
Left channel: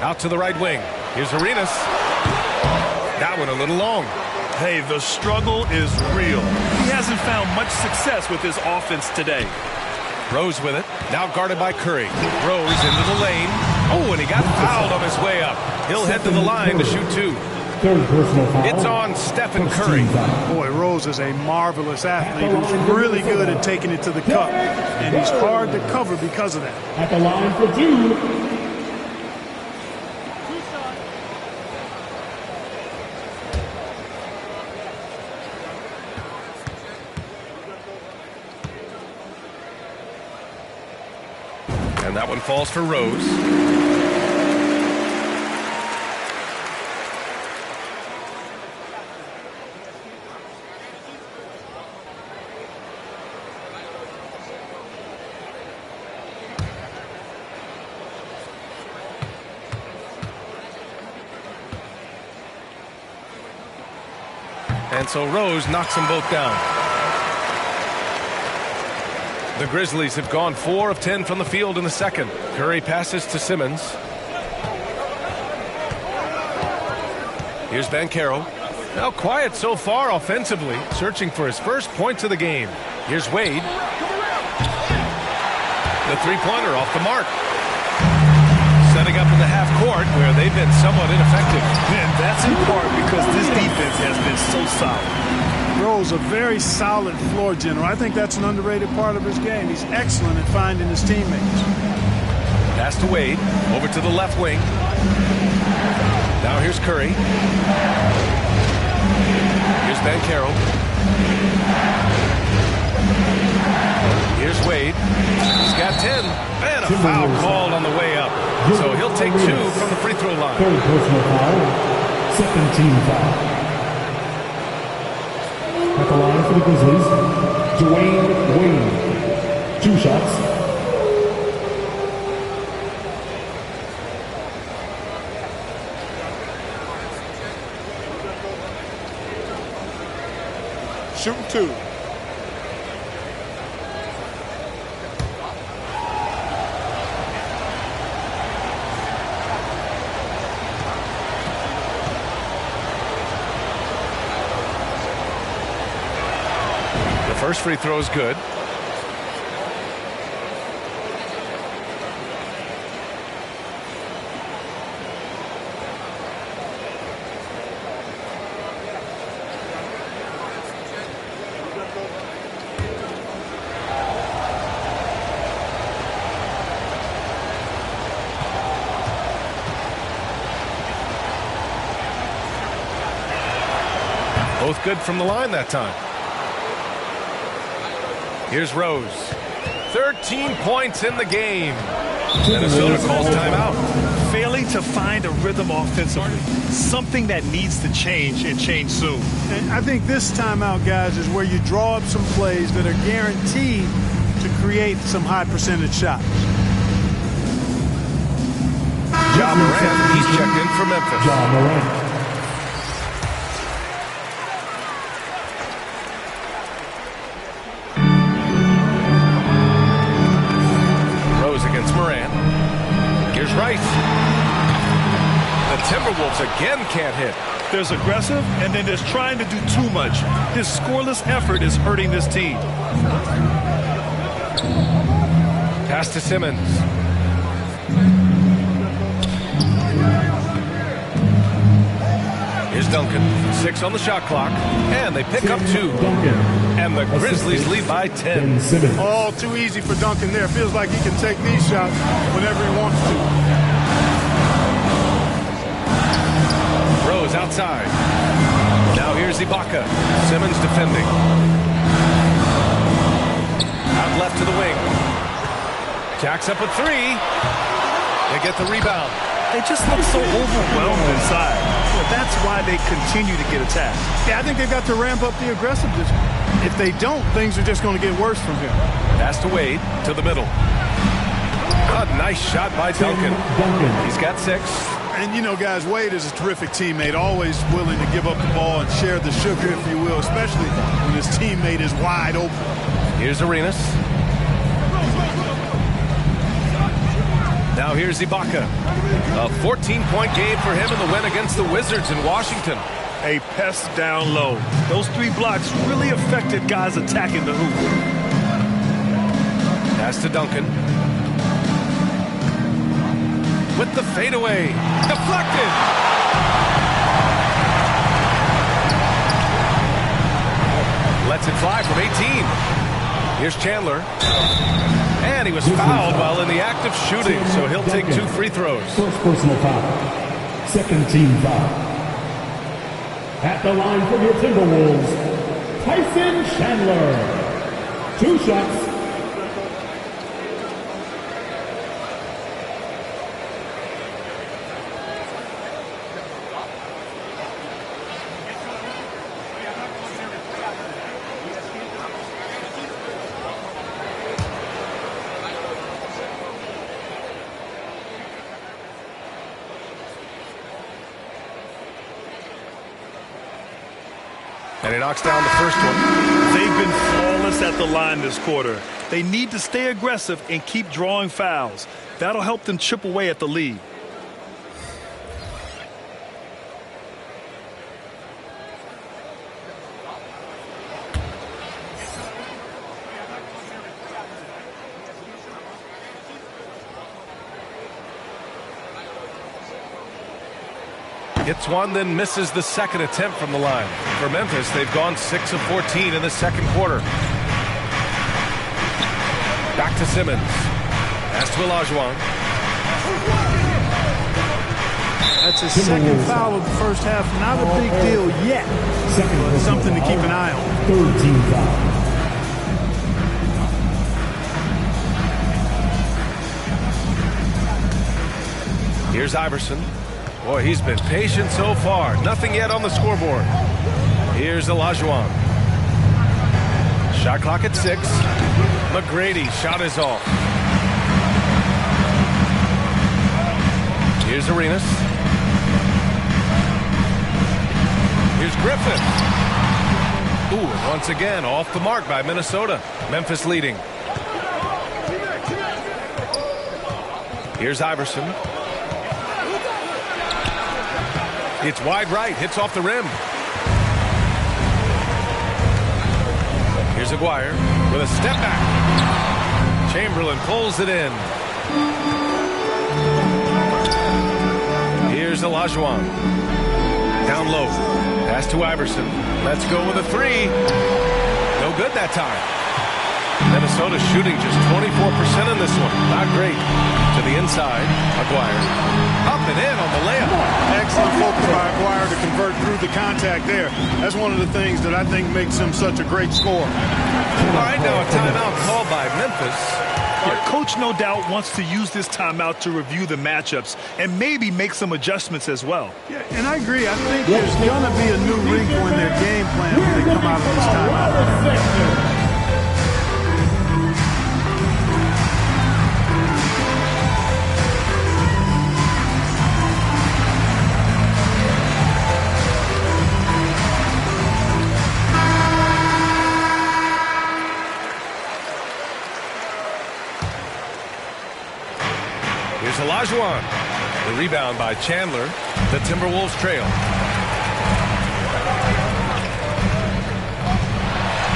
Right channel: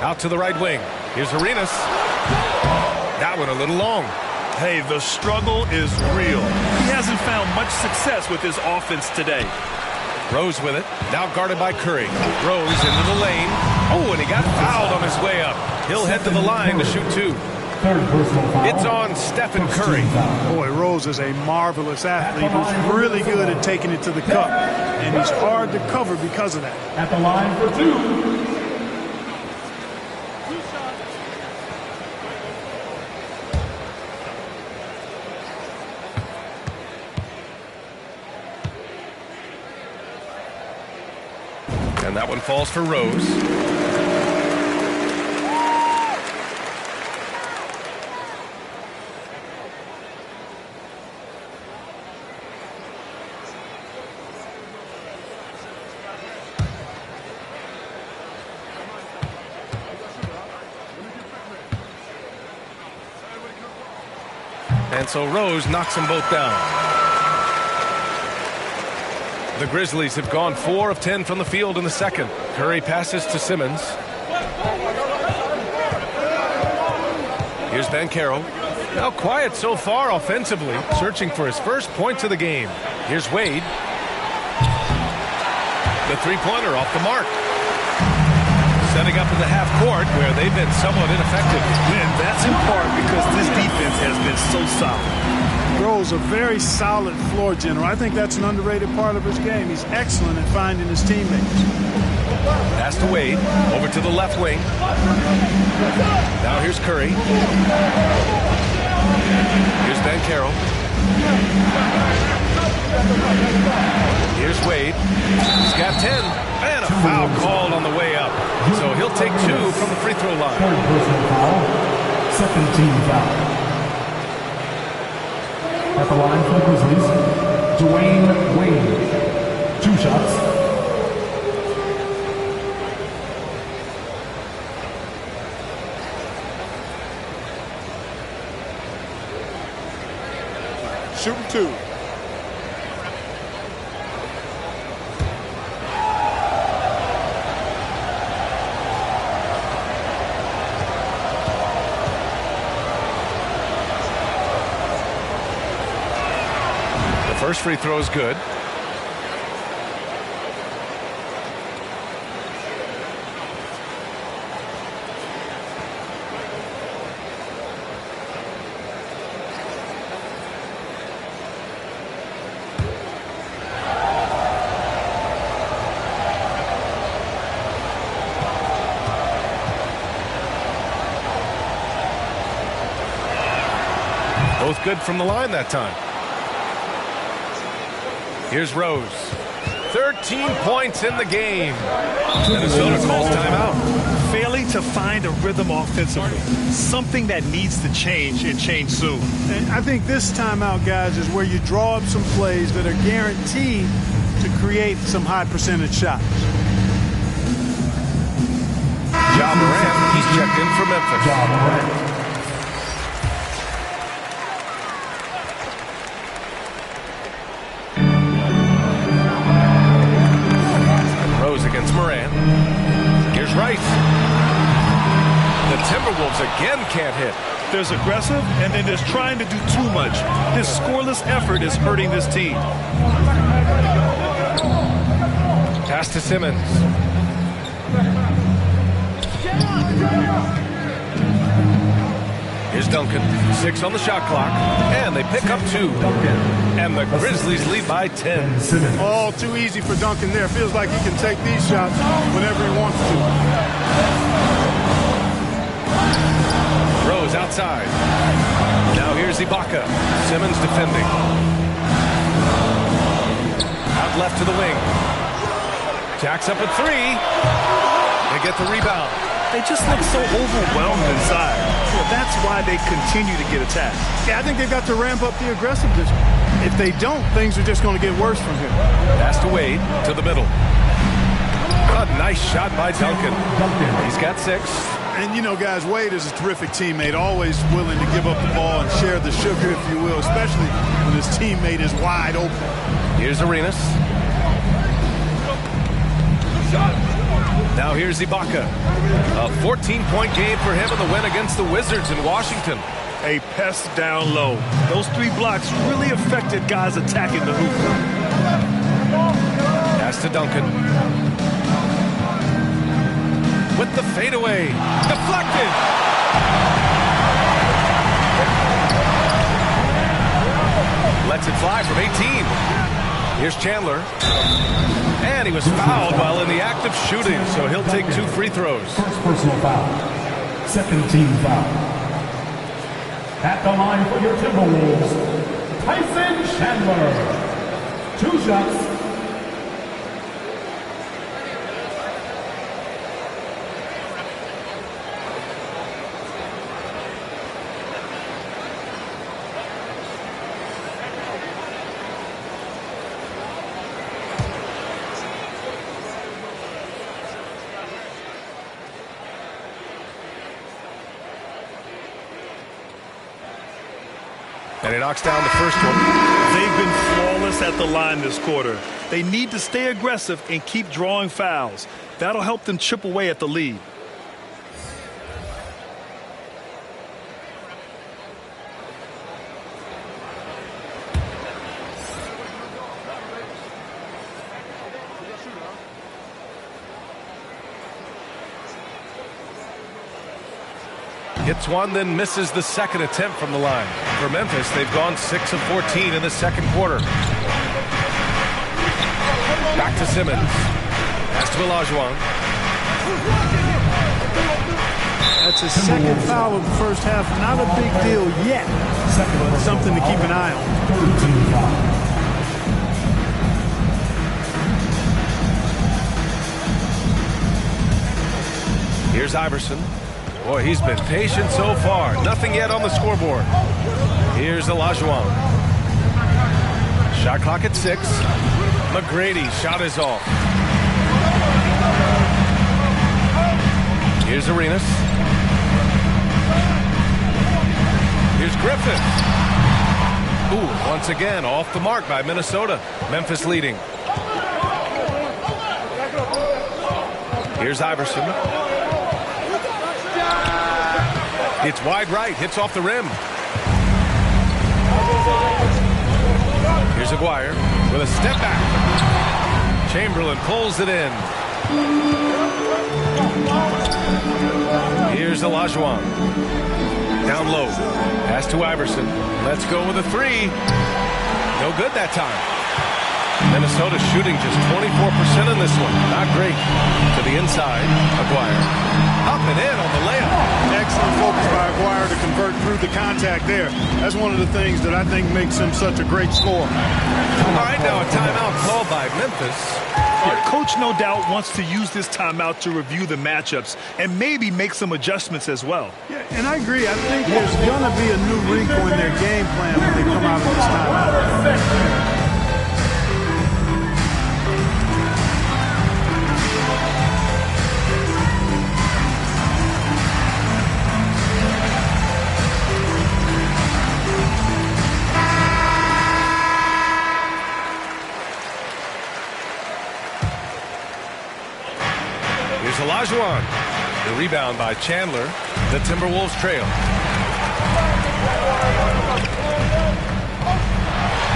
Out to the right wing. Here's Arenas. That one a little long. Hey, the struggle is real. He hasn't found much success with his offense today. Rose with it. Now guarded by Curry. Rose into the lane. Oh, and he got fouled on his way up. He'll head to the line to shoot 2. Third personal foul. It's on Stephen Curry. Boy, Rose is a marvelous athlete who's really good at taking it to the cup. And he's hard to cover because of that. At the line for 2. And that one falls for Rose. And so Rose knocks them both down. The Grizzlies have gone 4 of 10 from the field in the second. Curry passes to Simmons. Here's Banchero. Now quiet so far offensively, searching for his first points of the game. Here's Wade. The three-pointer off the mark. Setting up in the half court where they've been somewhat ineffective. And that's in part because this defense has been so solid. Rose, a very solid floor general. I think that's an underrated part of his game. He's excellent at finding his teammates. Pass to Wade. Over to the left wing. Now here's Curry. Here's Banchero. Here's Wade. He's got 10. And a foul called on the way up. So he'll take 2 from the free throw line. Third personal foul. Second team foul. At the line for the Grizzlies, Dwayne Wayne. 2 shots. Shooting 2. First free throw is good. Both good from the line that time. Here's Rose. 13 points in the game. Minnesota calls timeout. Failing to find a rhythm offensively. Something that needs to change and change soon. And I think this timeout, guys, is where you draw up some plays that are guaranteed to create some high percentage shots. Ja Morant, he's checked in for Memphis. Ja Morant. Against Morant. Here's Rice. The Timberwolves again can't hit. There's aggressive, and then there's trying to do too much. This scoreless effort is hurting this team. Pass to Simmons. Here's Duncan. 6 on the shot clock. And they pick up 2. Duncan. And the Grizzlies lead by 10. All too easy for Duncan there. Feels like he can take these shots whenever he wants to. Rose outside. Now here's Ibaka. Simmons defending. Out left to the wing. Jacks up a 3. They get the rebound. They just look so overwhelmed inside. Yeah, that's why they continue to get attacked. Yeah, I think they've got to ramp up the aggressiveness. If they don't, things are just going to get worse from here. Pass to Wade, to the middle. A nice shot by Duncan. He's got 6. And, you know, guys, Wade is a terrific teammate, always willing to give up the ball and share the sugar, if you will, especially when his teammate is wide open. Here's Arenas. Now here's Ibaka. A 14-point game for him in the win against the Wizards in Washington. A pest down low. Those 3 blocks really affected guys attacking the hoop. Pass to Duncan. With the fadeaway. Deflected. Lets it fly from 18. Here's Chandler. And he was fouled while in the act of shooting, so he'll take 2 free throws. First personal foul. Second team foul. At the line for your Timberwolves, Tyson Chandler. 2 shots. And he knocks down the first one. They've been flawless at the line this quarter. They need to stay aggressive and keep drawing fouls. That'll help them chip away at the lead. Hits one, then misses the second attempt from the line. For Memphis, they've gone 6 of 14 in the second quarter. Back to Simmons. Pass to Olajuwon. That's his second foul of the first half. Not a big deal yet, but something to keep an eye on. Third team foul. Here's Iverson. Boy, he's been patient so far. Nothing yet on the scoreboard. Here's Olajuwon. Shot clock at 6. McGrady, shot is off. Here's Arenas. Here's Griffith. Ooh, once again, off the mark by Minnesota. Memphis leading. Here's Iverson. It's wide right, hits off the rim. Here's Aguirre with a step back. Chamberlain pulls it in. Here's Olajuwon. Down low. Pass to Iverson. Let's go with a 3. No good that time. Minnesota shooting just 24% in this one. Not great. To the inside, Aguirre. Up and in on the layup. Excellent focus by Aguirre to convert through the contact there. That's one of the things that I think makes him such a great scorer. All right, now a timeout called by Memphis. Yeah, coach no doubt wants to use this timeout to review the matchups and maybe make some adjustments as well. Yeah, and I agree. I think there's going to be a new wrinkle in their game plan when they come out of this timeout. Here's Olajuwon. The rebound by Chandler. The Timberwolves trail.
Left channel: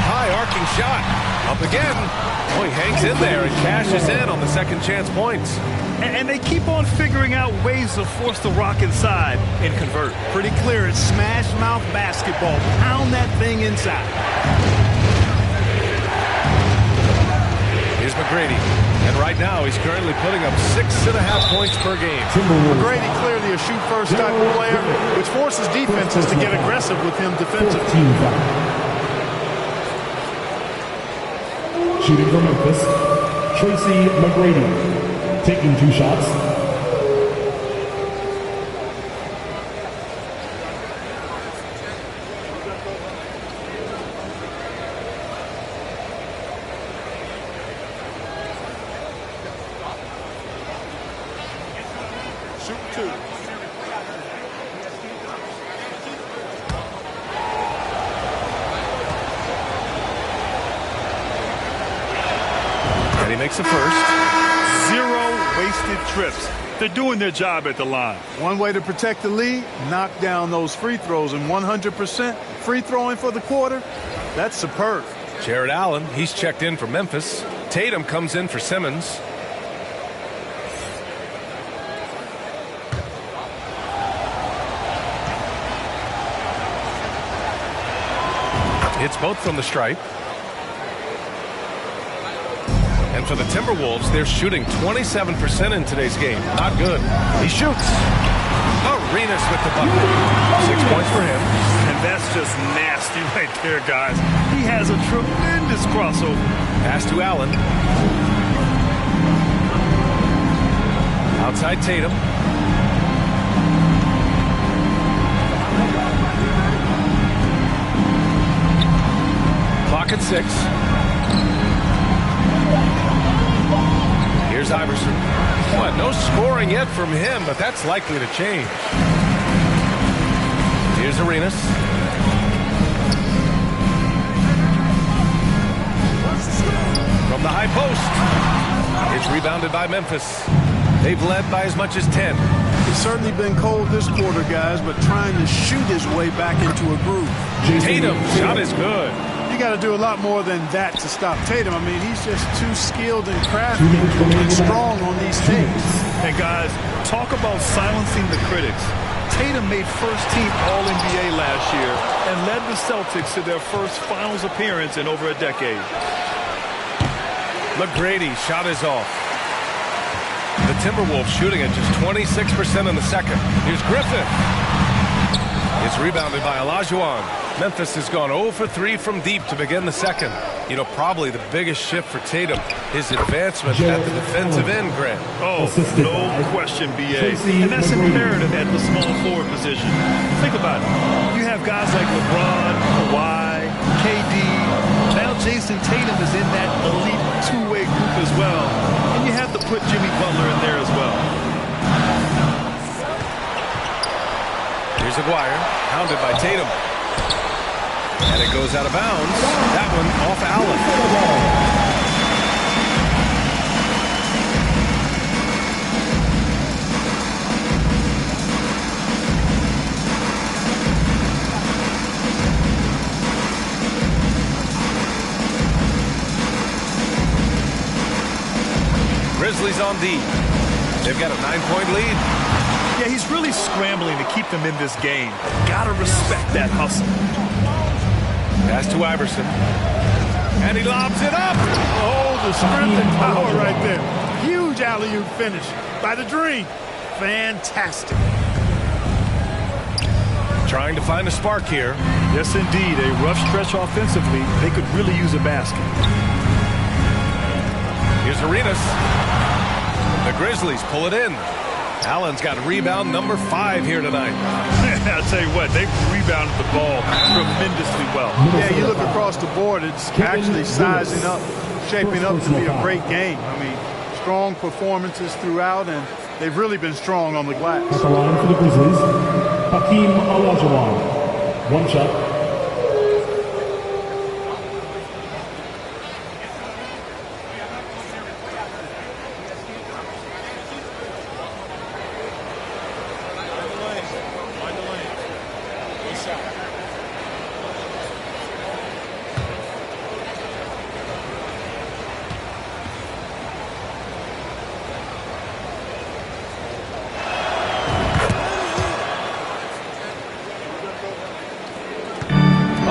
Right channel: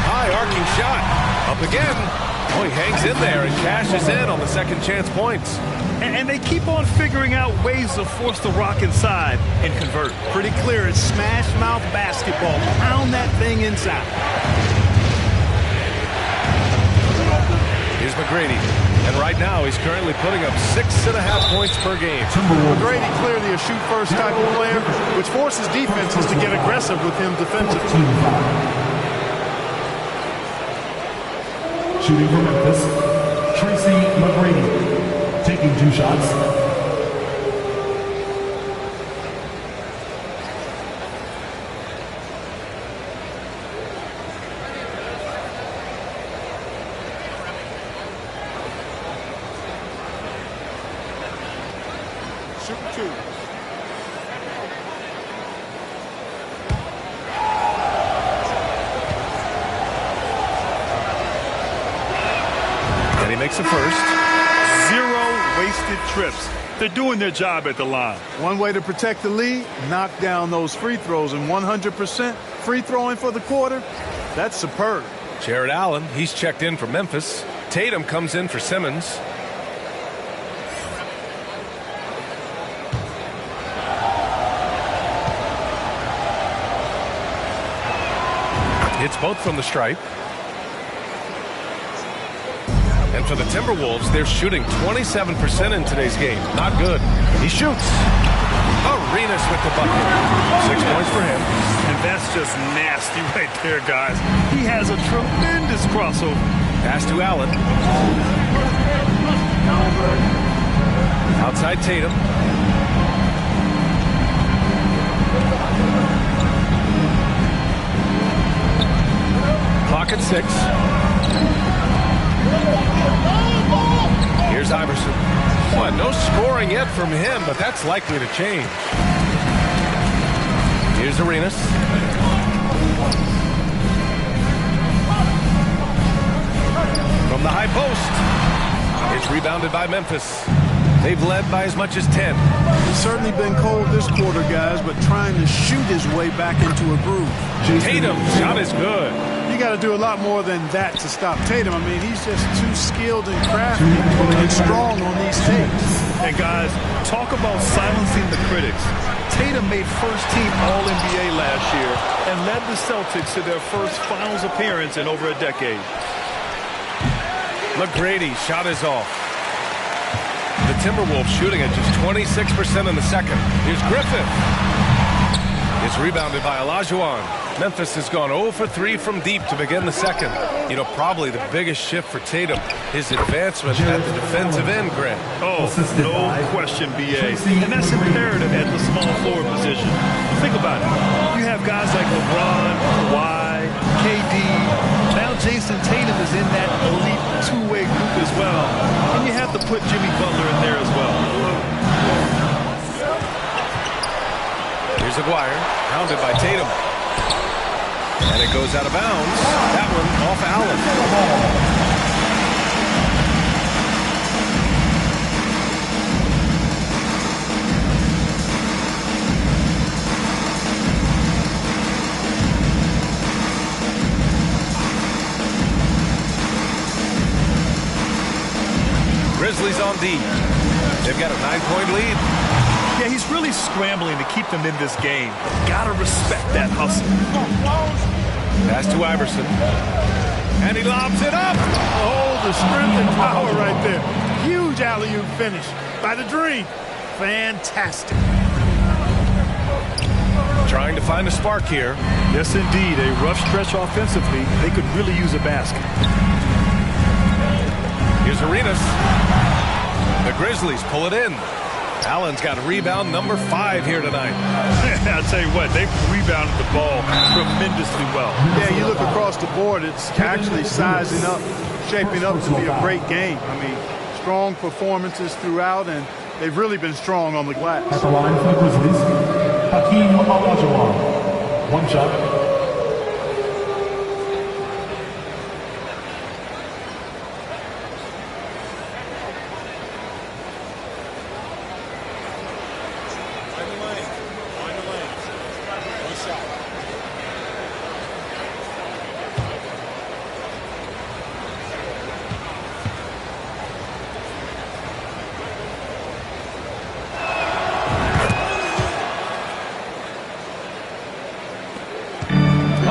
High arcing shot. Up again. Oh, he hangs in there and cashes in on the second chance points. And they keep on figuring out ways to force the rock inside and convert. Pretty clear. It's smash mouth basketball. Pound that thing inside. Here's McGrady. And right now, he's currently putting up 6.5 points per game. McGrady clearly a shoot-first type of player, which forces defenses to get aggressive with him defensively. Shooting for Memphis, Tracy McGrady, taking 2 shots. Shooting 2. And he makes a first. 0 wasted trips. They're doing their job at the line. One way to protect the lead, knock down those free throws, and 100% free throwing for the quarter, that's superb. Jared Allen, he's checked in for Memphis. Tatum comes in for Simmons. Hits both from the stripe. And for the Timberwolves, they're shooting 27% in today's game. Not good. He shoots. Arenas with the bucket. 6 points for him. And that's just nasty right there, guys. He has a tremendous crossover. Pass to Allen. Outside Tatum. Clock at 6. Here's Iverson. What? No scoring yet from him, but that's likely to change. Here's Arenas. From the high post. It's rebounded by Memphis. They've led by as much as 10. He's certainly been cold this quarter, guys, but trying to shoot his way back into a groove. Tatum, shot is good. You got to do a lot more than that to stop Tatum. I mean, he's just too skilled and crafty and strong on these takes. And guys, talk about silencing the critics. Tatum made first-team All-NBA last year and led the Celtics to their first finals appearance in over a decade. McGrady, shot is off. The Timberwolves shooting at just 26% in the second. Here's Griffith. It's rebounded by Olajuwon. Memphis has gone 0 for 3 from deep to begin the second. You know, probably the biggest shift for Tatum, his advancement at the defensive end, Grant. Oh, no question, B.A. And that's imperative at the small forward position. Think about it. You have guys like LeBron, Kawhi, KD. Now Jason Tatum is in that elite two-way group as well. And you have to put Jimmy Butler in there as well. Here's Aguirre, hounded by Tatum. And it goes out of bounds. That one off Allen. Grizzlies on D. They've got a 9-point lead. Yeah, he's really scrambling to keep them in this game. Gotta respect that hustle. Pass to Iverson. And he lobs it up. Oh, the strength and power right there. Huge alley-oop finish by the Dream. Fantastic. Trying to find a spark here. Yes, indeed. A rough stretch offensively. They could really use a basket. Here's Arenas. The Grizzlies pull it in. Allen's got rebound number 5 here tonight. I'll tell you what, they've rebounded the ball tremendously well. Yeah, you look across the board, it's actually sizing up, shaping up to be a great game. I mean, strong performances throughout, and they've really been strong on the glass. At the line for the Grizzlies, Hakeem Olajuwon. One shot.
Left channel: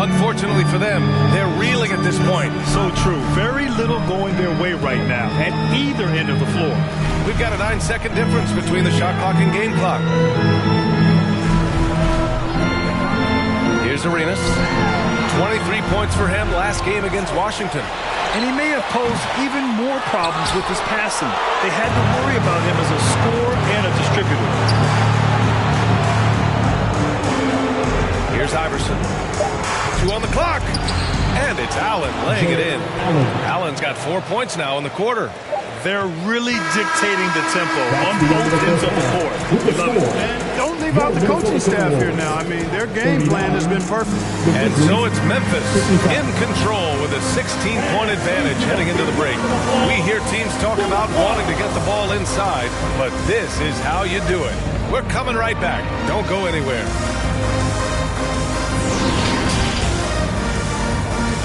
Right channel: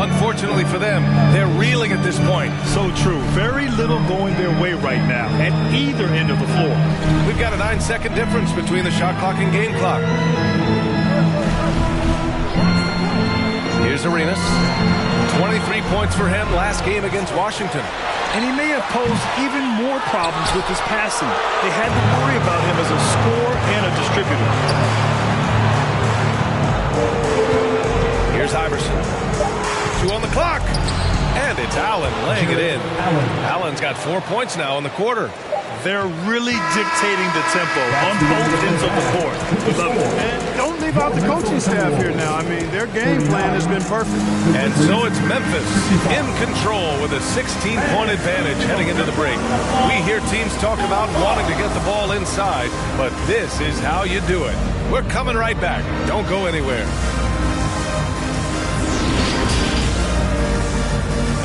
Unfortunately for them, they're reeling at this point. So true. Very little going their way right now at either end of the floor. We've got a 9-second difference between the shot clock and game clock. Here's Arenas. 23 points for him last game against Washington. And he may have posed even more problems with his passing. They had to worry about him as a scorer and a distributor. Here's Iverson. 2 on the clock. And it's Allen laying it in. Allen's got 4 points now in the quarter. They're really dictating the tempo on both ends of the court. We love it. And don't leave out the coaching staff here now. I mean, their game plan has been perfect. And so it's Memphis in control with a 16-point advantage heading into the break. We hear teams talk about wanting to get the ball inside, but this is how you do it. We're coming right back. Don't go anywhere.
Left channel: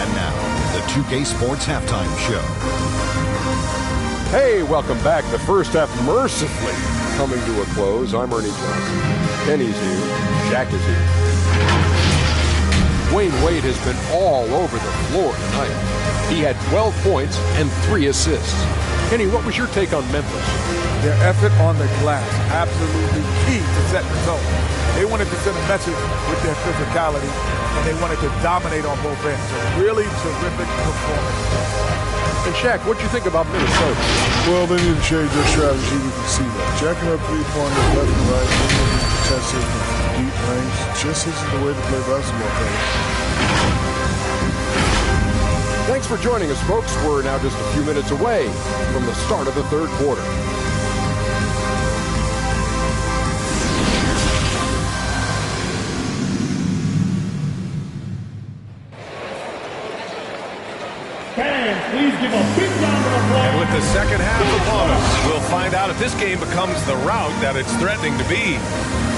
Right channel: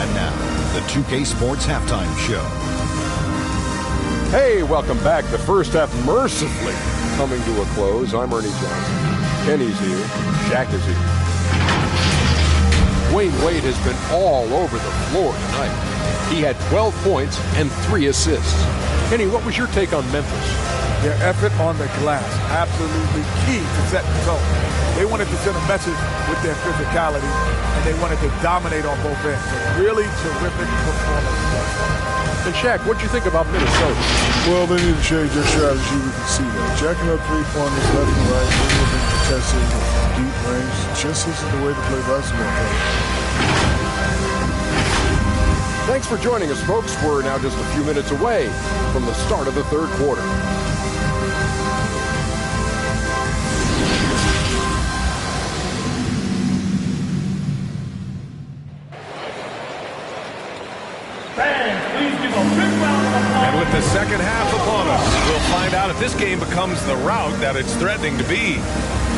And now, the 2K Sports Halftime Show. Hey, welcome back. The first half mercifully coming to a close. I'm Ernie Johnson. Kenny's here. Shaq is here. Dwayne Wade has been all over the floor tonight. He had 12 points and 3 assists. Kenny, what was your take on Memphis? Their effort on the glass, absolutely key to setting the tone. They wanted to send a message with their physicality, and they wanted to dominate on both ends. A really terrific performance thus far. And Shaq, what do you think about Minnesota? Well, they need to change their strategy. We can see that. Jacking up three-pointers left and right, maybe being contested with deep range, just isn't the way to play basketball, fellas. Thanks for joining us, folks. We're now just a few minutes away from the start of the third quarter. Please give a big round of applause. And with the second half upon us, we'll find out if this game becomes the rout that it's threatening to be.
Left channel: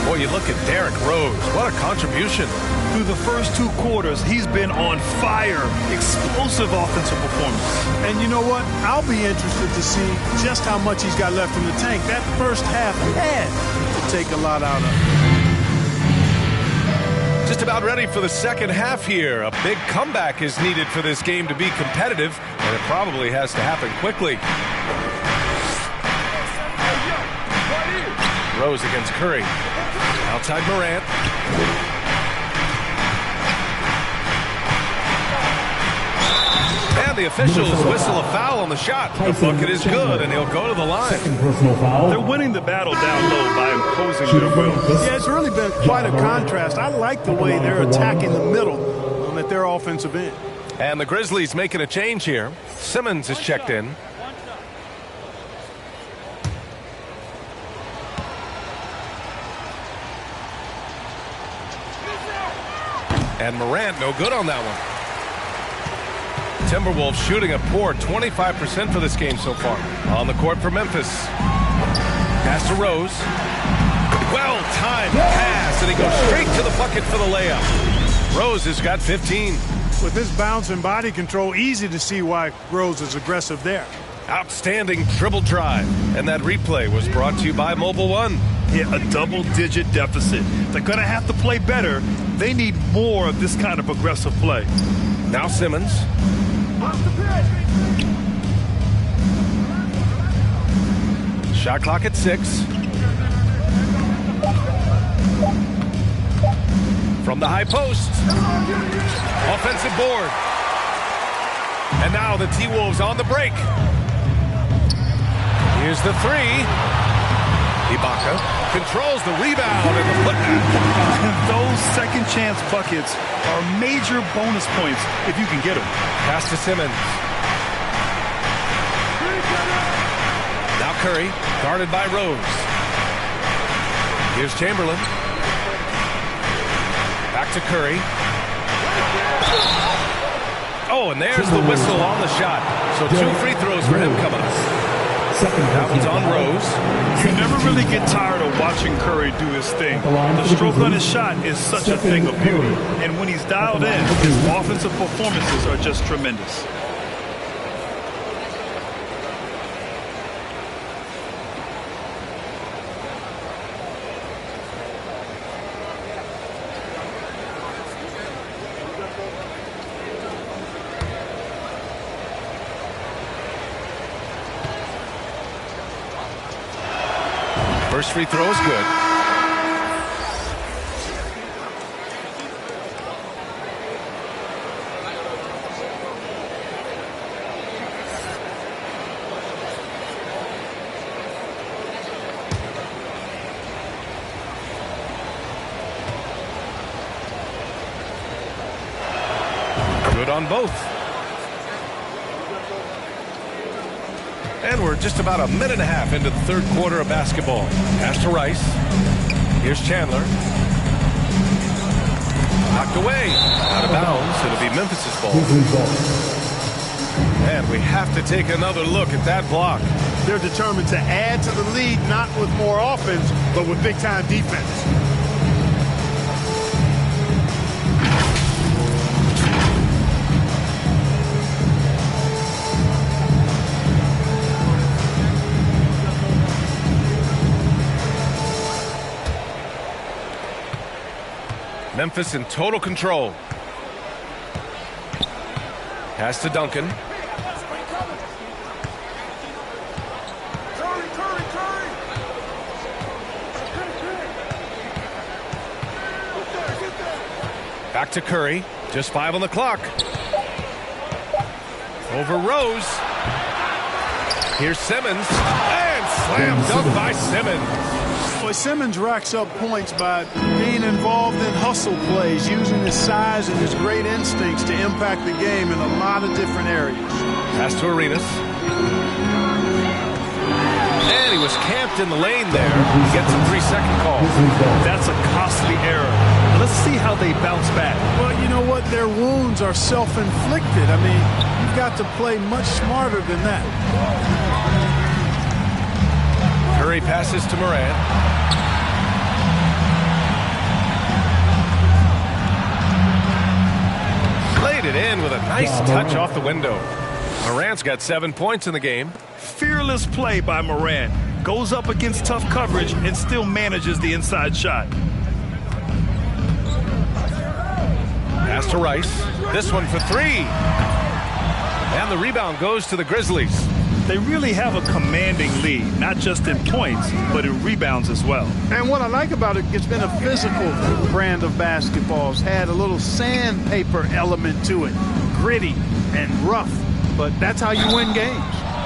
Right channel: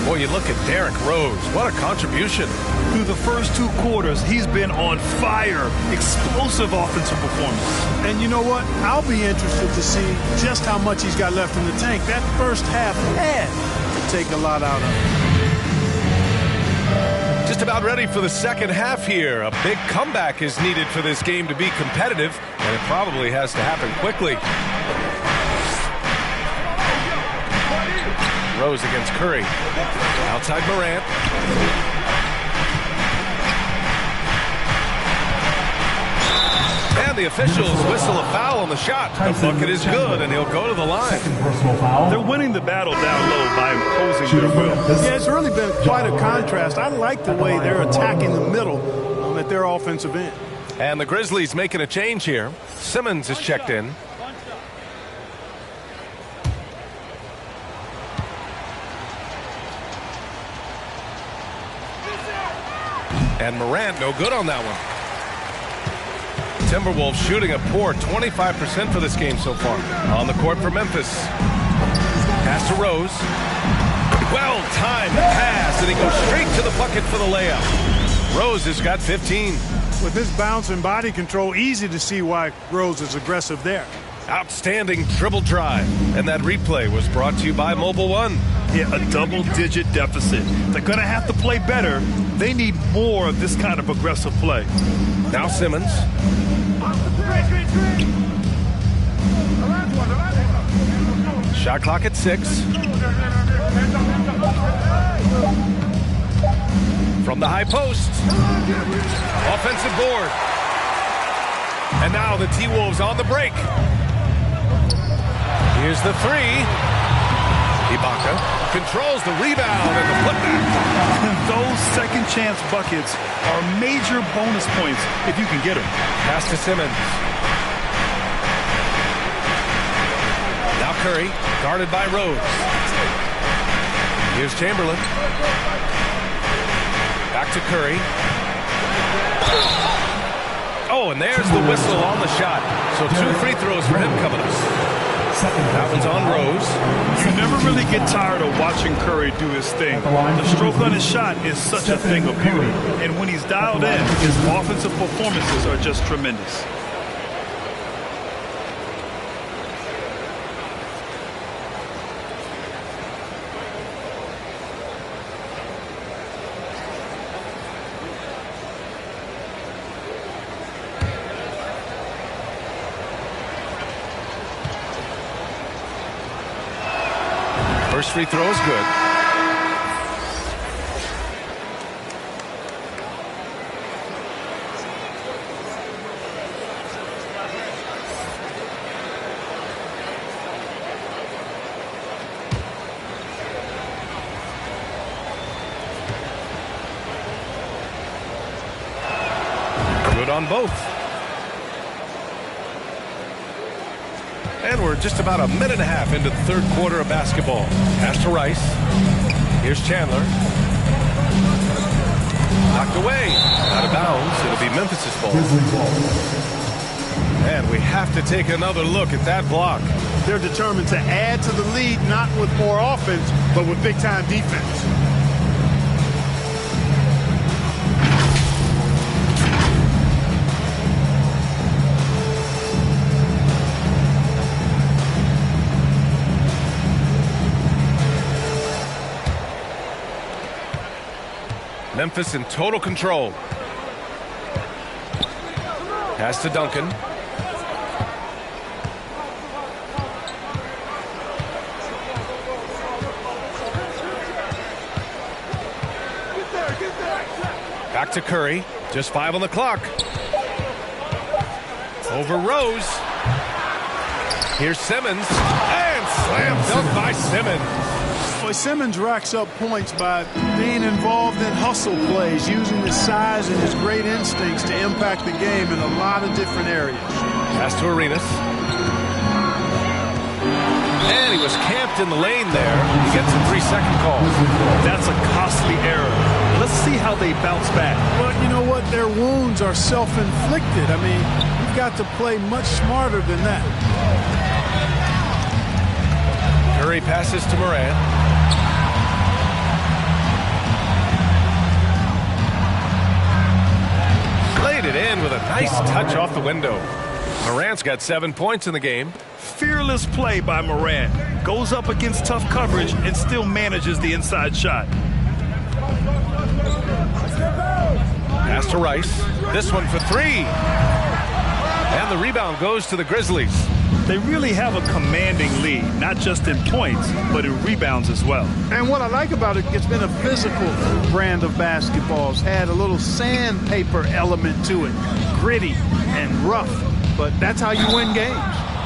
Boy, you look at Derrick Rose. What a contribution. Through the first 2 quarters, he's been on fire. Explosive offensive performance. And you know what? I'll be interested to see just how much he's got left in the tank. That first half had to take a lot out of him. Just about ready for the second half here. A big comeback is needed for this game to be competitive, and it probably has to happen quickly. Rose against Curry. Outside Morant. And the officials whistle a foul on the shot. The bucket is good, and he'll go to the line. They're winning the battle down low by imposing their will. Yeah, it's really been quite a contrast. I like the way they're attacking the middle at their offensive end. And the Grizzlies making a change here. Simmons is checked in. And Morant no good on that one. Timberwolves shooting a poor 25% for this game so far. On the court for Memphis. Pass to Rose. Well-timed pass, and he goes straight to the bucket for the layup. Rose has got 15. With his bounce and body control, easy to see why Rose is aggressive there. Outstanding dribble drive. And that replay was brought to you by Mobile One. Hit a double-digit deficit. They're going to have to play better. They need more of this kind of aggressive play. Now Simmons. Shot clock at 6. From the high post. Offensive board. And now the T-Wolves on the break. Here's the 3. Ibaka controls the rebound and the putback. Those second chance buckets are major bonus points if you can get them. Pass to Simmons. Now Curry, guarded by Rose. Here's Chamberlain. Back to Curry. Oh, and there's the whistle on the shot. So 2 free throws for him coming up. That one's on Rose. You never really get tired of watching Curry do his thing. The stroke on his shot is such a thing of beauty. And when he's dialed in, his offensive performances are just tremendous. First free throw is good. Good on both. And we're just about a minute and a half into the third quarter of basketball. Pass to Rice. Here's Chandler. Knocked away. Out of bounds. It'll be Memphis's ball. And we have to take another look at that block. They're determined to add to the lead, not with more offense, but with big-time defense. Memphis in total control. Pass to Duncan. Back to Curry. Just 5 on the clock. Over Rose. Here's Simmons. And slam dunk by Simmons. Boy, Simmons racks up points by being involved in hustle plays, using his size and his great instincts to impact the game in a lot of different areas. Pass to Arenas. And he was camped in the lane there. He gets a 3-second call. That's a costly error. Let's see how they bounce back. Well, you know what? Their wounds are self-inflicted. I mean, you've got to play much smarter than that. Curry passes to Morant. Laid it in with a nice touch off the window. Morant's got 7 points in the game. Fearless play by Morant. Goes up against tough coverage and still manages the inside shot. Pass to Rice. This one for 3. And the rebound goes to the Grizzlies. They really have a commanding lead, not just in points, but in rebounds as well. And what I like about it, it's been a physical brand of basketball. It's had a little sandpaper element to it, gritty and rough, but that's how you win games.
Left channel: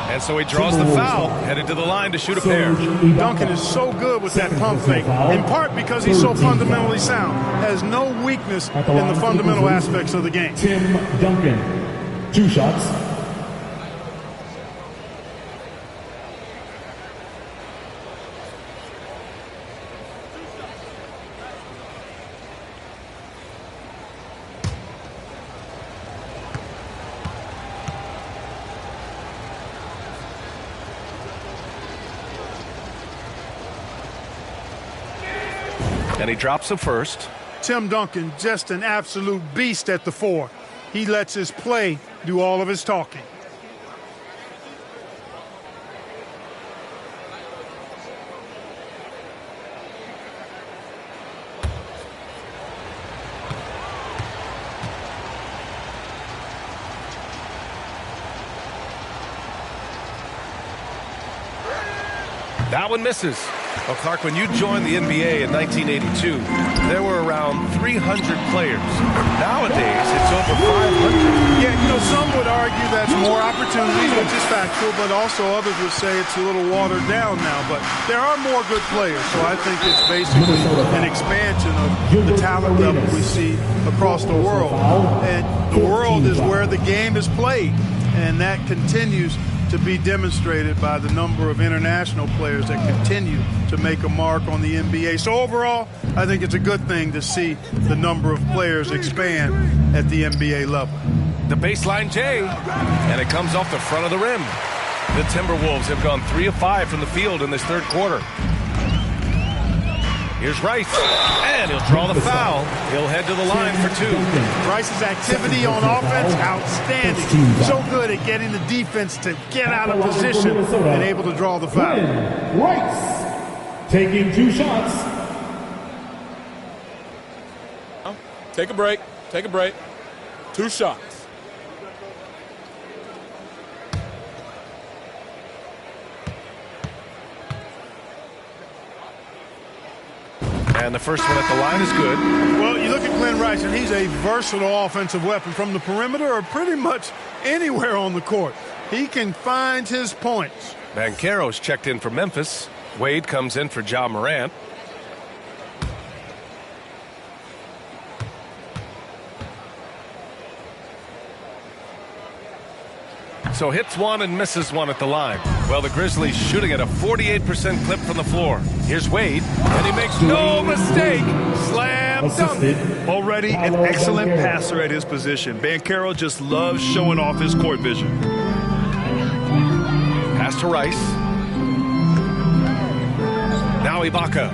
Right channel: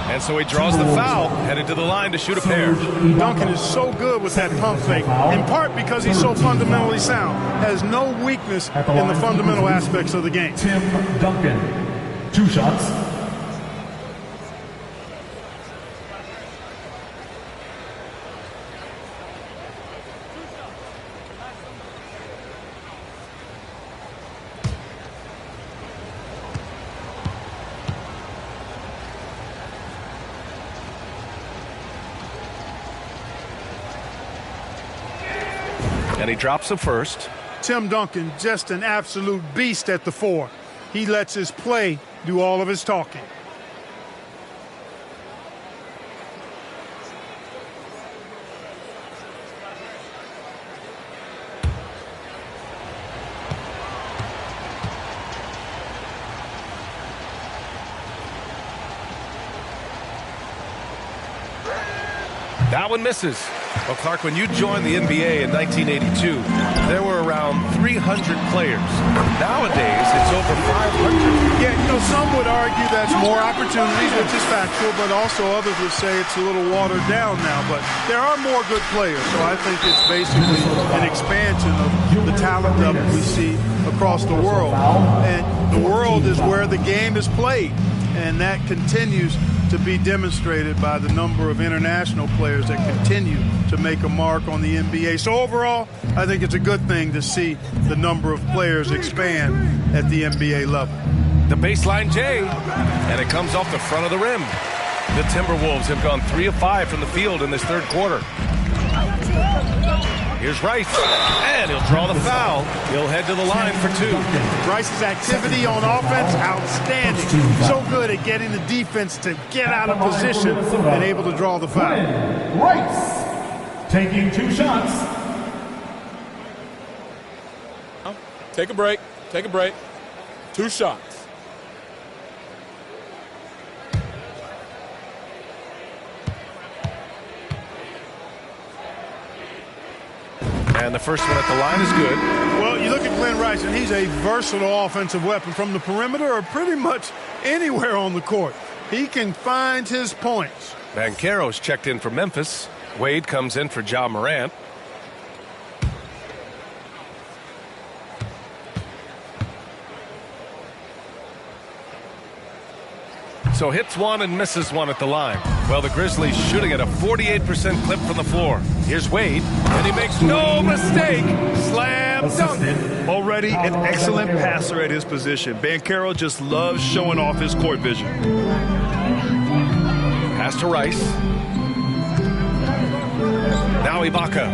And so he draws the foul, headed to the line to shoot a pair. Duncan is so good with that pump fake, in part because he's so fundamentally sound, has no weakness in the fundamental aspects of the game. Tim Duncan, 2 shots. And he drops the first. Tim Duncan, just an absolute beast at the 4. He lets his play do all of his talking. That one misses. Well, Clark, when you joined the NBA in 1982, there were around 300 players. Nowadays, it's over 500. Yeah, you know, some would argue that's more opportunities, which is factual, but also others would say it's a little watered down now. But there are more good players, so I think it's basically an expansion of the talent level we see across the world. And the world is where the game is played, and that continues to be demonstrated by the number of international players that continue to make a mark on the NBA. So overall, I think it's a good thing to see the number of players expand at the NBA level. The baseline J, and it comes off the front of the rim. The Timberwolves have gone 3 of 5 from the field in this third quarter. Here's Rice, and he'll draw the foul. He'll head to the line for 2. Rice's activity on offense, outstanding. So good at getting the defense to get out of position and able to draw the foul. Rice taking 2 shots. Take a break. Take a break. 2 shots. And the first one at the line is good. Well, you look at Glenn Rice, and he's a versatile offensive weapon from the perimeter or pretty much anywhere on the court. He can find his points. Banchero's checked in for Memphis. Wade comes in for Ja Morant. So hits one and misses one at the line. Well, the Grizzlies shooting at a 48% clip from the floor. Here's Wade, and he makes no mistake. Slam dunk. Already an excellent passer at his position. Banchero just loves showing off his court vision. Pass to Rice. Now Ibaka.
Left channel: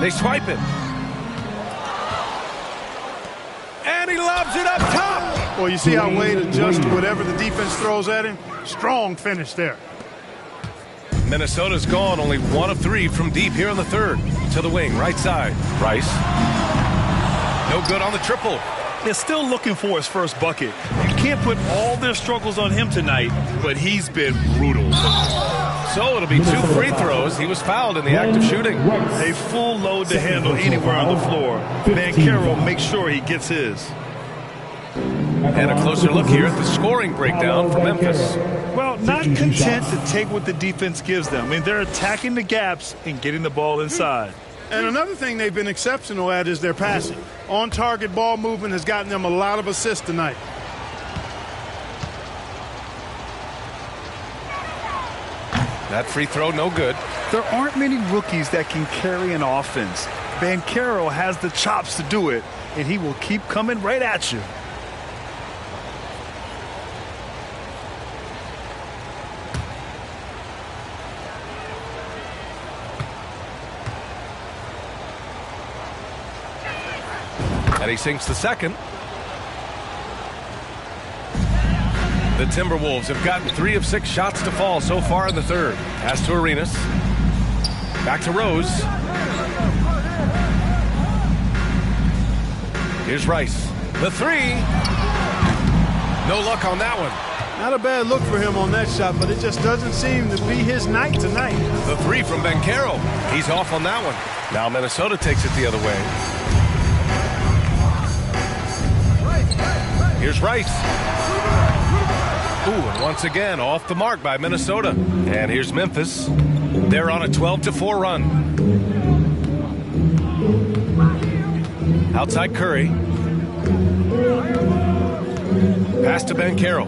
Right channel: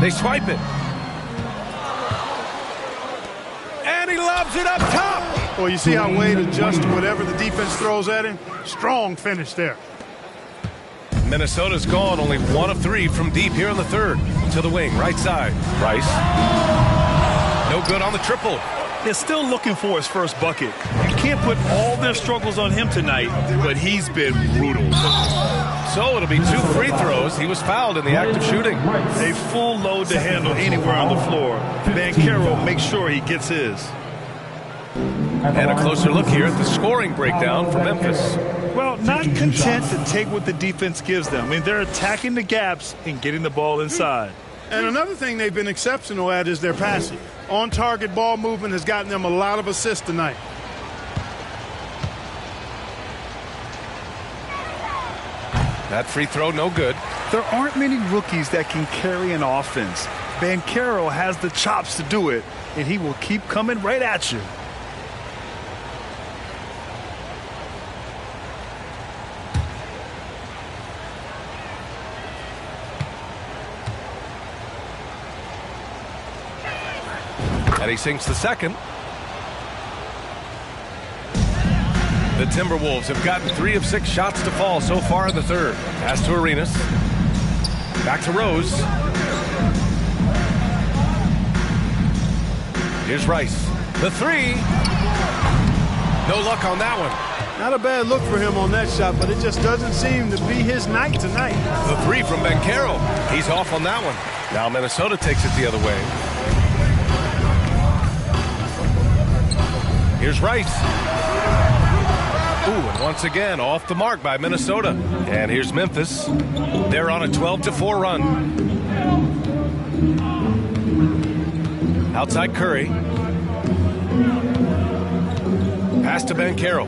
They swipe it. And he lobs it up top. Well, you see how Wade adjusts to whatever the defense throws at him? Strong finish there. Minnesota's gone only 1 of 3 from deep here in the third. To the wing, right side. Rice. No good on the triple. They're still looking for his first bucket. You can't put all their struggles on him tonight, but he's been brutal. So it'll be 2 free throws. He was fouled in the act of shooting. A full load to handle anywhere on the floor. Banchero makes sure he gets his. And a closer look here at the scoring breakdown for Memphis. Well, not content to take what the defense gives them. I mean, they're attacking the gaps and getting the ball inside. And another thing they've been exceptional at is their passing. On-target ball movement has gotten them a lot of assists tonight. That free throw, no good. There aren't many rookies that can carry an offense. Banchero has the chops to do it, and he will keep coming right at you. And he sinks the second. The Timberwolves have gotten 3 of 6 shots to fall so far in the third. Pass to Arenas. Back to Rose. Here's Rice. The 3. No luck on that one. Not a bad look for him on that shot, but it just doesn't seem to be his night tonight. The 3 from Banchero. He's off on that one. Now Minnesota takes it the other way. Here's Rice. Ooh, and once again, off the mark by Minnesota. And here's Memphis. They're on a 12-4 run. Outside Curry. Pass to Banchero.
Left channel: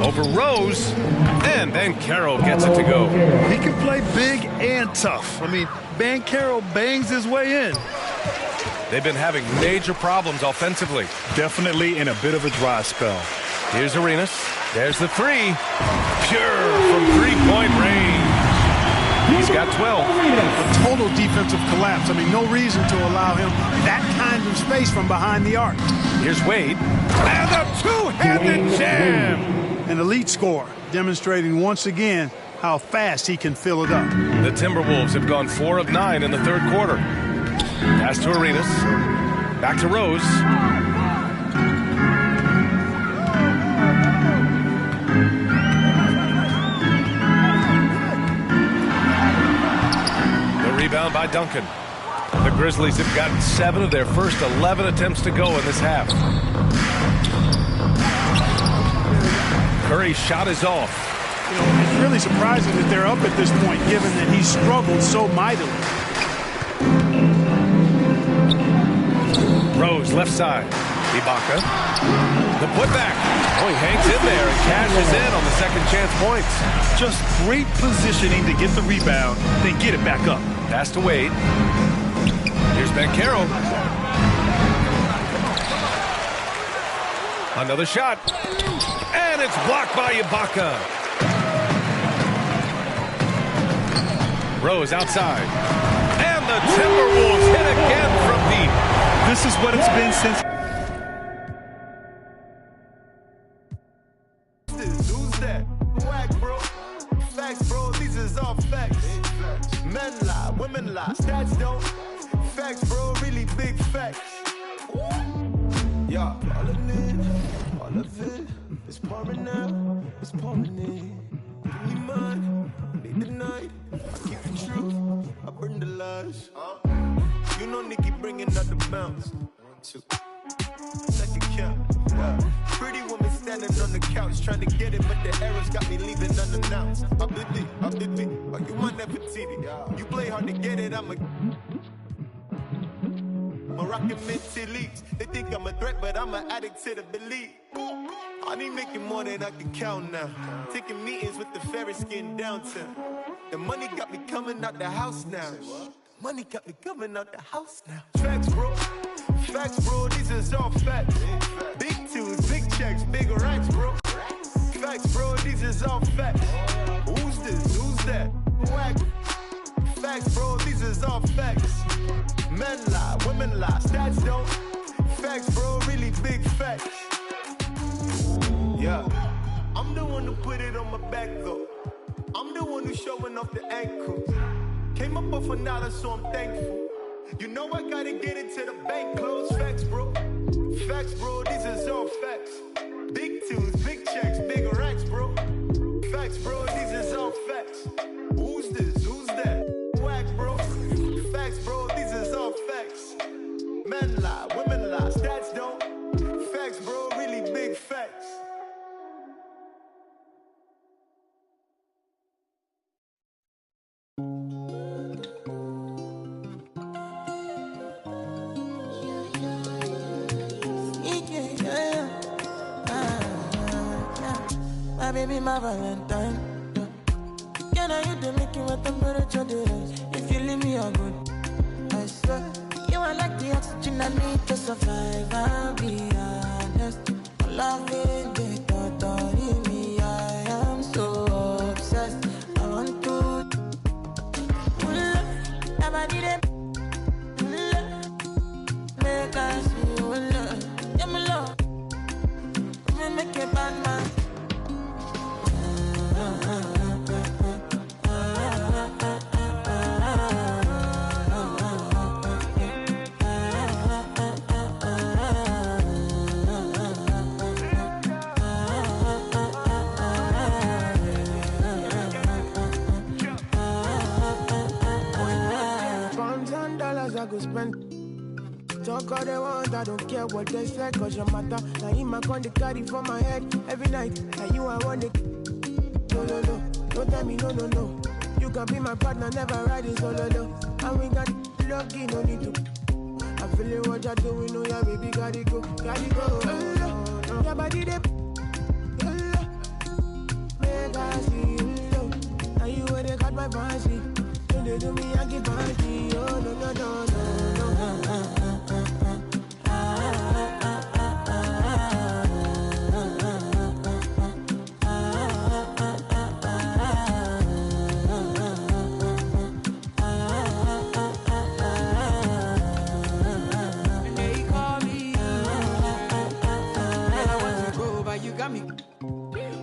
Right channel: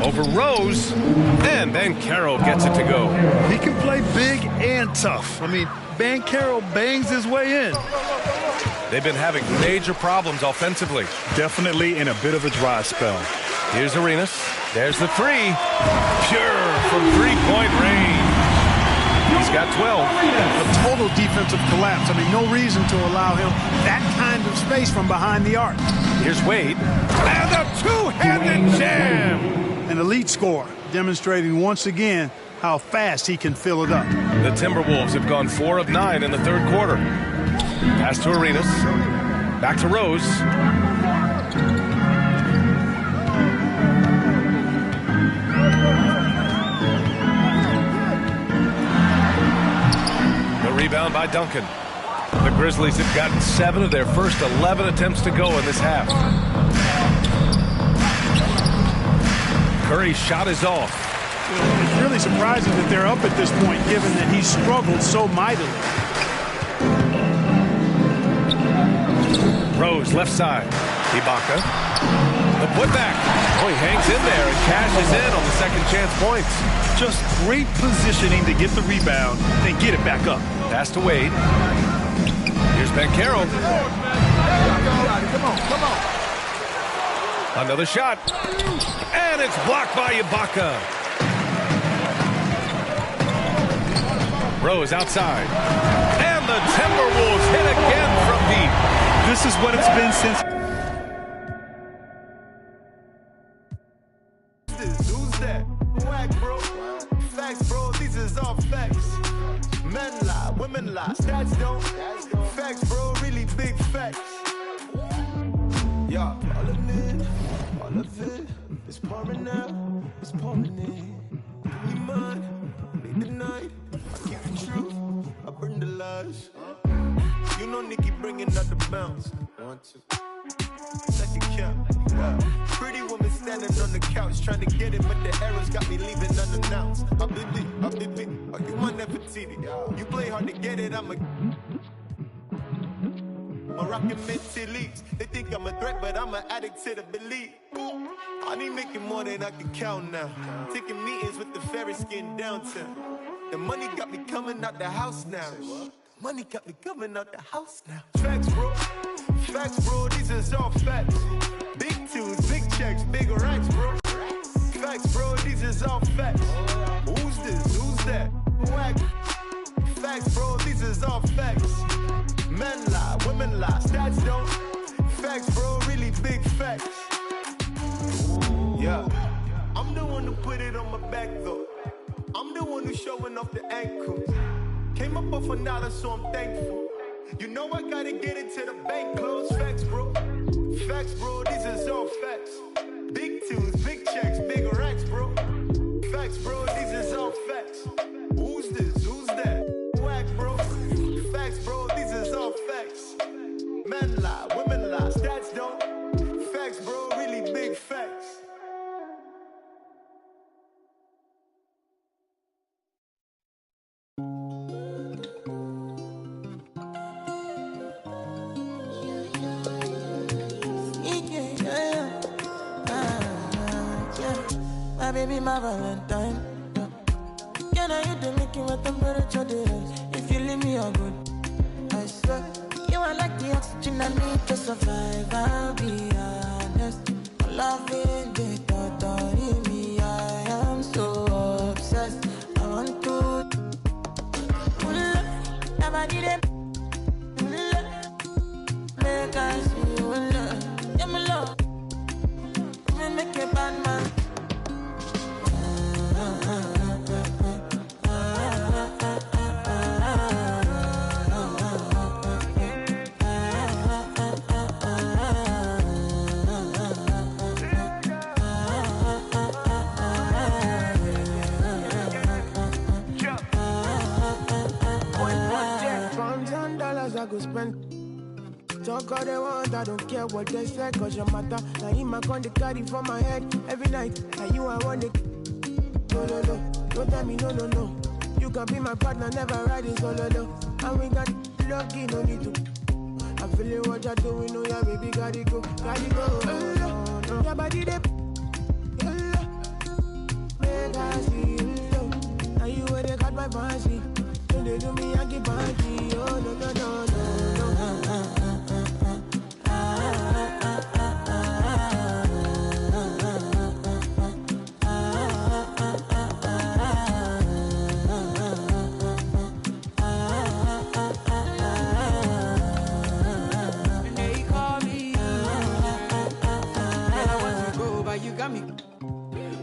Over Rose. And Banchero gets it to go. He can play big and tough. I mean, Banchero bangs his way in. They've been having major problems offensively. Definitely in a bit of a dry spell. Here's Arenas. There's the 3. Pure from 3-point range. He's got 12. A total defensive collapse. I mean, no reason to allow him that kind of space from behind the arc. Here's Wade. And a two-handed jam. An elite scorer, demonstrating once again how fast he can fill it up. The Timberwolves have gone 4 of 9 in the third quarter. Pass to Arenas. Back to Rose. The rebound by Duncan. The Grizzlies have gotten 7 of their first 11 attempts to go in this half. Curry's shot is off. You know, it's really surprising that they're up at this point, given that he struggled so mightily. Rose, left side. Ibaka. The putback. Oh, he hangs in there and cashes in on the second chance points. Just great positioning to get the rebound, then get it back up. Pass to Wade. Here's Banchero. Another shot. And it's blocked by Ibaka. Rose outside. And the Timberwolves hit again from deep. This is what it's been since. Who's that? Whack, bro. Facts, bro. These is all facts. Men lie, women lie. Stats don't. Facts, bro. Really big facts. Yeah. All of it is pouring out. It's pouring in. Give me mine. Make the night. I keep the truth. I burn the lies. You know Nikki bringing up the bounce. 1, 2. Second count. Yeah. Pretty woman standing on the couch trying to get it, but the arrows got me leaving unannounced. Oh, you my Nefertiti. You play hard to get it, I'm a... rocking minty leaves. They think I'm a threat, but I'm an addict to the belief. I need making more than I can count now. Taking meetings with the Ferris skin downtown. The money got me coming out the house now. Money got me coming out the house now. Facts, bro. Facts, bro. These is all facts. Big tunes, big checks, big racks, bro. Facts, bro. These is all facts. Who's this? Who's that? Whack. Facts, bro. These is all facts. Men lie, women lie, stats don't. Facts, bro. Really big facts. Yeah. I'm the one who put it on my back, though. I'm the one who's showing off the ankles. Came up off $1, so I'm thankful. You know I gotta get it to the bank close. Facts, bro. Facts, bro. These is all facts. Big tunes, big checks, big racks, bro. Facts, bro. These is all facts. Who's this? Who's that? Whack, bro. Facts, bro. These is all facts. Men lie, women lie, stats don't. Facts, bro. Really big facts. My baby, my Valentine. Can I hit the making with temperature days? If you leave me, I'm good. I swear, you are like the oxygen I need to survive. I'll be honest. Loving the thought of me, I am so obsessed. I want to never need it. Make I see you love. Yeah, my love. Make a bad man. $1,000 I go spend. Talk all they want, I don't care what they say, cause your matter. Now in my con, they carry for my head every night. Now you I want it. No, no, no, don't tell me no, no, no. You can be my partner, never riding solo, no. And we got lucky, no need to. I'm feeling what you're doing, oh yeah, baby, gotta go, gotta go. No. Your body, they make I see you, now you where they got my fancy. Don't they do me, I get panty, oh no, no, no, no, no.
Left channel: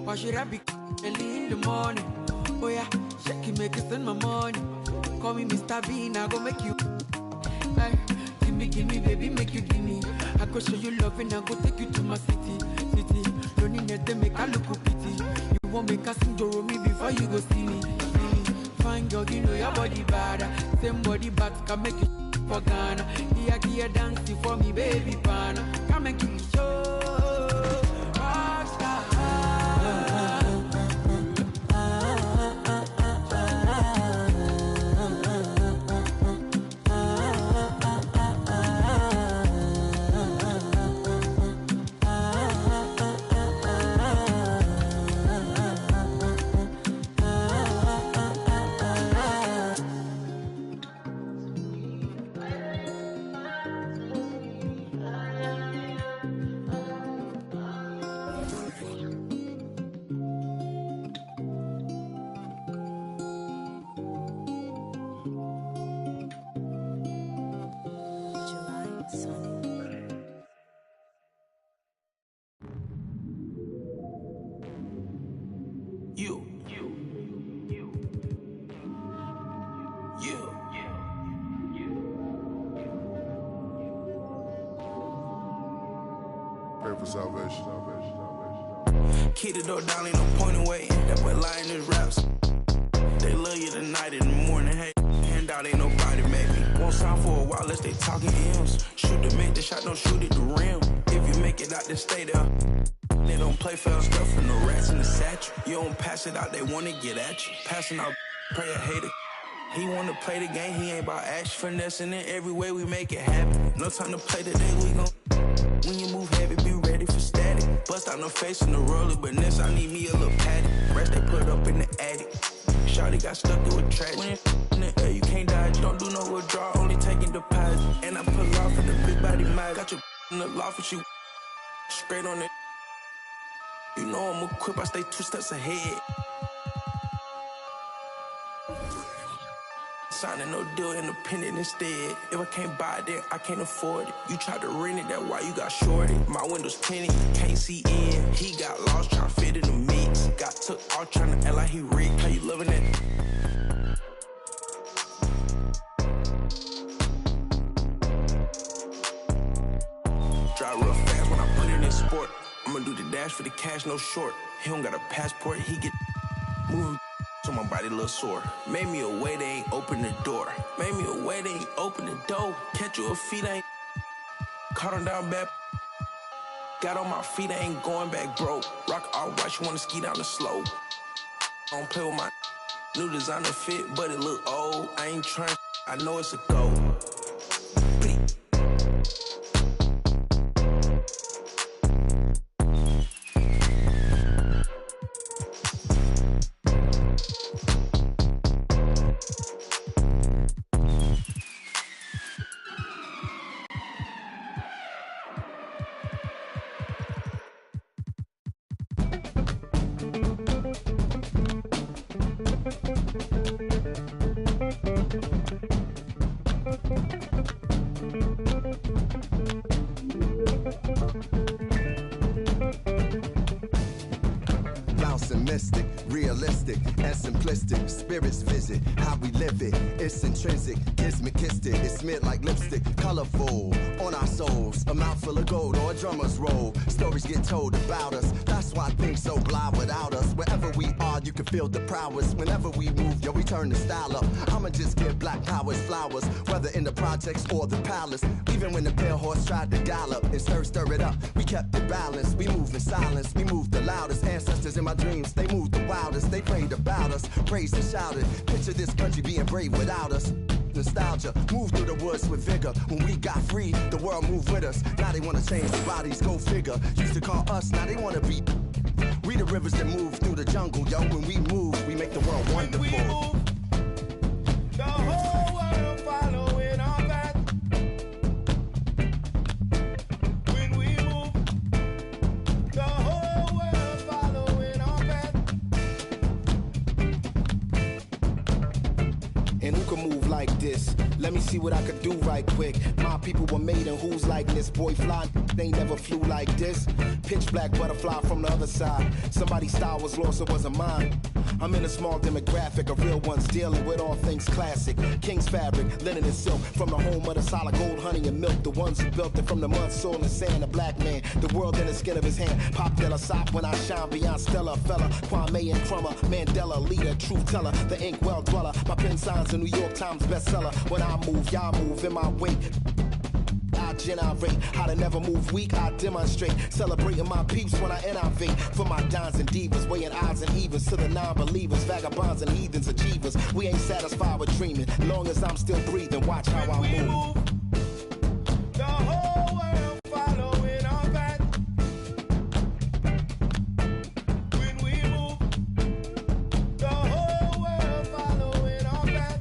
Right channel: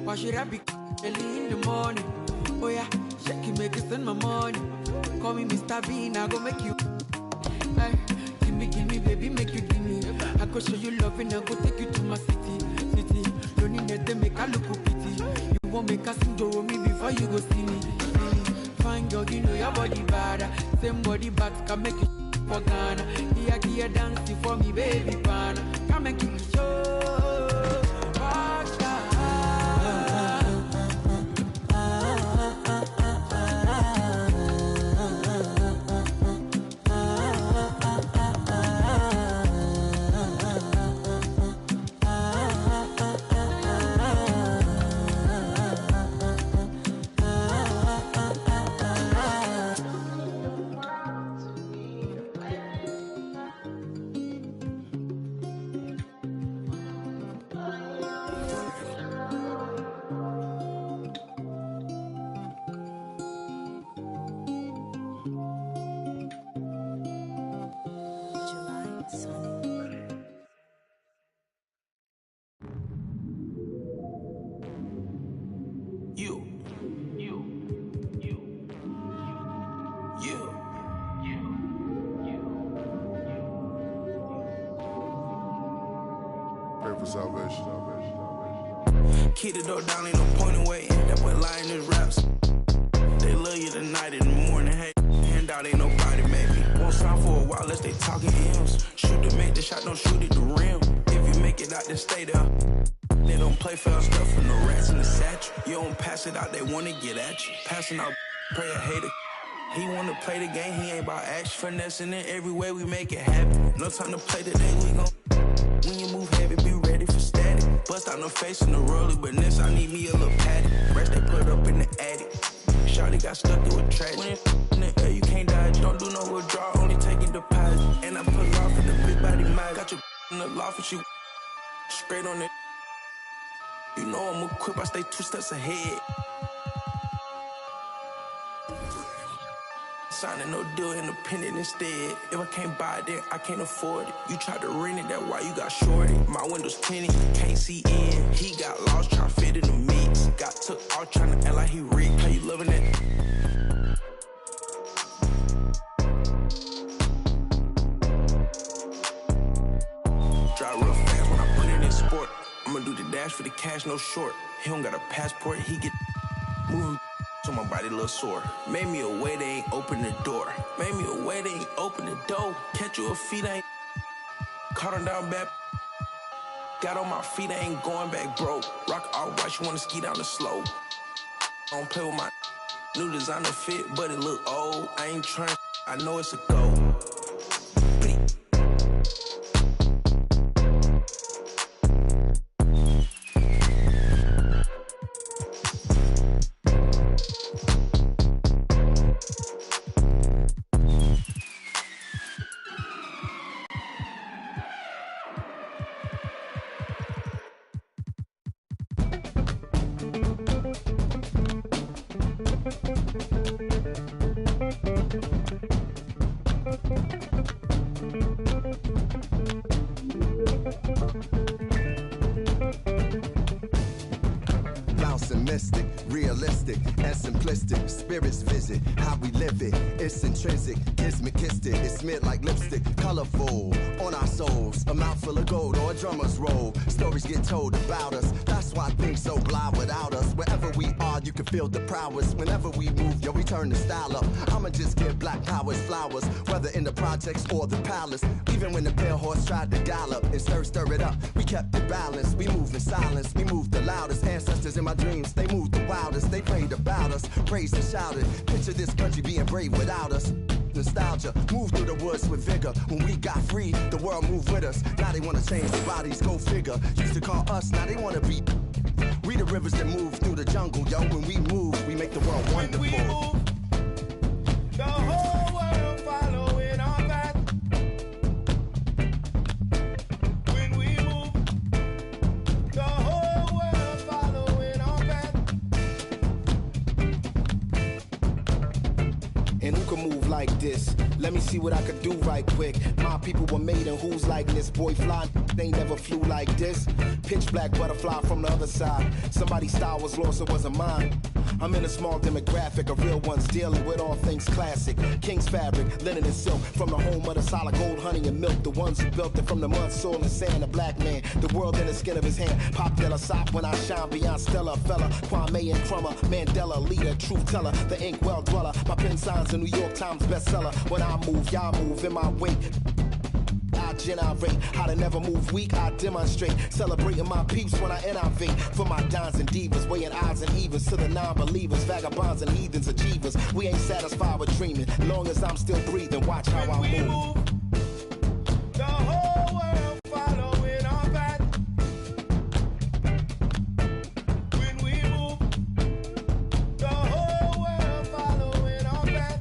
Why should I be early in the morning? Oh yeah, shake it, make it send my money. Call me Mr. Bean, I go make you. Hey, give me, baby, make you give me. I go show you love and I go take you to my city. Don't need to make a look pity. You won't make a sing to me before you go see me. Fine girl, you know your body bad. Same body but can make you for Ghana. Here dancing for me, baby, pana. Come and give me show. Rockstar. Salvation. Keep the door down, ain't no point away. That boy lying his raps. They love you tonight in the morning. Hey, handout ain't nobody, maybe. Won't sign for a while unless they talking M's. Shoot to make the shot, don't shoot at the rim. If you make it out, then stay there. They don't play fair stuff from the rats in the satchel. You don't pass it out, they wanna get at you. Passing out, pray a hater. He wanna play the game, he ain't about action. Finessing it every way, we make it happen. No time to play today, we gon' when you move heavy, be ready for static. Bust out no face in the roller, but this I need me a little patty. Rest they put up in the attic. Shawty got stuck through a track. When it's in the air, you can't dodge. Don't do no withdrawal, only taking deposit. And I pull off in the big body mag. Got your in the loft and you straight on it. You know I'm equipped, I stay 2 steps ahead. Signing no deal, independent instead. If I can't buy it, then I can't afford it. You tried to rent it, that's why you got shorted. My windows tinted, can't see in. He got lost, trying to fit in the mix. Got took off, trying to act like he rich. How you loving it? Drive real fast when I put it in sport. I'ma do the dash for the cash, no short. He don't got a passport, he get moving. So my body a little sore. Made me a way, they ain't open the door. Made me a way, they ain't open the door. Catch you a feet, I ain't caught him down bad. Got on my feet, I ain't going back broke. Rock all white, you wanna ski down the slope. I don't play with my new designer fit, but it look old. I ain't trying, I know it's a go. Mystic, realistic, and simplistic. Spirits visit how we live it. It's intrinsic, kismet, it's smeared like lipstick. Colorful on our souls, a mouthful of gold or a drummer's roll. Stories get told about us, that's why things so blah without us. Wherever we are, you can feel the prowess. Whenever we move, yo, we turn the style up. I'ma just give black powers flowers, whether in the projects or the palace. Even when the pale horse tried to gallop and stir it up, we kept it balanced. We moved in silence, we moved the loudest. Ancestors in my dreams, they moved the wildest. They prayed about us, praised and shouted. Picture this country being brave without us. Nostalgia, move through the woods with vigor. When we got free, the world moved with us. Now they wanna change the bodies, go figure. Used to call us, now they wanna be. We the rivers that move through the jungle, yo. When we move, we make the world wonderful. When we move, the whole world following our path. When we move, the whole world following our path. And who can move like this? Let me see what I could do right quick. My people were made in who's like this. Boy fly, they never flew like this. Pitch black butterfly from the other side. Somebody's style was lost, it wasn't mine. I'm in a small demographic of real ones dealing with all things classic. King's fabric, linen and silk. From the home of the solid gold, honey and milk. The ones who built it from the mud, soil and sand. A black man, the world in the skin of his hand. Pop Della Sop when I shine beyond Stella. Fella, Kwame and Crummer. Mandela, leader, truth teller. The ink well dweller. My pen signs a New York Times bestseller. When I move, y'all move in my wake. I generate how to never move weak. I demonstrate celebrating my peeps when I innovate. For my dons and divas, weighing odds and evens to the non-believers, vagabonds and heathens, achievers. We ain't satisfied with dreaming. Long as I'm still breathing, watch how I move. The whole world following our path. When we move, the whole world following our path.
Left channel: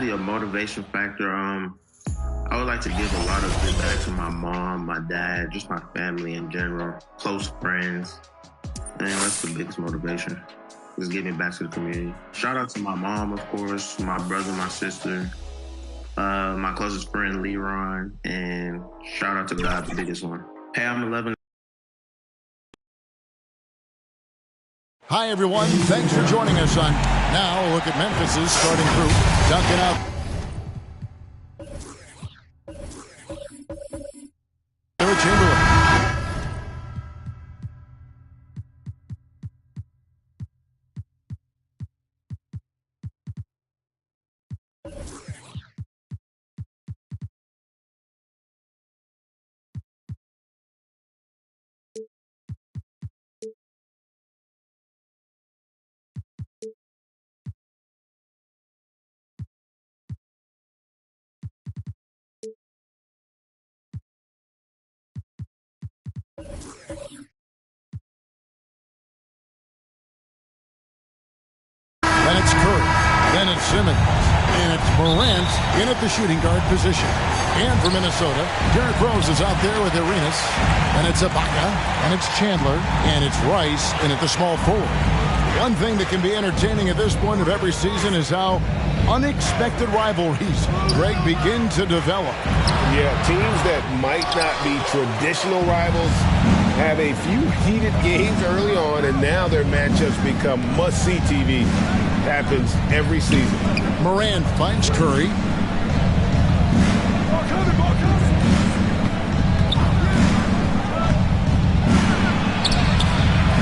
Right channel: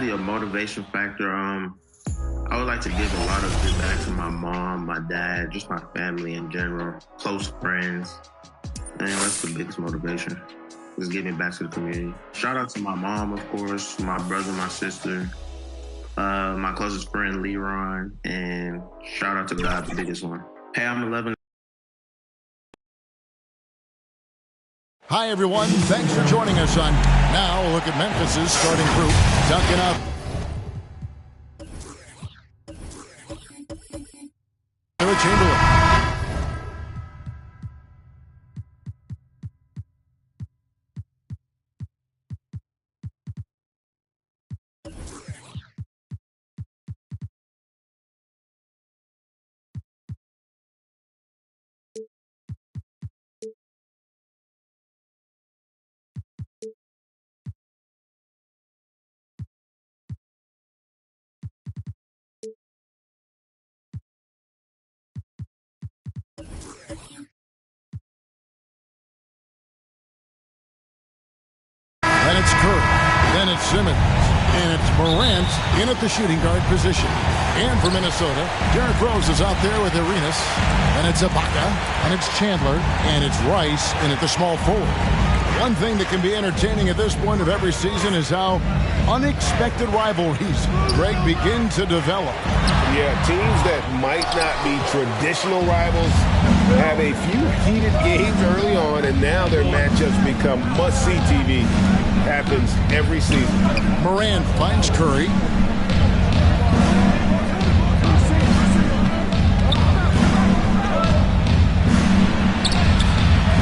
definitely a motivation factor. I would like to give a lot of it back to my mom, my dad, just my family in general, close friends. And that's the biggest motivation, is giving back to the community. Shout out to my mom, of course, my brother, my sister, my closest friend, Leron, and shout out to God, the biggest one. Hey, I'm 11. Hi, everyone. Thanks for joining us on Now. Look at Memphis's starting group. Duncan out. Chamberlain. Then it's Curry. Then it's Simmons. And it's Morant in at the shooting guard position. And for Minnesota, Derrick Rose is out there with Arenas. Then it's Ibaka. And it's Chandler. And it's Rice in at the small forward. One thing that can be entertaining at this point of every season is how unexpected rivalries, Greg, begin to develop. Yeah, teams that might not be traditional rivals have a few heated games early on, and now their matchups become must-see TV. Happens every season. Morant finds Curry.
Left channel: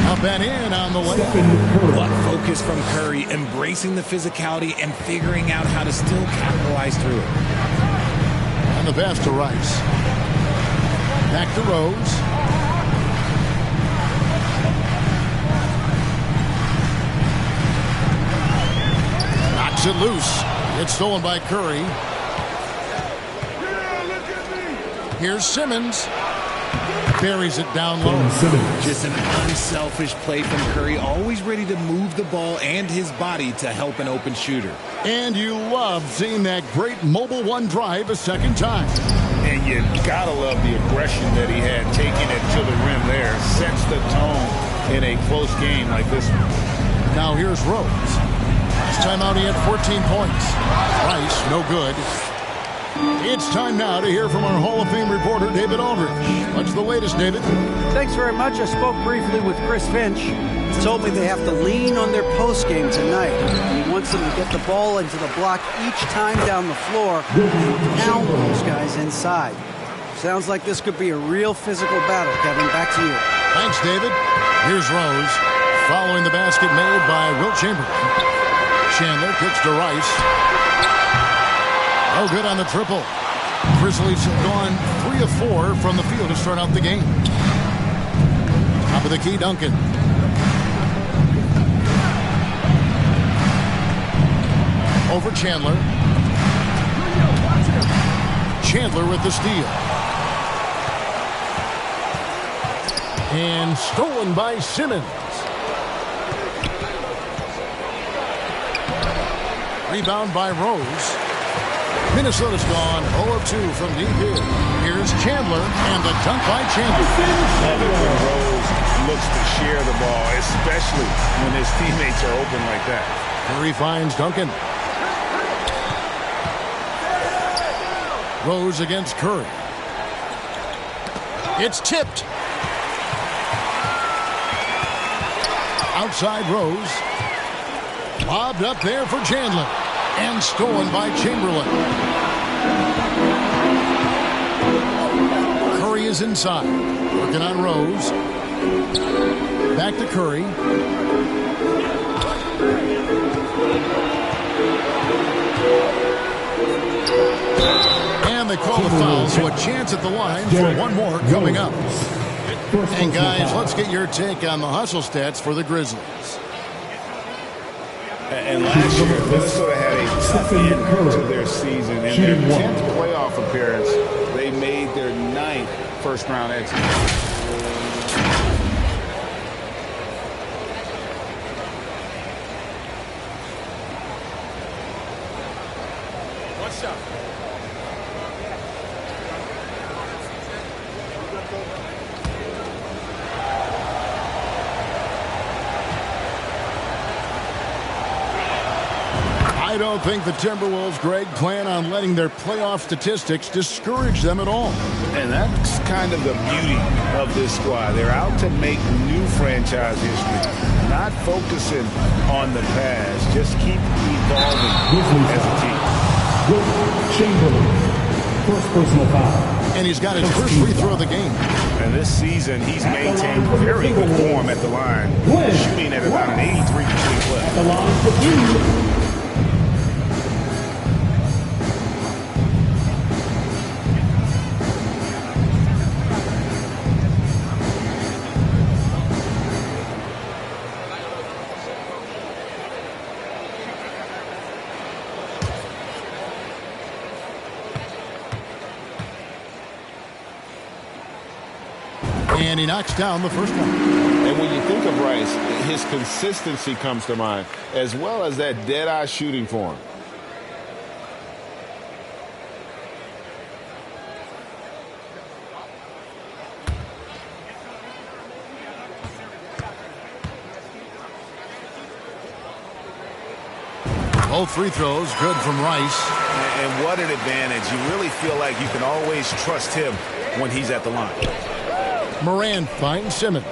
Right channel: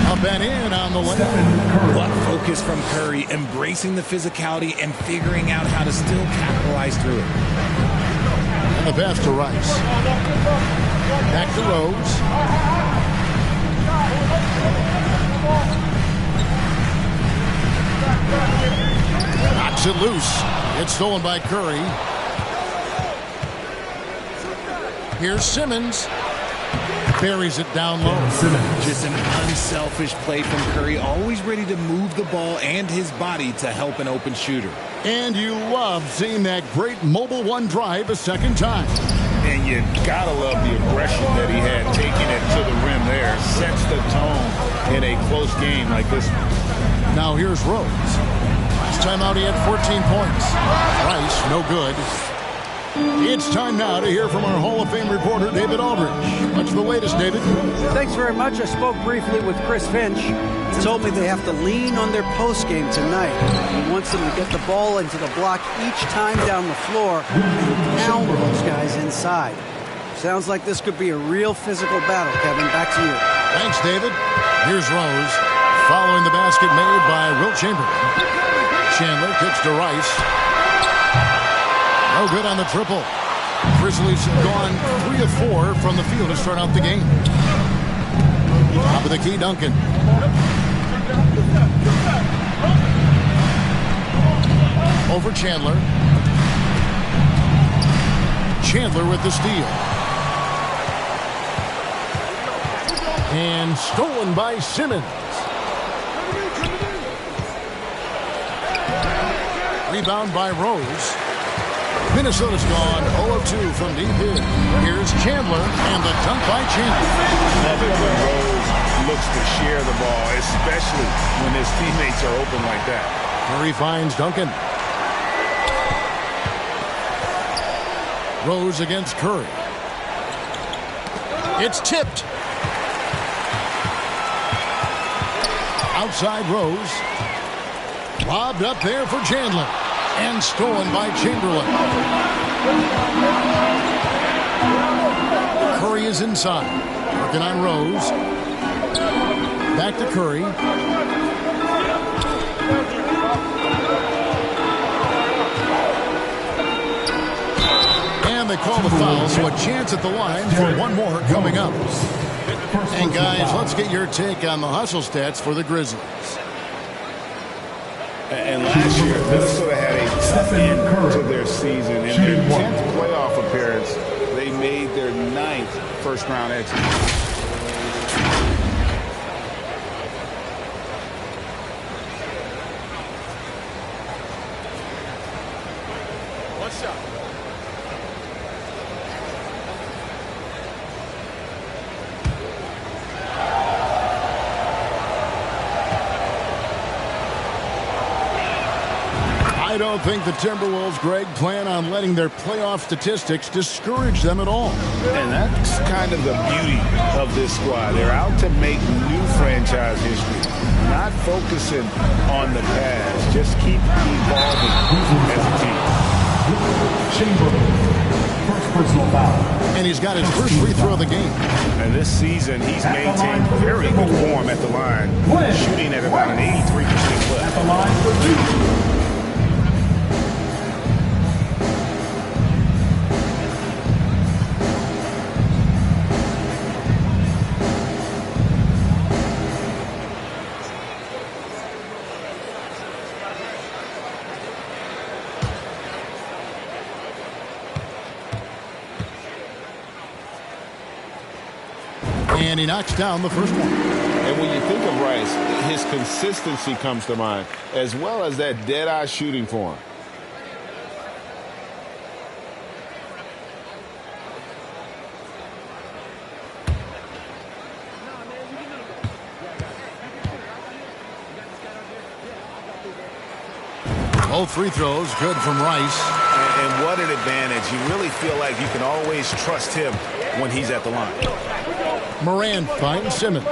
Up and in on the lane. What focus from Curry, embracing the physicality and figuring out how to still capitalize through it. And the pass to Rice. Back to Rose. Knocks it loose. It's stolen by Curry. Here's Simmons. Buries it down low. Just an unselfish play from Curry, always ready to move the ball and his body to help an open shooter. And you love seeing that great mobile one drive a second time. And you gotta love the aggression that he had, taking it to the rim there. Sets the tone in a close game like this one. Now here's Rose. Last time out he had 14 points. Rice, no good. It's time now to hear from our Hall of Fame reporter, David Aldridge. What's the latest, David? Thanks very much. I spoke briefly with Chris Finch. He told me they have to lean on their postgame tonight. He wants them to get the ball into the block each time down the floor and pound those guys inside. Sounds like this could be a real physical battle, Kevin. Back to you. Thanks, David. Here's Rose, following the basket made by Wilt Chamberlain. Chandler kicks to Rice. No good on the triple. Grizzlies have gone 3 of 4 from the field to start out the game. Top of the key, Duncan. Over Chandler. Chandler with the steal. And stolen by Simmons. Rebound by Rose. Minnesota's gone 0 of 2 from deep here. Here's Chandler, and the dunk by Chandler. Love it when Rose looks to share the ball, especially when his teammates are open like that. Curry finds Duncan. Rose against Curry. It's tipped. Outside Rose. Lobbed up there for Chandler. And stolen by Chamberlain. Curry is inside. Working on Rose. Back to Curry. And they call the foul, so a chance at the line for one more coming up. And guys, let's get your take on the hustle stats for the Grizzlies. And last year, Minnesota had a tough end to their season. In their 10th playoff appearance, they made their 9th first-round exit. One shot. I don't think the Timberwolves, Greg, plan on letting their playoff statistics discourage them at all. And that's kind of the beauty of this squad. They're out to make new franchise history, not focusing on the past. Just keep evolving as a team. Chamberlain, first personal foul. And he's got his first free throw of the game. And this season, he's maintained very good form at the line, shooting at about an 83% clip. At the line for two. And he knocks down the first one. And when you think of Rice, his consistency comes to mind, as well as that dead-eye shooting form. Both free throws good from Rice. And what an advantage. You really feel like you can always trust him when he's at the line. Moran finds Simmons.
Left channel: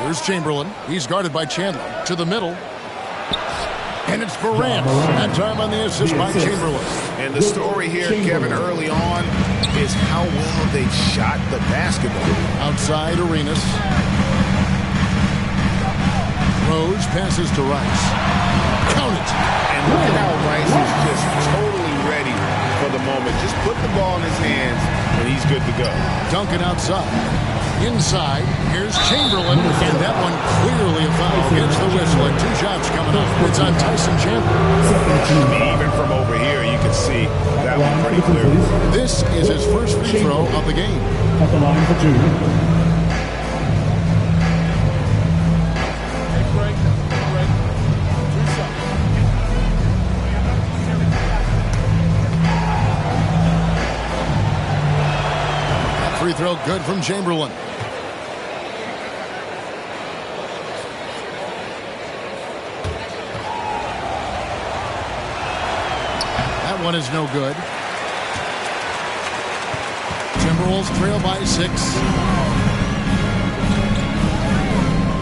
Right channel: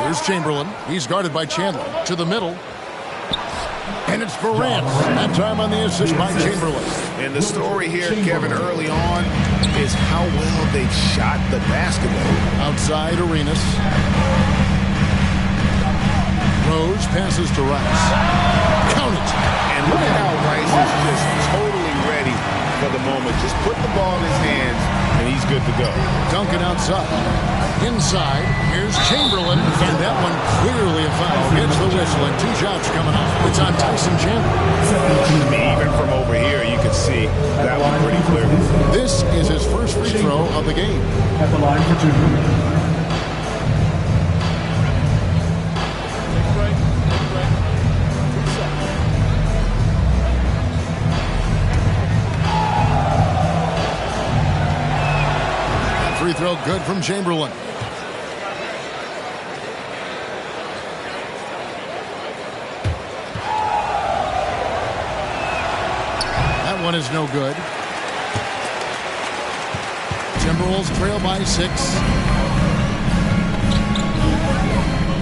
Here's Chamberlain. He's guarded by Chandler. To the middle. And it's Morant. That time on the assist by Chamberlain. And the story here, Kevin, early on is how well they shot the basketball. Outside Arenas. Rose passes to Rice. Count it. And look at how Rice is just totally ready for the moment. Just put the ball in his hands, and he's good to go. Duncan outside. Inside, here's Chamberlain, and that one clearly a foul. Gets the whistle, and two shots coming up. It's on Tyson Chandler. Even from over here, you can see that one pretty clearly. This is his first free throw of the game. At the line for two. Take a break. Take a break. Two shots. That free throw good from Chamberlain. That one is no good. Timberwolves trail by 6.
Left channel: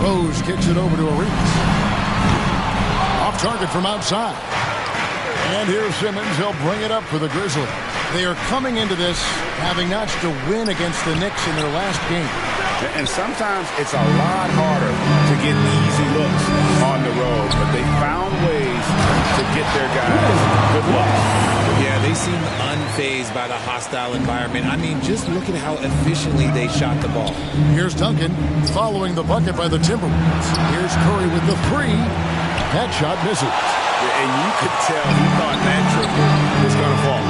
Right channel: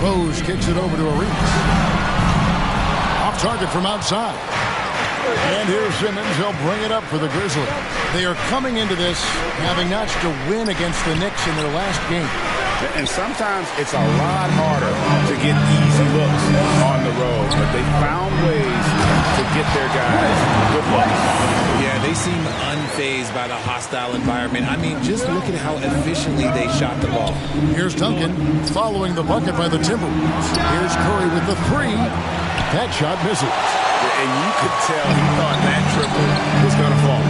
Rose kicks it over to Arenas. Off target from outside. And here's Simmons. He'll bring it up for the Grizzlies. They are coming into this having notched a win against the Knicks in their last game. And sometimes it's a lot harder to get easy looks on the road, but they found ways to get their guys good looks. Yeah, they seem unfazed by the hostile environment. I mean, just look at how efficiently they shot the ball. Here's Duncan following the bucket by the Timberwolves. Here's Curry with the 3. That shot misses. And you could tell he thought that triple was going to fall.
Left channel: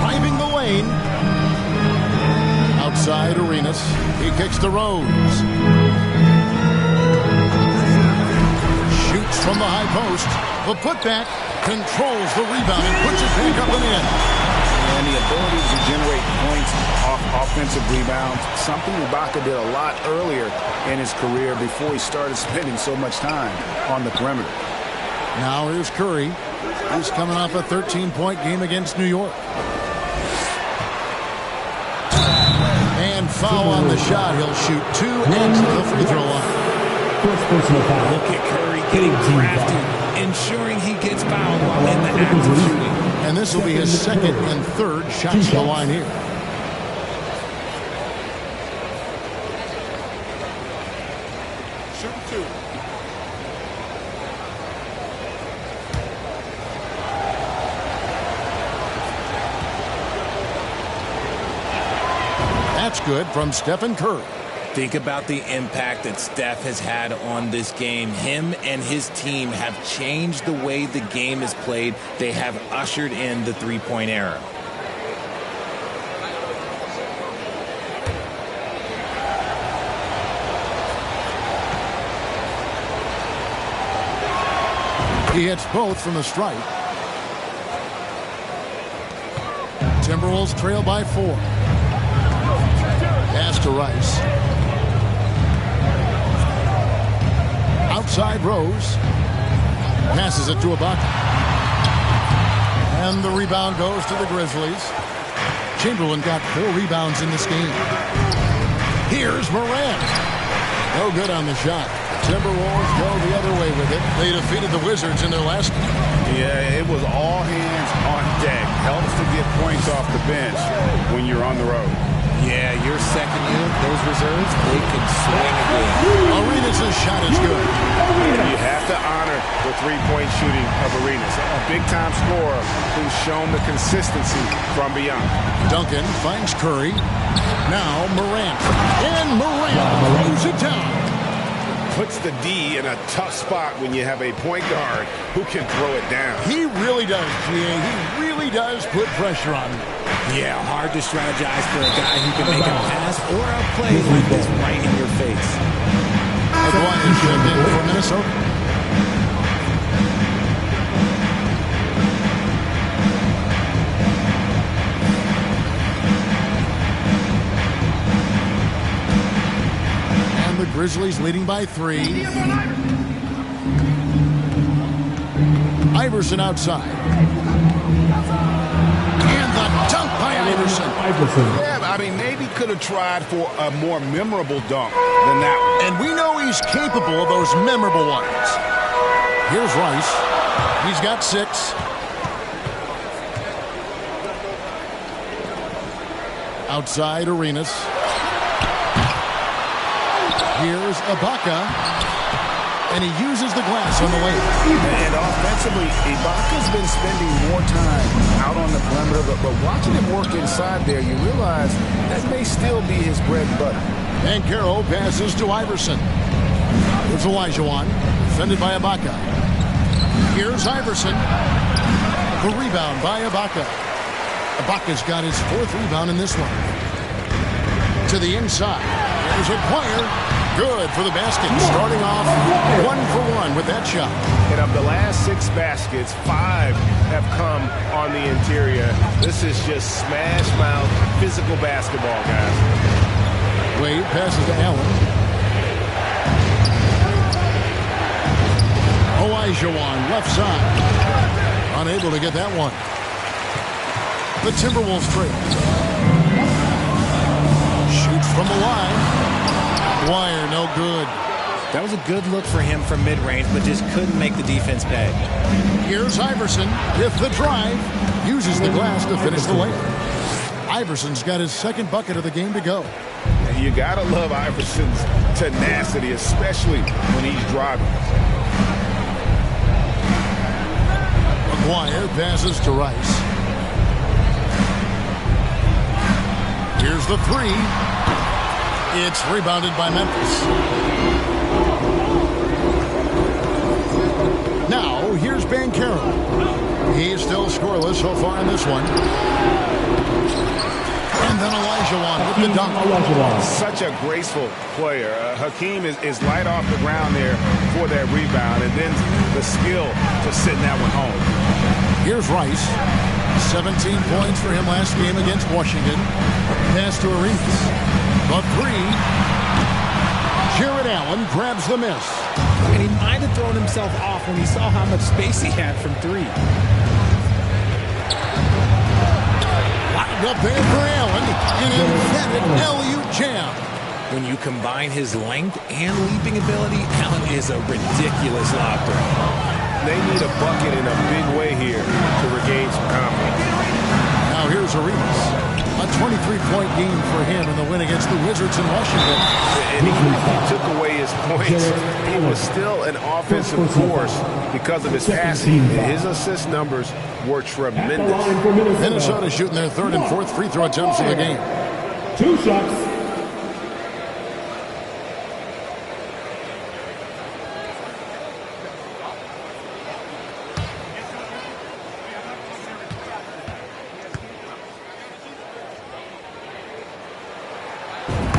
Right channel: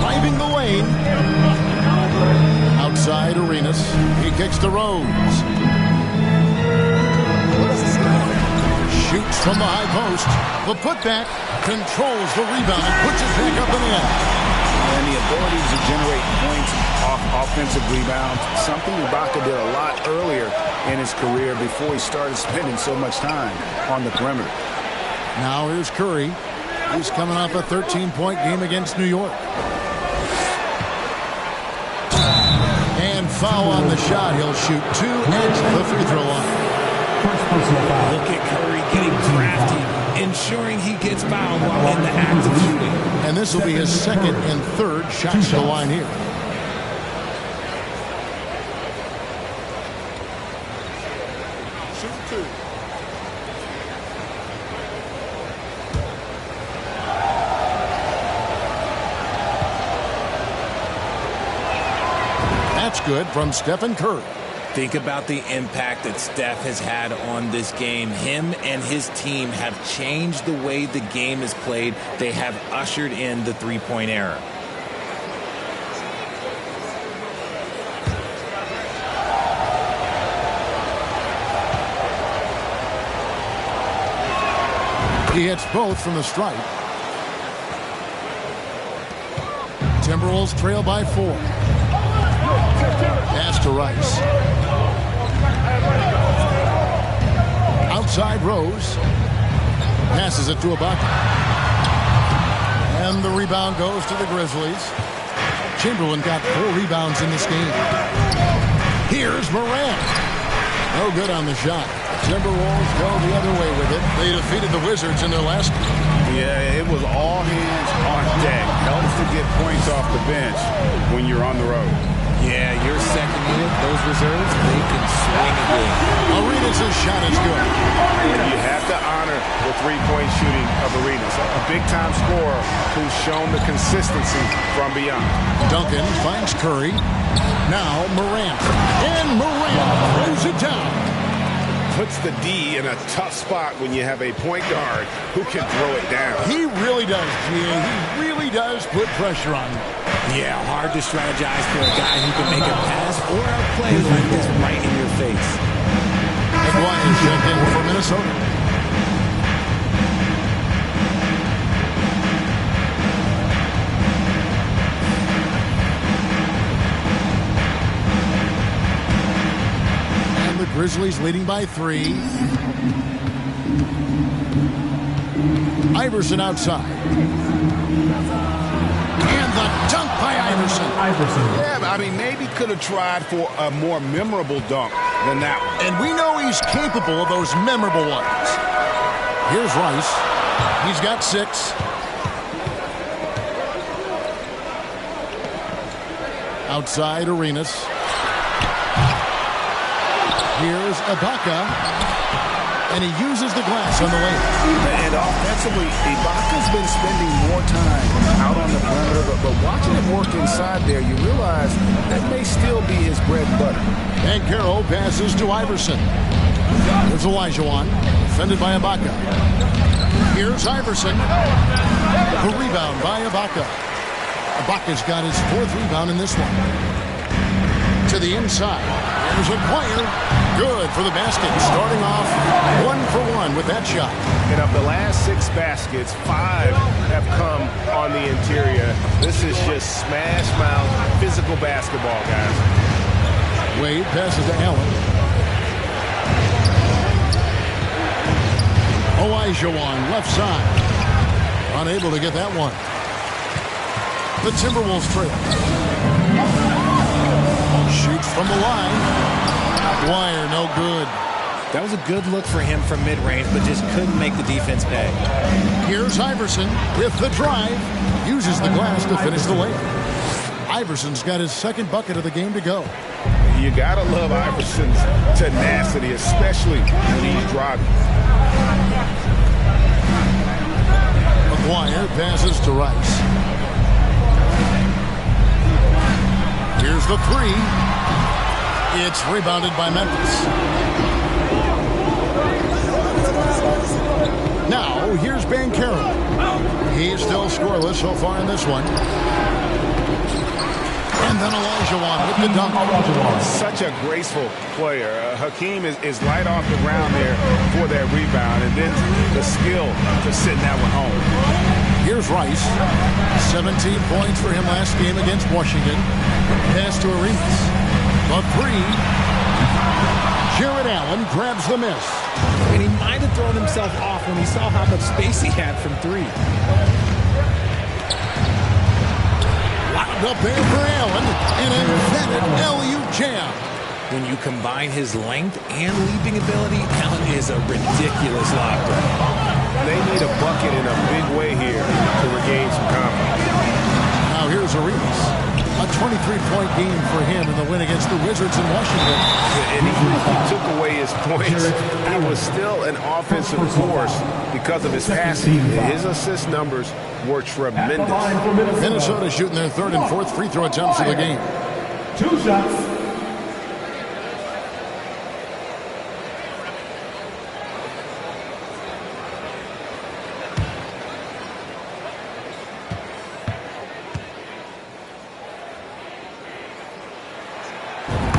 Driving the lane. Outside Arenas. He kicks to Rose. Shoots from the high post. The putback controls the rebound and puts it back up and in. And the ability to generate points off offensive rebounds, something Ibaka did a lot earlier in his career before he started spending so much time on the perimeter. Now here's Curry. He's coming off a 13-point game against New York. And foul on the shot. He'll shoot 2 at the free throw line. First personal foul. Look at Curry getting crafty, ensuring he gets fouled while in the act of shooting. And this will be his second and third shots to the line here. Shooting 2. That's good from Stephen Curry. Think about the impact that Steph has had on this game. Him and his team have changed the way the game is played. They have ushered in the three-point era. He hits both from the stripe. Timberwolves trail by 4. Pass to Rice. Outside Rose. Passes it to Ibaka. And the rebound goes to the Grizzlies. Chamberlain got 4 rebounds in this game. Here's Morant. No good on the shot. The Timberwolves go the other way with it. They defeated the Wizards in their last game. Yeah, it was all hands on deck. Helps to get points off the bench when you're on the road. Yeah, your second unit, those reserves, they can swing a game. Arenas' shot is good. You have to honor the three-point shooting of Arenas, a big-time scorer who's shown the consistency from beyond. Duncan finds Curry. Now Morant. And Morant throws it down. Puts the D in a tough spot when you have a point guard who can throw it down. He really does, GA. He really does put pressure on them. Yeah, hard to strategize for a guy who can make a pass or a play like this right in your face. Aguirre checked in for Minnesota. And the Grizzlies leading by 3. Iverson outside. And the dunk by Iverson. Yeah, I mean, maybe could have tried for a more memorable dunk than that one. And we know he's capable of those memorable ones. Here's Rice. He's got 6. Outside Arenas. Here's Ibaka. And he uses the glass on the layup. And offensively, Ibaka's been spending more time out on the perimeter, but watching him work inside there, you realize that may still be his bread and butter. And Carroll passes to Iverson. There's Olajuwon, defended by Ibaka. Here's Iverson. The rebound by Ibaka. Ibaka's got his 4th rebound in this one. To the inside. Here's Aguirre. Good for the basket. Starting off 1 for 1 with that shot. And of the last 6 baskets, 5 have come on the interior. This is just smash mouth physical basketball, guys. Wade passes to Allen. Olajuwon left side. Unable to get that one. The Timberwolves trail. Shoots from the line. Aguirre, no good. That was a good look for him from mid-range, but just couldn't make the defense pay. Here's Iverson with the drive. Uses the glass to finish the layup. Iverson's got his 2nd bucket of the game to go. You gotta love Iverson's tenacity, especially when he's driving. Aguirre passes to Rice. Here's the 3. It's rebounded by Memphis. Now, here's Banchero. He's still scoreless so far in this one. And then Olajuwon with the dunk. Such a graceful player. Hakeem is light off the ground there for that rebound, and then the skill to send that one home. Here's Rice. 17 points for him last game against Washington. Pass to Arenas. The 3. Jared Allen grabs the miss. And he might have thrown himself off when he saw how much space he had from 3. Lobbed up there for Allen. An emphatic alley-oop jam. When you combine his length and leaping ability, Allen is a ridiculous lob threat. They need a bucket in a big way here to regain some confidence. Now here's Arenas. A 23-point game for him in the win against the Wizards in Washington. And even if he took away his points, he was still an offensive force because of his passing. His assist numbers were tremendous. Minnesota shooting their 3rd and 4th free throw attempts of the game. 2 shots.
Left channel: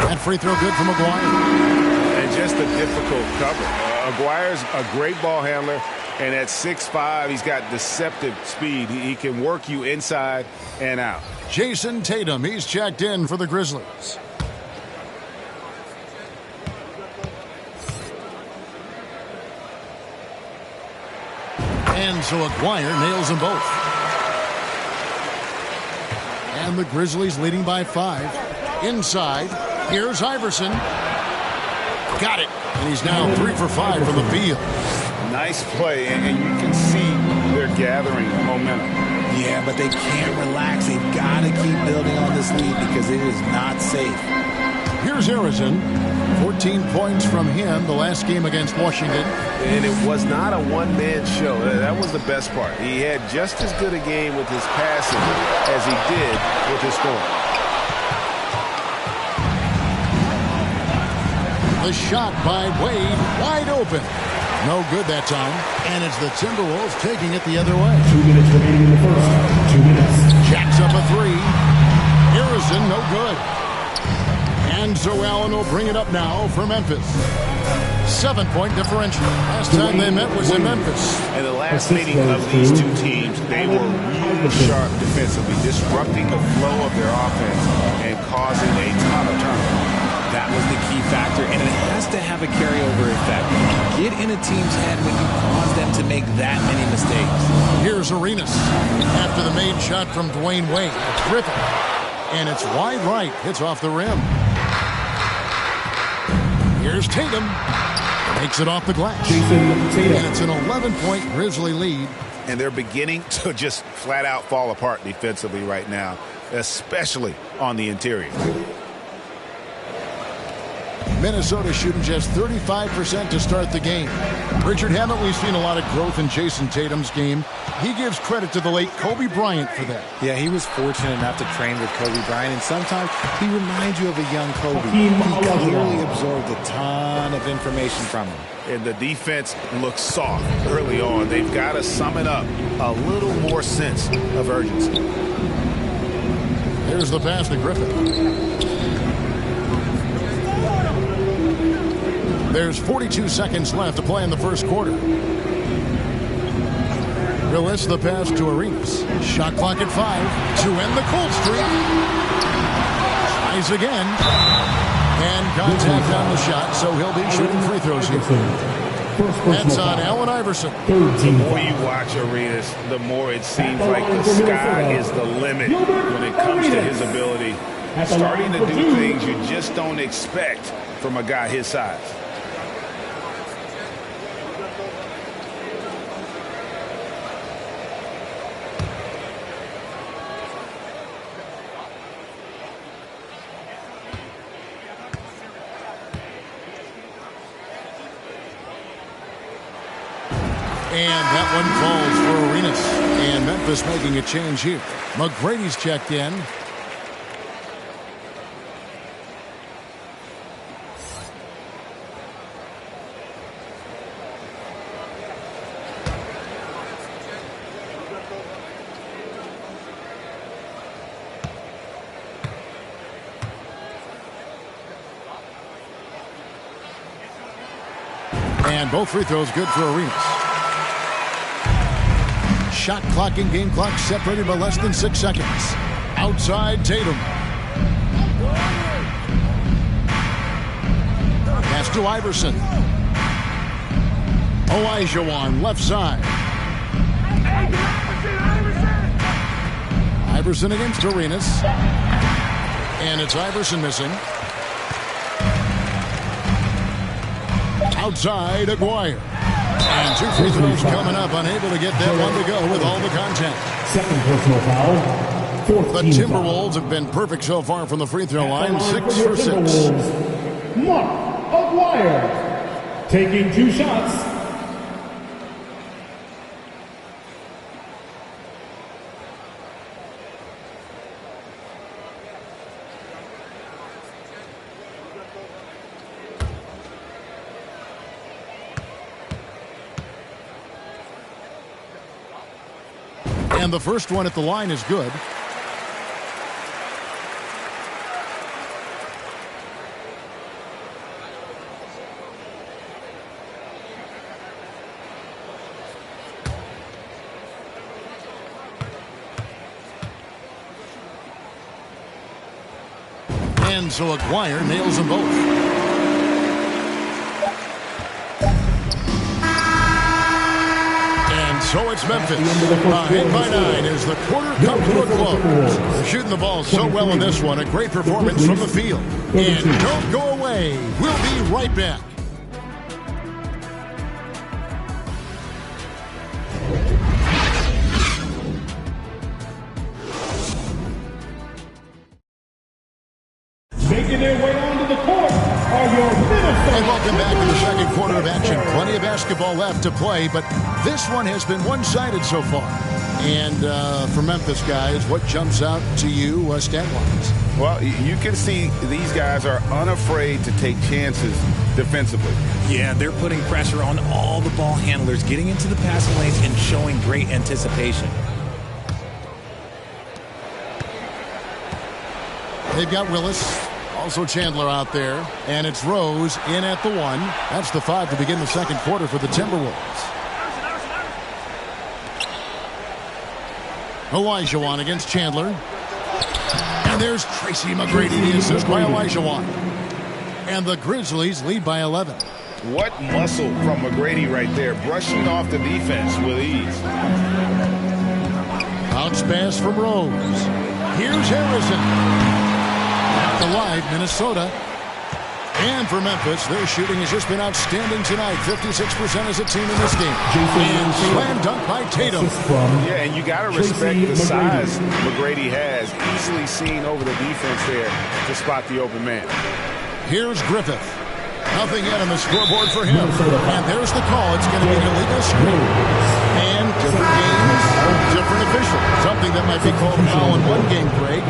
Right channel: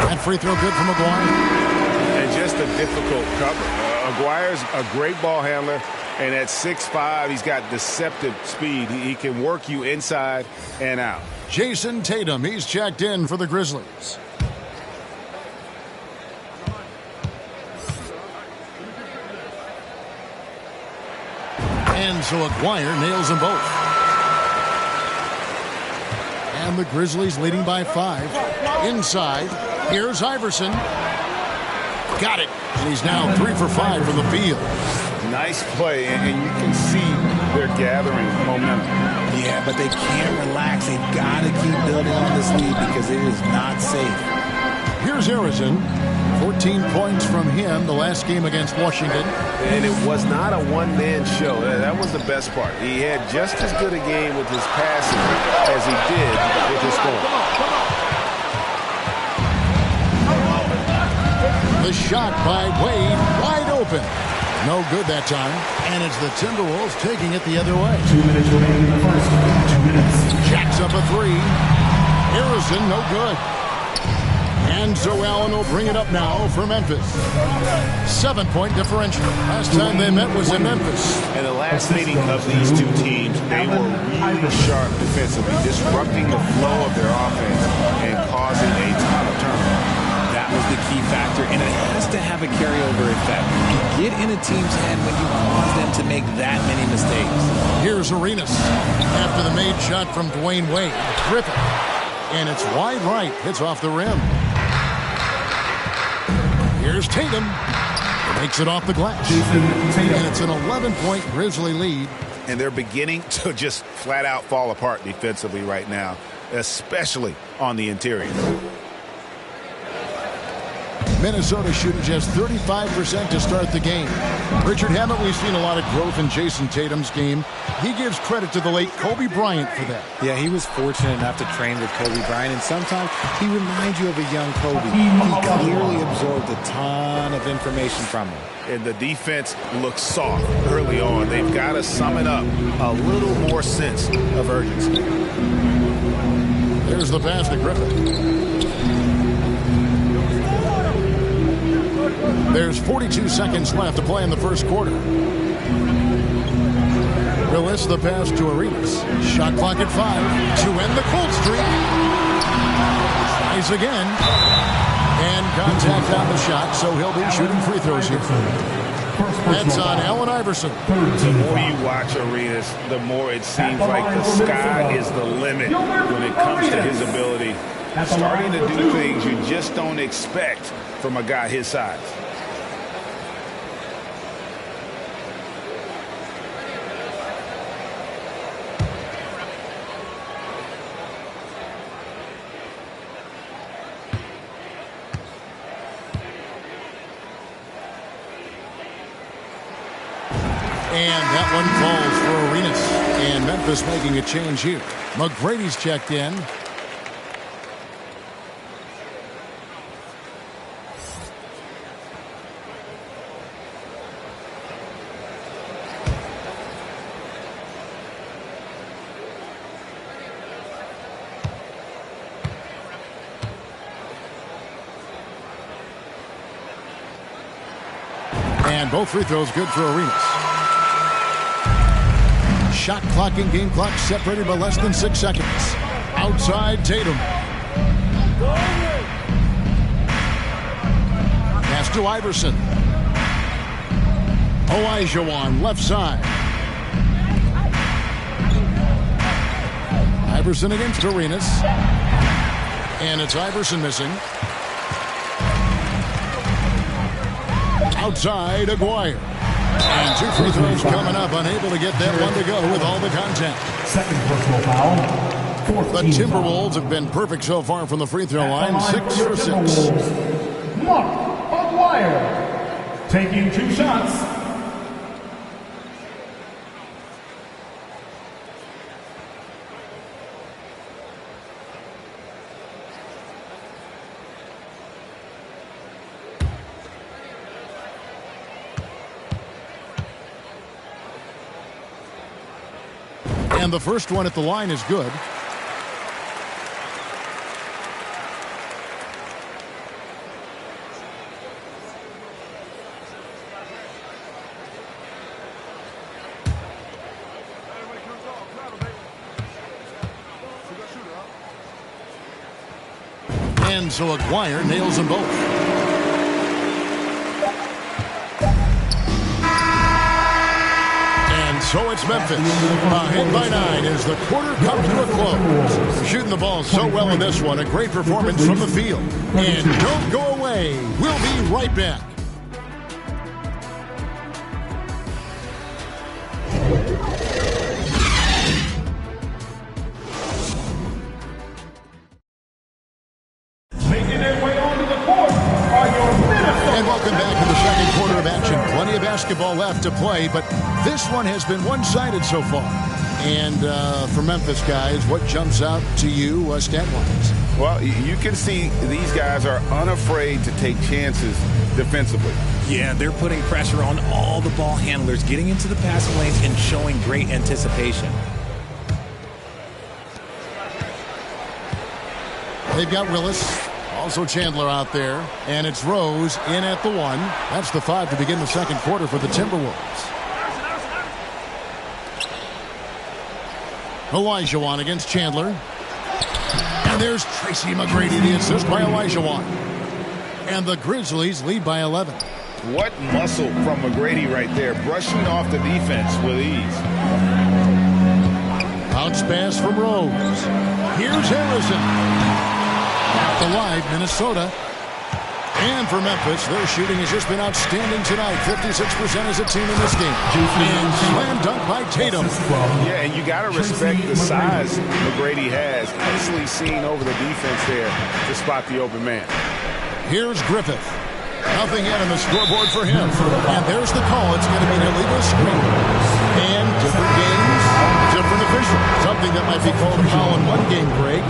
That free throw good from Aguirre. And just a difficult cover. Aguirre's a great ball handler, and at 6'5", he's got deceptive speed. He can work you inside and out. Jason Tatum, he's checked in for the Grizzlies. And so Aguirre nails them both. And the Grizzlies leading by 5. Inside, here's Iverson. Got it. And he's now 3 for 5 from the field. Nice play, and you can see they're gathering momentum. Yeah, but they can't relax. They've got to keep building on this lead because it is not safe. Here's Harrison. 14 points from him the last game against Washington. And it was not a one-man show. That was the best part. He had just as good a game with his passing as he did with his scoring. The shot by Wade, wide open. No good that time. And it's the Timberwolves taking it the other way. 2 minutes remaining in the first. 2 minutes. Jacks up a 3. Harrison, no good. And so Allen will bring it up now for Memphis. 7-point differential. Last time they met was in Memphis. And the last meeting of these two teams, they were really sharp defensively, disrupting the flow of their offense and causing a ton of turnovers. That was the key factor, and it has to have a carryover effect. You get in a team's head when you cause them to make that many mistakes. Here's Arenas after the made shot from Dwayne Wade. Griffin. And it's wide right. Hits off the rim. Here's Tatum. Makes it off the glass. And it's an 11-point Grizzly lead. And they're beginning to just flat out fall apart defensively right now, especially on the interior. Minnesota shooting just 35% to start the game. Richard, haven't we seen a lot of growth in Jason Tatum's game? He gives credit to the late Kobe Bryant for that. Yeah, he was fortunate enough to train with Kobe Bryant, and sometimes he reminds you of a young Kobe. He clearly absorbed a ton of information from him. And the defense looks soft early on. They've got to summon up a little more sense of urgency. There's the pass to Griffin. There's 42 seconds left to play in the first quarter. Willis, the pass to Arenas. Shot clock at 5 to end the cold streak. Tries again. And contact on the shot, so he'll be shooting free throws here. That's on Allen Iverson. The more you watch Arenas, the more it seems like the sky is the limit when it comes to his ability. Starting to do things you just don't expect from a guy his size. And that one falls for Arenas. And Memphis making a change here. McGrady's checked in. And both free throws good for Arenas. Shot clock and game clock separated by less than 6 seconds. Outside Tatum. Pass to Iverson. Olajuwon left side. Iverson against Arenas. And it's Iverson missing. Outside Aguirre. And 2 free throws coming up, unable to get that one to go with all the contact. Second personal foul. The Timberwolves have been perfect so far from the free throw line, 6 for 6. Mark Aguirre taking 2 shots. And the first one at the line is good. And so Aguirre nails them both. And so it's Memphis. Ahead by 9 as the quarter comes to a close. They're shooting the ball so well in this one. A great performance from the field. And don't go away. We'll be right back. Making their way onto the court are your Minnesota. And welcome back to the second quarter of action. Plenty of basketball left to play, but this one has been one-sided so far. And for Memphis guys, what jumps out to you stat-wise? Well, you can see these guys are unafraid to take chances defensively. Yeah, they're putting pressure on all the ball handlers, getting into the passing lanes and showing great anticipation. They've got Willis, also Chandler out there, and it's Rose in at the 1. That's the 5 to begin the second quarter for the Timberwolves. Olajuwon against Chandler. And there's Tracy McGrady, the assist by Olajuwon. And the Grizzlies lead by 11. What muscle from McGrady right there, brushing off the defense with ease. Bounce pass from Rose. Here's Harrison. At the live, Minnesota. And for Memphis, their shooting has just been outstanding tonight. 56% as a team in this game. And slam dunk by Tatum. Yeah, and you got to respect the size McGrady has. Easily seen over the defense there to spot the open man. Here's Griffith. Nothing yet on the scoreboard for him. And there's the call. It's going to be an illegal screen. And different games, different official. Something that might be called a foul in one game, Greg,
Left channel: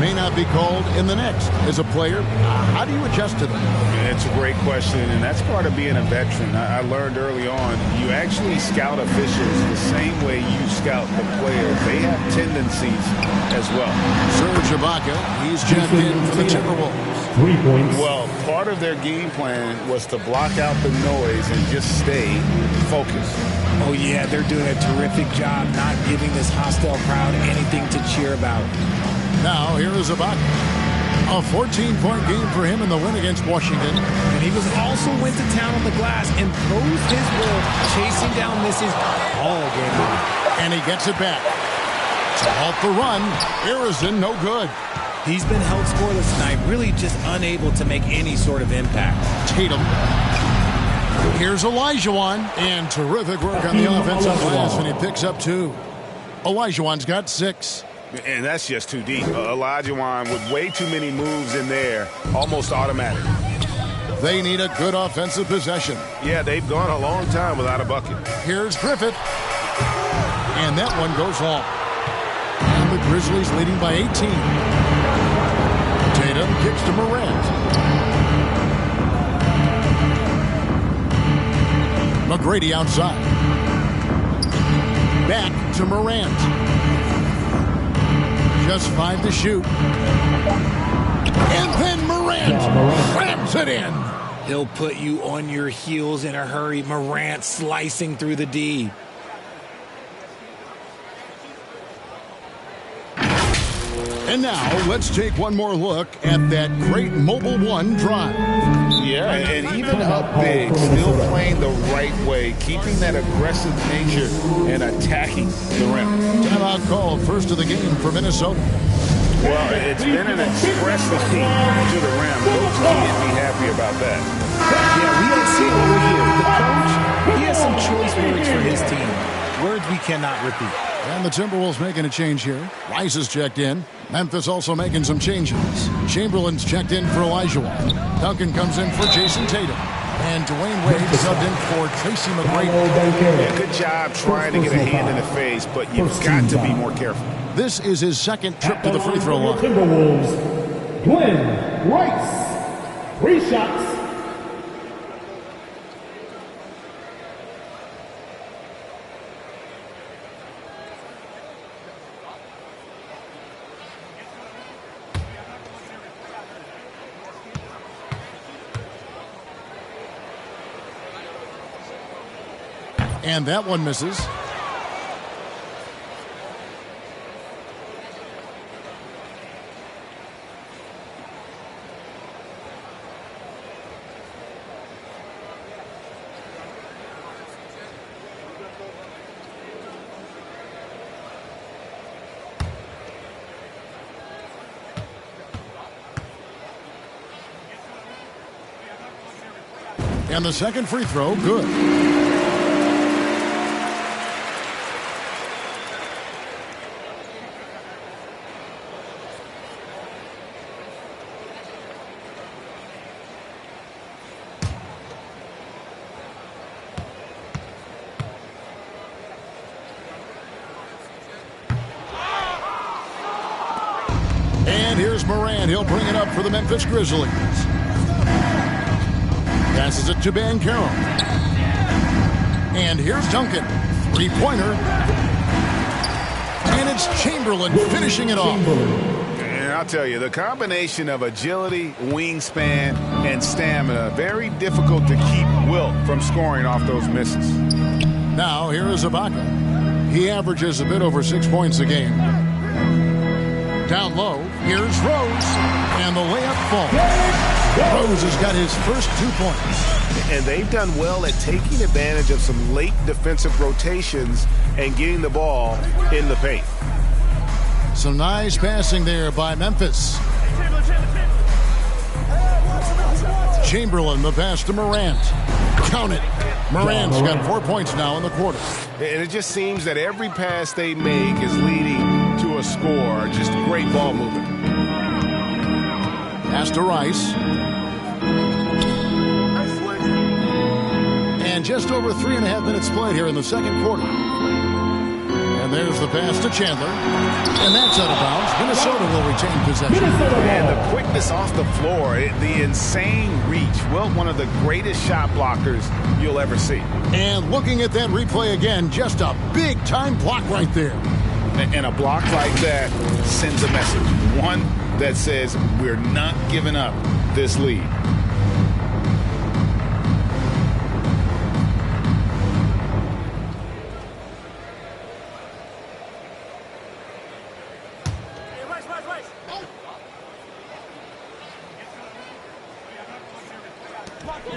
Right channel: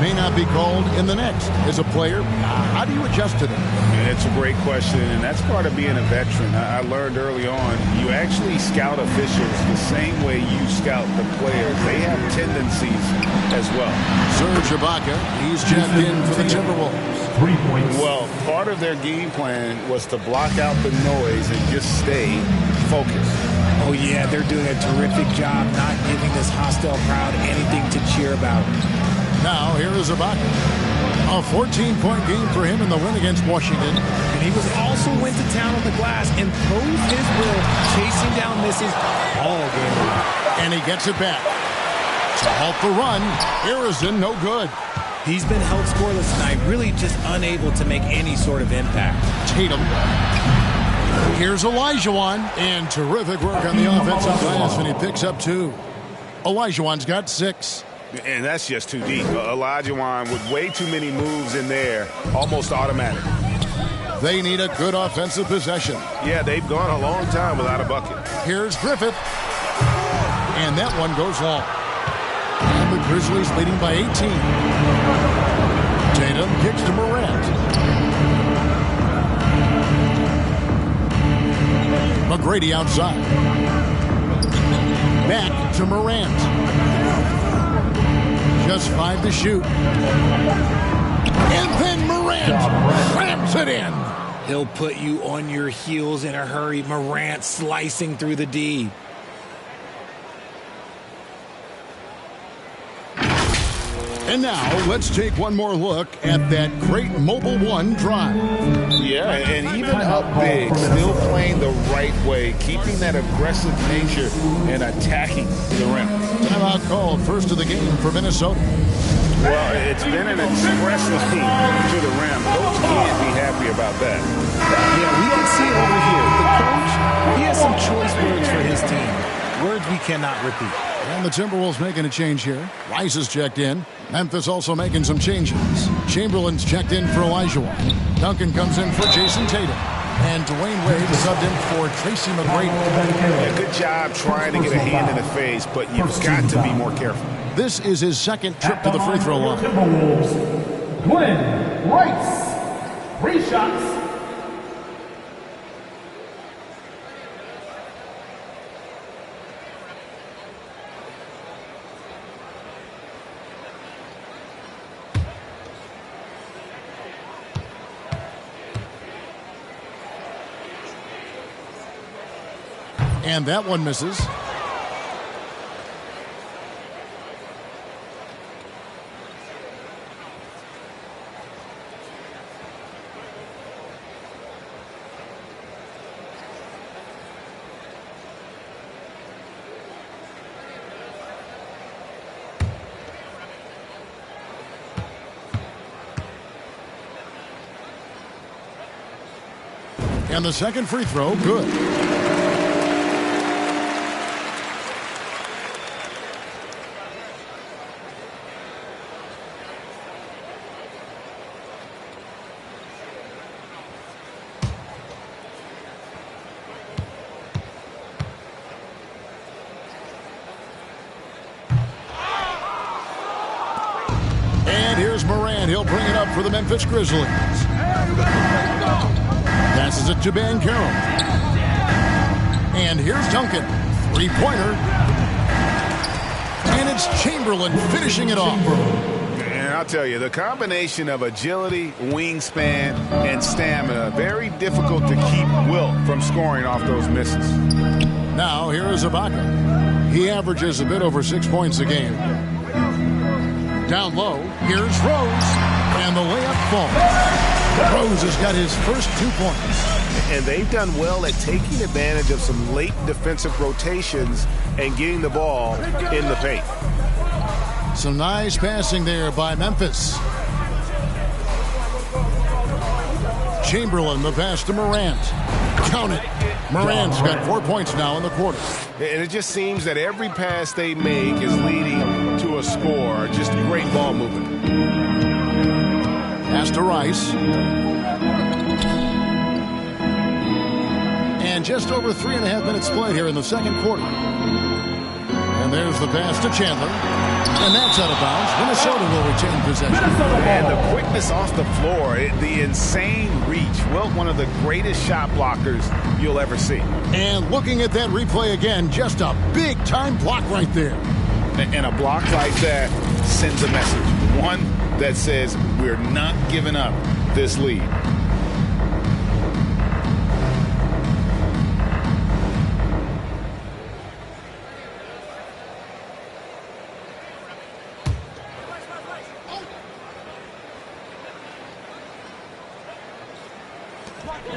may not be called in the next. As a player, how do you adjust to that? It's a great question, and that's part of being a veteran. I learned early on, you actually scout officials the same way you scout the players. They have tendencies as well. Serge Ibaka, he's checked in for the Timberwolves. 3 points. Well, part of their game plan was to block out the noise and just stay focused. Oh, yeah, they're doing a terrific job not giving this hostile crowd anything to cheer about. Now, here is Ibaka. A 14-point game for him in the win against Washington. And he was also went to town on the glass, imposed his will, chasing down misses all game long. And he gets it back. To halt the run, Harrison, no good. He's been held scoreless tonight, really just unable to make any sort of impact. Tatum. Here's Olajuwon. And terrific work on the offensive glass, and he picks up 2. Olajuwon's got 6. And that's just too deep. Olajuwon with way too many moves in there, almost automatic. They need a good offensive possession. Yeah, they've gone a long time without a bucket. Here's Griffith. And that one goes long. And the Grizzlies leading by 18. Tatum kicks to Morant. McGrady outside. Back to Morant. Just 5 to shoot. And then Morant slams it in. He'll put you on your heels in a hurry. Morant slicing through the D. And now, let's take one more look at that great Mobile One drive. Yeah, and even up big, still playing the right way, keeping that aggressive nature and attacking the rim. Timeout called, first of the game for Minnesota. Well, it's been an express lane to the rim. Coach can't be happy about that. Yeah, we can see it over here. The coach, he has some choice words for his team. Words we cannot repeat. And the Timberwolves making a change here. Rice is checked in. Memphis also making some changes. Chamberlain's checked in for Olajuwon. Duncan comes in for Jason Tatum. And Dwayne Wade subbed in for Tracy McGrady. Yeah, good job trying to get a hand in the face, but you've got to be more careful. This is his second trip to the free throw line. Timberwolves, Glenn Rice. 3 shots. And that one misses. And the second free throw, good. And here's Morant. He'll bring it up for the Memphis Grizzlies. Passes it to Banchero. And here's Duncan. Three-pointer. And it's Chamberlain finishing it off. And I'll tell you, the combination of agility, wingspan, and stamina, very difficult to keep Wilt from scoring off those misses. Now, here is Ibaka. He averages a bit over 6 points a game. Down low, here's Rose, and the layup falls. Rose has got his first 2 points. And they've done well at taking advantage of some late defensive rotations and getting the ball in the paint. Some nice passing there by Memphis. Chamberlain, the pass to Morant. Count it. Morant's got 4 points now in the quarter. And it just seems that every pass they make is leading to a score. Just great ball movement. Pass to Rice. And just over 3.5 minutes played here in the second quarter. And there's the pass to Chandler. And that's out of bounds. Minnesota will retain possession. And the quickness off the floor, the insane reach. Wilt, one of the greatest shot blockers you'll ever see. And looking at that replay again, just a big-time block right there. And a block like that sends a message. One that says we're not giving up this lead.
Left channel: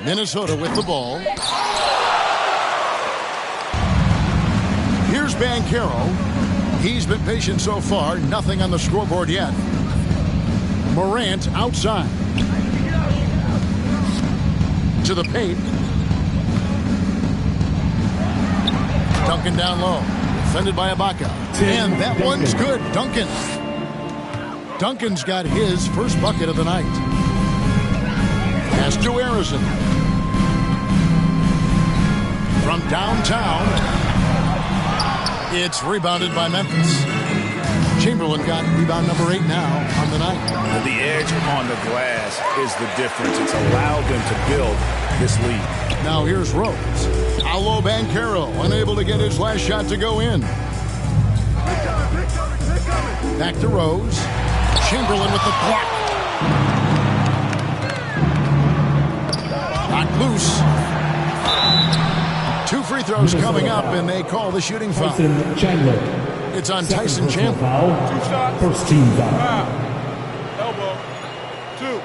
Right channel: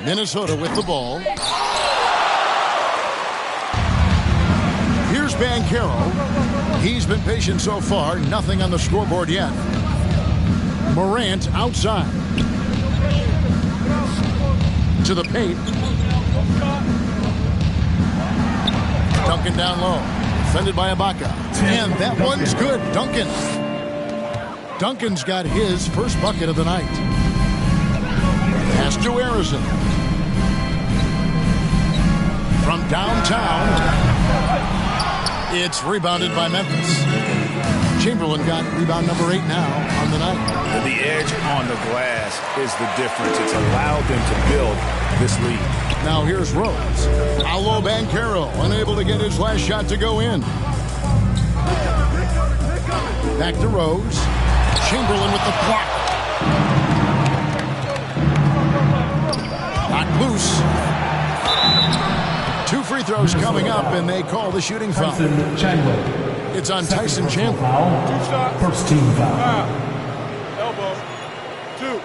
Minnesota with the ball. Here's Banchero. He's been patient so far. Nothing on the scoreboard yet. Morant outside. To the paint. Duncan down low. Defended by Ibaka. And that one's good. Duncan. Duncan's got his first bucket of the night. Pass to Harrison. From downtown, it's rebounded by Memphis. Chamberlain got rebound number 8 now on the night. The edge on the glass is the difference. It's allowed them to build this lead. Now here's Rose. Paolo Banchero, unable to get his last shot to go in. Back to Rose. Chamberlain with the block. Knocked loose. 2 free throws coming up, and they call the shooting foul. Tyson Chandler. It's on Tyson Chandler. Foul. 2 shots. First team foul. Elbow. 2.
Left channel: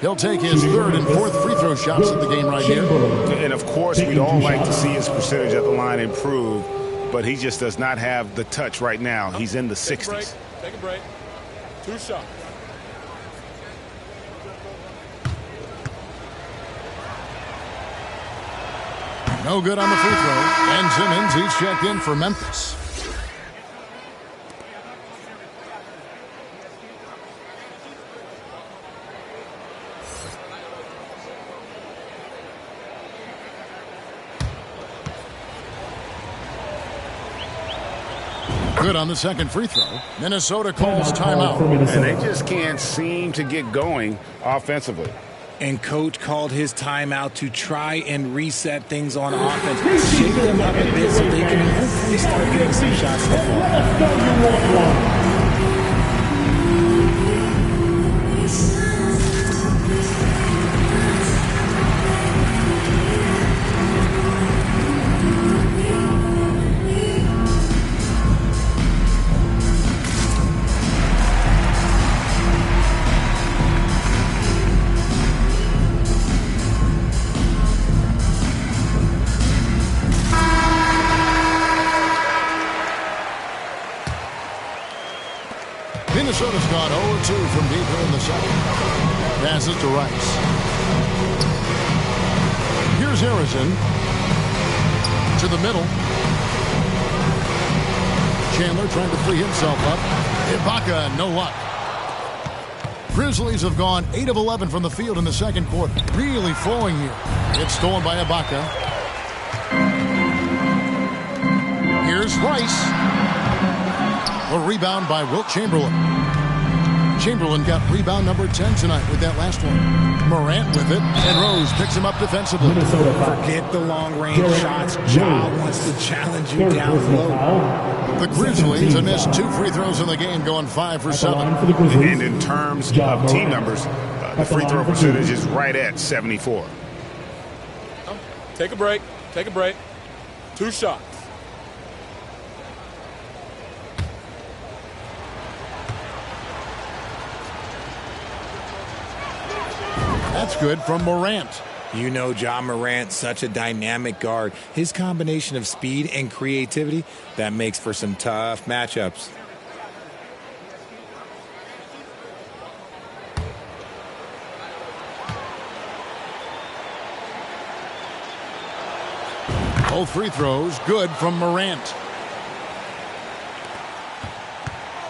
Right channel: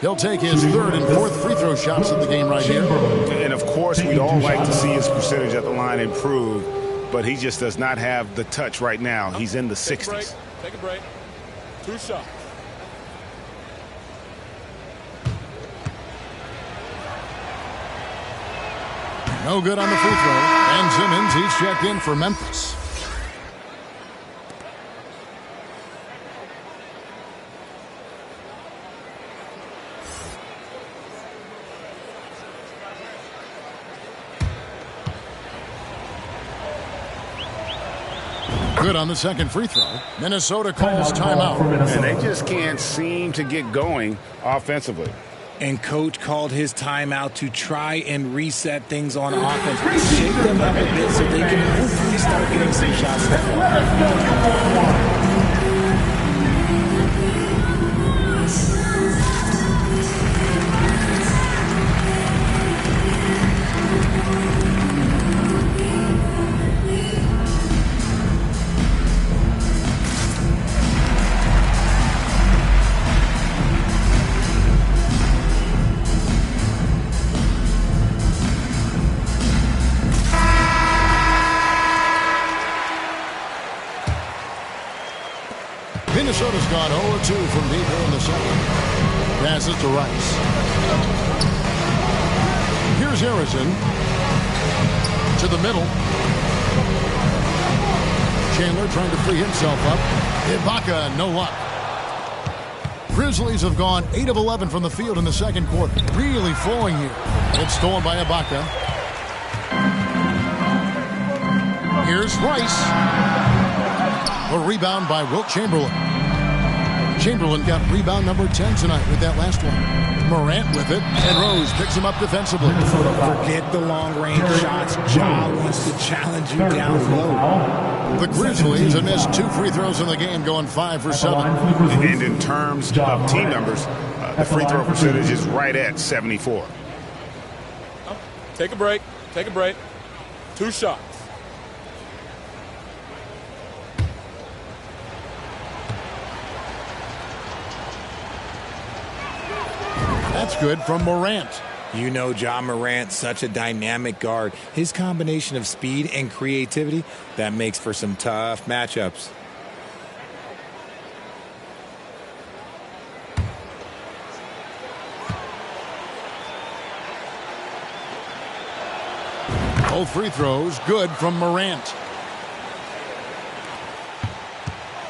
He'll take his 3rd and 4th free throw shots of the game right here. And, of course, we'd all like to see his percentage at the line improve, but he just does not have the touch right now. He's in the 60s. Take a break. 2 shots. No good on the free throw. And Simmons, he's checked in for Memphis. Good on the second free throw. Minnesota calls timeout. And they just can't seem to get going offensively. And coach called his timeout to try and reset things on offense. Shake them up a bit so they can hopefully start getting some shots to fall. Minnesota's gone 0-2 from deep here in the second. Passes to Rice. Here's Harrison to the middle. Chandler trying to free himself up. Ibaka, no luck. Grizzlies have gone 8 of 11 from the field in the second quarter. Really flowing here. It's stolen by Ibaka. Here's Rice. A rebound by Wilt Chamberlain. Chamberlain got rebound number 10 tonight with that last one. Morant with it, and Rose picks him up defensively. Forget the long-range shots. Ja wants to challenge you down low. The Grizzlies have missed 2 free throws in the game, going 5 for 7. And in terms of team numbers, the free throw percentage is right at 74. Take a break. Take a break. 2 shots. That's good from Morant. You know Ja Morant, such a dynamic guard. His combination of speed and creativity, that makes for some tough matchups. Both free throws good from Morant.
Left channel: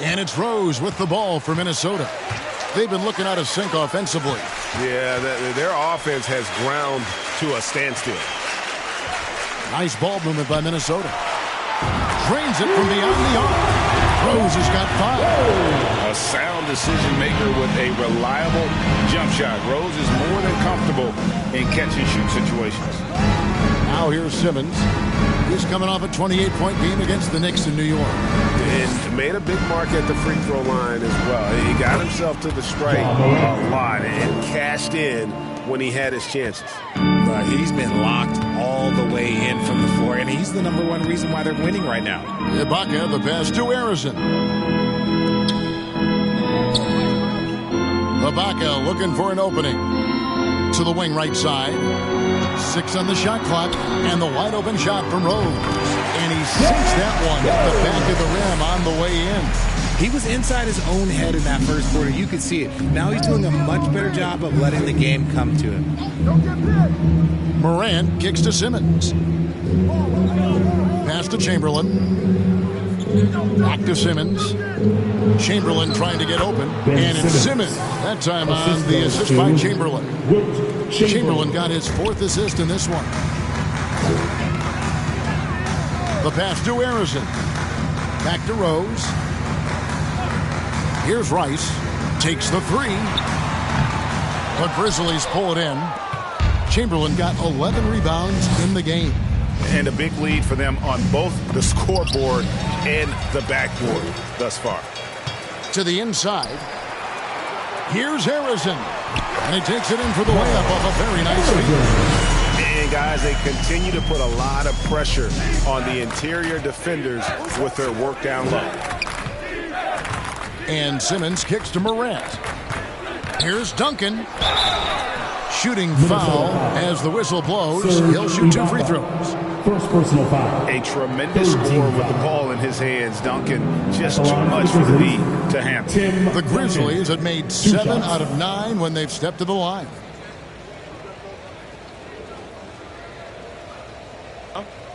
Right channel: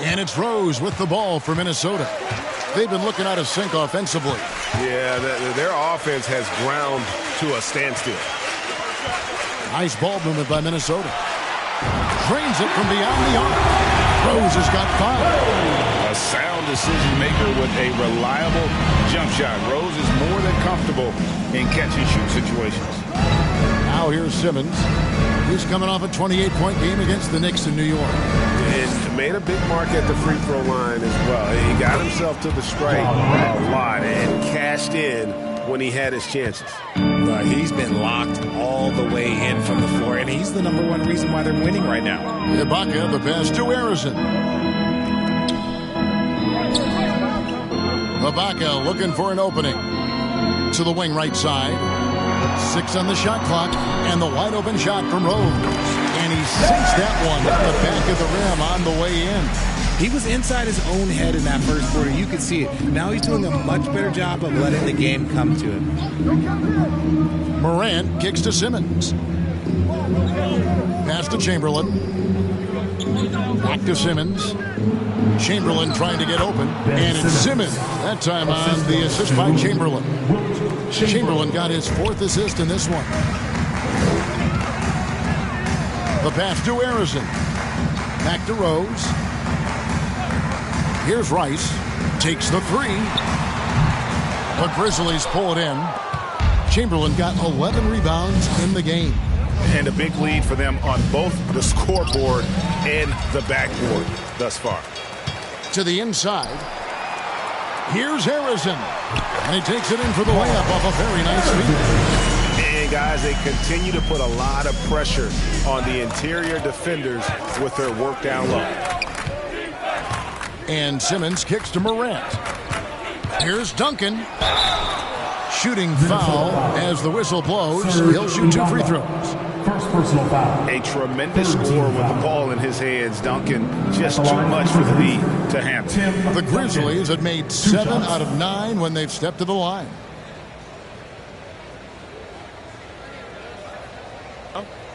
And it's Rose with the ball for Minnesota. They've been looking out of sync offensively. Yeah, their offense has ground to a standstill. Nice ball movement by Minnesota. Drains it from beyond the arc. Rose has got 5. A sound decision maker with a reliable jump shot. Rose is more than comfortable in catch-and-shoot situations. Now here's Simmons. He's coming off a 28-point game against the Knicks in New York. And made a big mark at the free throw line as well. He got himself to the stripe a lot and cashed in when he had his chances. But he's been locked all the way in from the floor, and he's the #1 reason why they're winning right now. Ibaka, the pass to Harrison. Ibaka looking for an opening. To the wing right side. 6 on the shot clock, and the wide open shot from Rose. And he sinks that one at the back of the rim on the way in. He was inside his own head in that first quarter. You could see it. Now he's doing a much better job of letting the game come to him. Morant kicks to Simmons. Pass to Chamberlain. Back to Simmons. Chamberlain trying to get open. And it's Simmons. That time on the assist by Chamberlain. Chamberlain got his 4th assist in this one. The pass to Harrison. Back to Rose. Here's Rice. Takes the 3. The Grizzlies pull it in. Chamberlain got 11 rebounds in the game. And a big lead for them on both the scoreboard and the backboard thus far. To the inside. Here's Harrison. And he takes it in for the layup off a very nice feed. And guys, they continue to put a lot of pressure on the interior defenders with their work down low. And Simmons kicks to Morant. Here's Duncan. Shooting foul as the whistle blows. He'll shoot 2 free throws. First personal foul. A tremendous score with the ball in his hands. Duncan, just too much for the lead to handle. The Grizzlies have made 7 out of 9 when they've stepped to the line.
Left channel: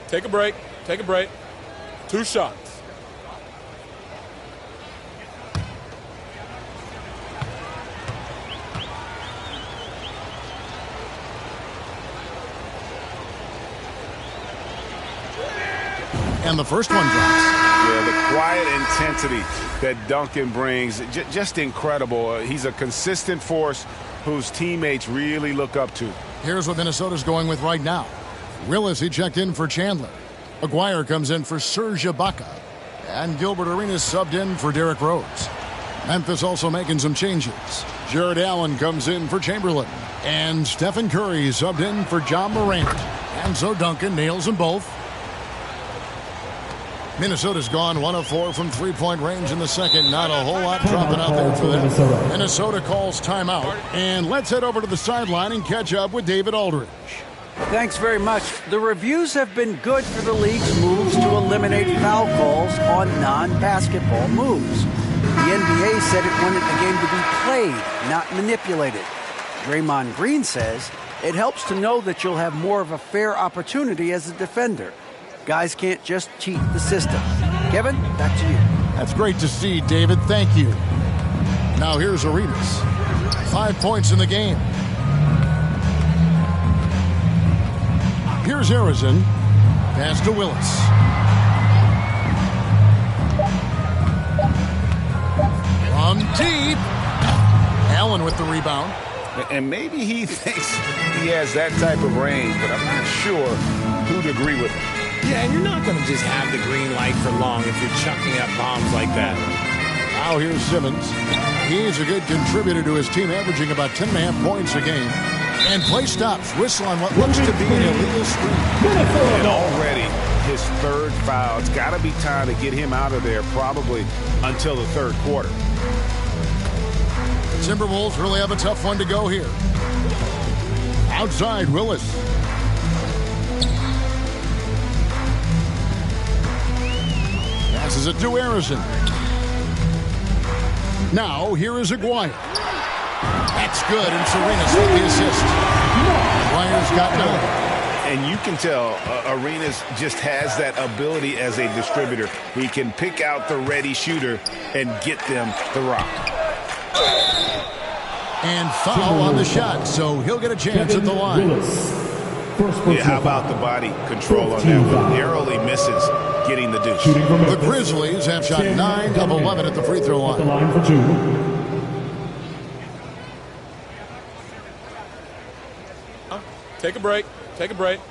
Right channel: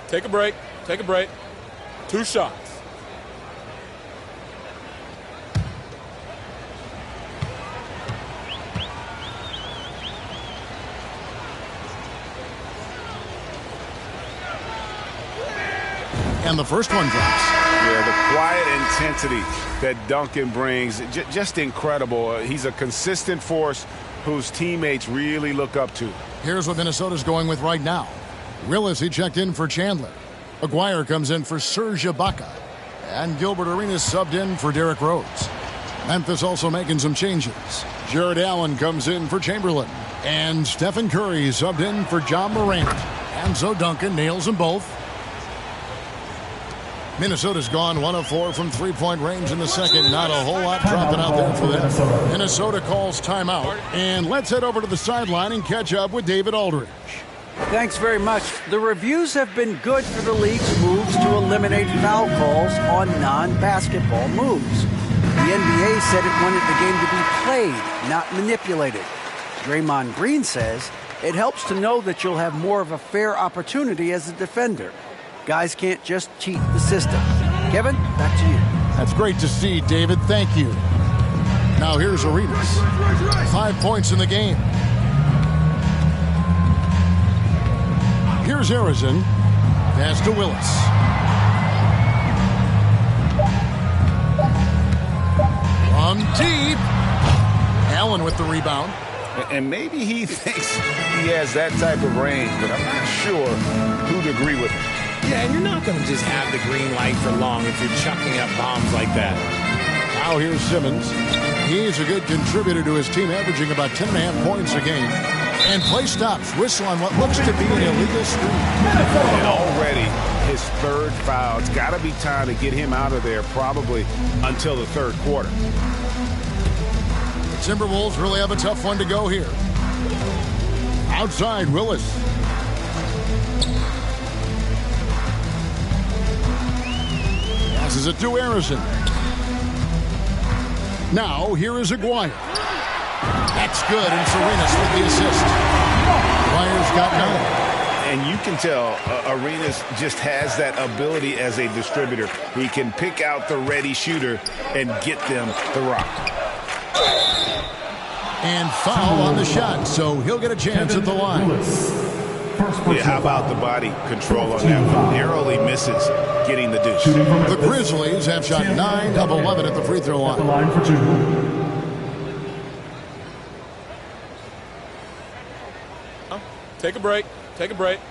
Take a break. Take a break. 2 shots. And the first one drops. Yeah, the quiet intensity that Duncan brings, just incredible. He's a consistent force whose teammates really look up to. Here's what Minnesota's going with right now. Willis, he checked in for Chandler. Aguirre comes in for Serge Ibaka. And Gilbert Arenas subbed in for Derrick Rose. Memphis also making some changes. Jared Allen comes in for Chamberlain. And Stephen Curry subbed in for Ja Morant. And so Duncan nails them both. Minnesota's gone 1 of 4 from 3-point range in the second. Not a whole lot dropping out there for them. Minnesota calls timeout. And let's head over to the sideline and catch up with David Aldridge. Thanks very much. The reviews have been good for the league's moves to eliminate foul calls on non-basketball moves. The NBA said it wanted the game to be played, not manipulated. Draymond Green says it helps to know that you'll have more of a fair opportunity as a defender. Guys can't just cheat the system. Kevin, back to you. That's great to see, David. Thank you. Now here's Arenas. 5 points in the game. Here's Arizin. Pass to Willis. From deep. Allen with the rebound. And maybe he thinks he has that type of range, but I'm not sure who'd agree with him. Yeah, and you're not going to just have the green light for long if you're chucking up bombs like that. Now here's Simmons. He's a good contributor to his team, averaging about 10.5 points a game. And play stops. Whistle on what looks to be an illegal screen. And already his third foul. It's got to be time to get him out of there probably until the third quarter. The Timberwolves really have a tough one to go here. Outside, Willis. Passes it to Arizin. Now, here is Aguirre. That's good, and Arenas with the assist. Aguirre's got 9. And you can tell Arenas just has that ability as a distributor. He can pick out the ready shooter and get them the rock. And foul on the shot, so he'll get a chance at the line. Yeah, how about the body control on that one? Narrowly misses getting the deuce. The Grizzlies have shot 9 of 11 at the free throw line. At the line for 2. Take a break. Take a break.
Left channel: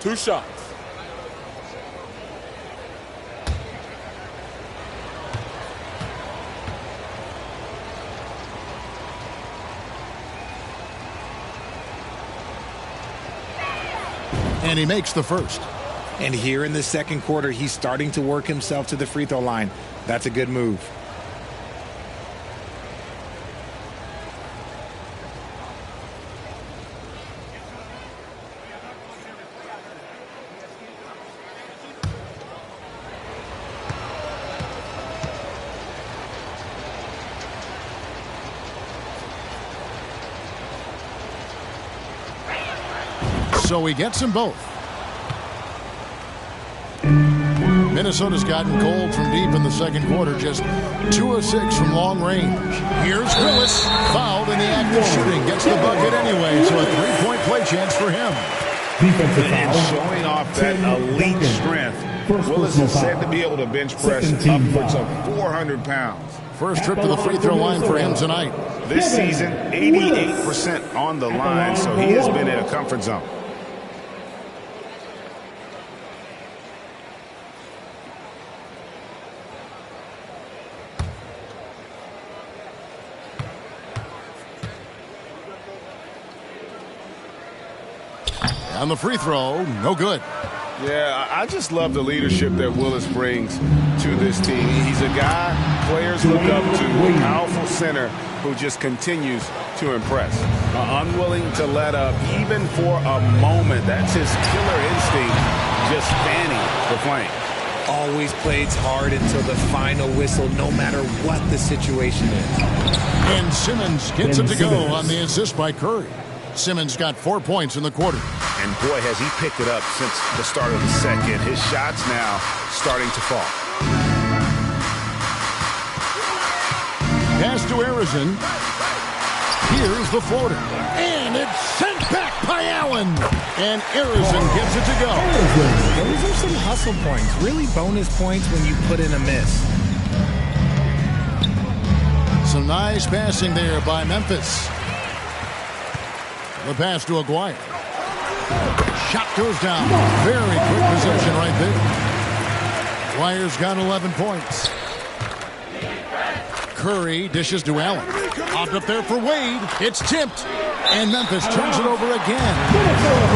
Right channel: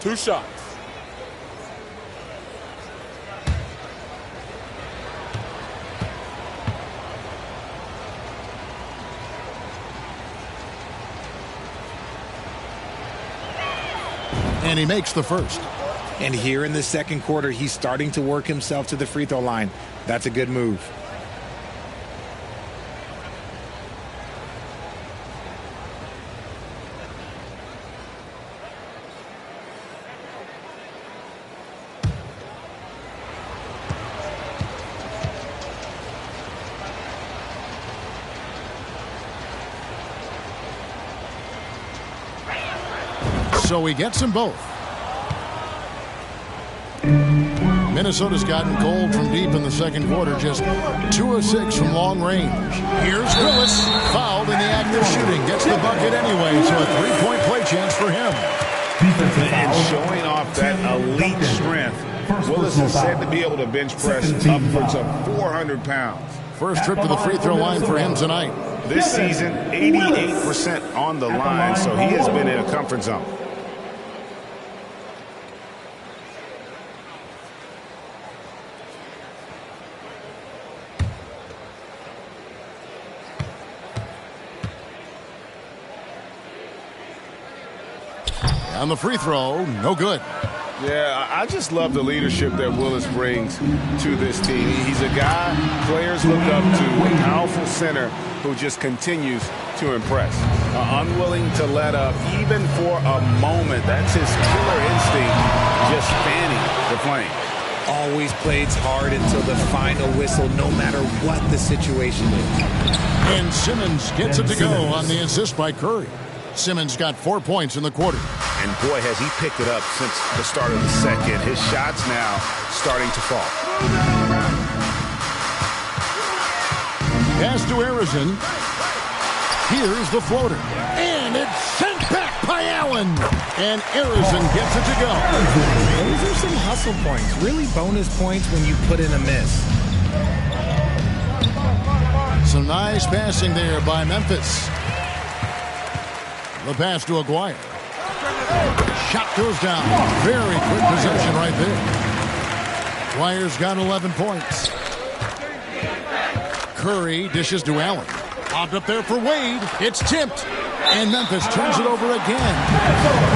2 shots. And he makes the first. And here in the second quarter, he's starting to work himself to the free throw line. That's a good move. So he gets them both. Minnesota's gotten cold from deep in the second quarter, just 2 of 6 from long range. Here's Willis, fouled in the act of shooting, gets the bucket anyway, so a 3-point play chance for him. And showing off that elite strength, Willis is said to be able to bench press upwards of 400 pounds. First trip to the free throw line for him tonight. This season, 88% on the line, so he has been in a comfort zone. On the free throw, no good. Yeah, I just love the leadership that Willis brings to this team. He's a guy players look up to, a powerful center who just continues to impress. Unwilling to let up even for a moment. That's his killer instinct, just fanning the flame. Always plays hard until the final whistle, no matter what the situation is. And Simmons gets it to go on the assist by Curry. Simmons got 4 points in the quarter. And boy, has he picked it up since the start of the second. His shots now starting to fall. Pass to Arizin. Here's the floater. And it's sent back by Allen. And Arizin gets it to go. Those are some hustle points. Really bonus points when you put in a miss. Some nice passing there by Memphis. The pass to Aguirre. Shot goes down. Very quick possession right there. Aguirre's got 11 points. Curry dishes to Allen. Popped up there for Wade. It's tipped. And Memphis turns it over again.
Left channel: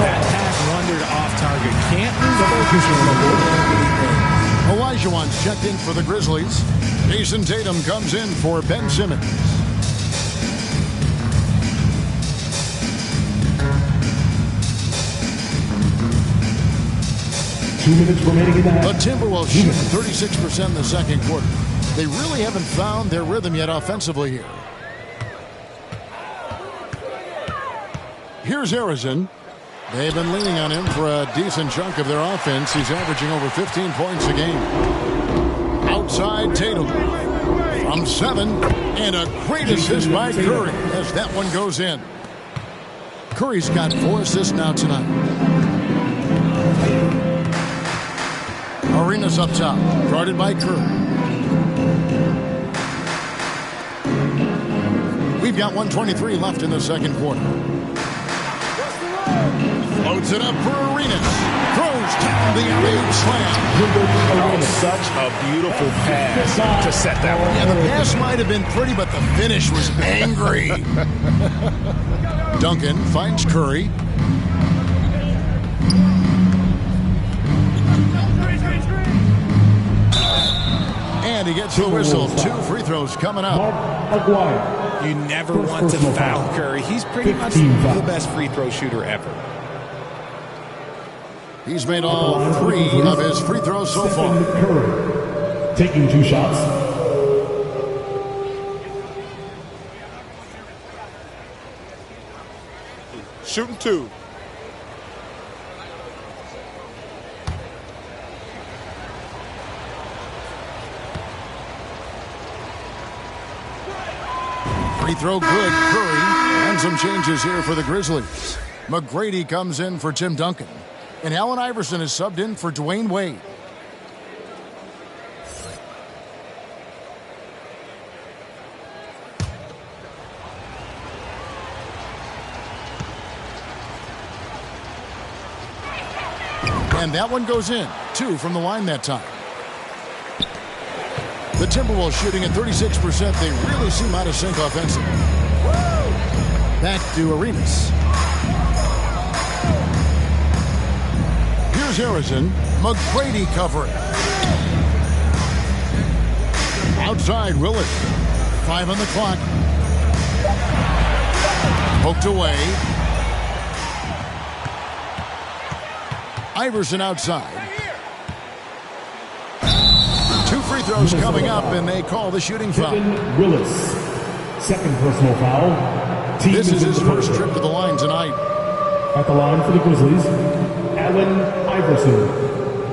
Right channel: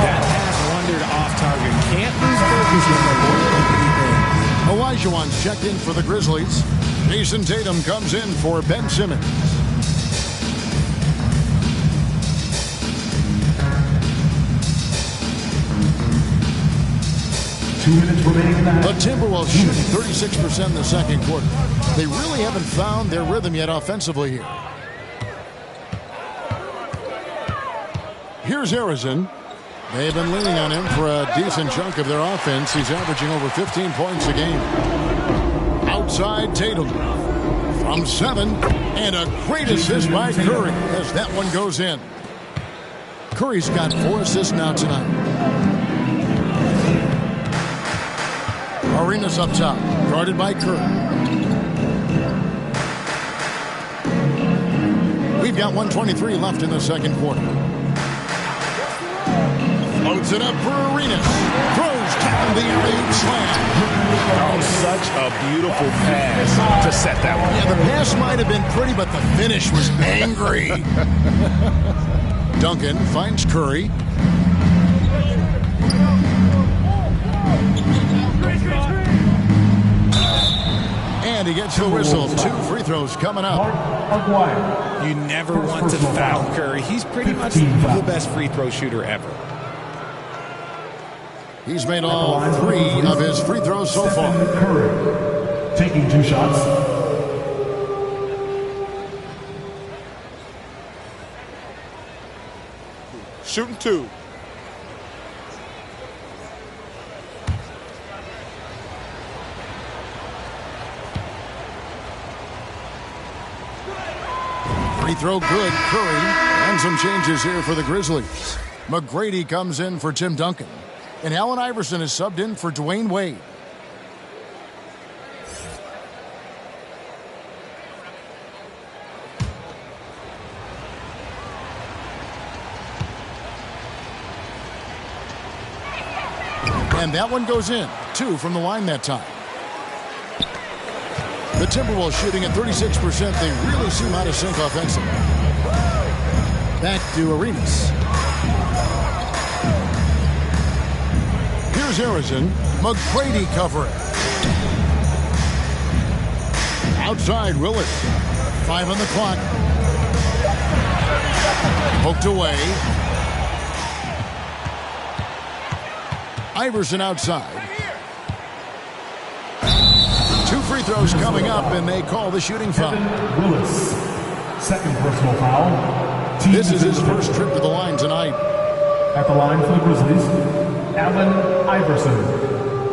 That pass wandered off target. Can't lose focus on the little bitty things. Olajuwon's checked in for the Grizzlies. Jason Tatum comes in for Ben Simmons. The Timberwolves shooting 36% in the second quarter. They really haven't found their rhythm yet offensively here. Here's Harrison. They've been leaning on him for a decent chunk of their offense. He's averaging over 15 points a game. Outside Tatum. From 7. And a great assist by Curry as that one goes in. Curry's got 4 assists now tonight. Arenas up top. Guarded by Curry. We've got 1:23 left in the second quarter. Floats it up for Arenas. Throws down the alley-oop slam. Oh, such a beautiful pass to set that one. Yeah, the pass might have been pretty, but the finish was angry. Duncan finds Curry. And he gets the whistle. 2 free throws coming up. You never want to foul Curry. He's pretty much the best free throw shooter ever. He's made all 3 of his free throws so far. Curry taking 2 shots. Shooting 2. Free throw good, Curry. And some changes here for the Grizzlies. McGrady comes in for Tim Duncan. And Allen Iverson is subbed in for Dwayne Wade. And that one goes in. 2 from the line that time. The Timberwolves shooting at 36%. They really seem out of sync offensively. Back to Arenas. Here's Harrison. McGrady covering. Outside Willis. 5 on the clock. Poked away. Iverson outside. 2 free throws coming up, and they call the shooting foul. Willis, second personal foul. This is his first trip to the line tonight. At the line for the Grizzlies, Allen Iverson.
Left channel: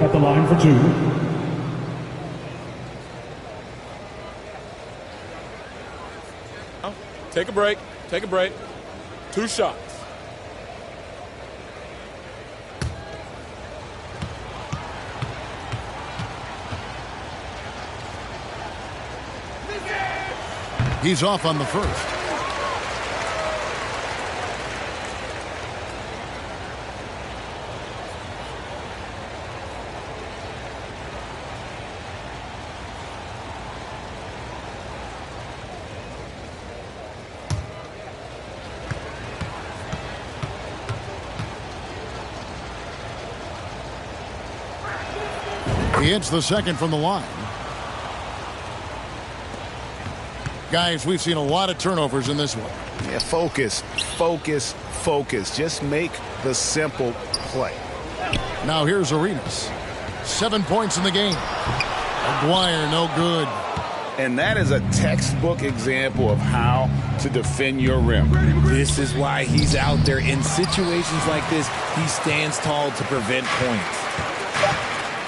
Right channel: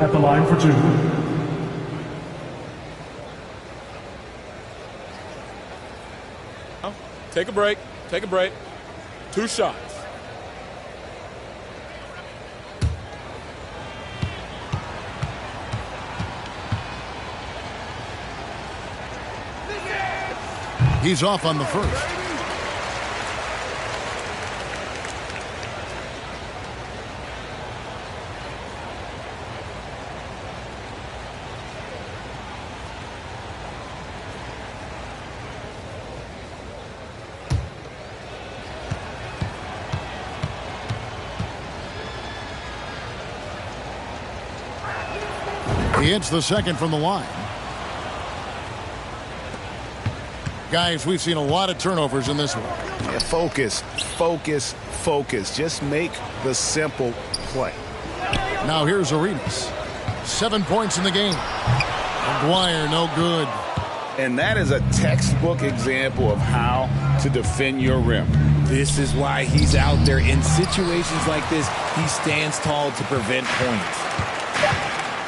At the line for 2. Take a break. Take a break. 2 shots. He's off on the first. He hits the second from the line. Guys, we've seen a lot of turnovers in this one. Yeah, focus. Just make the simple play. Now here's Arenas. 7 points in the game. McGuire, no good. And that is a textbook example of how to defend your rim. This is why he's out there. In situations like this, he stands tall to prevent points.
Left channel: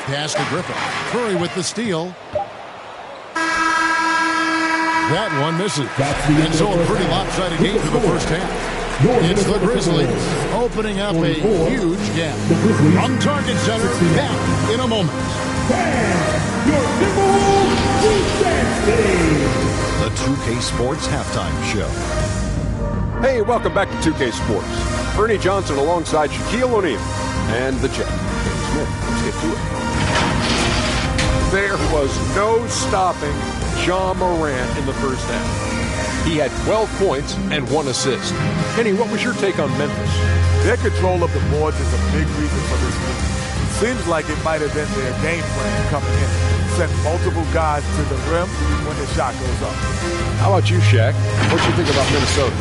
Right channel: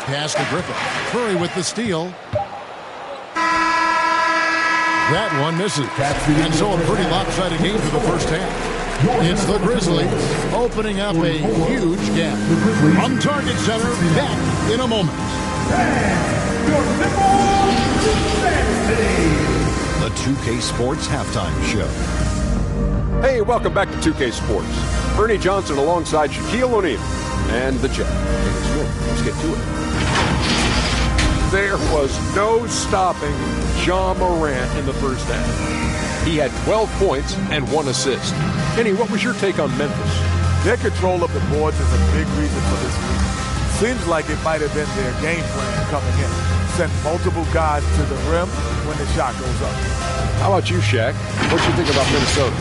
Pass to Griffin. Curry with the steal. That one misses. And so a pretty lopsided game through the first half. It's the Grizzlies opening up a huge gap. From Target Center, back in a moment. The 2K Sports Halftime Show. Hey, welcome back to 2K Sports. Ernie Johnson alongside Shaquille O'Neal and the Jet. Kenny Smith, let's get to it. There was no stopping Ja Morant in the first half. He had 12 points and 1 assist. Kenny, what was your take on Memphis? Their control of the boards is a big reason for this lead. Seems like it might have been their game plan coming in. Send multiple guys to the rim when the shot goes up. How about you, Shaq? What do you think about Minnesota?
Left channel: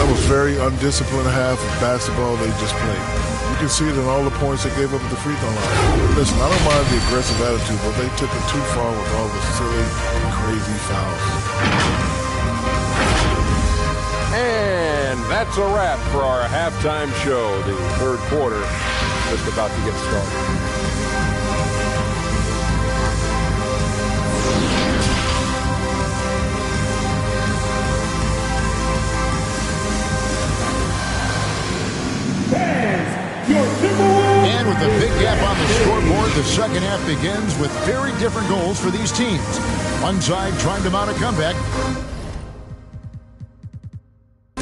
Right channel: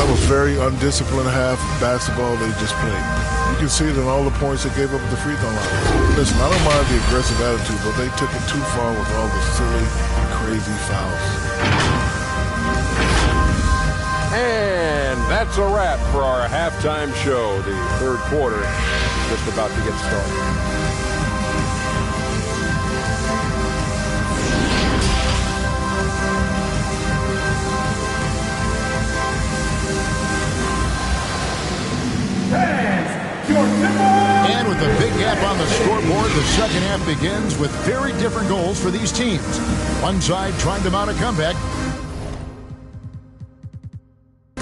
That was very undisciplined half of basketball they just played. You can see it in all the points they gave up at the free throw line. Listen, I don't mind the aggressive attitude, but they took it too far with all the silly, crazy fouls. And That's a wrap for our halftime show. The third quarter just about to get started. And with a big gap on the scoreboard, the second half begins with very different goals for these teams. One side trying to mount a comeback.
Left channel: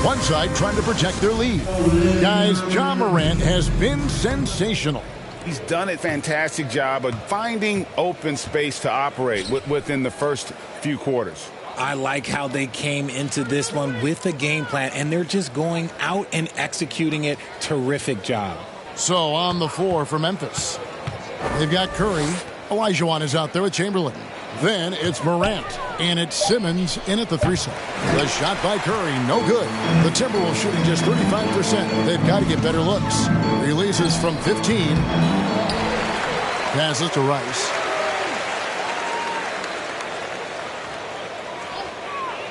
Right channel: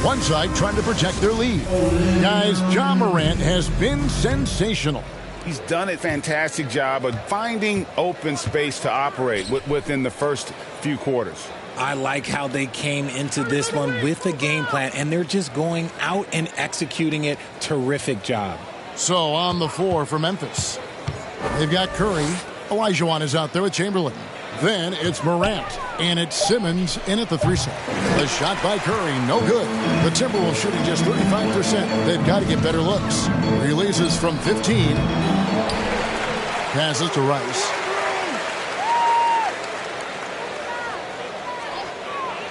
One side trying to protect their lead. Guys, Ja Morant has been sensational. He's done a fantastic job of finding open space to operate within the first few quarters. I like how they came into this one with a game plan, and they're just going out and executing it. Terrific job. So on the floor for Memphis, they've got Curry. Olajuwon is out there with Chamberlain. Then it's Morant, and it's Simmons in at the 3-set. The shot by Curry, no good. The Timberwolves shooting just 35%. They've got to get better looks. Releases from 15. Passes to Rice.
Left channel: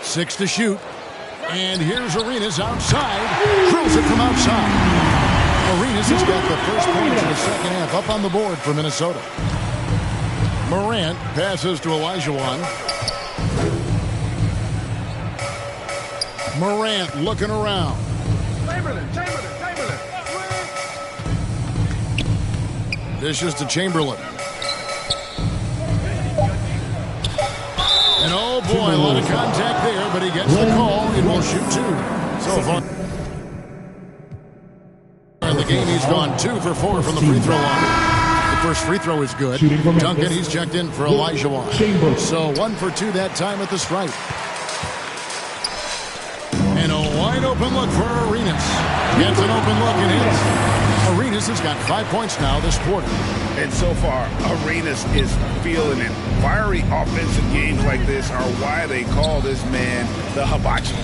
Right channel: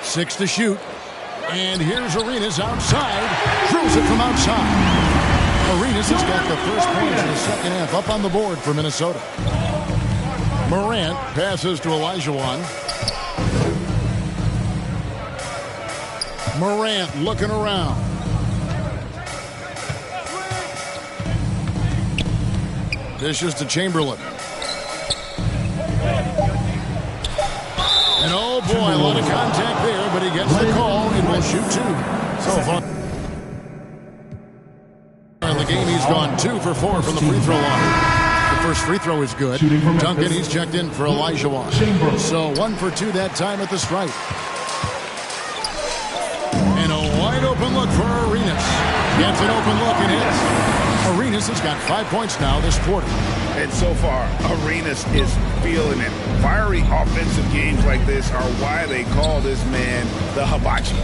6 to shoot. And here's Arenas outside. Drills it from outside. Arenas has got the first points of the second half up on the board for Minnesota. Morant passes to Olajuwon. Morant looking around. Dishes to Chamberlain. And oh boy, a lot of contact there, but he gets the call and will shoot two. So far in the game, he's gone 2 for 4 from the free throw line. The first free throw is good. Duncan, he's checked in for Olajuwon. So 1 for 2 that time at the stripe. And a wide open look for Arenas. Gets an open look and hits. Arenas has got 5 points now this quarter. And so far, Arenas is feeling it. Fiery offensive games like this are why they call this man the Hibachi.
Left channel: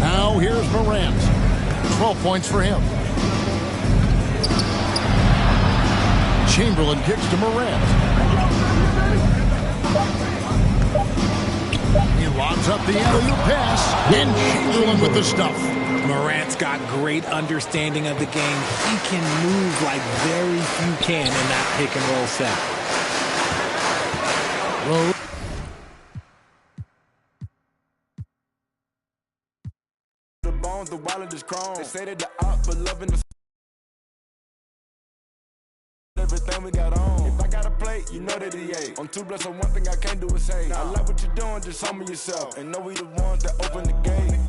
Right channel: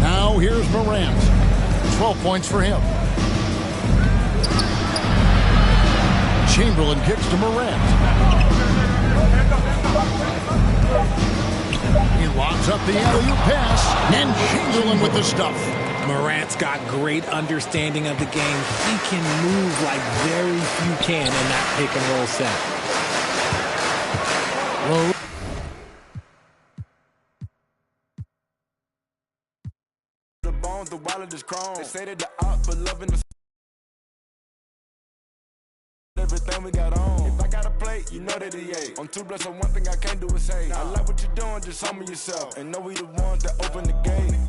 Now here's Morant. 12 points for him. Chamberlain kicks to Morant. He lobs up the alley-oop pass, and Chamberlain with the stuff. Morant's got great understanding of the game. He can move like very few can in that pick and roll set. The bones, the wallet is chrome. They say that the op for loving the everything we got on. If I got a plate, you know that he ate. I'm too blessed, so one thing I can't do is say, I like what you're doing, just humble yourself. And know we the ones that open the gate.